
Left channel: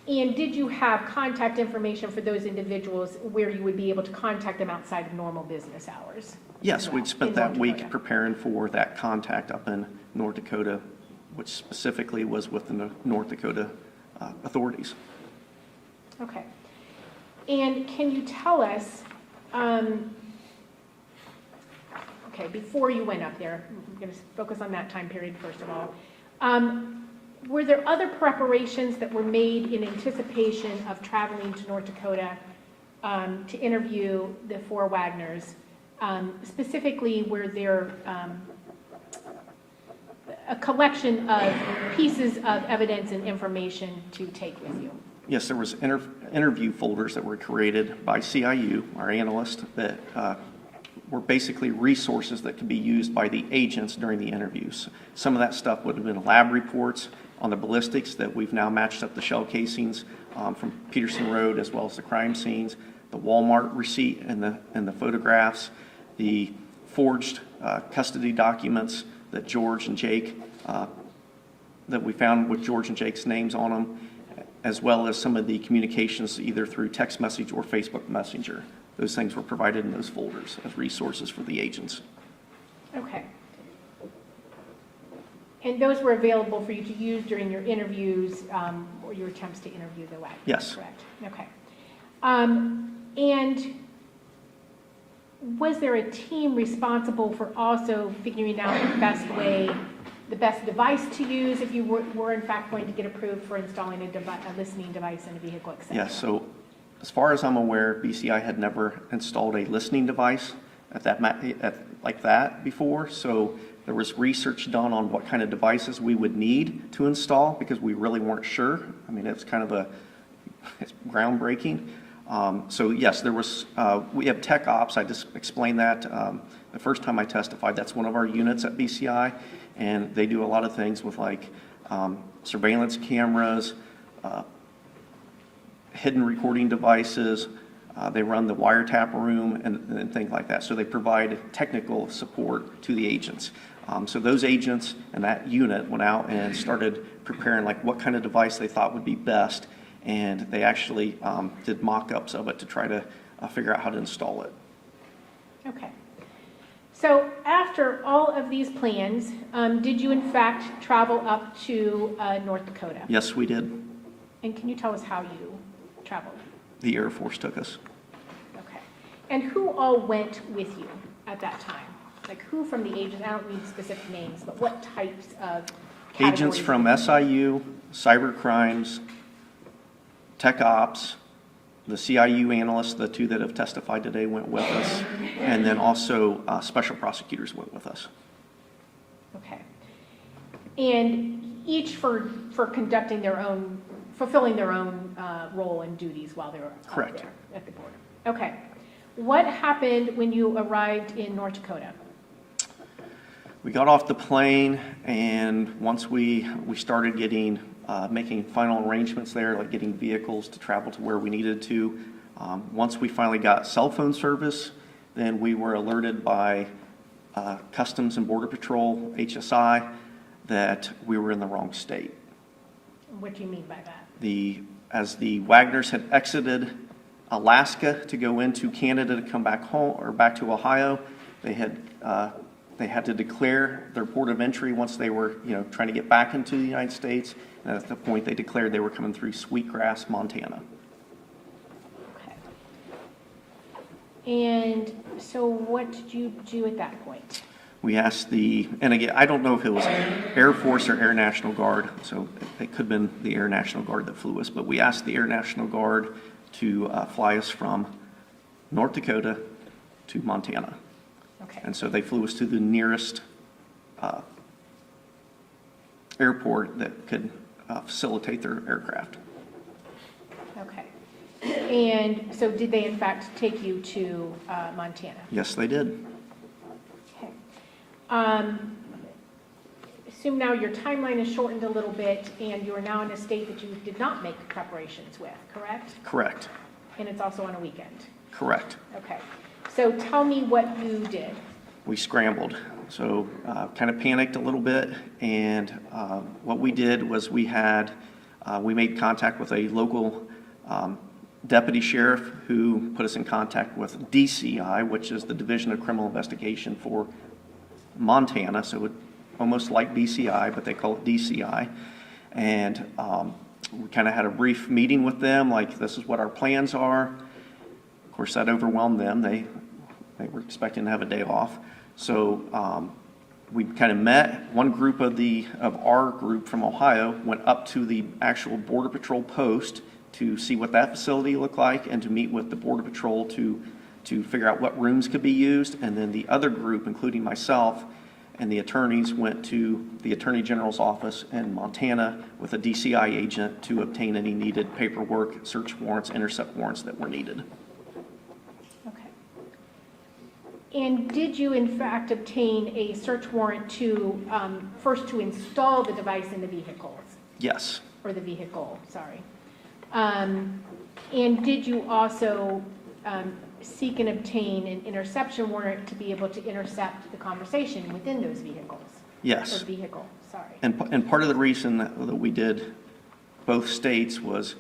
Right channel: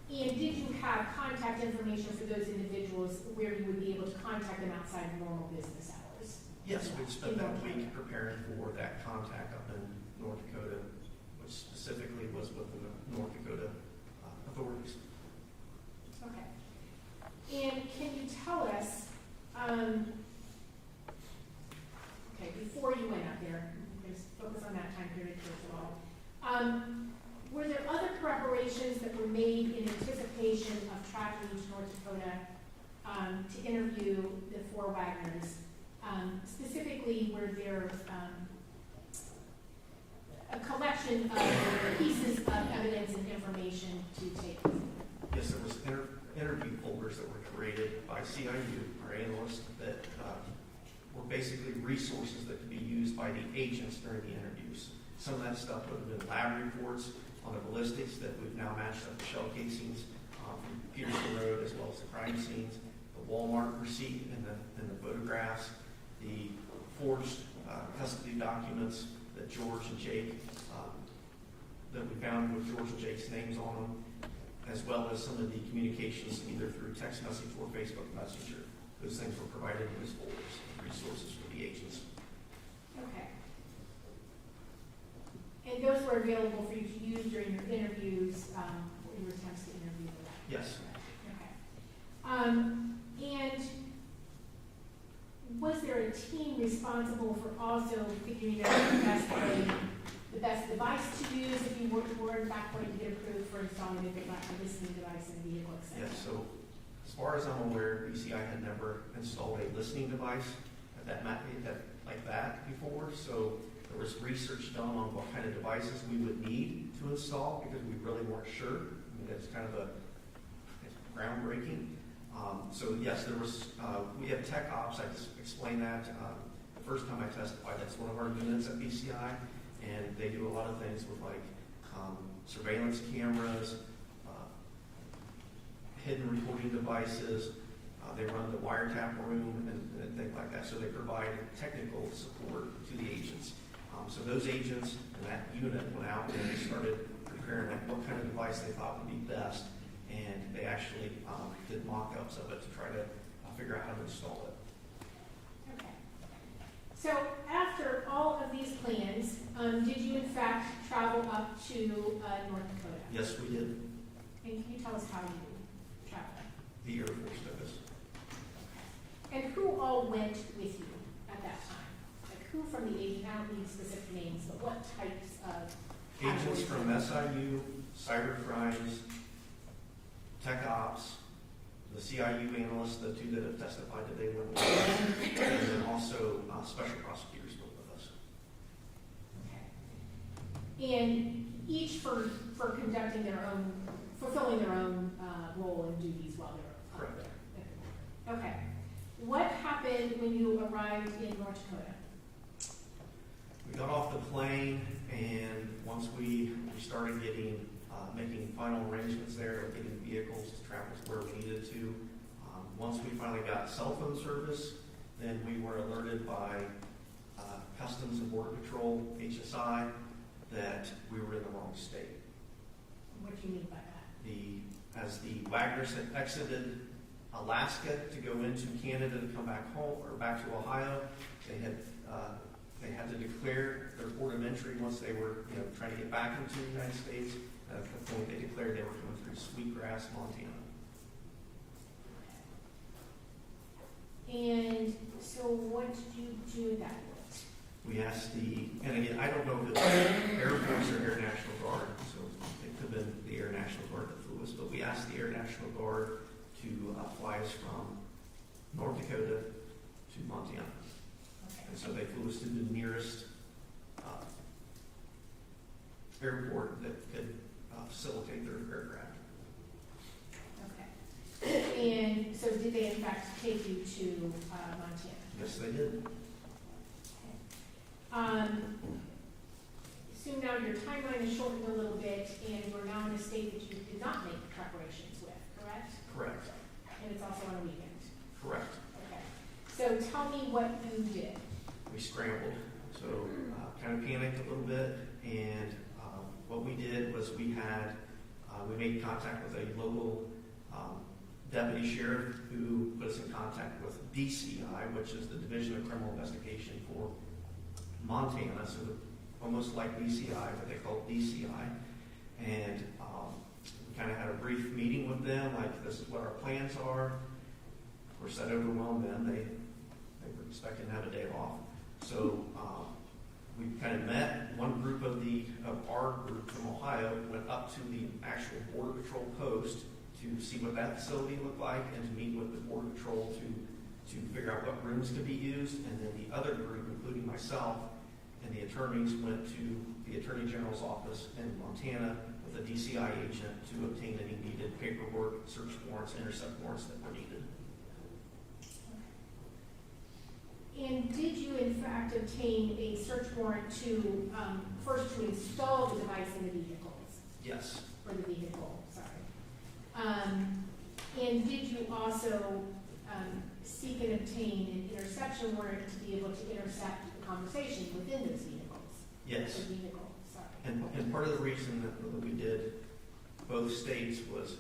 And did you have contact information for those individuals where you would be able to contact them outside of normal business hours? Yes, we'd spent In that North week Dakota. preparing for that contact up in North Dakota, which specifically was with the North Dakota authorities. Okay. And can you tell us, okay, before you went up there, I'm going to focus on that time period first of all. Were there other preparations that were made in anticipation of traveling to North Dakota to interview the 4 Wagners? Specifically, were there a collection of pieces of evidence and information to take with you? Yes, there was interview folders that were created by CIU, our analyst, that were basically resources that could be used by the agents during the interviews. Some of that stuff would have been lab reports on the ballistics that we've now matched up the shell casings from Peterson Road as well as the crime scenes, the Walmart receipt and the photographs, the forged custody documents that George and Jake, that we found with George and Jake's names on them, as well as some of the communications either through text message or Facebook Messenger. Those things were provided in those folders as resources for the agents. Okay. And those were available for you to use during your interviews or your attempts to interview the Wagners? Yes. Correct. Okay. And was there a team responsible for also figuring out the best device to use if you were in fact going to get approved for installing a listening device in a vehicle, et cetera? Yes, so as far as I'm aware, BCI had never installed a listening device like that before, so there was research done on what kind of devices we would need to install because we really weren't sure. I mean, it's kind of it's groundbreaking. So yes, there was, we have tech ops. I just explained that the first time I testified. That's one of our units at BCI, and they do a lot of things with like surveillance cameras, hidden recording devices. They run the wiretap room and things like that. So they provide technical support to the agents. So those agents and that unit went out and started preparing like what kind of device they thought would be best. And they actually did mock-ups of it to try to figure out how to install it. Okay. So after all of these plans, did you in fact travel up to North Dakota? Yes, we did. And can you tell us how you traveled? The Air Force took us. Okay. And who all went with you at that time? Like who from the agents, I don't need specific names, but what types of Agents categories? from SIU, cyber crimes, tech ops, the CIU analysts, the 2 that have testified today went with us, and then also special prosecutors went with us. Okay. And each for conducting their own, fulfilling their own role and duties while they were out Correct. there at the border. Okay. What happened when you arrived in North Dakota? We got off the plane, and once we started getting making final arrangements there, like getting vehicles to travel to where we needed to. Once we finally got cell phone service, then we were alerted by Customs and Border Patrol, HSI, that we were in the wrong state. What do you mean by that? As the Wagners had exited Alaska to go into Canada to come back home or back to Ohio, they had to declare their port of entry once they were, trying to get back into the United States. And at the point they declared they were coming through Sweetgrass, Montana. Okay. And so what did you do at that point? We asked and again, I don't know if it was Air Force or Air National Guard, so it could have been the Air National Guard that flew us, but we asked the Air National Guard to fly us from North Dakota to Montana. Okay. And so they flew us to the nearest airport that could facilitate their aircraft. Okay. And so did they in fact take you to Montana? Yes, they did. Okay. Assume now your timeline is shortened a little bit and you are now in a state that you did not make preparations with, correct? Correct. And it's also on a weekend. Correct. Okay. So tell me what you did. We scrambled. So kind of panicked a little bit, and what we did was we made contact with a local deputy sheriff who put us in contact with DCI, which is the Division of Criminal Investigation for Montana, so almost like BCI, but they call it DCI. And we kind of had a brief meeting with them, like this is what our plans are. Of course, that overwhelmed them. They were expecting to have a day off. So we kind of met. One group of our group from Ohio went up to the actual Border Patrol post to see what that facility looked like and to meet with the Border Patrol to figure out what rooms could be used. And then the other group, including myself and the attorneys, went to the Attorney General's office in Montana with a DCI agent to obtain any needed paperwork, search warrants, intercept warrants that were needed. And did you in fact obtain a search warrant to, first to install the device in the vehicles? Yes. Or the vehicle, sorry. And did you also seek and obtain an interception warrant to be able to intercept the conversation within those vehicles? Yes. Or vehicle, sorry. And part of the reason that we did both states was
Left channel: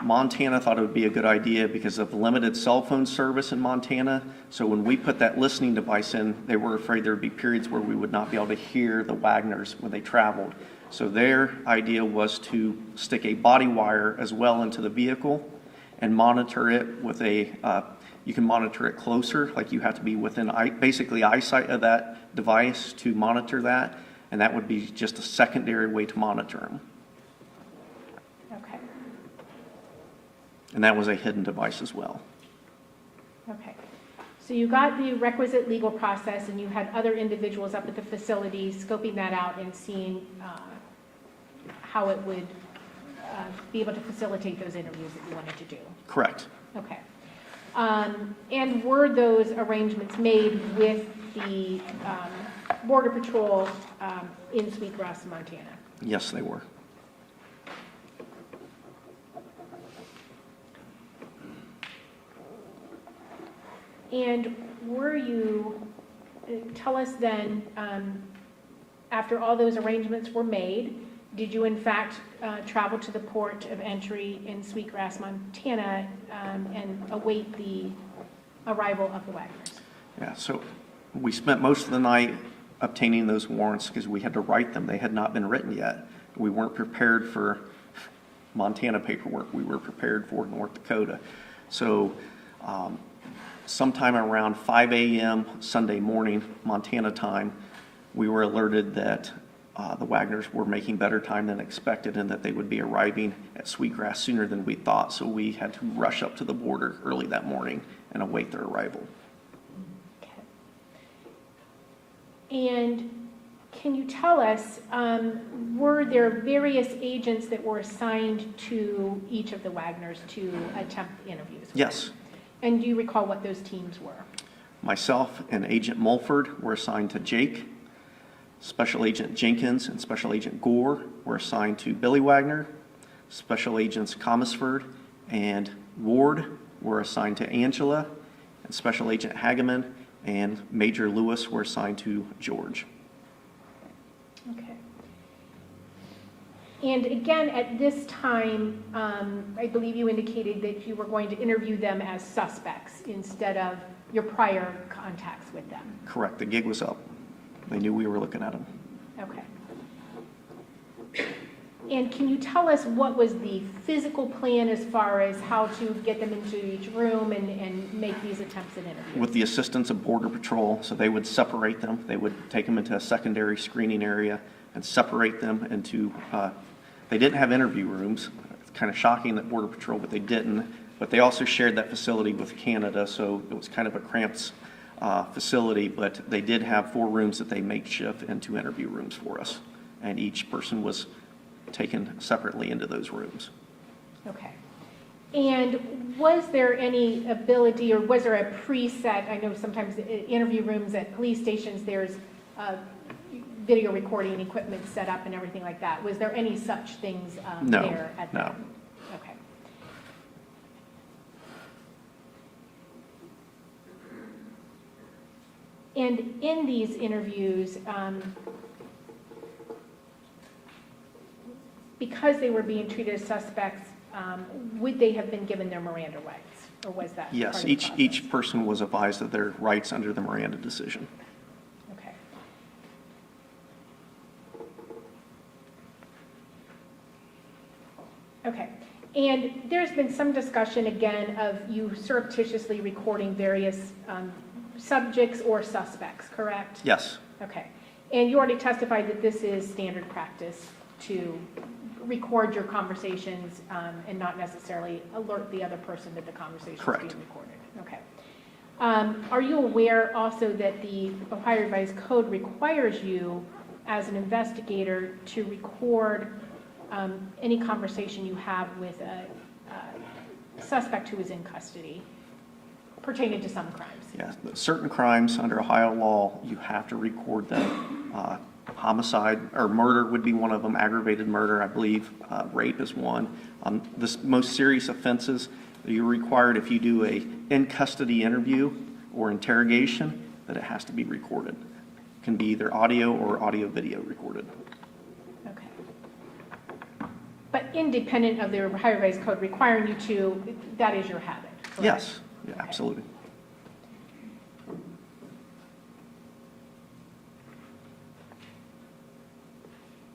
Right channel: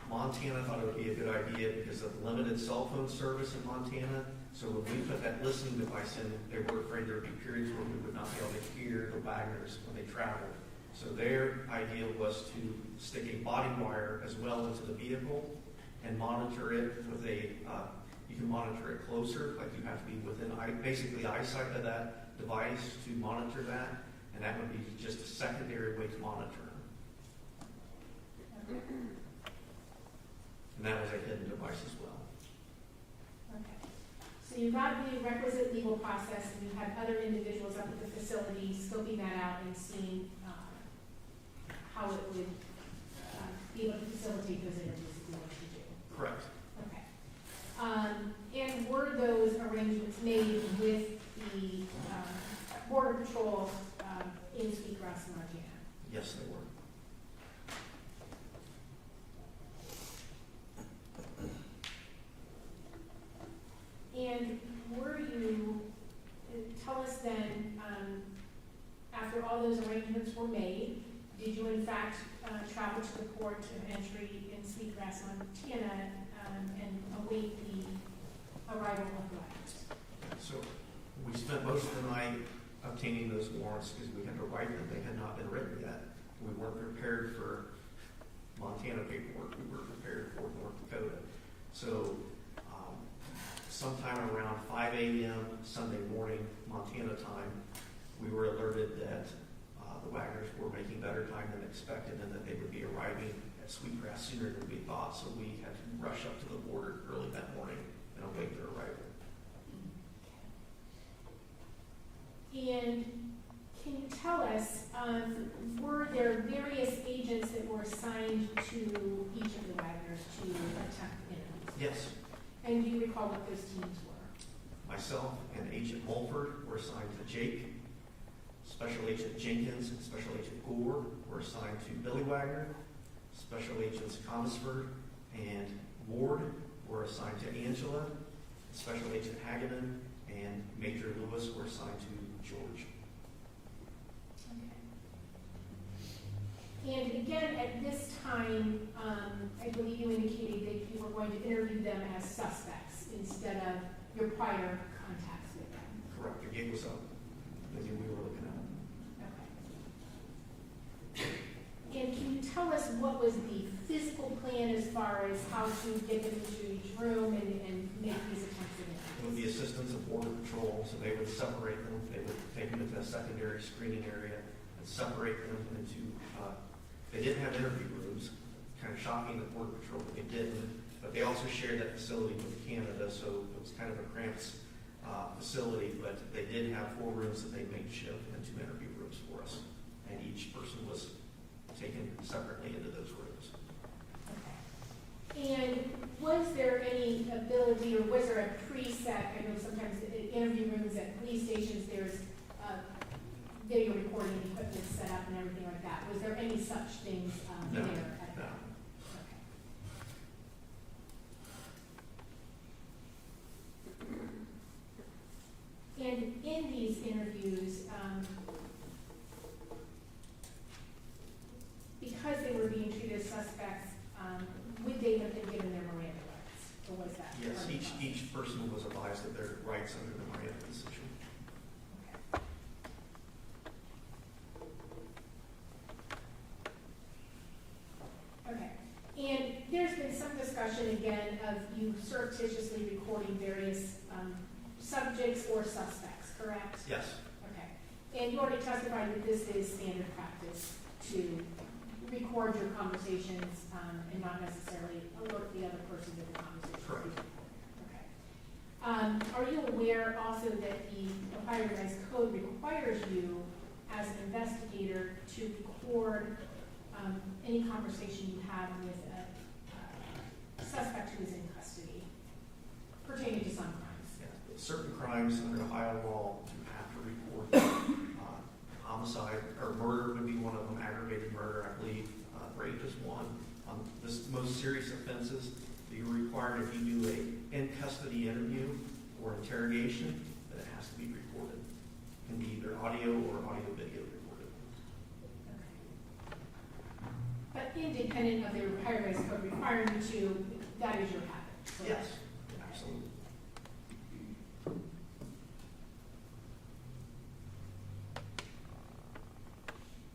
Montana thought it would be a good idea because of limited cell phone service in Montana. So when we put that listening device in, they were afraid there would be periods where we would not be able to hear the Wagners when they traveled. So their idea was to stick a body wire as well into the vehicle and monitor it with you can monitor it closer, like you have to be within basically eyesight of that device to monitor that, and that would be just a secondary way to monitor them. Okay. And that was a hidden device as well. Okay. So you got the requisite legal process and you had other individuals up at the facility scoping that out and seeing how it would be able to facilitate those interviews that you wanted to do. Correct. Okay. And were those arrangements made with the Border Patrol in Sweetgrass, Montana? Yes, they were. And were you, tell us then, after all those arrangements were made, did you in fact travel to the port of entry in Sweetgrass, Montana, and await the arrival of the Wagners? Yeah, so we spent most of the night obtaining those warrants because we had to write them. They had not been written yet. We weren't prepared for Montana paperwork. We were prepared for North Dakota. So sometime around 5 a.m. Sunday morning, Montana time, we were alerted that the Wagners were making better time than expected and that they would be arriving at Sweetgrass sooner than we thought. So we had to rush up to the border early that morning and await their arrival. Okay. And can you tell us, were there various agents that were assigned to each of the Wagners to attempt interviews? Yes. And do you recall what those teams were? Myself and Agent Mulford were assigned to Jake. Special Agent Jenkins and Special Agent Gore were assigned to Billy Wagner. Special Agents Comisford and Ward were assigned to Angela. And Special Agent Hageman and Major Lewis were assigned to George. Okay. And again, at this time, I believe you indicated that you were going to interview them as suspects instead of your prior contacts with them. Correct. The gig was up. They knew we were looking at them. Okay. And can you tell us what was the physical plan as far as how to get them into each room and make these attempts at interviews? With the assistance of Border Patrol, so they would separate them. They would take them into a secondary screening area and separate them into, they didn't have interview rooms. It's kind of shocking that Border Patrol, but they didn't. But they also shared that facility with Canada, so it was kind of a cramped facility, but they did have 4 rooms that they makeshift into interview rooms for us. And each person was taken separately into those rooms. Okay. And was there any ability, or was there a preset, I know sometimes interview rooms at police stations, there's video recording equipment set up and everything like that. Was there any such things No, there at no. that? Okay. And in these interviews, because they were being treated as suspects, would they have been given their Miranda rights? Or was that Yes, part of the process? each person was advised of their rights under the Miranda decision. Okay. Okay. And there's been some discussion again of you surreptitiously recording various subjects or suspects, correct? Yes, Okay. And you already testified that this is standard practice to record your conversations and not necessarily alert the other person that the conversation is Correct. being recorded. Okay. Are you aware also that the Ohio Revised Code requires you as an investigator to record any conversation you have with a suspect who is in custody pertaining to some crimes? yes. Certain crimes under Ohio law, you have to record them. Homicide or murder would be one of them, aggravated murder, I believe. Rape is one. The most serious offenses, you're required if you do a in-custody interview or interrogation, that it has to be recorded. It can be either audio or audio-video recorded. Okay. But independent of the Ohio Revised Code requiring you to, that is your habit, correct? Yes, yeah, absolutely.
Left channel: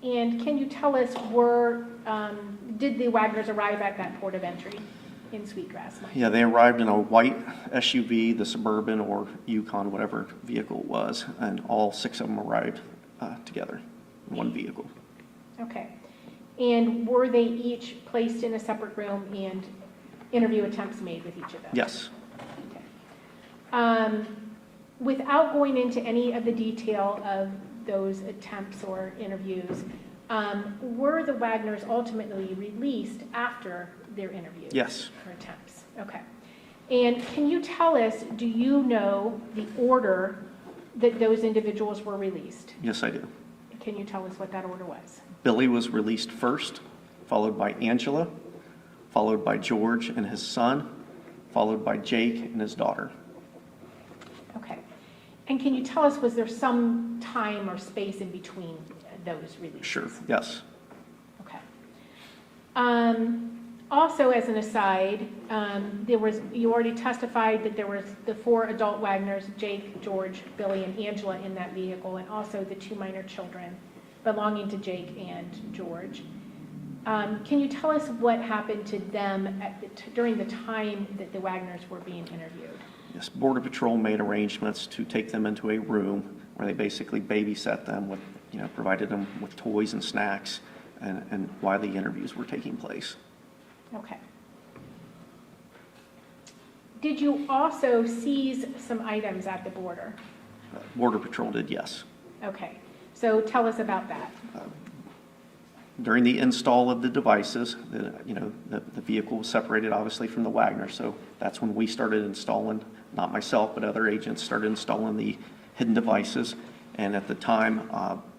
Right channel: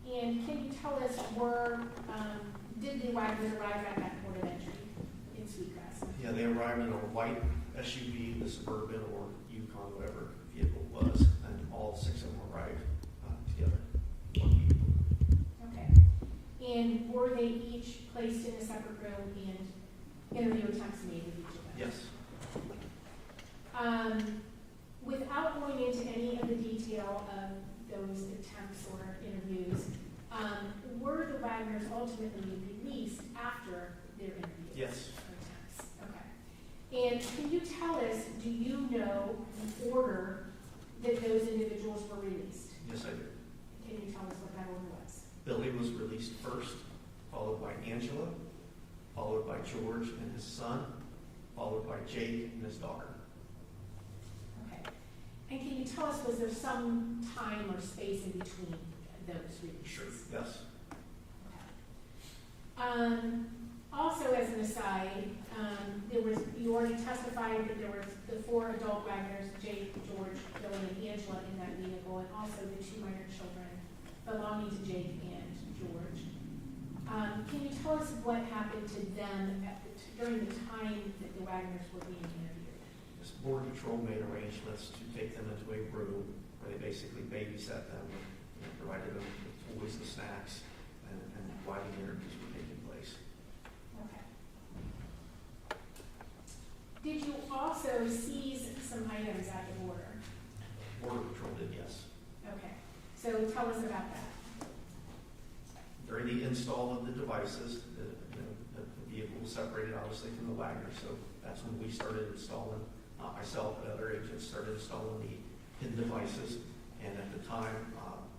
And can you tell us did the Wagners arrive at that port of entry in Sweetgrass? Yeah, they arrived in a white SUV, the Suburban or Yukon, whatever vehicle it was, and all 6 of them arrived together in one vehicle. Okay. And were they each placed in a separate room and interview attempts made with each of them? Yes, Okay. Without going into any of the detail of those attempts or interviews, were the Wagners ultimately released after their interviews? yes, Or attempts? Okay. And can you tell us, do you know the order that those individuals were released? yes I do. Can you tell us what that order was? Billy was released first, followed by Angela, followed by George and his son, followed by Jake and his daughter. Okay. And can you tell us, was there some time or space in between those releases? Sure, yes. Okay. Also, as an aside, you already testified that there was the 4 adult Wagners, Jake, George, Billy, and Angela in that vehicle, and also the 2 minor children belonging to Jake and George. Can you tell us what happened to them during the time that the Wagners were being interviewed? Yes, Border Patrol made arrangements to take them into a room where they basically babysat them with, provided them with toys and snacks and while the interviews were taking place. Okay. Did you also seize some items at the border? Border Patrol did, yes. Okay. So tell us about that. During the install of the devices, the vehicle was separated obviously from the Wagner, so that's when we started installing, not myself, but other agents started installing the hidden devices. And at the time,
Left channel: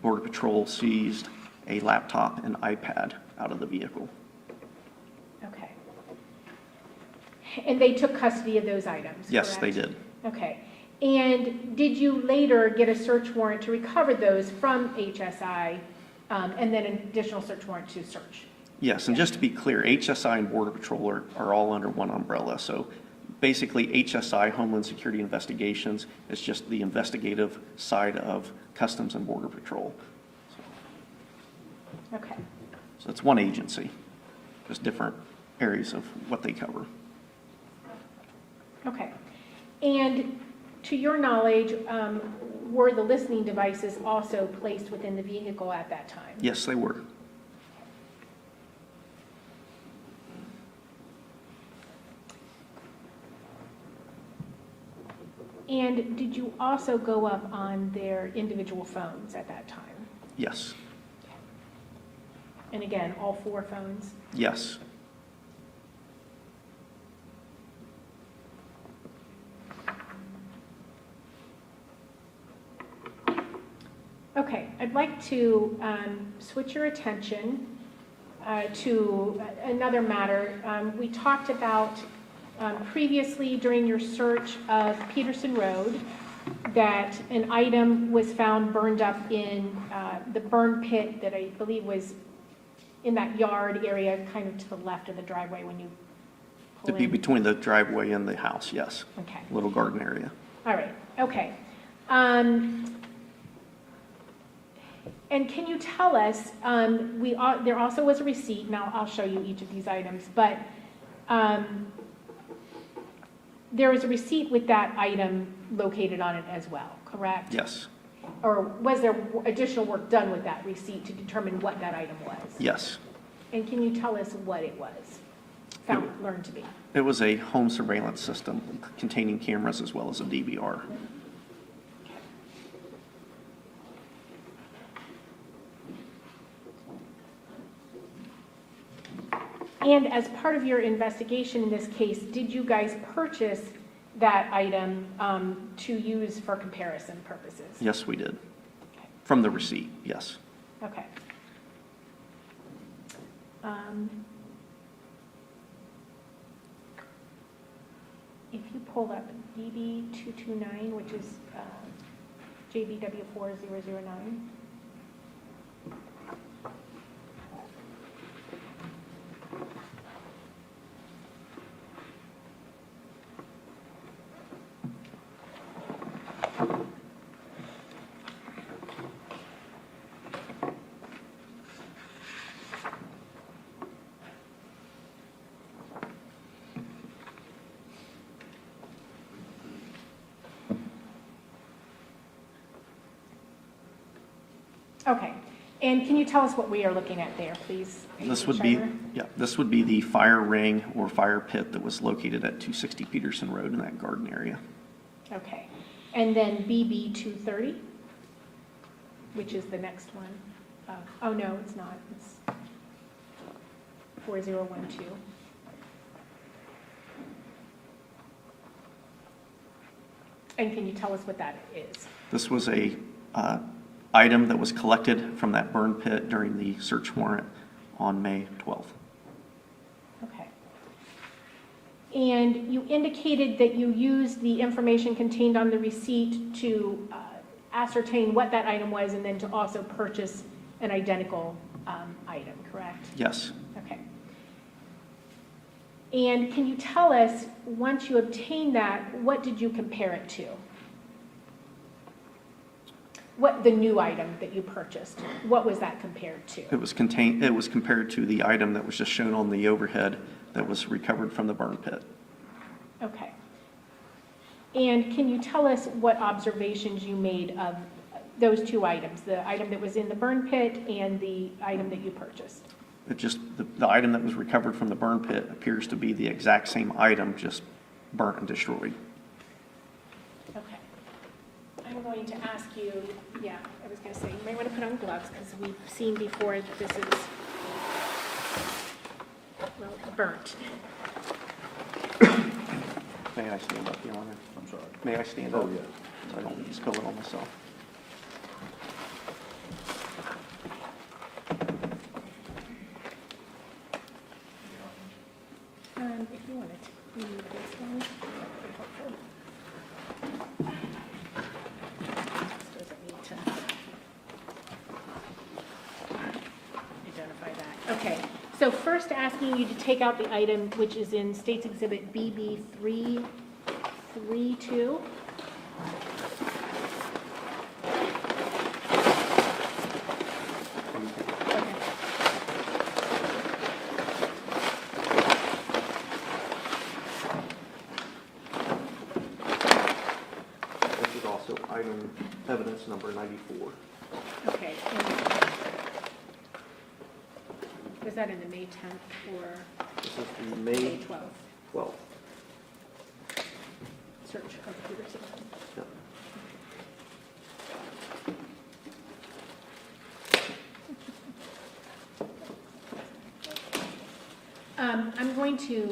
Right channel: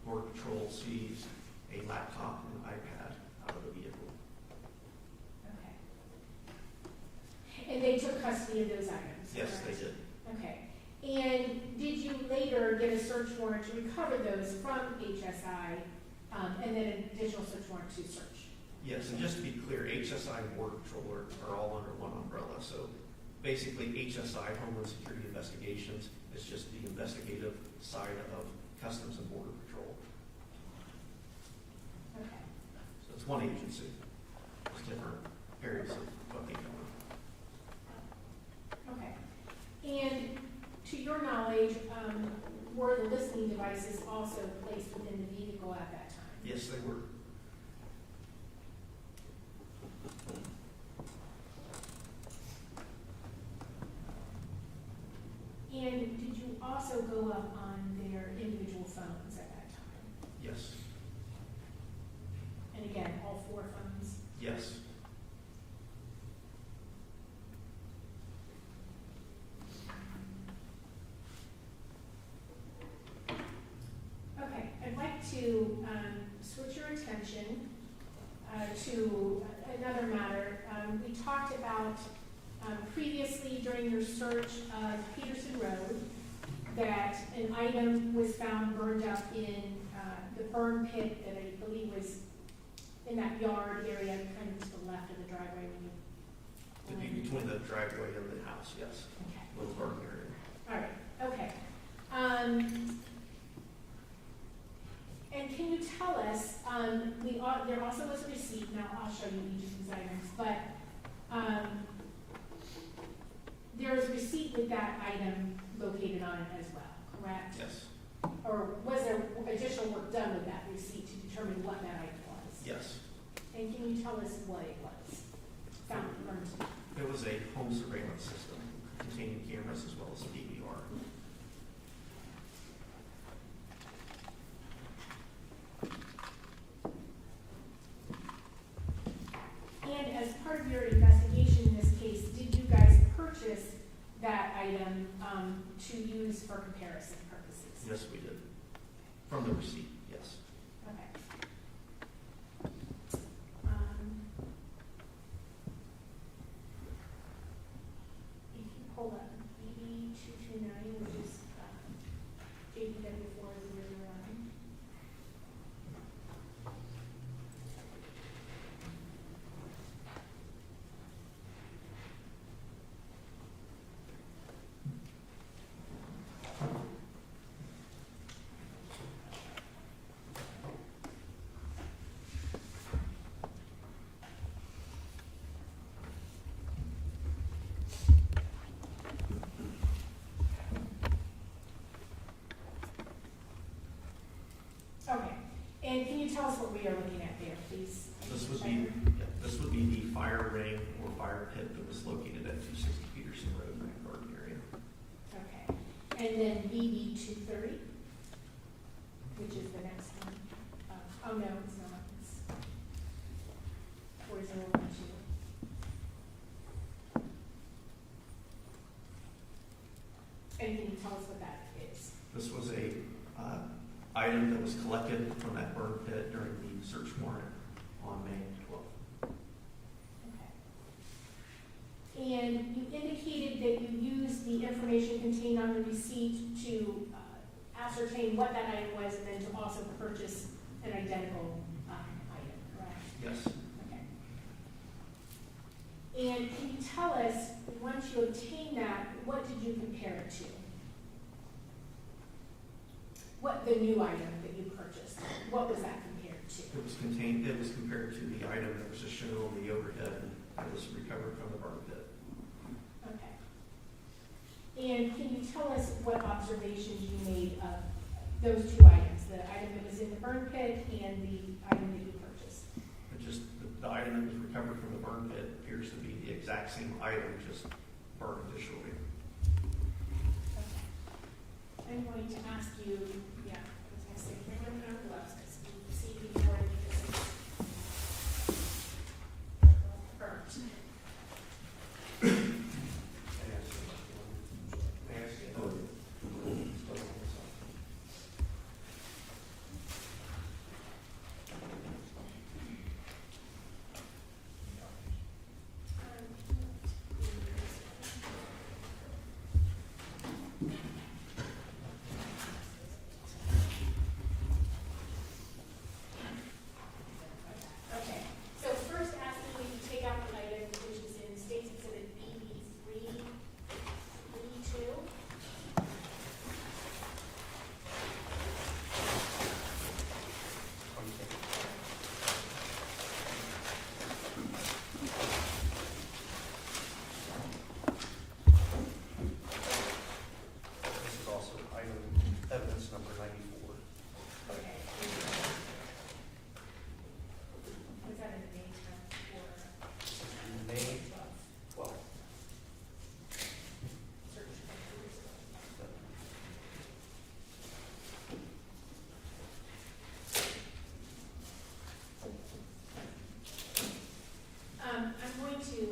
Border Patrol seized a laptop and iPad out of the vehicle. Okay. And they took custody of those items, Yes, they correct? did. Okay. And did you later get a search warrant to recover those from HSI, and then an additional search warrant to search? Yes, and just to be clear, HSI and Border Patrol are all under one umbrella. So basically, HSI, Homeland Security Investigations, is just the investigative side of Customs and Border Patrol. Okay. So it's one agency, just different areas of what they cover. Okay. And to your knowledge, were the listening devices also placed within the vehicle at that time? Yes, they were. And did you also go up on their individual phones at that time? Yes. And again, all 4 phones? Yes. Okay, I'd like to switch your attention to another matter. We talked about previously during your search of Peterson Road that an item was found burned up in the burn pit that I believe was in that yard area, kind of to the left of the driveway when you pull It'd be in? between the driveway and the house, yes. Okay, Little garden area. all right, okay. And can you tell us, there also was a receipt, now I'll show you each of these items, but there was a receipt with that item located on it as well, correct? Yes, Or was there additional work done with that receipt to determine what that item was? yes. And can you tell us what it was? Learned to be. It was a home surveillance system containing cameras as well as a DVR. And as part of your investigation in this case, did you guys purchase that item to use for comparison purposes? Yes, we did. From the receipt, yes. Okay. If you pull up BB229, which is JBW4009. Okay, and can you tell us what we are looking at there, please? This would be, this would be the fire ring or fire pit that was located at 260 Peterson Road in that garden area. Okay, and then BB230, which is the next one. Oh, no, it's not, it's 4012. And can you tell us what that is? This was a item that was collected from that burn pit during the search warrant on May 12th. Okay. And you indicated that you used the information contained on the receipt to ascertain what that item was and then to also purchase an identical item, correct? Yes. Okay. And can you tell us, once you obtained that, what did you compare it to? What, the new item that you purchased, what was that compared to? It was compared to the item that was just shown on the overhead that was recovered from the burn pit. Okay. And can you tell us what observations you made of those two items, the item that was in the burn pit and the item that you purchased? It just, the item that was recovered from the burn pit appears to be the exact same item, just burnt and destroyed. Okay. I'm going to ask you, I was going to say, you may want to put on gloves because we've seen before that this is, well, burnt. May I stand up, Your Honor? I'm sorry. May I stand up? Oh, yeah. So I don't spill it on myself. If you wanted to use this one, that would be helpful. Doesn't need to identify that. Okay, so first asking you to take out the item which is in State's Exhibit BB 332. This is also item evidence number 94. Okay. Was that in the May 10th or This is the May May 12th 12th. search of Peterson? Yep. I'm going to,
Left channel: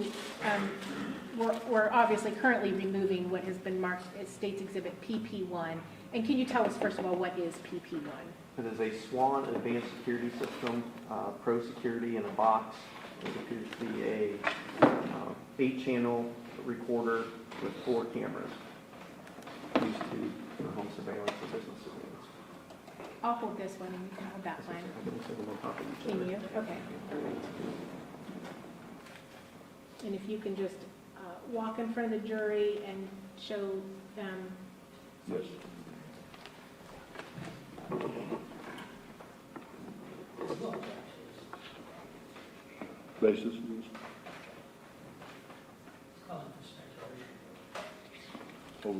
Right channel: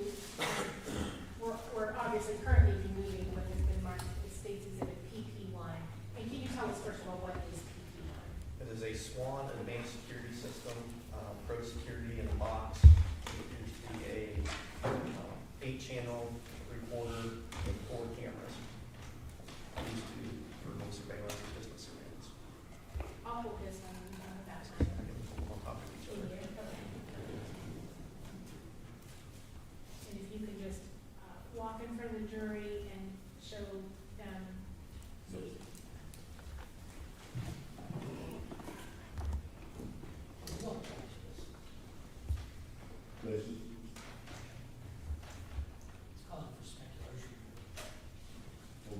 we're obviously currently removing what has been marked as State's Exhibit PP1. And can you tell us, first of all, what is PP1? It is a SWAN advanced security system, pro security in a box. It appears to be a 8-channel recorder with 4 cameras. The these two for home surveillance or business surveillance. I'll hold this one and you can hold that one. Can you? Okay. And if you can just walk in front of the jury and show them. Yes. Basis? Over.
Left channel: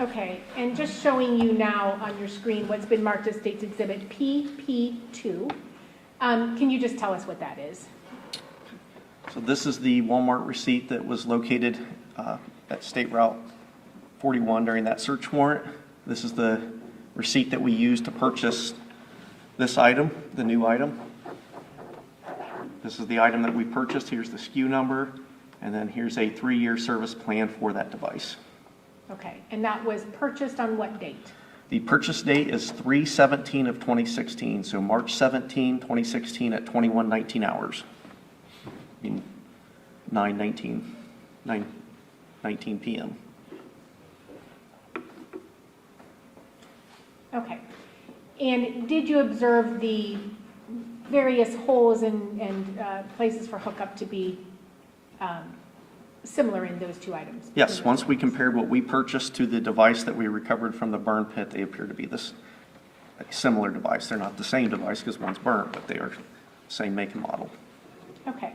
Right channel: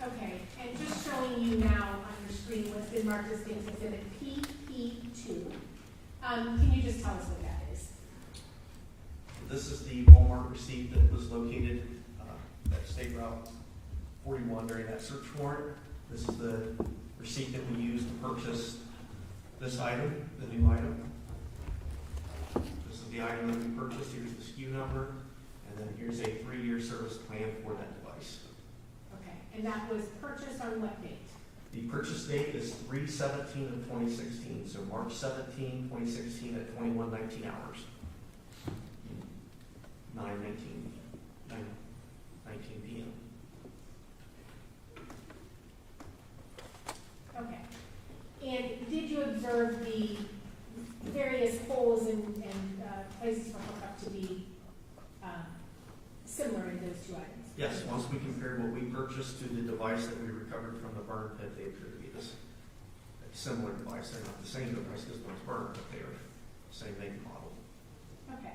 Okay, and just showing you now on your screen what's been marked as State's Exhibit PP2. Can you just tell us what that is? So this is the Walmart receipt that was located at State Route 41 during that search warrant. This is the receipt that we used to purchase this item, the new item. This is the item that we purchased. Here's the SKU number, and then here's a 3-year service plan for that device. Okay, and that was purchased on what date? The purchase date is 3/17 of 2016, so March 17, 2016 at 21:19 hours. In 9:19 p.m. Okay. And did you observe the various holes and places for hookup to be similar in those two items? Yes, once we compared what we purchased to the device that we recovered from the burn pit, they appear to be this similar device. They're not the same device because one's burnt, but they are the same make and model. Okay.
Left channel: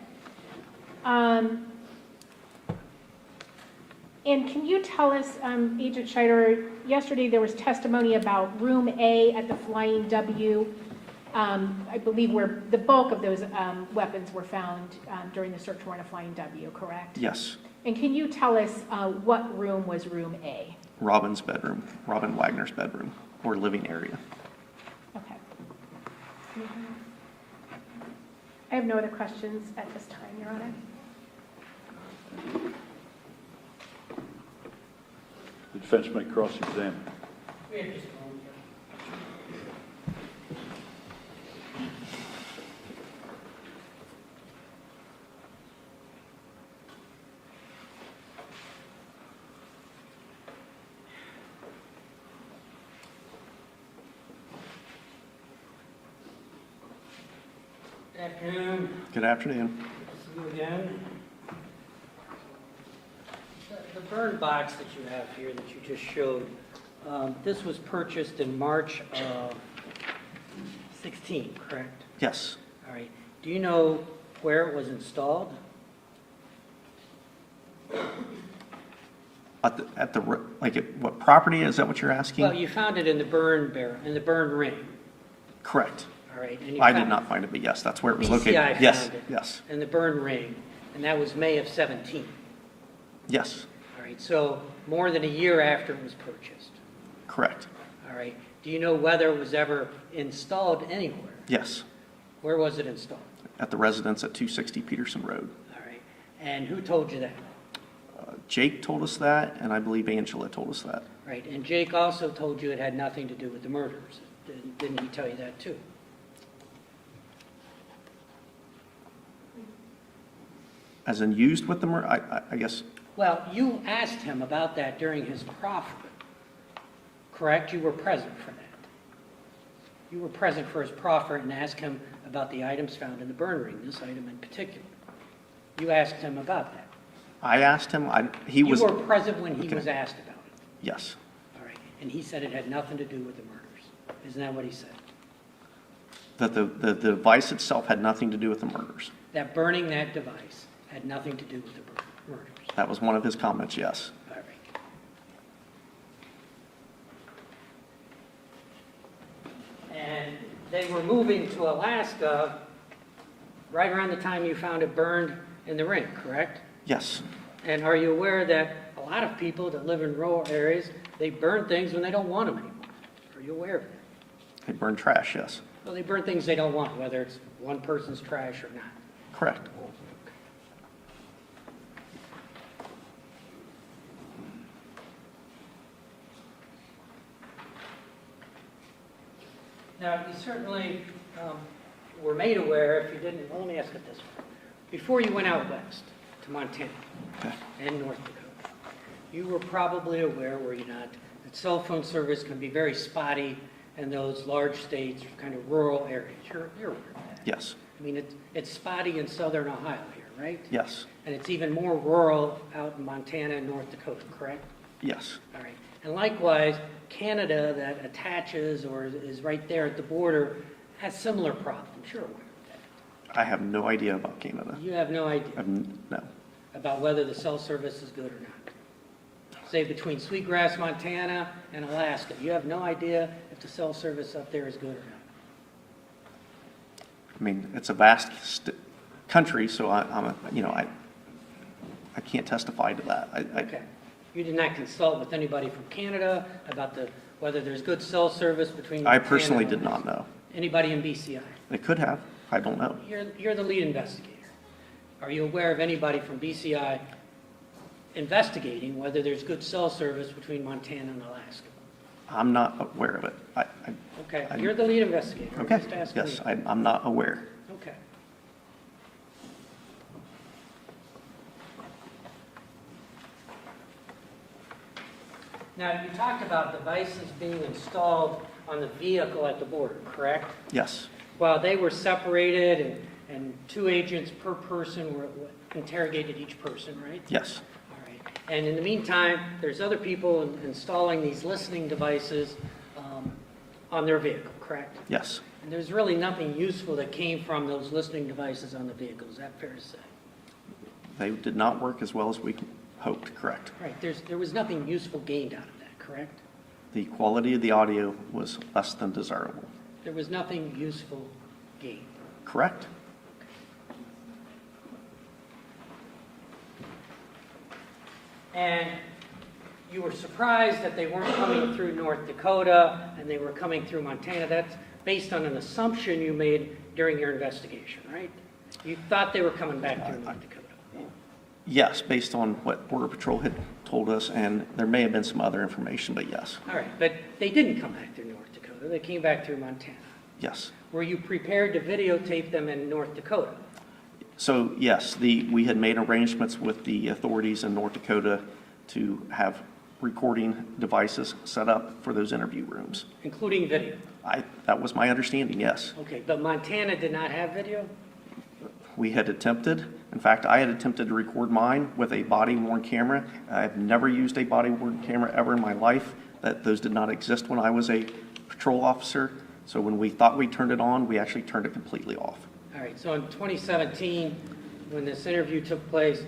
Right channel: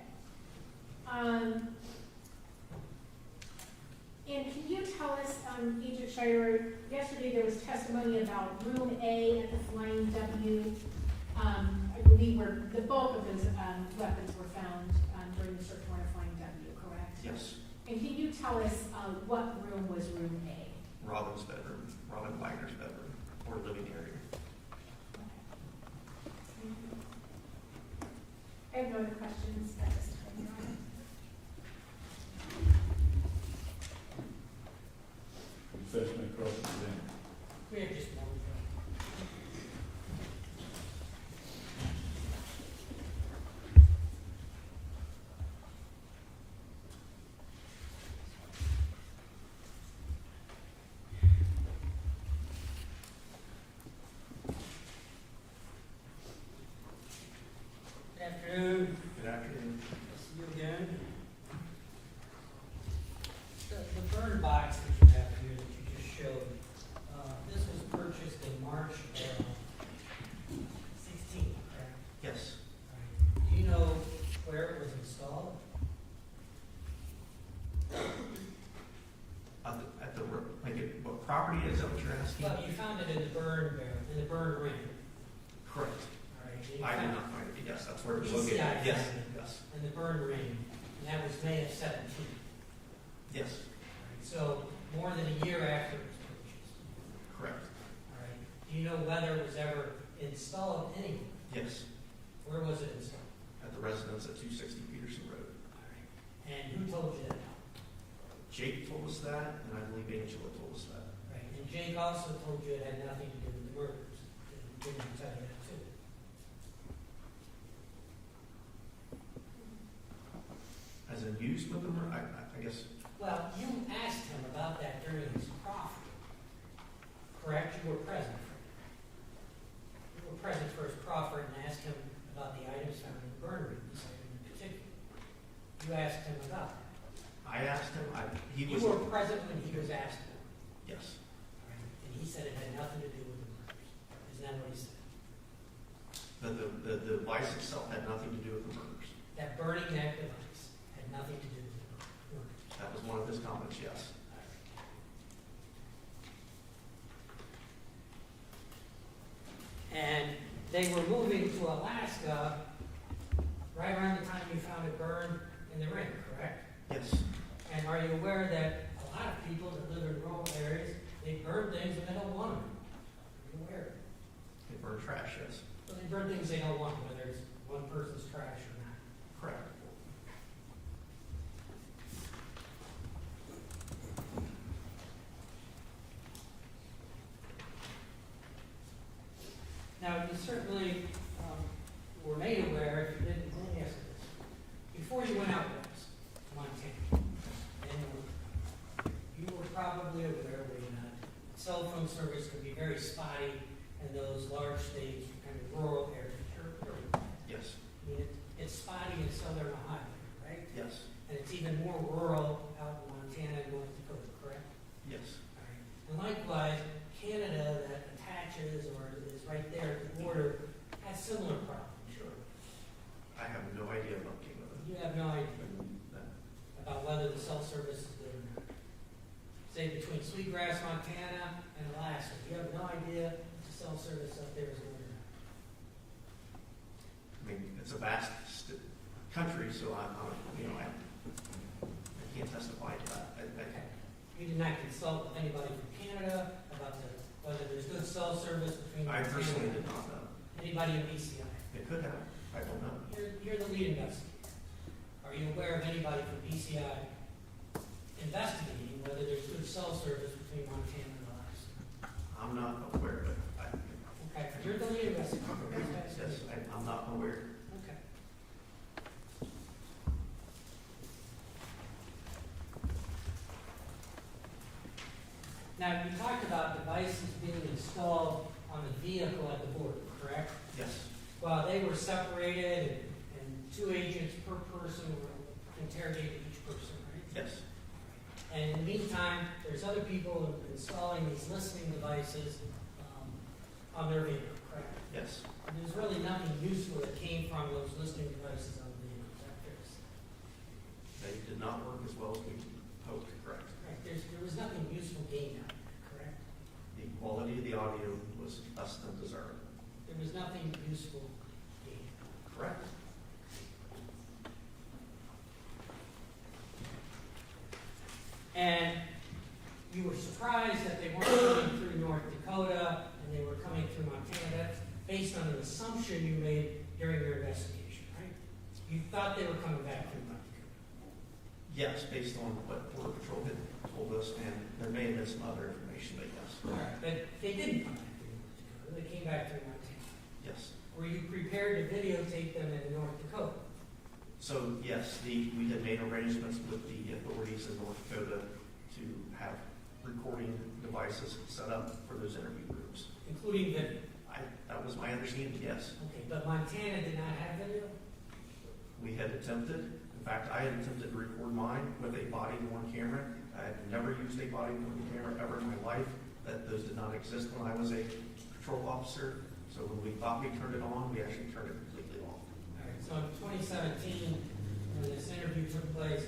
And can you tell us, Agent Scheider, yesterday there was testimony about Room A at the Flying W, I believe where the bulk of those weapons were found during the search warrant of Flying W, correct? Yes, And can you tell us what room was Room A? Robin's bedroom, Robin Wagner's bedroom or living area. Okay. I have no other questions at this time, Your Honor. The defense may cross-examine. We have just a moment. Good afternoon. Good afternoon. See you again. The burn box that you have here that you just showed, this was purchased in March of 16, correct? Yes, All right. Do you know where it was installed? what property, is that what you're asking? Well, you found it in the burn barrel, in the burn ring, Correct. all right? And you I did found not find it, but yes, that's where it was BCI located. found Yes, it. yes, In the burn ring, and that was May of 17. yes, All right, so more than a year after it was purchased. correct. All right. Do you know whether it was ever installed anywhere? Yes, Where was it installed? at the residence at 260 Peterson Road. All right. And who told you that? Jake told us that, and I believe Angela told us that. Right. And Jake also told you it had nothing to do with the murders. Didn't he tell you that too? As in used with the murder, I guess, Well, you asked him about that during his proffer, correct? You were present for that. You were present for his proffer and asked him about the items found in the burn ring, this item in particular. You asked him about that. I asked him, he You was, were present when he Okay. was asked about Yes. All right, and he said it had nothing to do with the murders. Isn't that what he said? That the device itself had nothing to do with the murders. That burning that device had nothing to do with the murders. That was one of his comments, yes. All right. And they were moving to Alaska right around the time you found it burned in the rink, correct? Yes. And are you aware that a lot of people that live in rural areas, they burn things when they don't want them anymore? Are you aware of that? They burned trash, yes. Well, they burn things they don't want, whether it's one person's trash or not. Correct. Now, you certainly were made aware, if you didn't, let me ask it this way. Before you went out west to Montana Okay. and North Dakota, you were probably aware, were you not, that cell phone service can be very spotty in those large states, kind of rural areas. You're aware of that. Yes. I mean, it's spotty in southern Ohio here, right? Yes. And it's even more rural out in Montana and North Dakota, correct? Yes. All right. And likewise, Canada that attaches or is right there at the border has similar problems. You're aware of I have no idea about Canada. that. You have no idea No. about whether the cell service is good or not. Say between Sweetgrass, Montana and Alaska, you have no idea if the cell service up there is good or not. I mean, it's a vast country, so I can't testify to that. Okay. You did not consult with anybody from Canada about whether there's good cell service between I Montana personally and did Alaska? not know. Anybody in BCI? They could have. I don't know. You're the lead investigator. Are you aware of anybody from BCI investigating whether there's good cell service between Montana and Alaska? I'm not aware of it. Okay, you're the lead investigator. Okay. Just asking Yes, you. I'm not aware. Okay. Now, you talked about devices being installed on the vehicle at the border, correct? Yes. Well, they were separated and 2 agents per person were interrogated each person, right? Yes. All right. And in the meantime, there's other people installing these listening devices on their vehicle, correct? Yes. And there's really nothing useful that came from those listening devices on the vehicle. Is that fair to say? They did not work as well as we hoped, correct. Right. There was nothing useful gained out of that, correct? The quality of the audio was less than desirable. There was nothing useful gained. Correct. And you were surprised that they weren't coming through North Dakota and they were coming through Montana. That's based on an assumption you made during your investigation, right? You thought they were coming back through North Dakota. Yes, based on what Border Patrol had told us, and there may have been some other information, but yes. All right, but they didn't come back through North Dakota. They came back through Montana. Yes. Were you prepared to videotape them in North Dakota? So, yes, we had made arrangements with the authorities in North Dakota to have recording devices set up for those interview rooms. Including video? That was my understanding, yes. Okay, but Montana did not have video? We had attempted, in fact, I had attempted to record mine with a body-worn camera. I've never used a body-worn camera ever in my life. Those did not exist when I was a patrol officer. So when we thought we turned it on, we actually turned it completely off. All right, so in 2017, when this interview took place,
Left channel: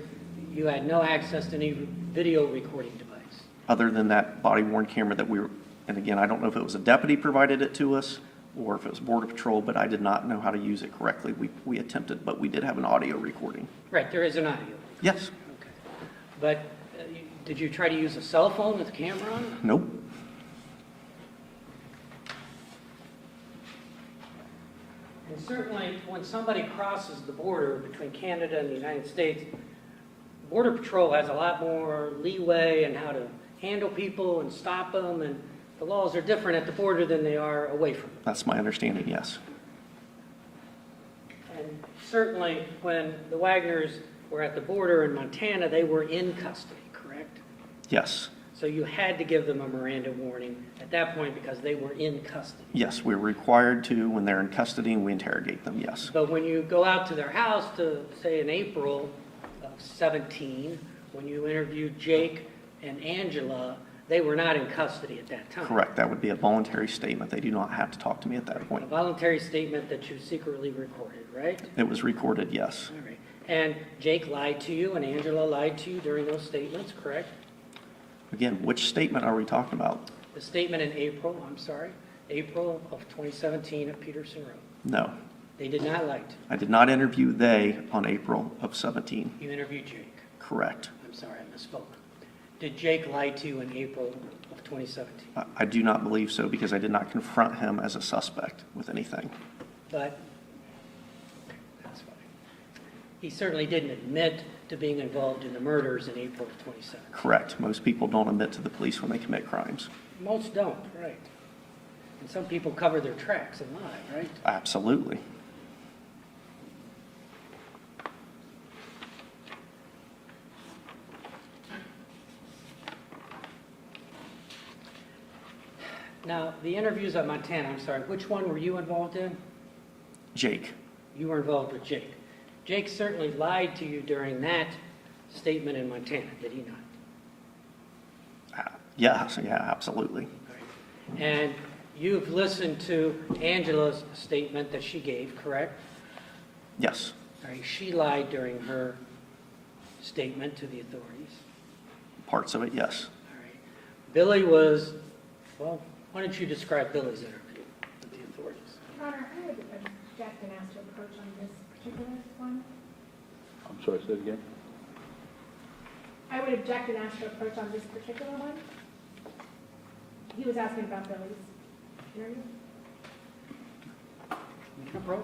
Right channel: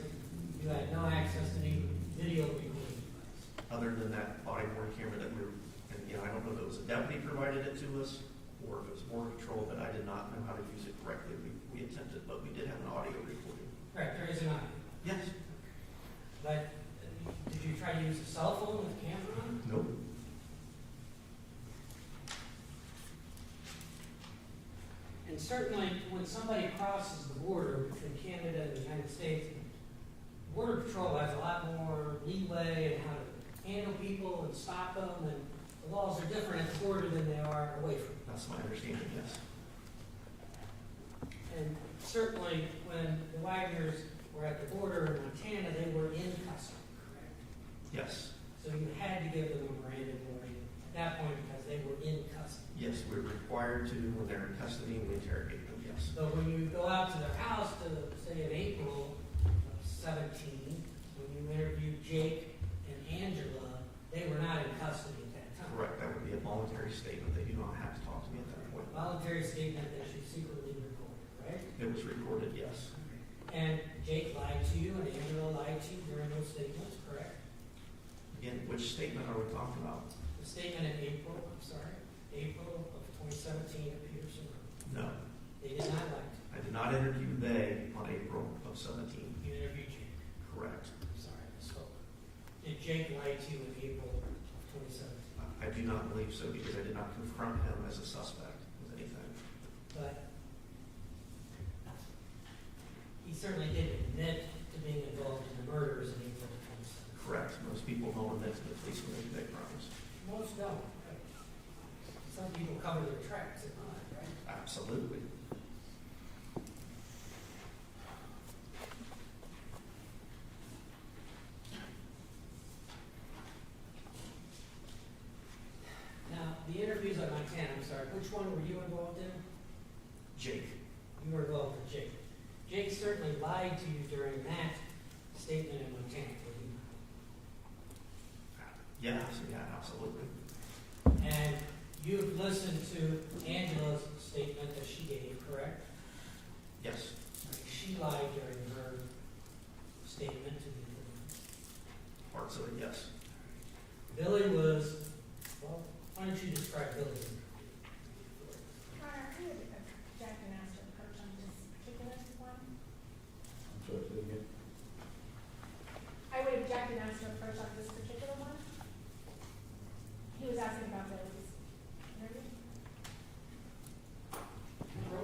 you had no access to any video recording device? Other than that body-worn camera that we were, and again, I don't know if it was a deputy provided it to us or if it was Border Patrol, but I did not know how to use it correctly. We attempted, but we did have an audio recording. Right, there is an audio. Yes. Okay. But did you try to use a cell phone with a camera on it? Nope. And certainly, when somebody crosses the border between Canada and the United States, Border Patrol has a lot more leeway in how to handle people and stop them, and the laws are different at the border than they are away from it. That's my understanding, yes. And certainly, when the Wagners were at the border in Montana, they were in custody, correct? Yes. So you had to give them a Miranda warning at that point because they were in custody. Yes, we're required to, when they're in custody and we interrogate them, yes. But when you go out to their house to, say, in April of 17, when you interviewed Jake and Angela, They were not in custody at that time. Correct, that would be a voluntary statement. They do not have to talk to me at that A point. voluntary statement that you secretly recorded, right? It was recorded, yes. All right. And Jake lied to you and Angela lied to you during those statements, correct? Again, which statement are we talking about? The statement in April of 2017 at Peterson Road. No, They did not lie to I did not interview they on April of 17. you. You interviewed Jake. Correct. I'm sorry, I misspoke. Did Jake lie to you in April of 2017? I do not believe so because I did not confront him as a suspect with anything. But, that's fine. He certainly didn't admit to being involved in the murders in April of 2017. Correct. Most people don't admit to the police when they commit crimes. Most don't, right. And some people cover their tracks and lie, right? Absolutely. Now, the interviews at Montana, I'm sorry, which one were you involved in? Jake. You were involved with Jake. Jake certainly lied to you during that statement in Montana, did he not? Yes, yeah, absolutely. Right. And you've listened to Angela's statement that she gave, correct? Yes. All right, she lied during her statement to the authorities. Parts of it, yes. All right. Billy was, well, why don't you describe Billy's interview with the authorities? Your Honor, I would object and ask to approach on this particular one. I'm sorry, say it again? I would object and ask to approach on this particular one. He was asking about Billy's interview. Approach.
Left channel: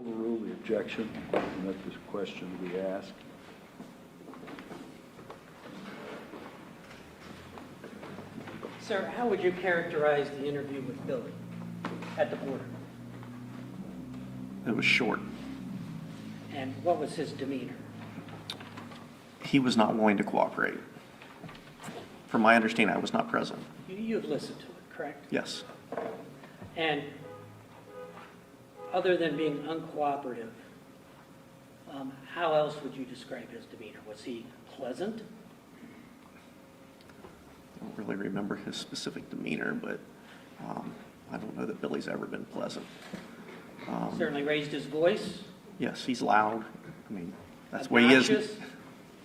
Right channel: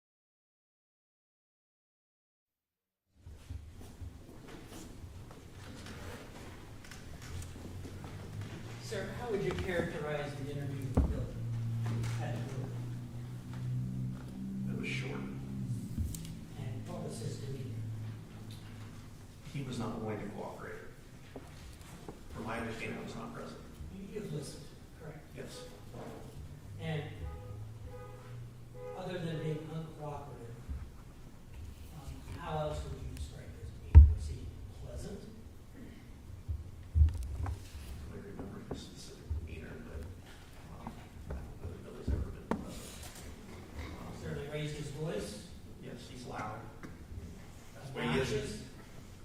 Overrule the objection, and let this question be asked. Sir, how would you characterize the interview with Billy at the border? It was short. And what was his demeanor? He was not willing to cooperate. From my understanding, I was not present. You've listened to it, correct? Yes. And other than being uncooperative, how else would you describe his demeanor? Was he pleasant? I don't really remember his specific demeanor, but I don't know that Billy's ever been pleasant. Certainly raised his voice? Yes, he's loud. I mean, that's the way he is. Obnoxious?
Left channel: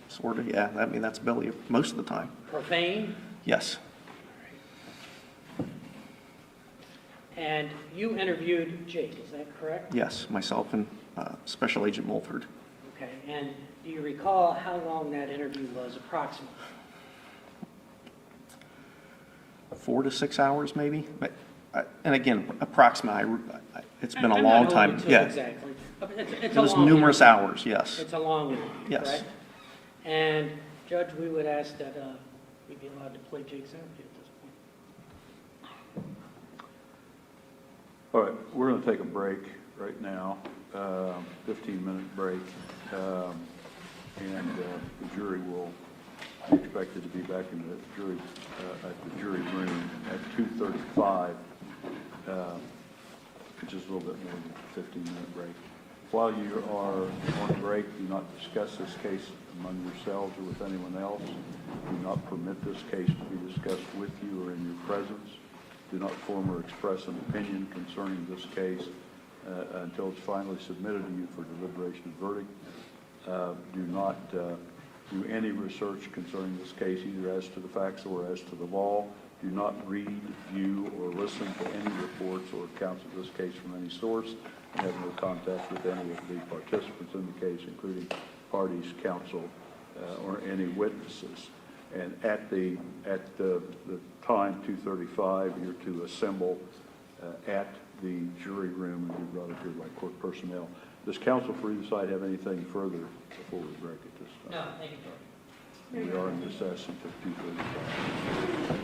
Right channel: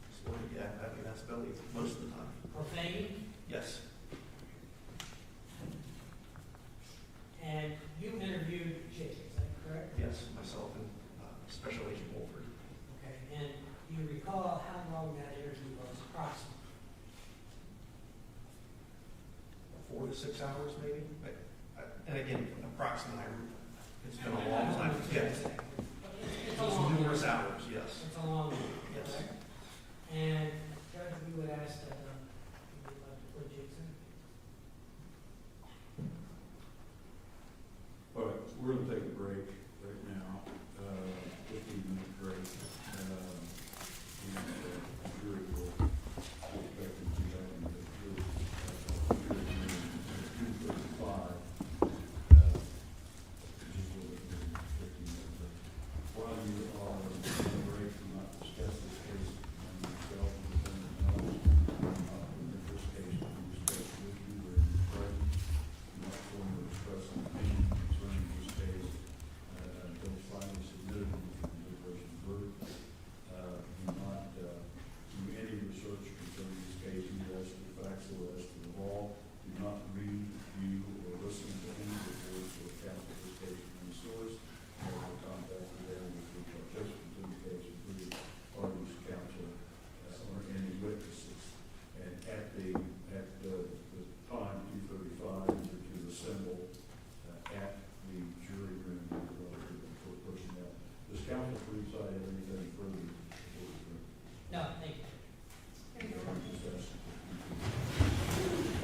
Sort of, yeah. I mean, that's Billy most of the time. Profane? Yes. And you interviewed Jake, is that correct? Yes, myself and Special Agent Mulford. Okay, and do you recall how long that interview was approximately? 4 to 6 hours, maybe. But and again, approximately. It's been a I'm long not time. holding to Yeah, exactly. But it's it a was long numerous interview. hours. Yes. It's a long interview, Yes. correct? And Judge, we would ask that we be allowed to play Jake's interview at this point. All right, we're going to take a break right now, 15-minute break, and the jury will be expected to be back in the jury at the jury room at 2:35, which is a little bit more than a 15-minute break. While you are on break, do not discuss this case among yourselves or with anyone else. Do not permit this case to be discussed with you or in your presence. Do not form or express an opinion concerning this case until it's finally submitted to you for deliberation and verdict. Do not do any research concerning this case, either as to the facts or as to the law. Do not read, view, or listen to any reports or accounts of this case from any source. And have no contact with any of the participants in the case, including parties, counsel, or any witnesses. And at the time, 2:35, you're to assemble at the jury room, and you're brought up here by court personnel. Does counsel for either side have anything further before we break at this No, time? thank you. We are in recess until 2:35.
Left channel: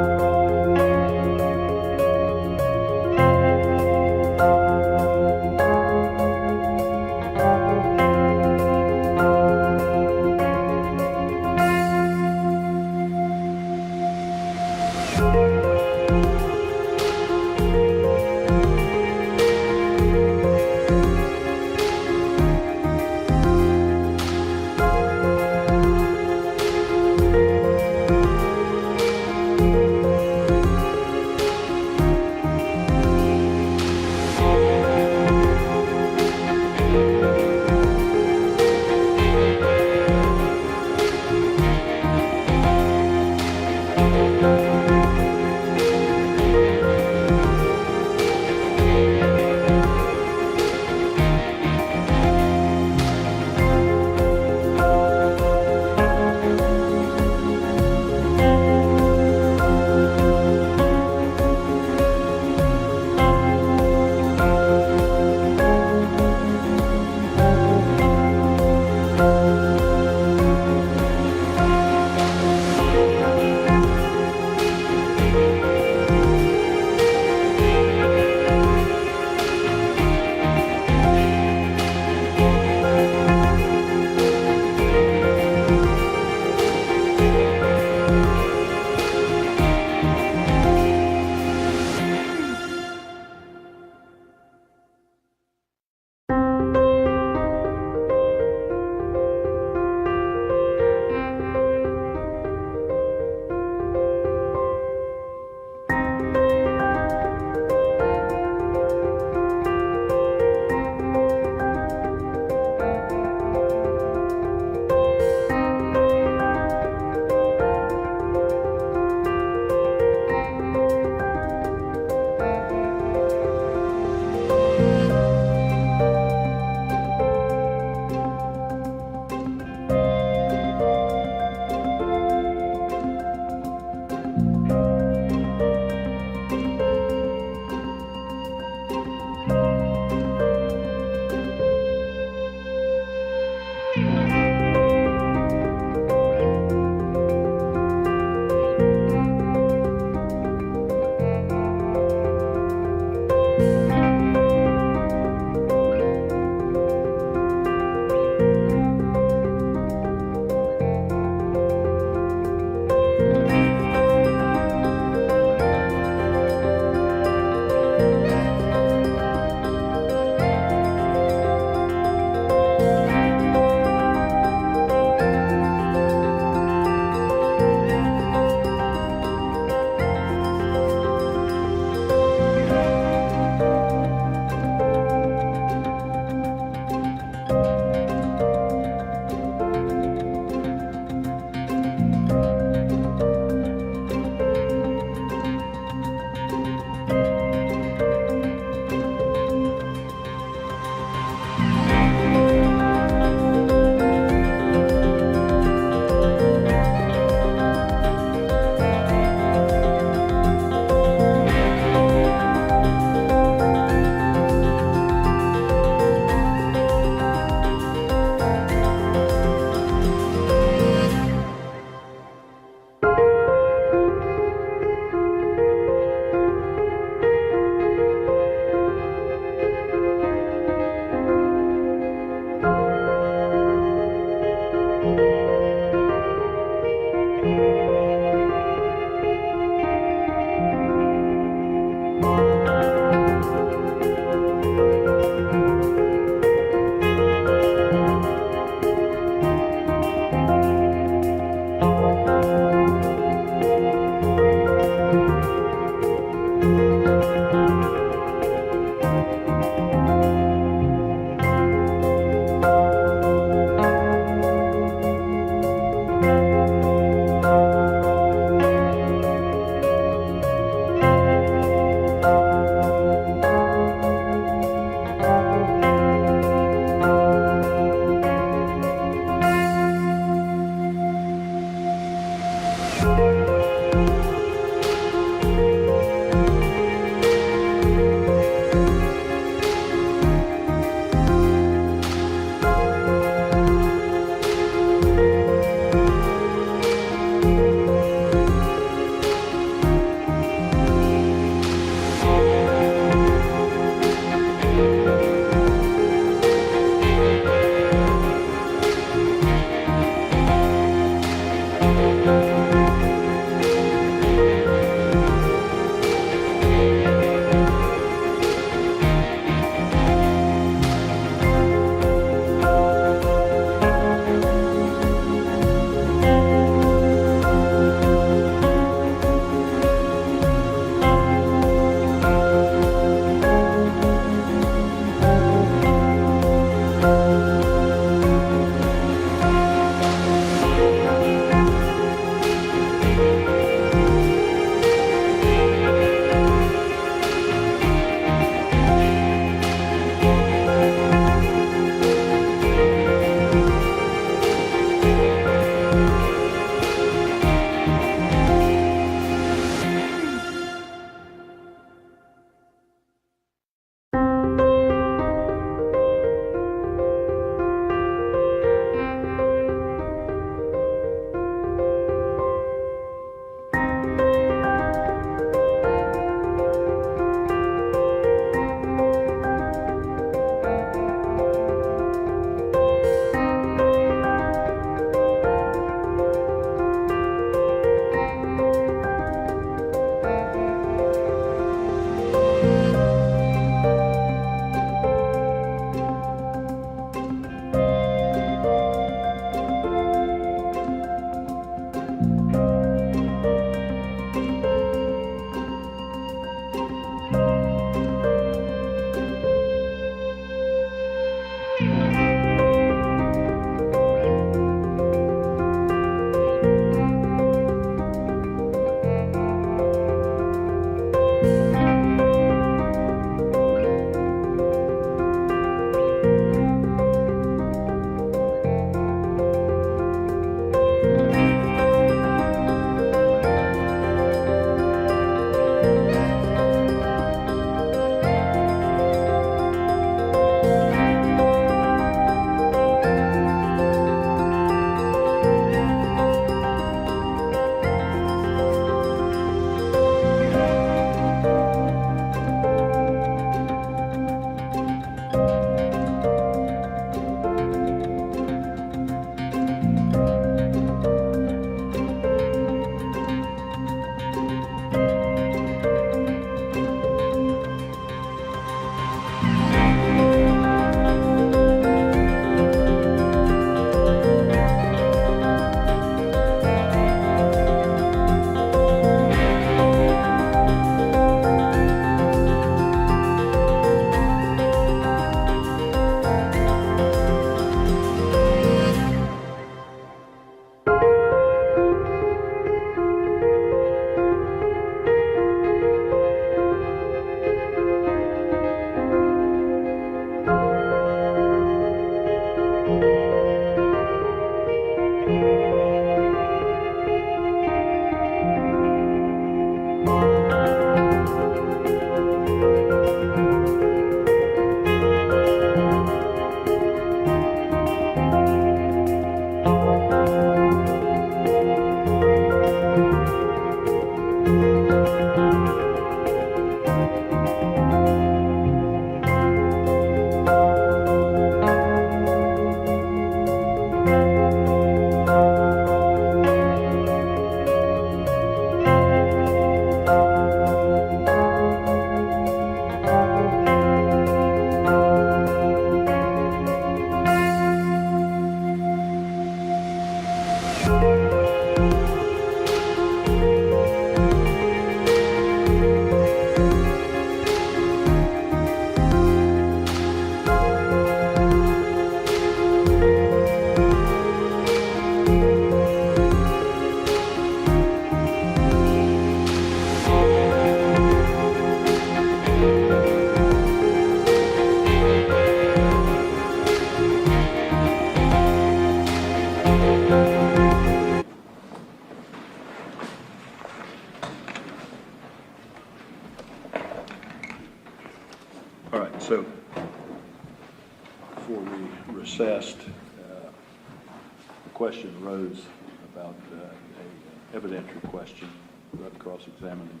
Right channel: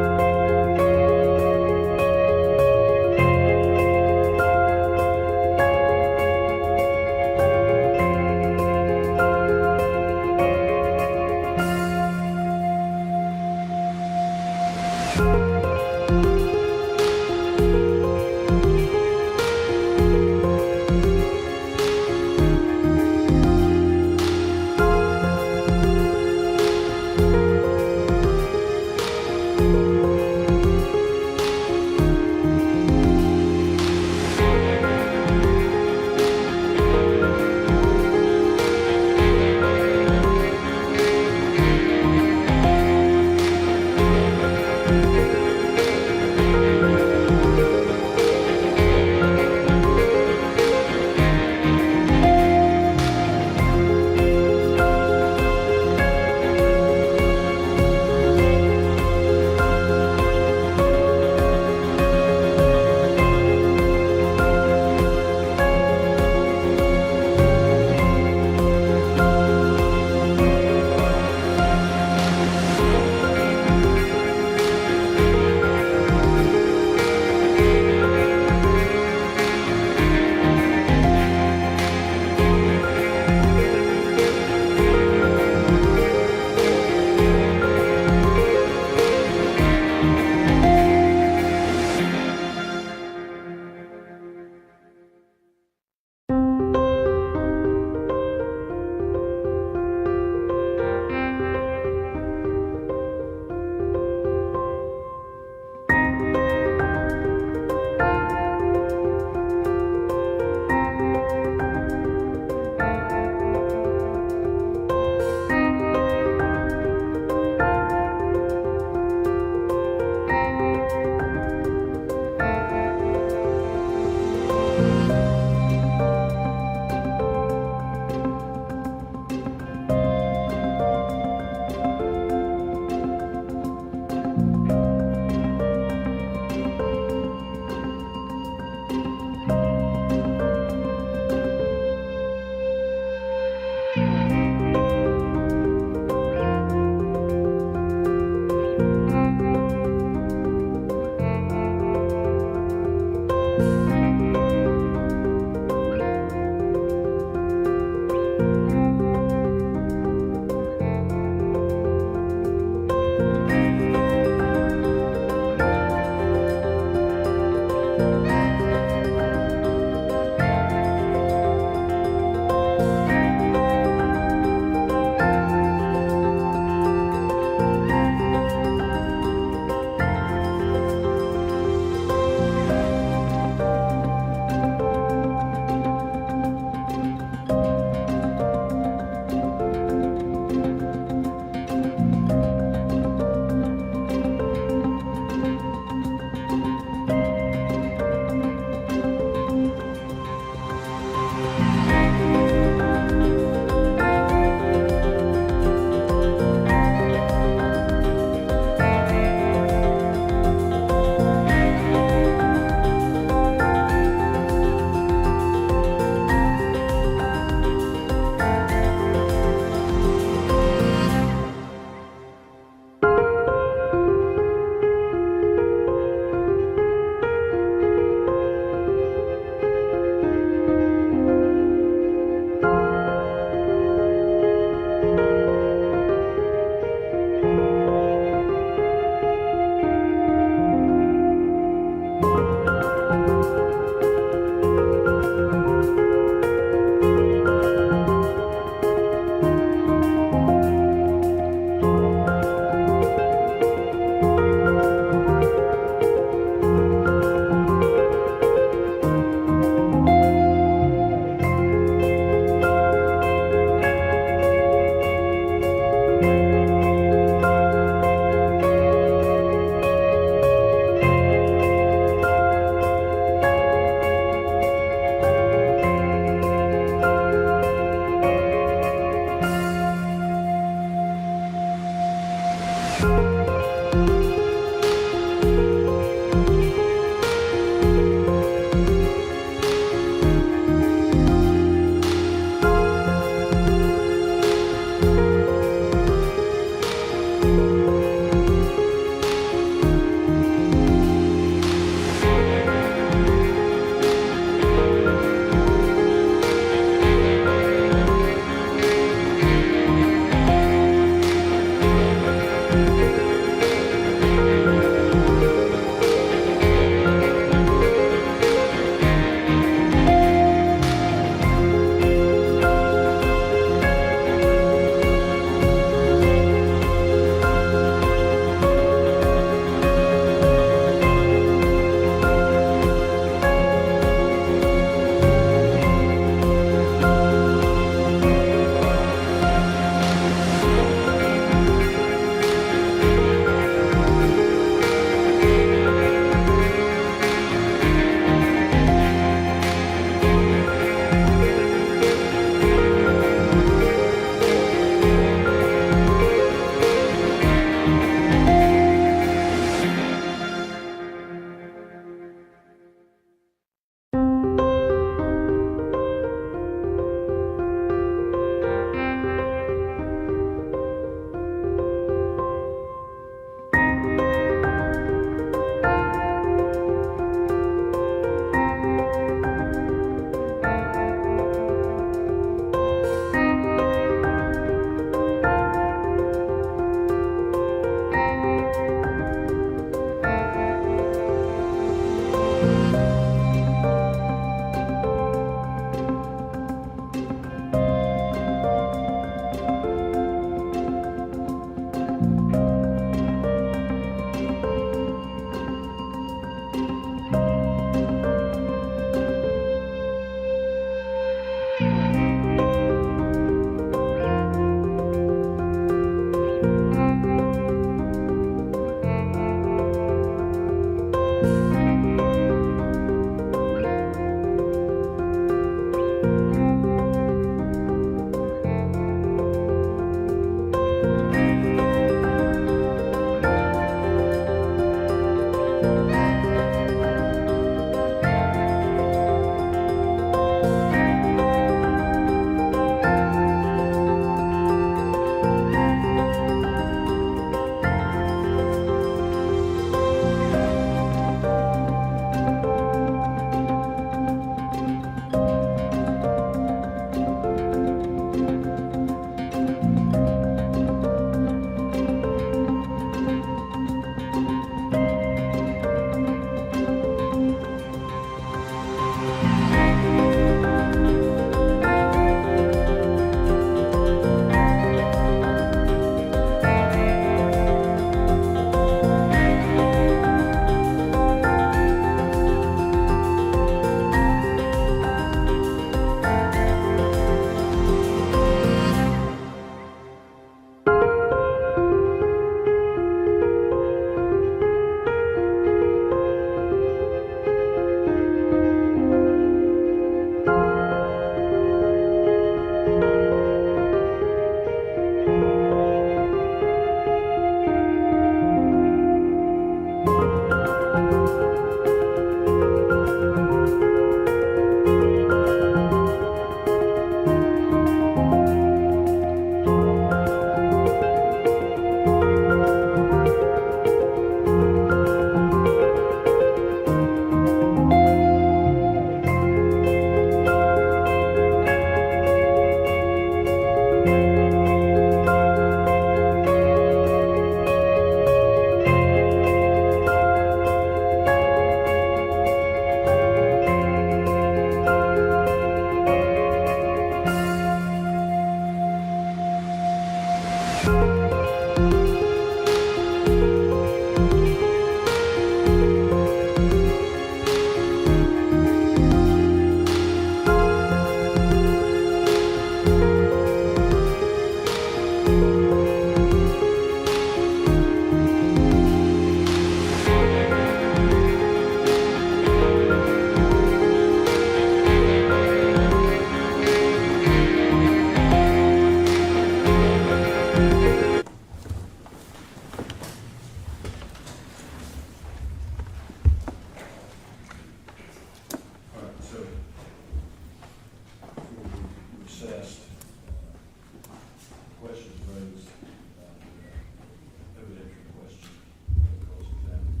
about a evidentiary question about cross-examining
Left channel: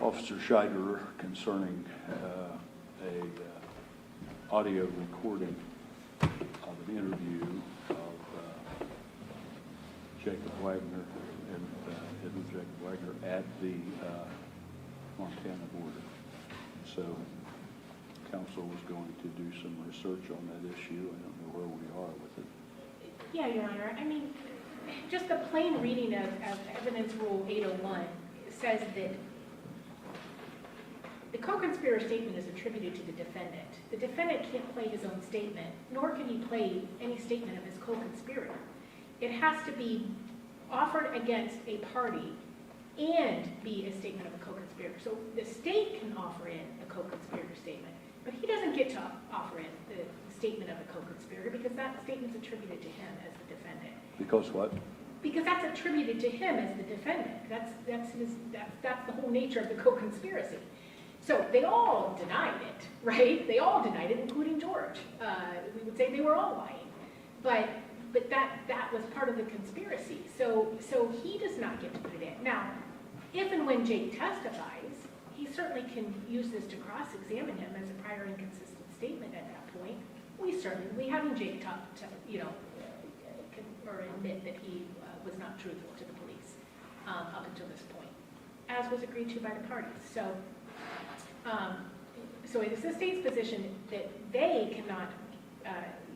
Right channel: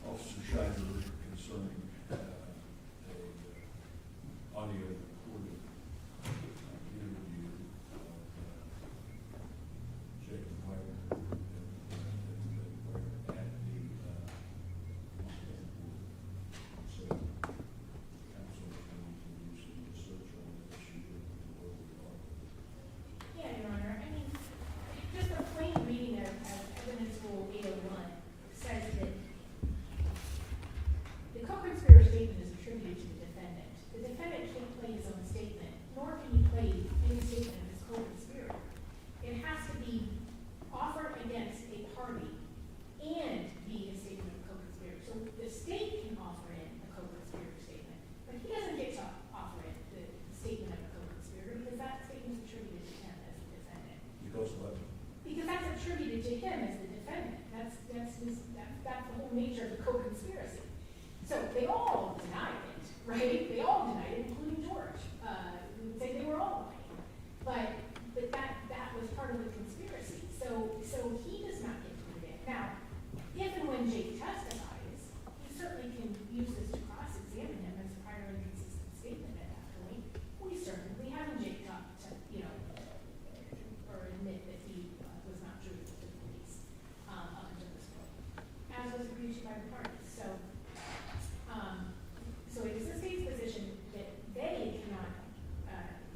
Officer Scheider concerning a audio recording of an interview of Jacob Wagner and Jacob Wagner at the Montana border. So council was going to do some research on that issue. I don't know where we are with it. Yeah, Your Honor. I mean, just the plain reading of Evidence Rule 801 says that the co-conspirator statement is attributed to the defendant. The defendant can't play his own statement, nor can he play any statement of his co-conspirator. It has to be offered against a party and be a statement of a co-conspirator. So the state can offer in a co-conspirator statement, but he doesn't get to offer in the statement of a co-conspirator because that statement's attributed to him as the defendant. Because what? Because that's attributed to him as the defendant. That's the whole nature of the co-conspiracy. So they all denied it, right? They all denied it, including George. We would say they were all lying, but that was part of the conspiracy. So he does not get to put it in. Now, if and when Jake testifies, he certainly can use this to cross-examine him as a prior inconsistent statement at that point. We having Jake talk to, or admit that he was not truthful to the police up until this point, as was agreed to by the parties. So it is the state's position that they cannot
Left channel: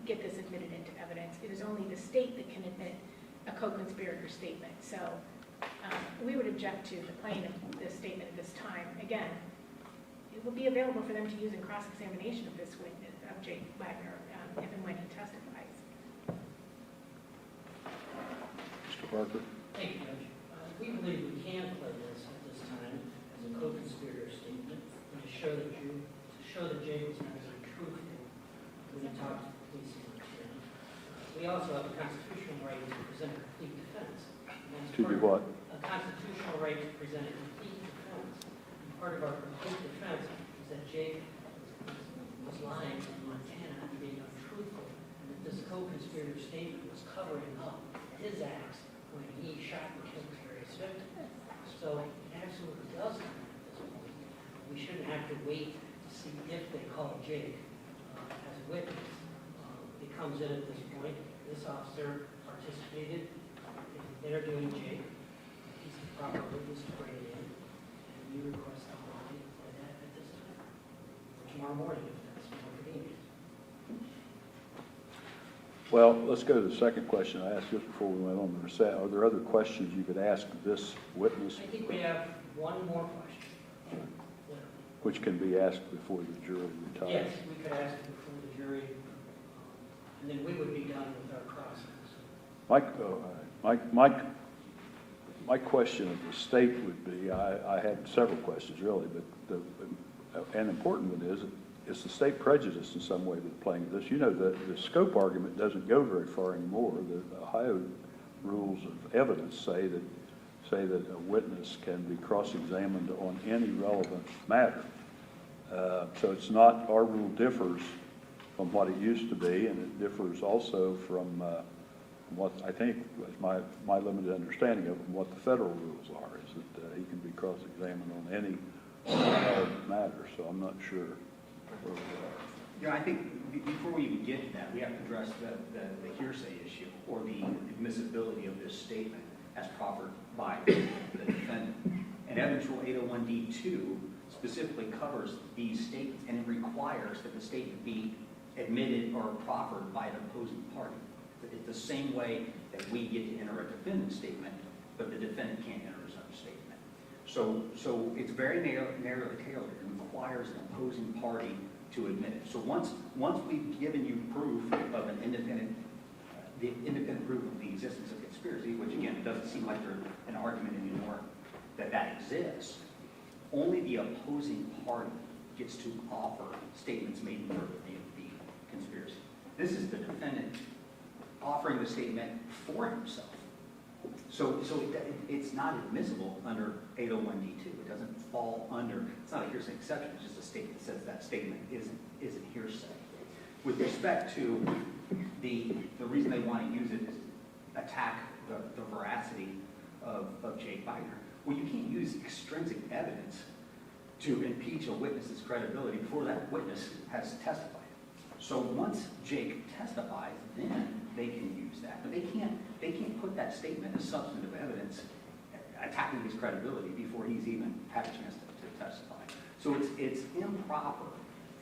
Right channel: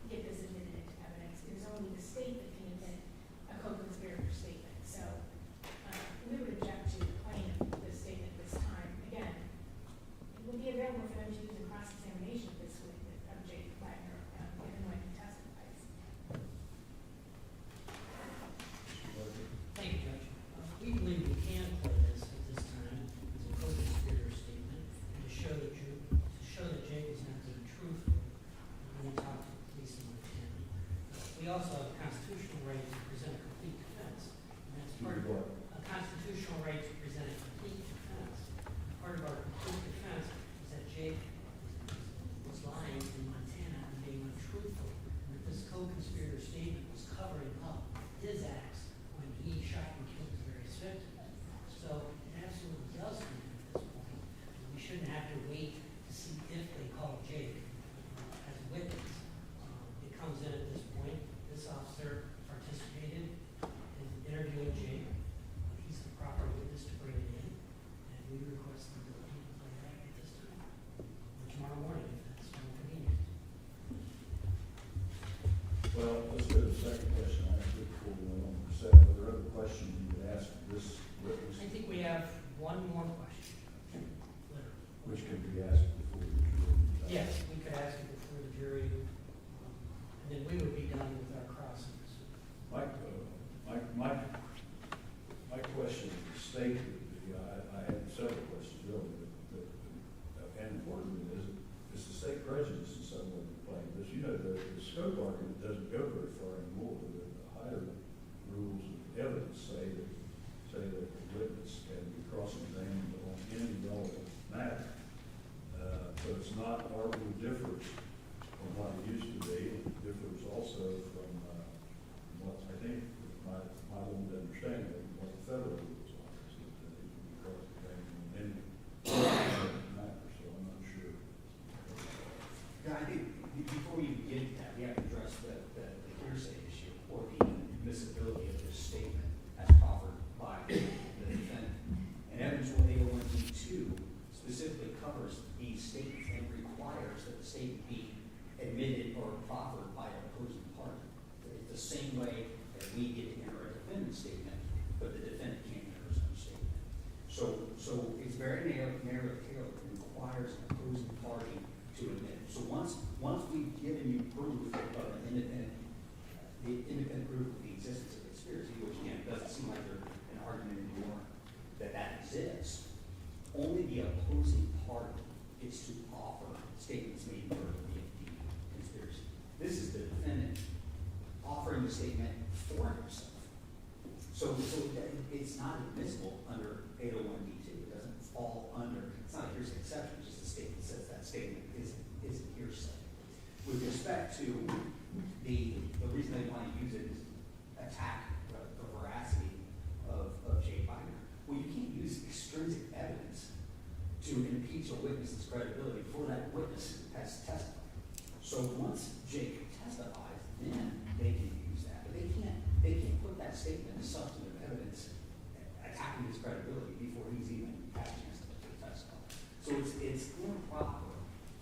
get this admitted into evidence. It is only the state that can admit a co-conspirator statement. So we would object to the plain of this statement at this time. Again, it will be available for them to use in cross-examination of this witness, of Jake Wagner, if and when he testifies. Mr. Parker? Thank you, Judge. We believe we can play this at this time as a co-conspirator statement and to show that Jake was not being truthful when he talked to the police in Montana. We also have a constitutional right to present a complete defense. To do what? A constitutional right to present a complete defense. And part of our complete defense is that Jake was lying in Montana and being untruthful, and that this co-conspirator statement was covering up his acts when he shot and killed his various victims. So it absolutely does come at this point. We shouldn't have to wait to see if they call Jake as a witness. It comes in at this point. This officer participated in interviewing Jake. He's the proper witness to bring it in, and we request the body play that at this time, or tomorrow morning if that's more convenient. Well, let's go to the second question I asked just before we went on the recess. Are there other questions you could ask this witness? I think we have one more question. Which can be asked before the jury retires? Yes, we could ask it before the jury, and then we would be done with our process. My question of the state would be, I had several questions really, but an important one is the state prejudiced in some way with playing this? You know, the scope argument doesn't go very far anymore. The Ohio rules of evidence say that a witness can be cross-examined on any relevant matter. So it's not, our rule differs from what it used to be, and it differs also from what I think was my limited understanding of what the federal rules are, is that he can be cross-examined on any relevant matter. So I'm not sure where we are. Yeah, I think before we even get to that, we have to address the hearsay issue or the admissibility of this statement as proffered by the defendant. And Evidence Rule 801D2 specifically covers these statements, and it requires that the statement be admitted or proffered by an opposing party. It's the same way that we get to enter a defendant's statement, but the defendant can't enter his own statement. So it's very narrow tailored. It requires an opposing party to admit it. So once we've given you proof of an independent proof of the existence of conspiracy, which again doesn't seem like there's an argument anymore that exists, only the opposing party gets to offer statements made in favor of the conspiracy. This is the defendant offering the statement for himself. So it's not admissible under 801D2. It doesn't fall under, it's not a hearsay exception, it's just a statement that says that statement is hearsay. With respect to the reason they want to use it is, witness has testified. So once Jake testifies, then they can use that. But they can't put that statement as substantive evidence attacking his credibility before he's even had a chance to testify. So it's improper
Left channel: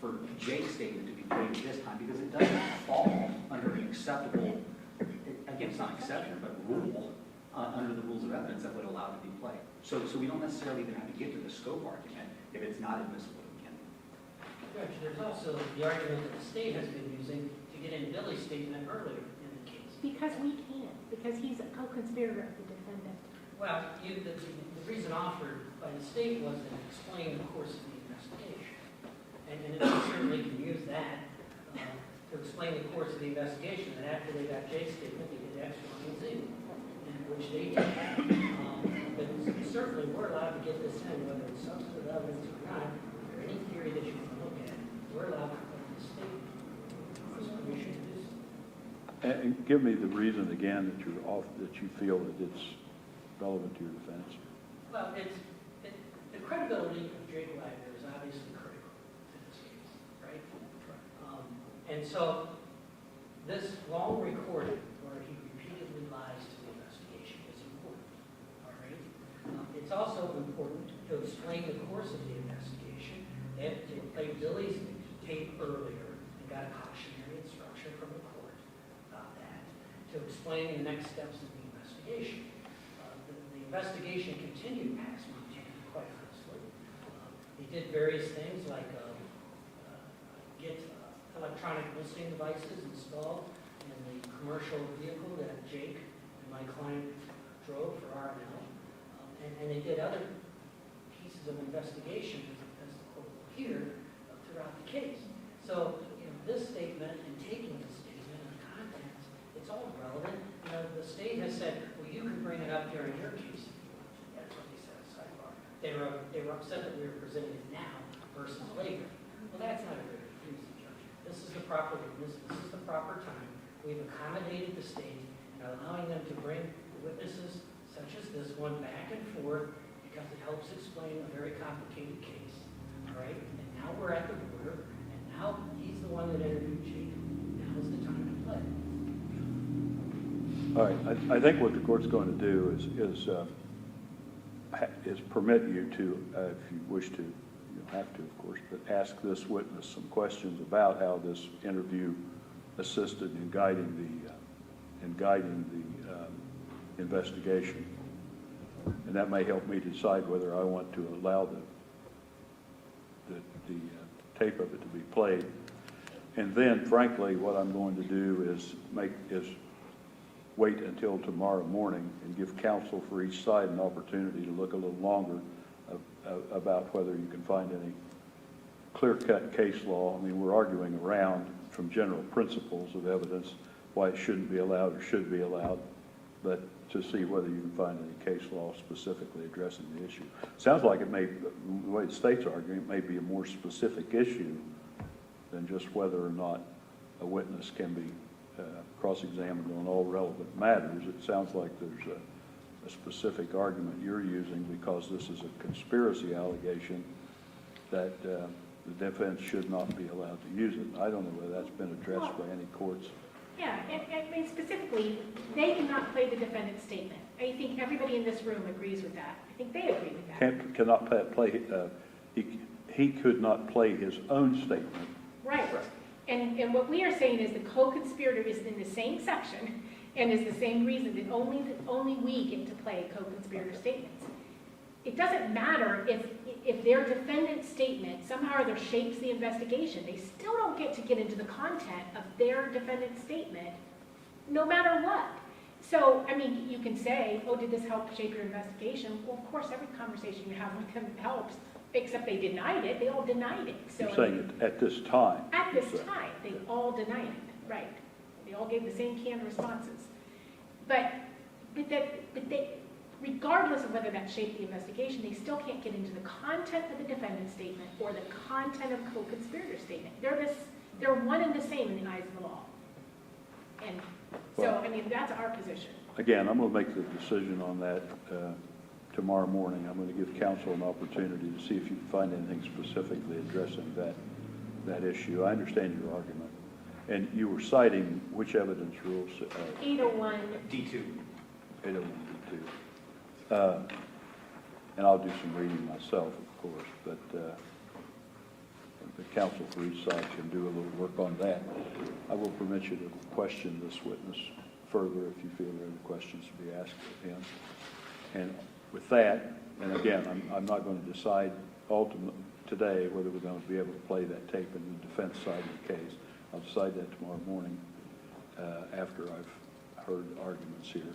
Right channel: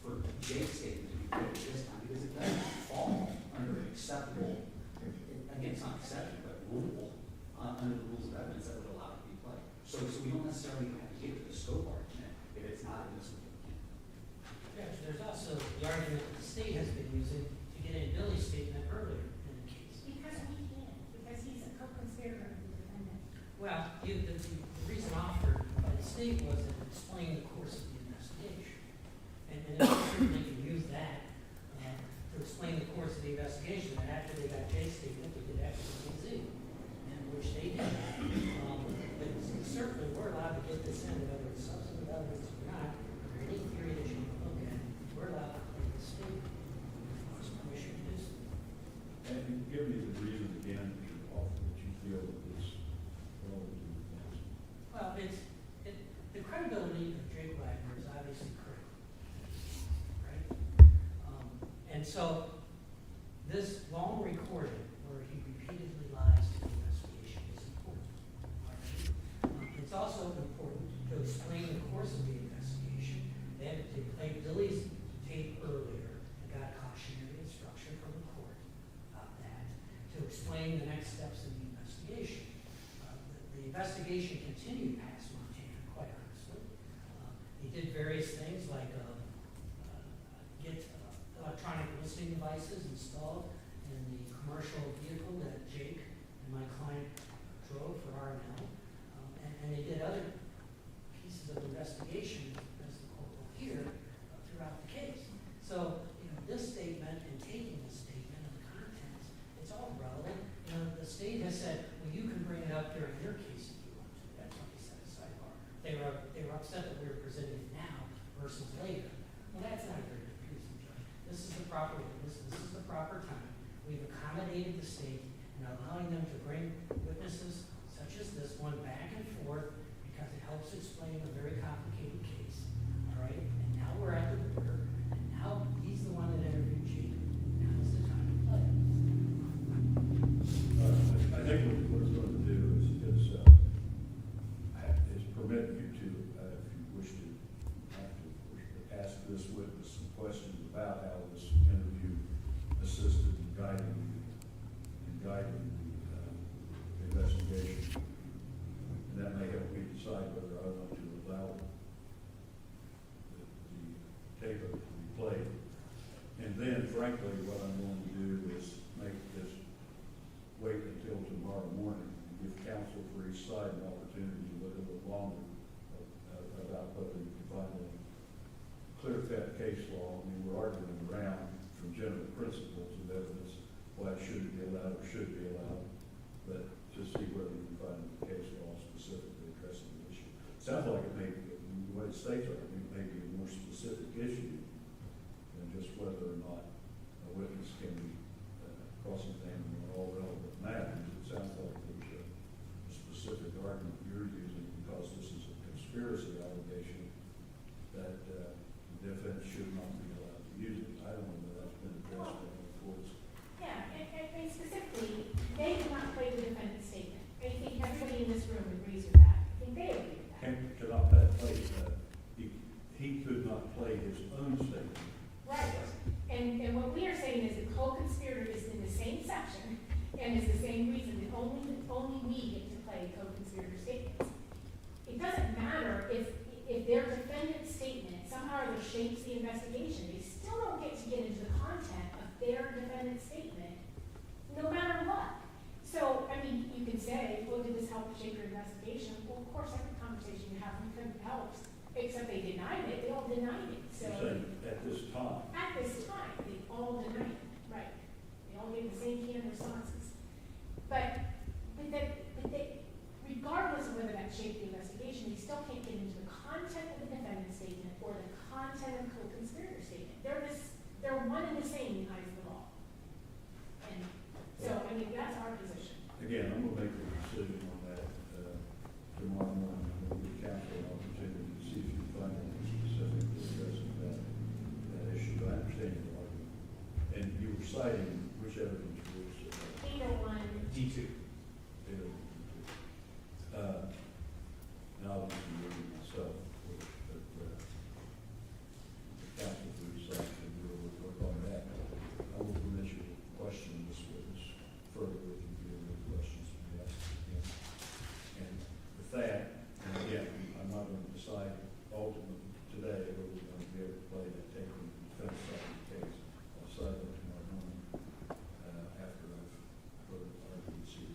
for Jake's statement to be played this time because it doesn't fall under an acceptable, again, it's not exception, but rule, under the rules of evidence that would allow it to be played. So we don't necessarily even have to get to the scope argument if it's not admissible again. Judge, there's also the argument that the state has been using to get in Billy's statement earlier in the case. Because we can't, because he's a co-conspirator of the defendant. Well, the reason offered by the state was to explain the course of the investigation. And it certainly can use that to explain the course of the investigation. And after they got Jay's statement, they did X, Y, and Z, and which they did. But certainly we're allowed to get this in, whether it's substantive evidence or not, or any theory that you want to look at. We're allowed to play the state. There's permission to do so. And give me the reason again that you feel that it's relevant to your defense. Well, the credibility of Jake Wagner is obviously critical, right? And so this long recording where he repeatedly lies to the investigation is important, all right? It's also important to explain the course of the investigation. They played Billy's tape earlier and got a cautionary instruction from the court about that to explain the next steps of the investigation. The investigation continued past Montana, quite honestly. They did various things like get electronic listening devices installed in the commercial vehicle that Jake and my client drove for R&L. And they did other pieces of investigation, as the court will hear, throughout the case. So, this statement and taking the statement and contents, it's all relevant. The state has said, well, you can bring it up during your case if you want to. That's what they said at sidebar. They were upset that we were presenting it now versus later. Well, that's not very confusing, Judge. This is the proper witness. This is the proper time. We've accommodated the state and are allowing them to bring witnesses such as this one back and forth because it helps explain a very complicated case. All right? And now we're at the border, and now he's the one that interviewed Jake. Now is the time to play. All right, I think what the court's going to do is permit you to, if you wish to, you don't have to, of course, but ask this witness some questions about how this interview assisted in guiding the investigation, and that may help me decide whether I want to allow the tape of it to be played. And then, frankly, what I'm going to do is wait until tomorrow morning and give counsel for each side an opportunity to look a little longer about whether you can find any clear-cut case law. I mean, we're arguing around from general principles of evidence why it shouldn't be allowed or should be allowed, but to see whether you can find any case law specifically addressing the issue. Sounds like it may, the way the state's arguing, it may be a more specific issue than just whether or not a witness can be cross-examined on all relevant matters. It sounds like there's a specific argument you're using because this is a conspiracy allegation that the defense should not be allowed to use it. I don't know whether that's been addressed by any courts. Yeah, and specifically, they cannot play the defendant's statement. I think everybody in this room agrees with that. I think they agree with that. Cannot play, he could not play his own statement. Right. And what we are saying is the co-conspirator is in the same section and is the same reason that only we get to play co-conspirator statements. It doesn't matter if their defendant's statement somehow or other shapes the investigation. They still don't get to get into the content of their defendant's statement, no matter what. So, I mean, you can say, oh, did this help shape your investigation? Well, of course, every conversation you have with them helps, except they denied it. They all denied it. So, You're saying at this time. At this time, they all denied it, right. They all gave the same canned responses. But regardless of whether that shaped the investigation, they still can't get into the content of the defendant's statement or the content of co-conspirator statement. They're one and the same in the eyes of the law. And so, I mean, that's our position. Again, I'm going to make the decision on that tomorrow morning. I'm going to give counsel an opportunity to see if you can find anything specifically addressing that that issue. I understand your argument. And you were citing which evidence rules? 801. D2. 801. And I'll do some reading myself, of course, but the counsel for each side can do a little work on that. I will permit you to question this witness further if you feel there are any questions to be asked of him. And with that, and again, I'm not going to decide ultimately today whether we're going to be able to play that tape in the defense side of the case. I'll decide that tomorrow morning after I've heard arguments here.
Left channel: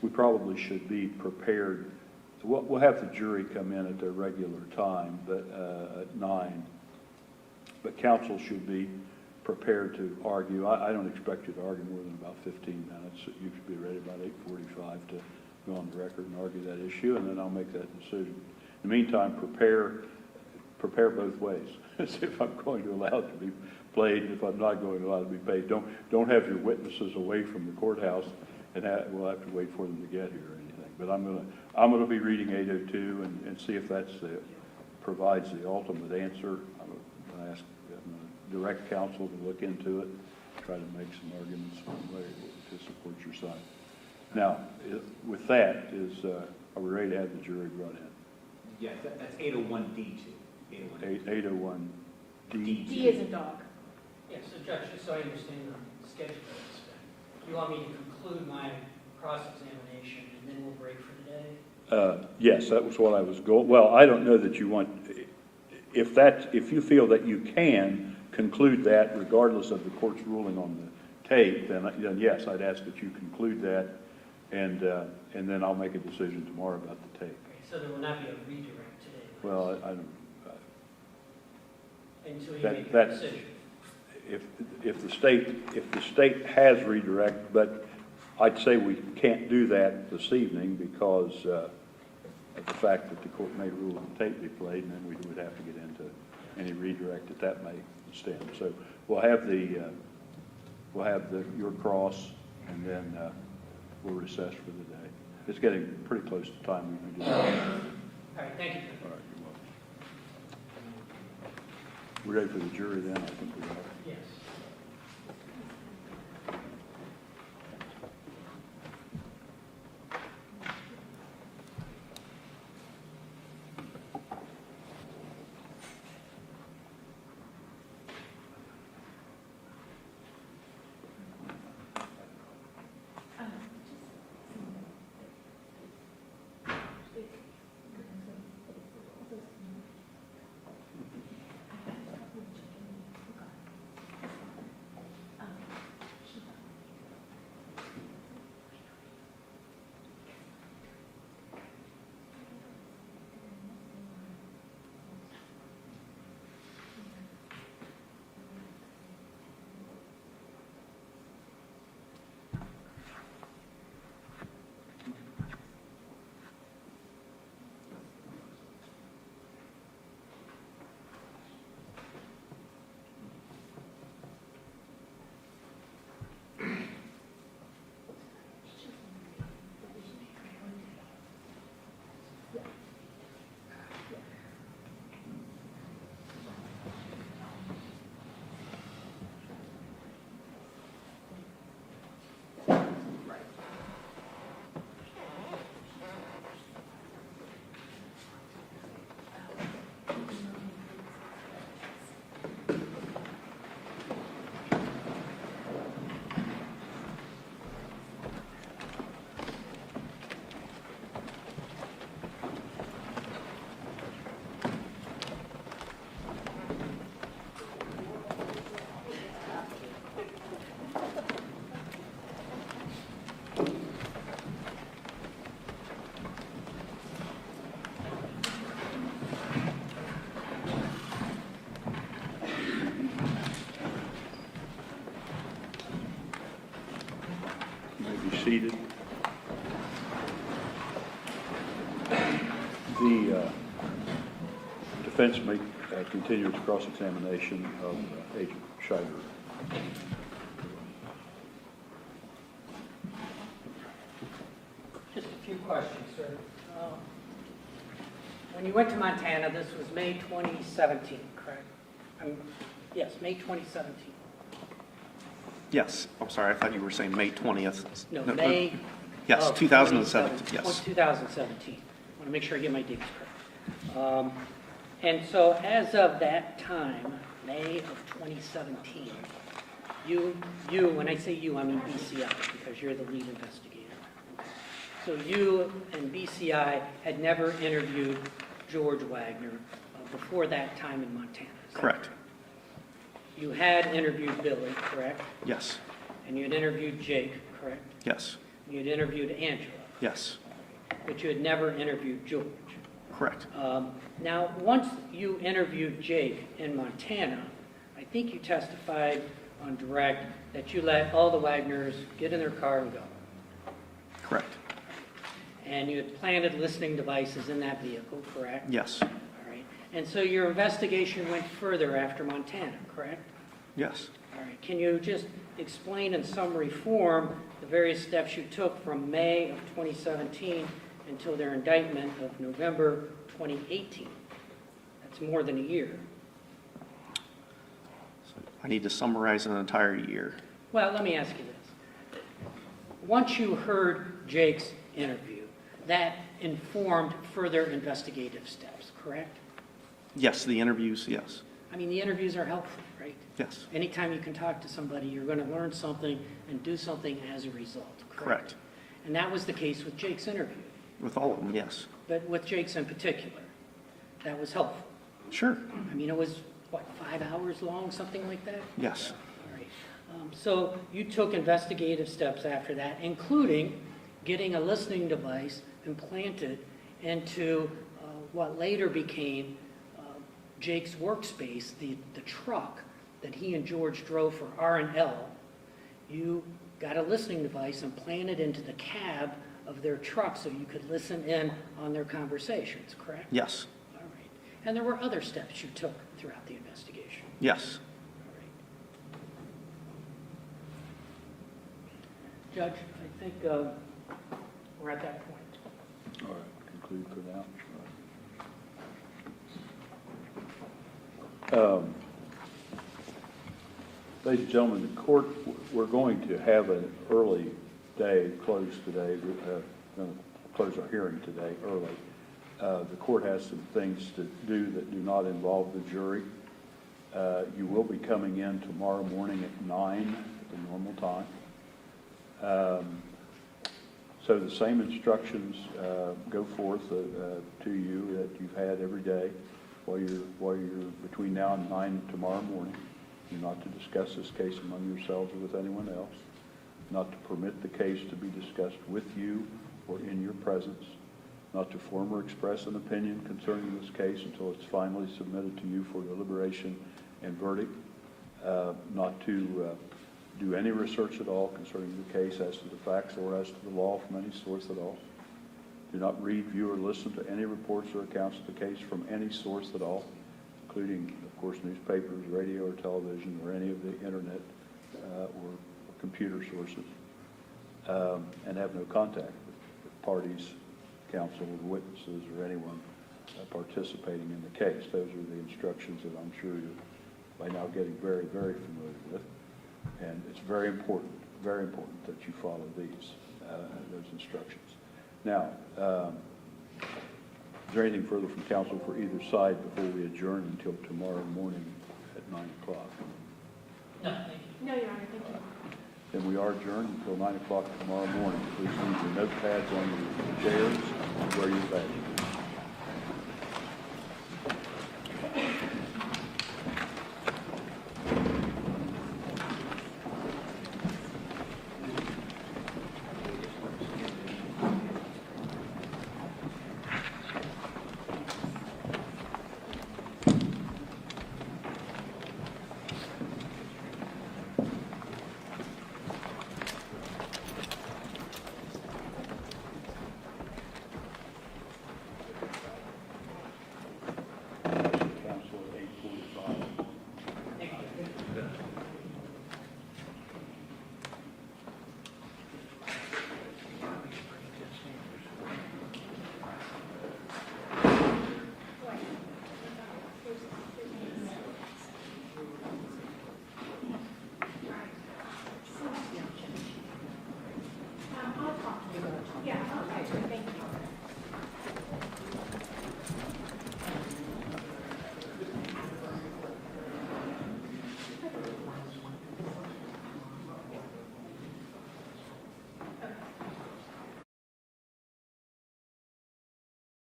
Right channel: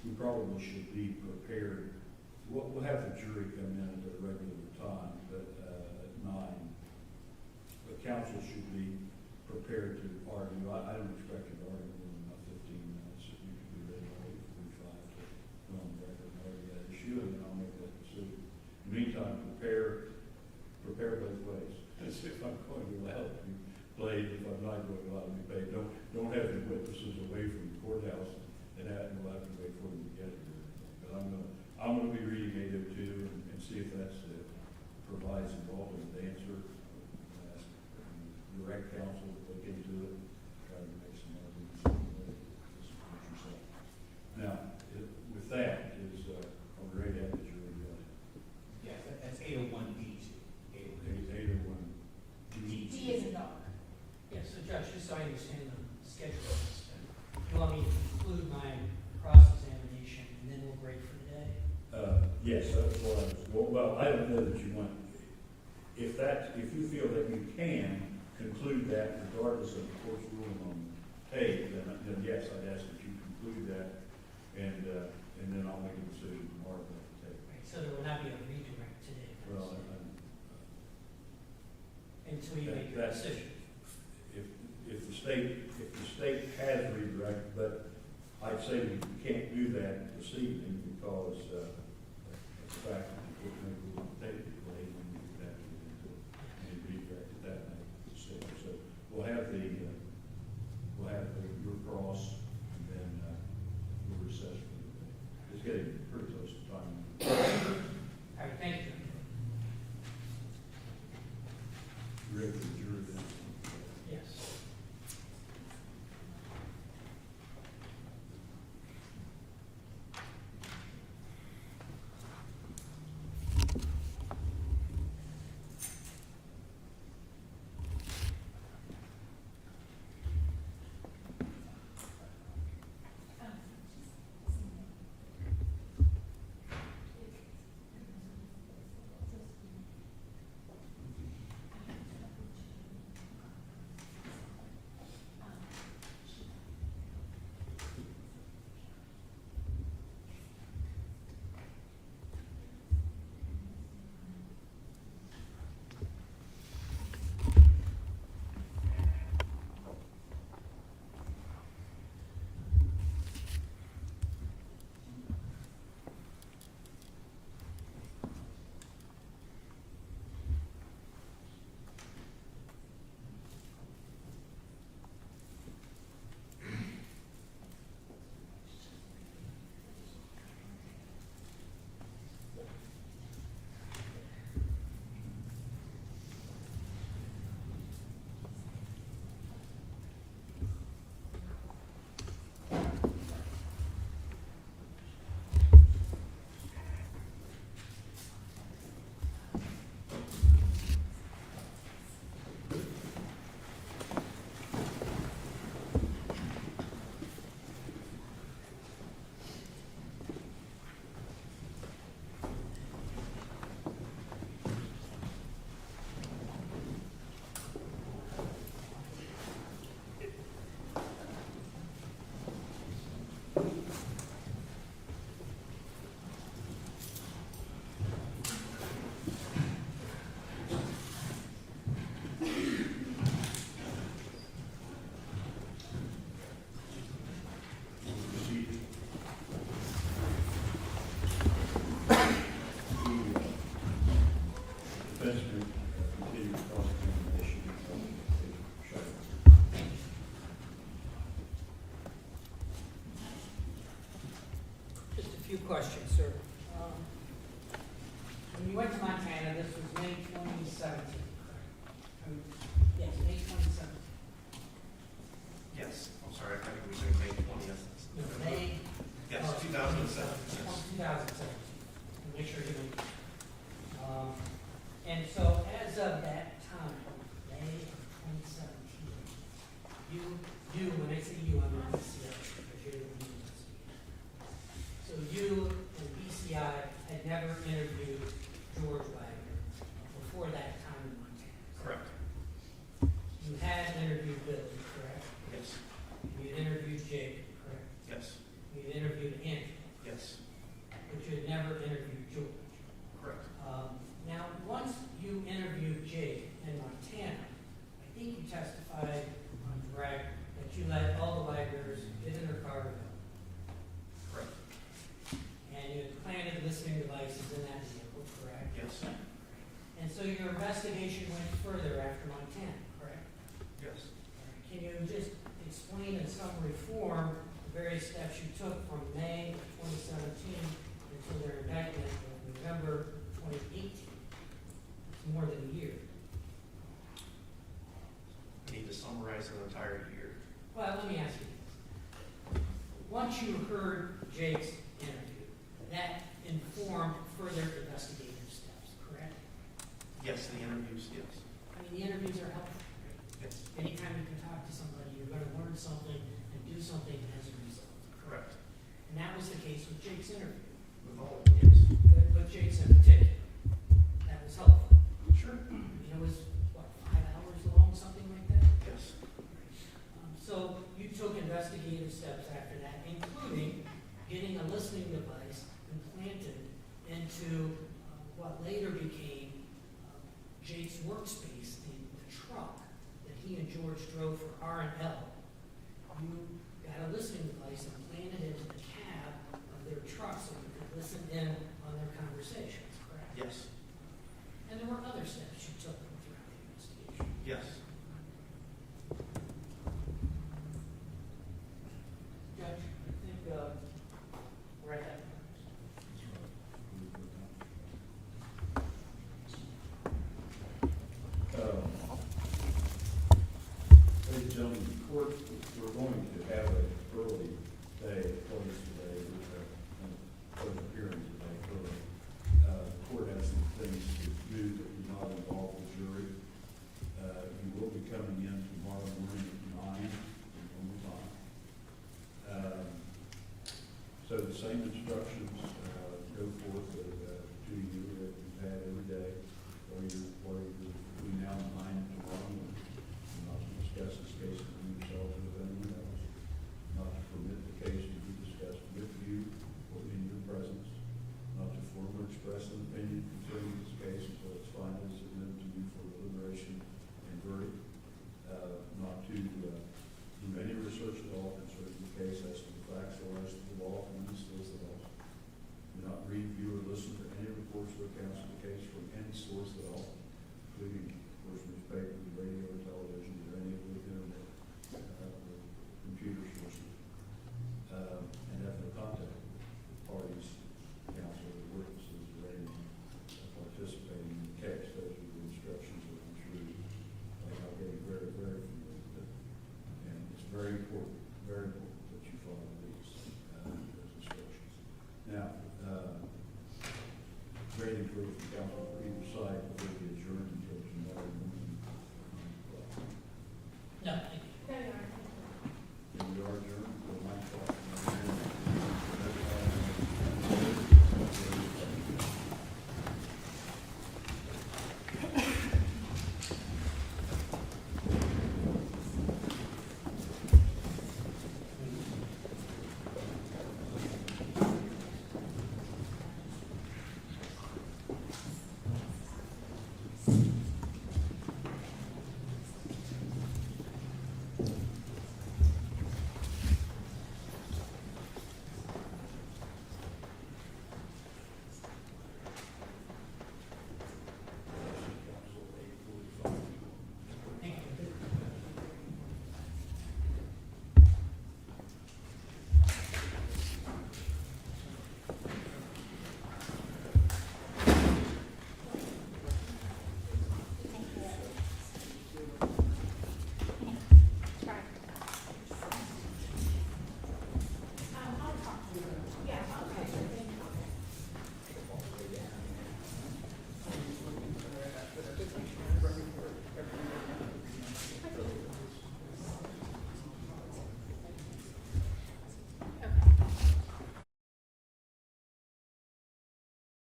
We probably should be prepared. We'll have the jury come in at their regular time, but at 9. But counsel should be prepared to argue. I don't expect you to argue more than about 15 minutes. You should be ready about 8:45 to go on the record and argue that issue, and then I'll make that decision. In the meantime, prepare both ways. See if I'm going to allow it to be played, if I'm not going to allow it to be paid. Don't have your witnesses away from the courthouse, and we'll have to wait for them to get here or anything. But I'm going to be reading 802 and see if that's provides the ultimate answer. I'm going to ask direct counsel to look into it, try to make some arguments one way to support your side. Now, with that, are we ready to have the jury brought in? Yes, that's 801D2. 801 D. D is a dog. Yeah, so Judge, just so I understand the schedule of this, you want me to conclude my cross-examination and then we'll break for the day? Yes, that was what I was going. Well, I don't know that you want. If you feel that you can conclude that regardless of the court's ruling on the tape, then yes, I'd ask that you conclude that, and then I'll make a decision tomorrow about the tape. Okay, so there will not be a redirect today? Well, I don't. Until you that- make your that- decision? If the state has redirect, but I'd say we can't do that this evening because of the fact that the court may rule on the tape be played, and then we would have to get into any redirect that may stand. So we'll have your cross, and then we'll recess for the day. It's getting pretty close to time we can do that. All right, thank you. All right, you're welcome. We're ready for the jury then? I think we are. Yes. Seated. The defense may continue its cross-examination of Agent Shiver. Just a few questions, sir. When you went to Montana, this was May 2017, correct? Yes, May 2017. Yes, I'm sorry, I thought you were saying May 20th. No, May. Yes, of 2017, yes. 2017. I want to make sure I get my dates correct. And so as of that time, May of 2017, when I say you, I mean BCI, because you're the lead investigator. So you and BCI had never interviewed George Wagner before that time in Montana. Is that Correct. You had interviewed Billy, correct? Yes, And you had interviewed Jake, correct? yes, You had interviewed Angela, yes, but you had never interviewed George. correct. Now, once you interviewed Jake in Montana, I think you testified on direct that you let all the Wagners get in their car and go. Correct. And you had planted listening devices in that vehicle, correct? Yes, All right. And so your investigation went further after Montana, correct? yes. All right. Can you just explain in summary form the various steps you took from May of 2017 until their indictment of November 2018? That's more than a year. I need to summarize an entire year. Well, let me ask you this. Once you heard Jake's interview, that informed further investigative steps, correct? Yes, the interviews, yes, I mean, the interviews are helpful, right? yes, Anytime you can talk to somebody, you're going to learn something and do something as a result, correct? correct. And that was the case with Jake's interview, With all of them, yes. but with Jake's in particular, that was helpful. Sure, I mean, it was, what, 5 hours long, something like that? yes, All right. So you took investigative steps after that, including getting a listening device implanted into what later became Jake's workspace, the truck that he and George drove for R&L. You got a listening device implanted into the cab of their truck so you could listen in on their conversations, correct? yes, All right. And there were other steps you took throughout the investigation. yes. Judge, I think we're at that point. All right, conclude for now. Ladies and gentlemen, the court, we're going to have an early day close today. Close our hearing today early. The court has some things to do that do not involve the jury. You will be coming in tomorrow morning at 9, the normal time. So the same instructions go forth to you that you've had every day while you're between now and 9 tomorrow morning. You're not to discuss this case among yourselves or with anyone else. Not to permit the case to be discussed with you or in your presence. Not to form or express an opinion concerning this case until it's finally submitted to you for deliberation and verdict. Not to do any research at all concerning the case as to the facts or as to the law from any source at all. Do not read, view, or listen to any reports or accounts of the case from any source at all, including, of course, newspapers, radio, or television, or any of the internet or computer sources, and have no contact with parties, counsel, or witnesses, or anyone participating in the case. Those are the instructions that I'm sure you're by now getting very, very familiar with. And it's very important that you follow those instructions. Now, is there anything further from counsel for either side before we adjourn until tomorrow morning at 9 o'clock? No, No, Your Honor, thank you. Then we are adjourned until 9 o'clock tomorrow morning. Please leave your notepads on your chairs where you badges.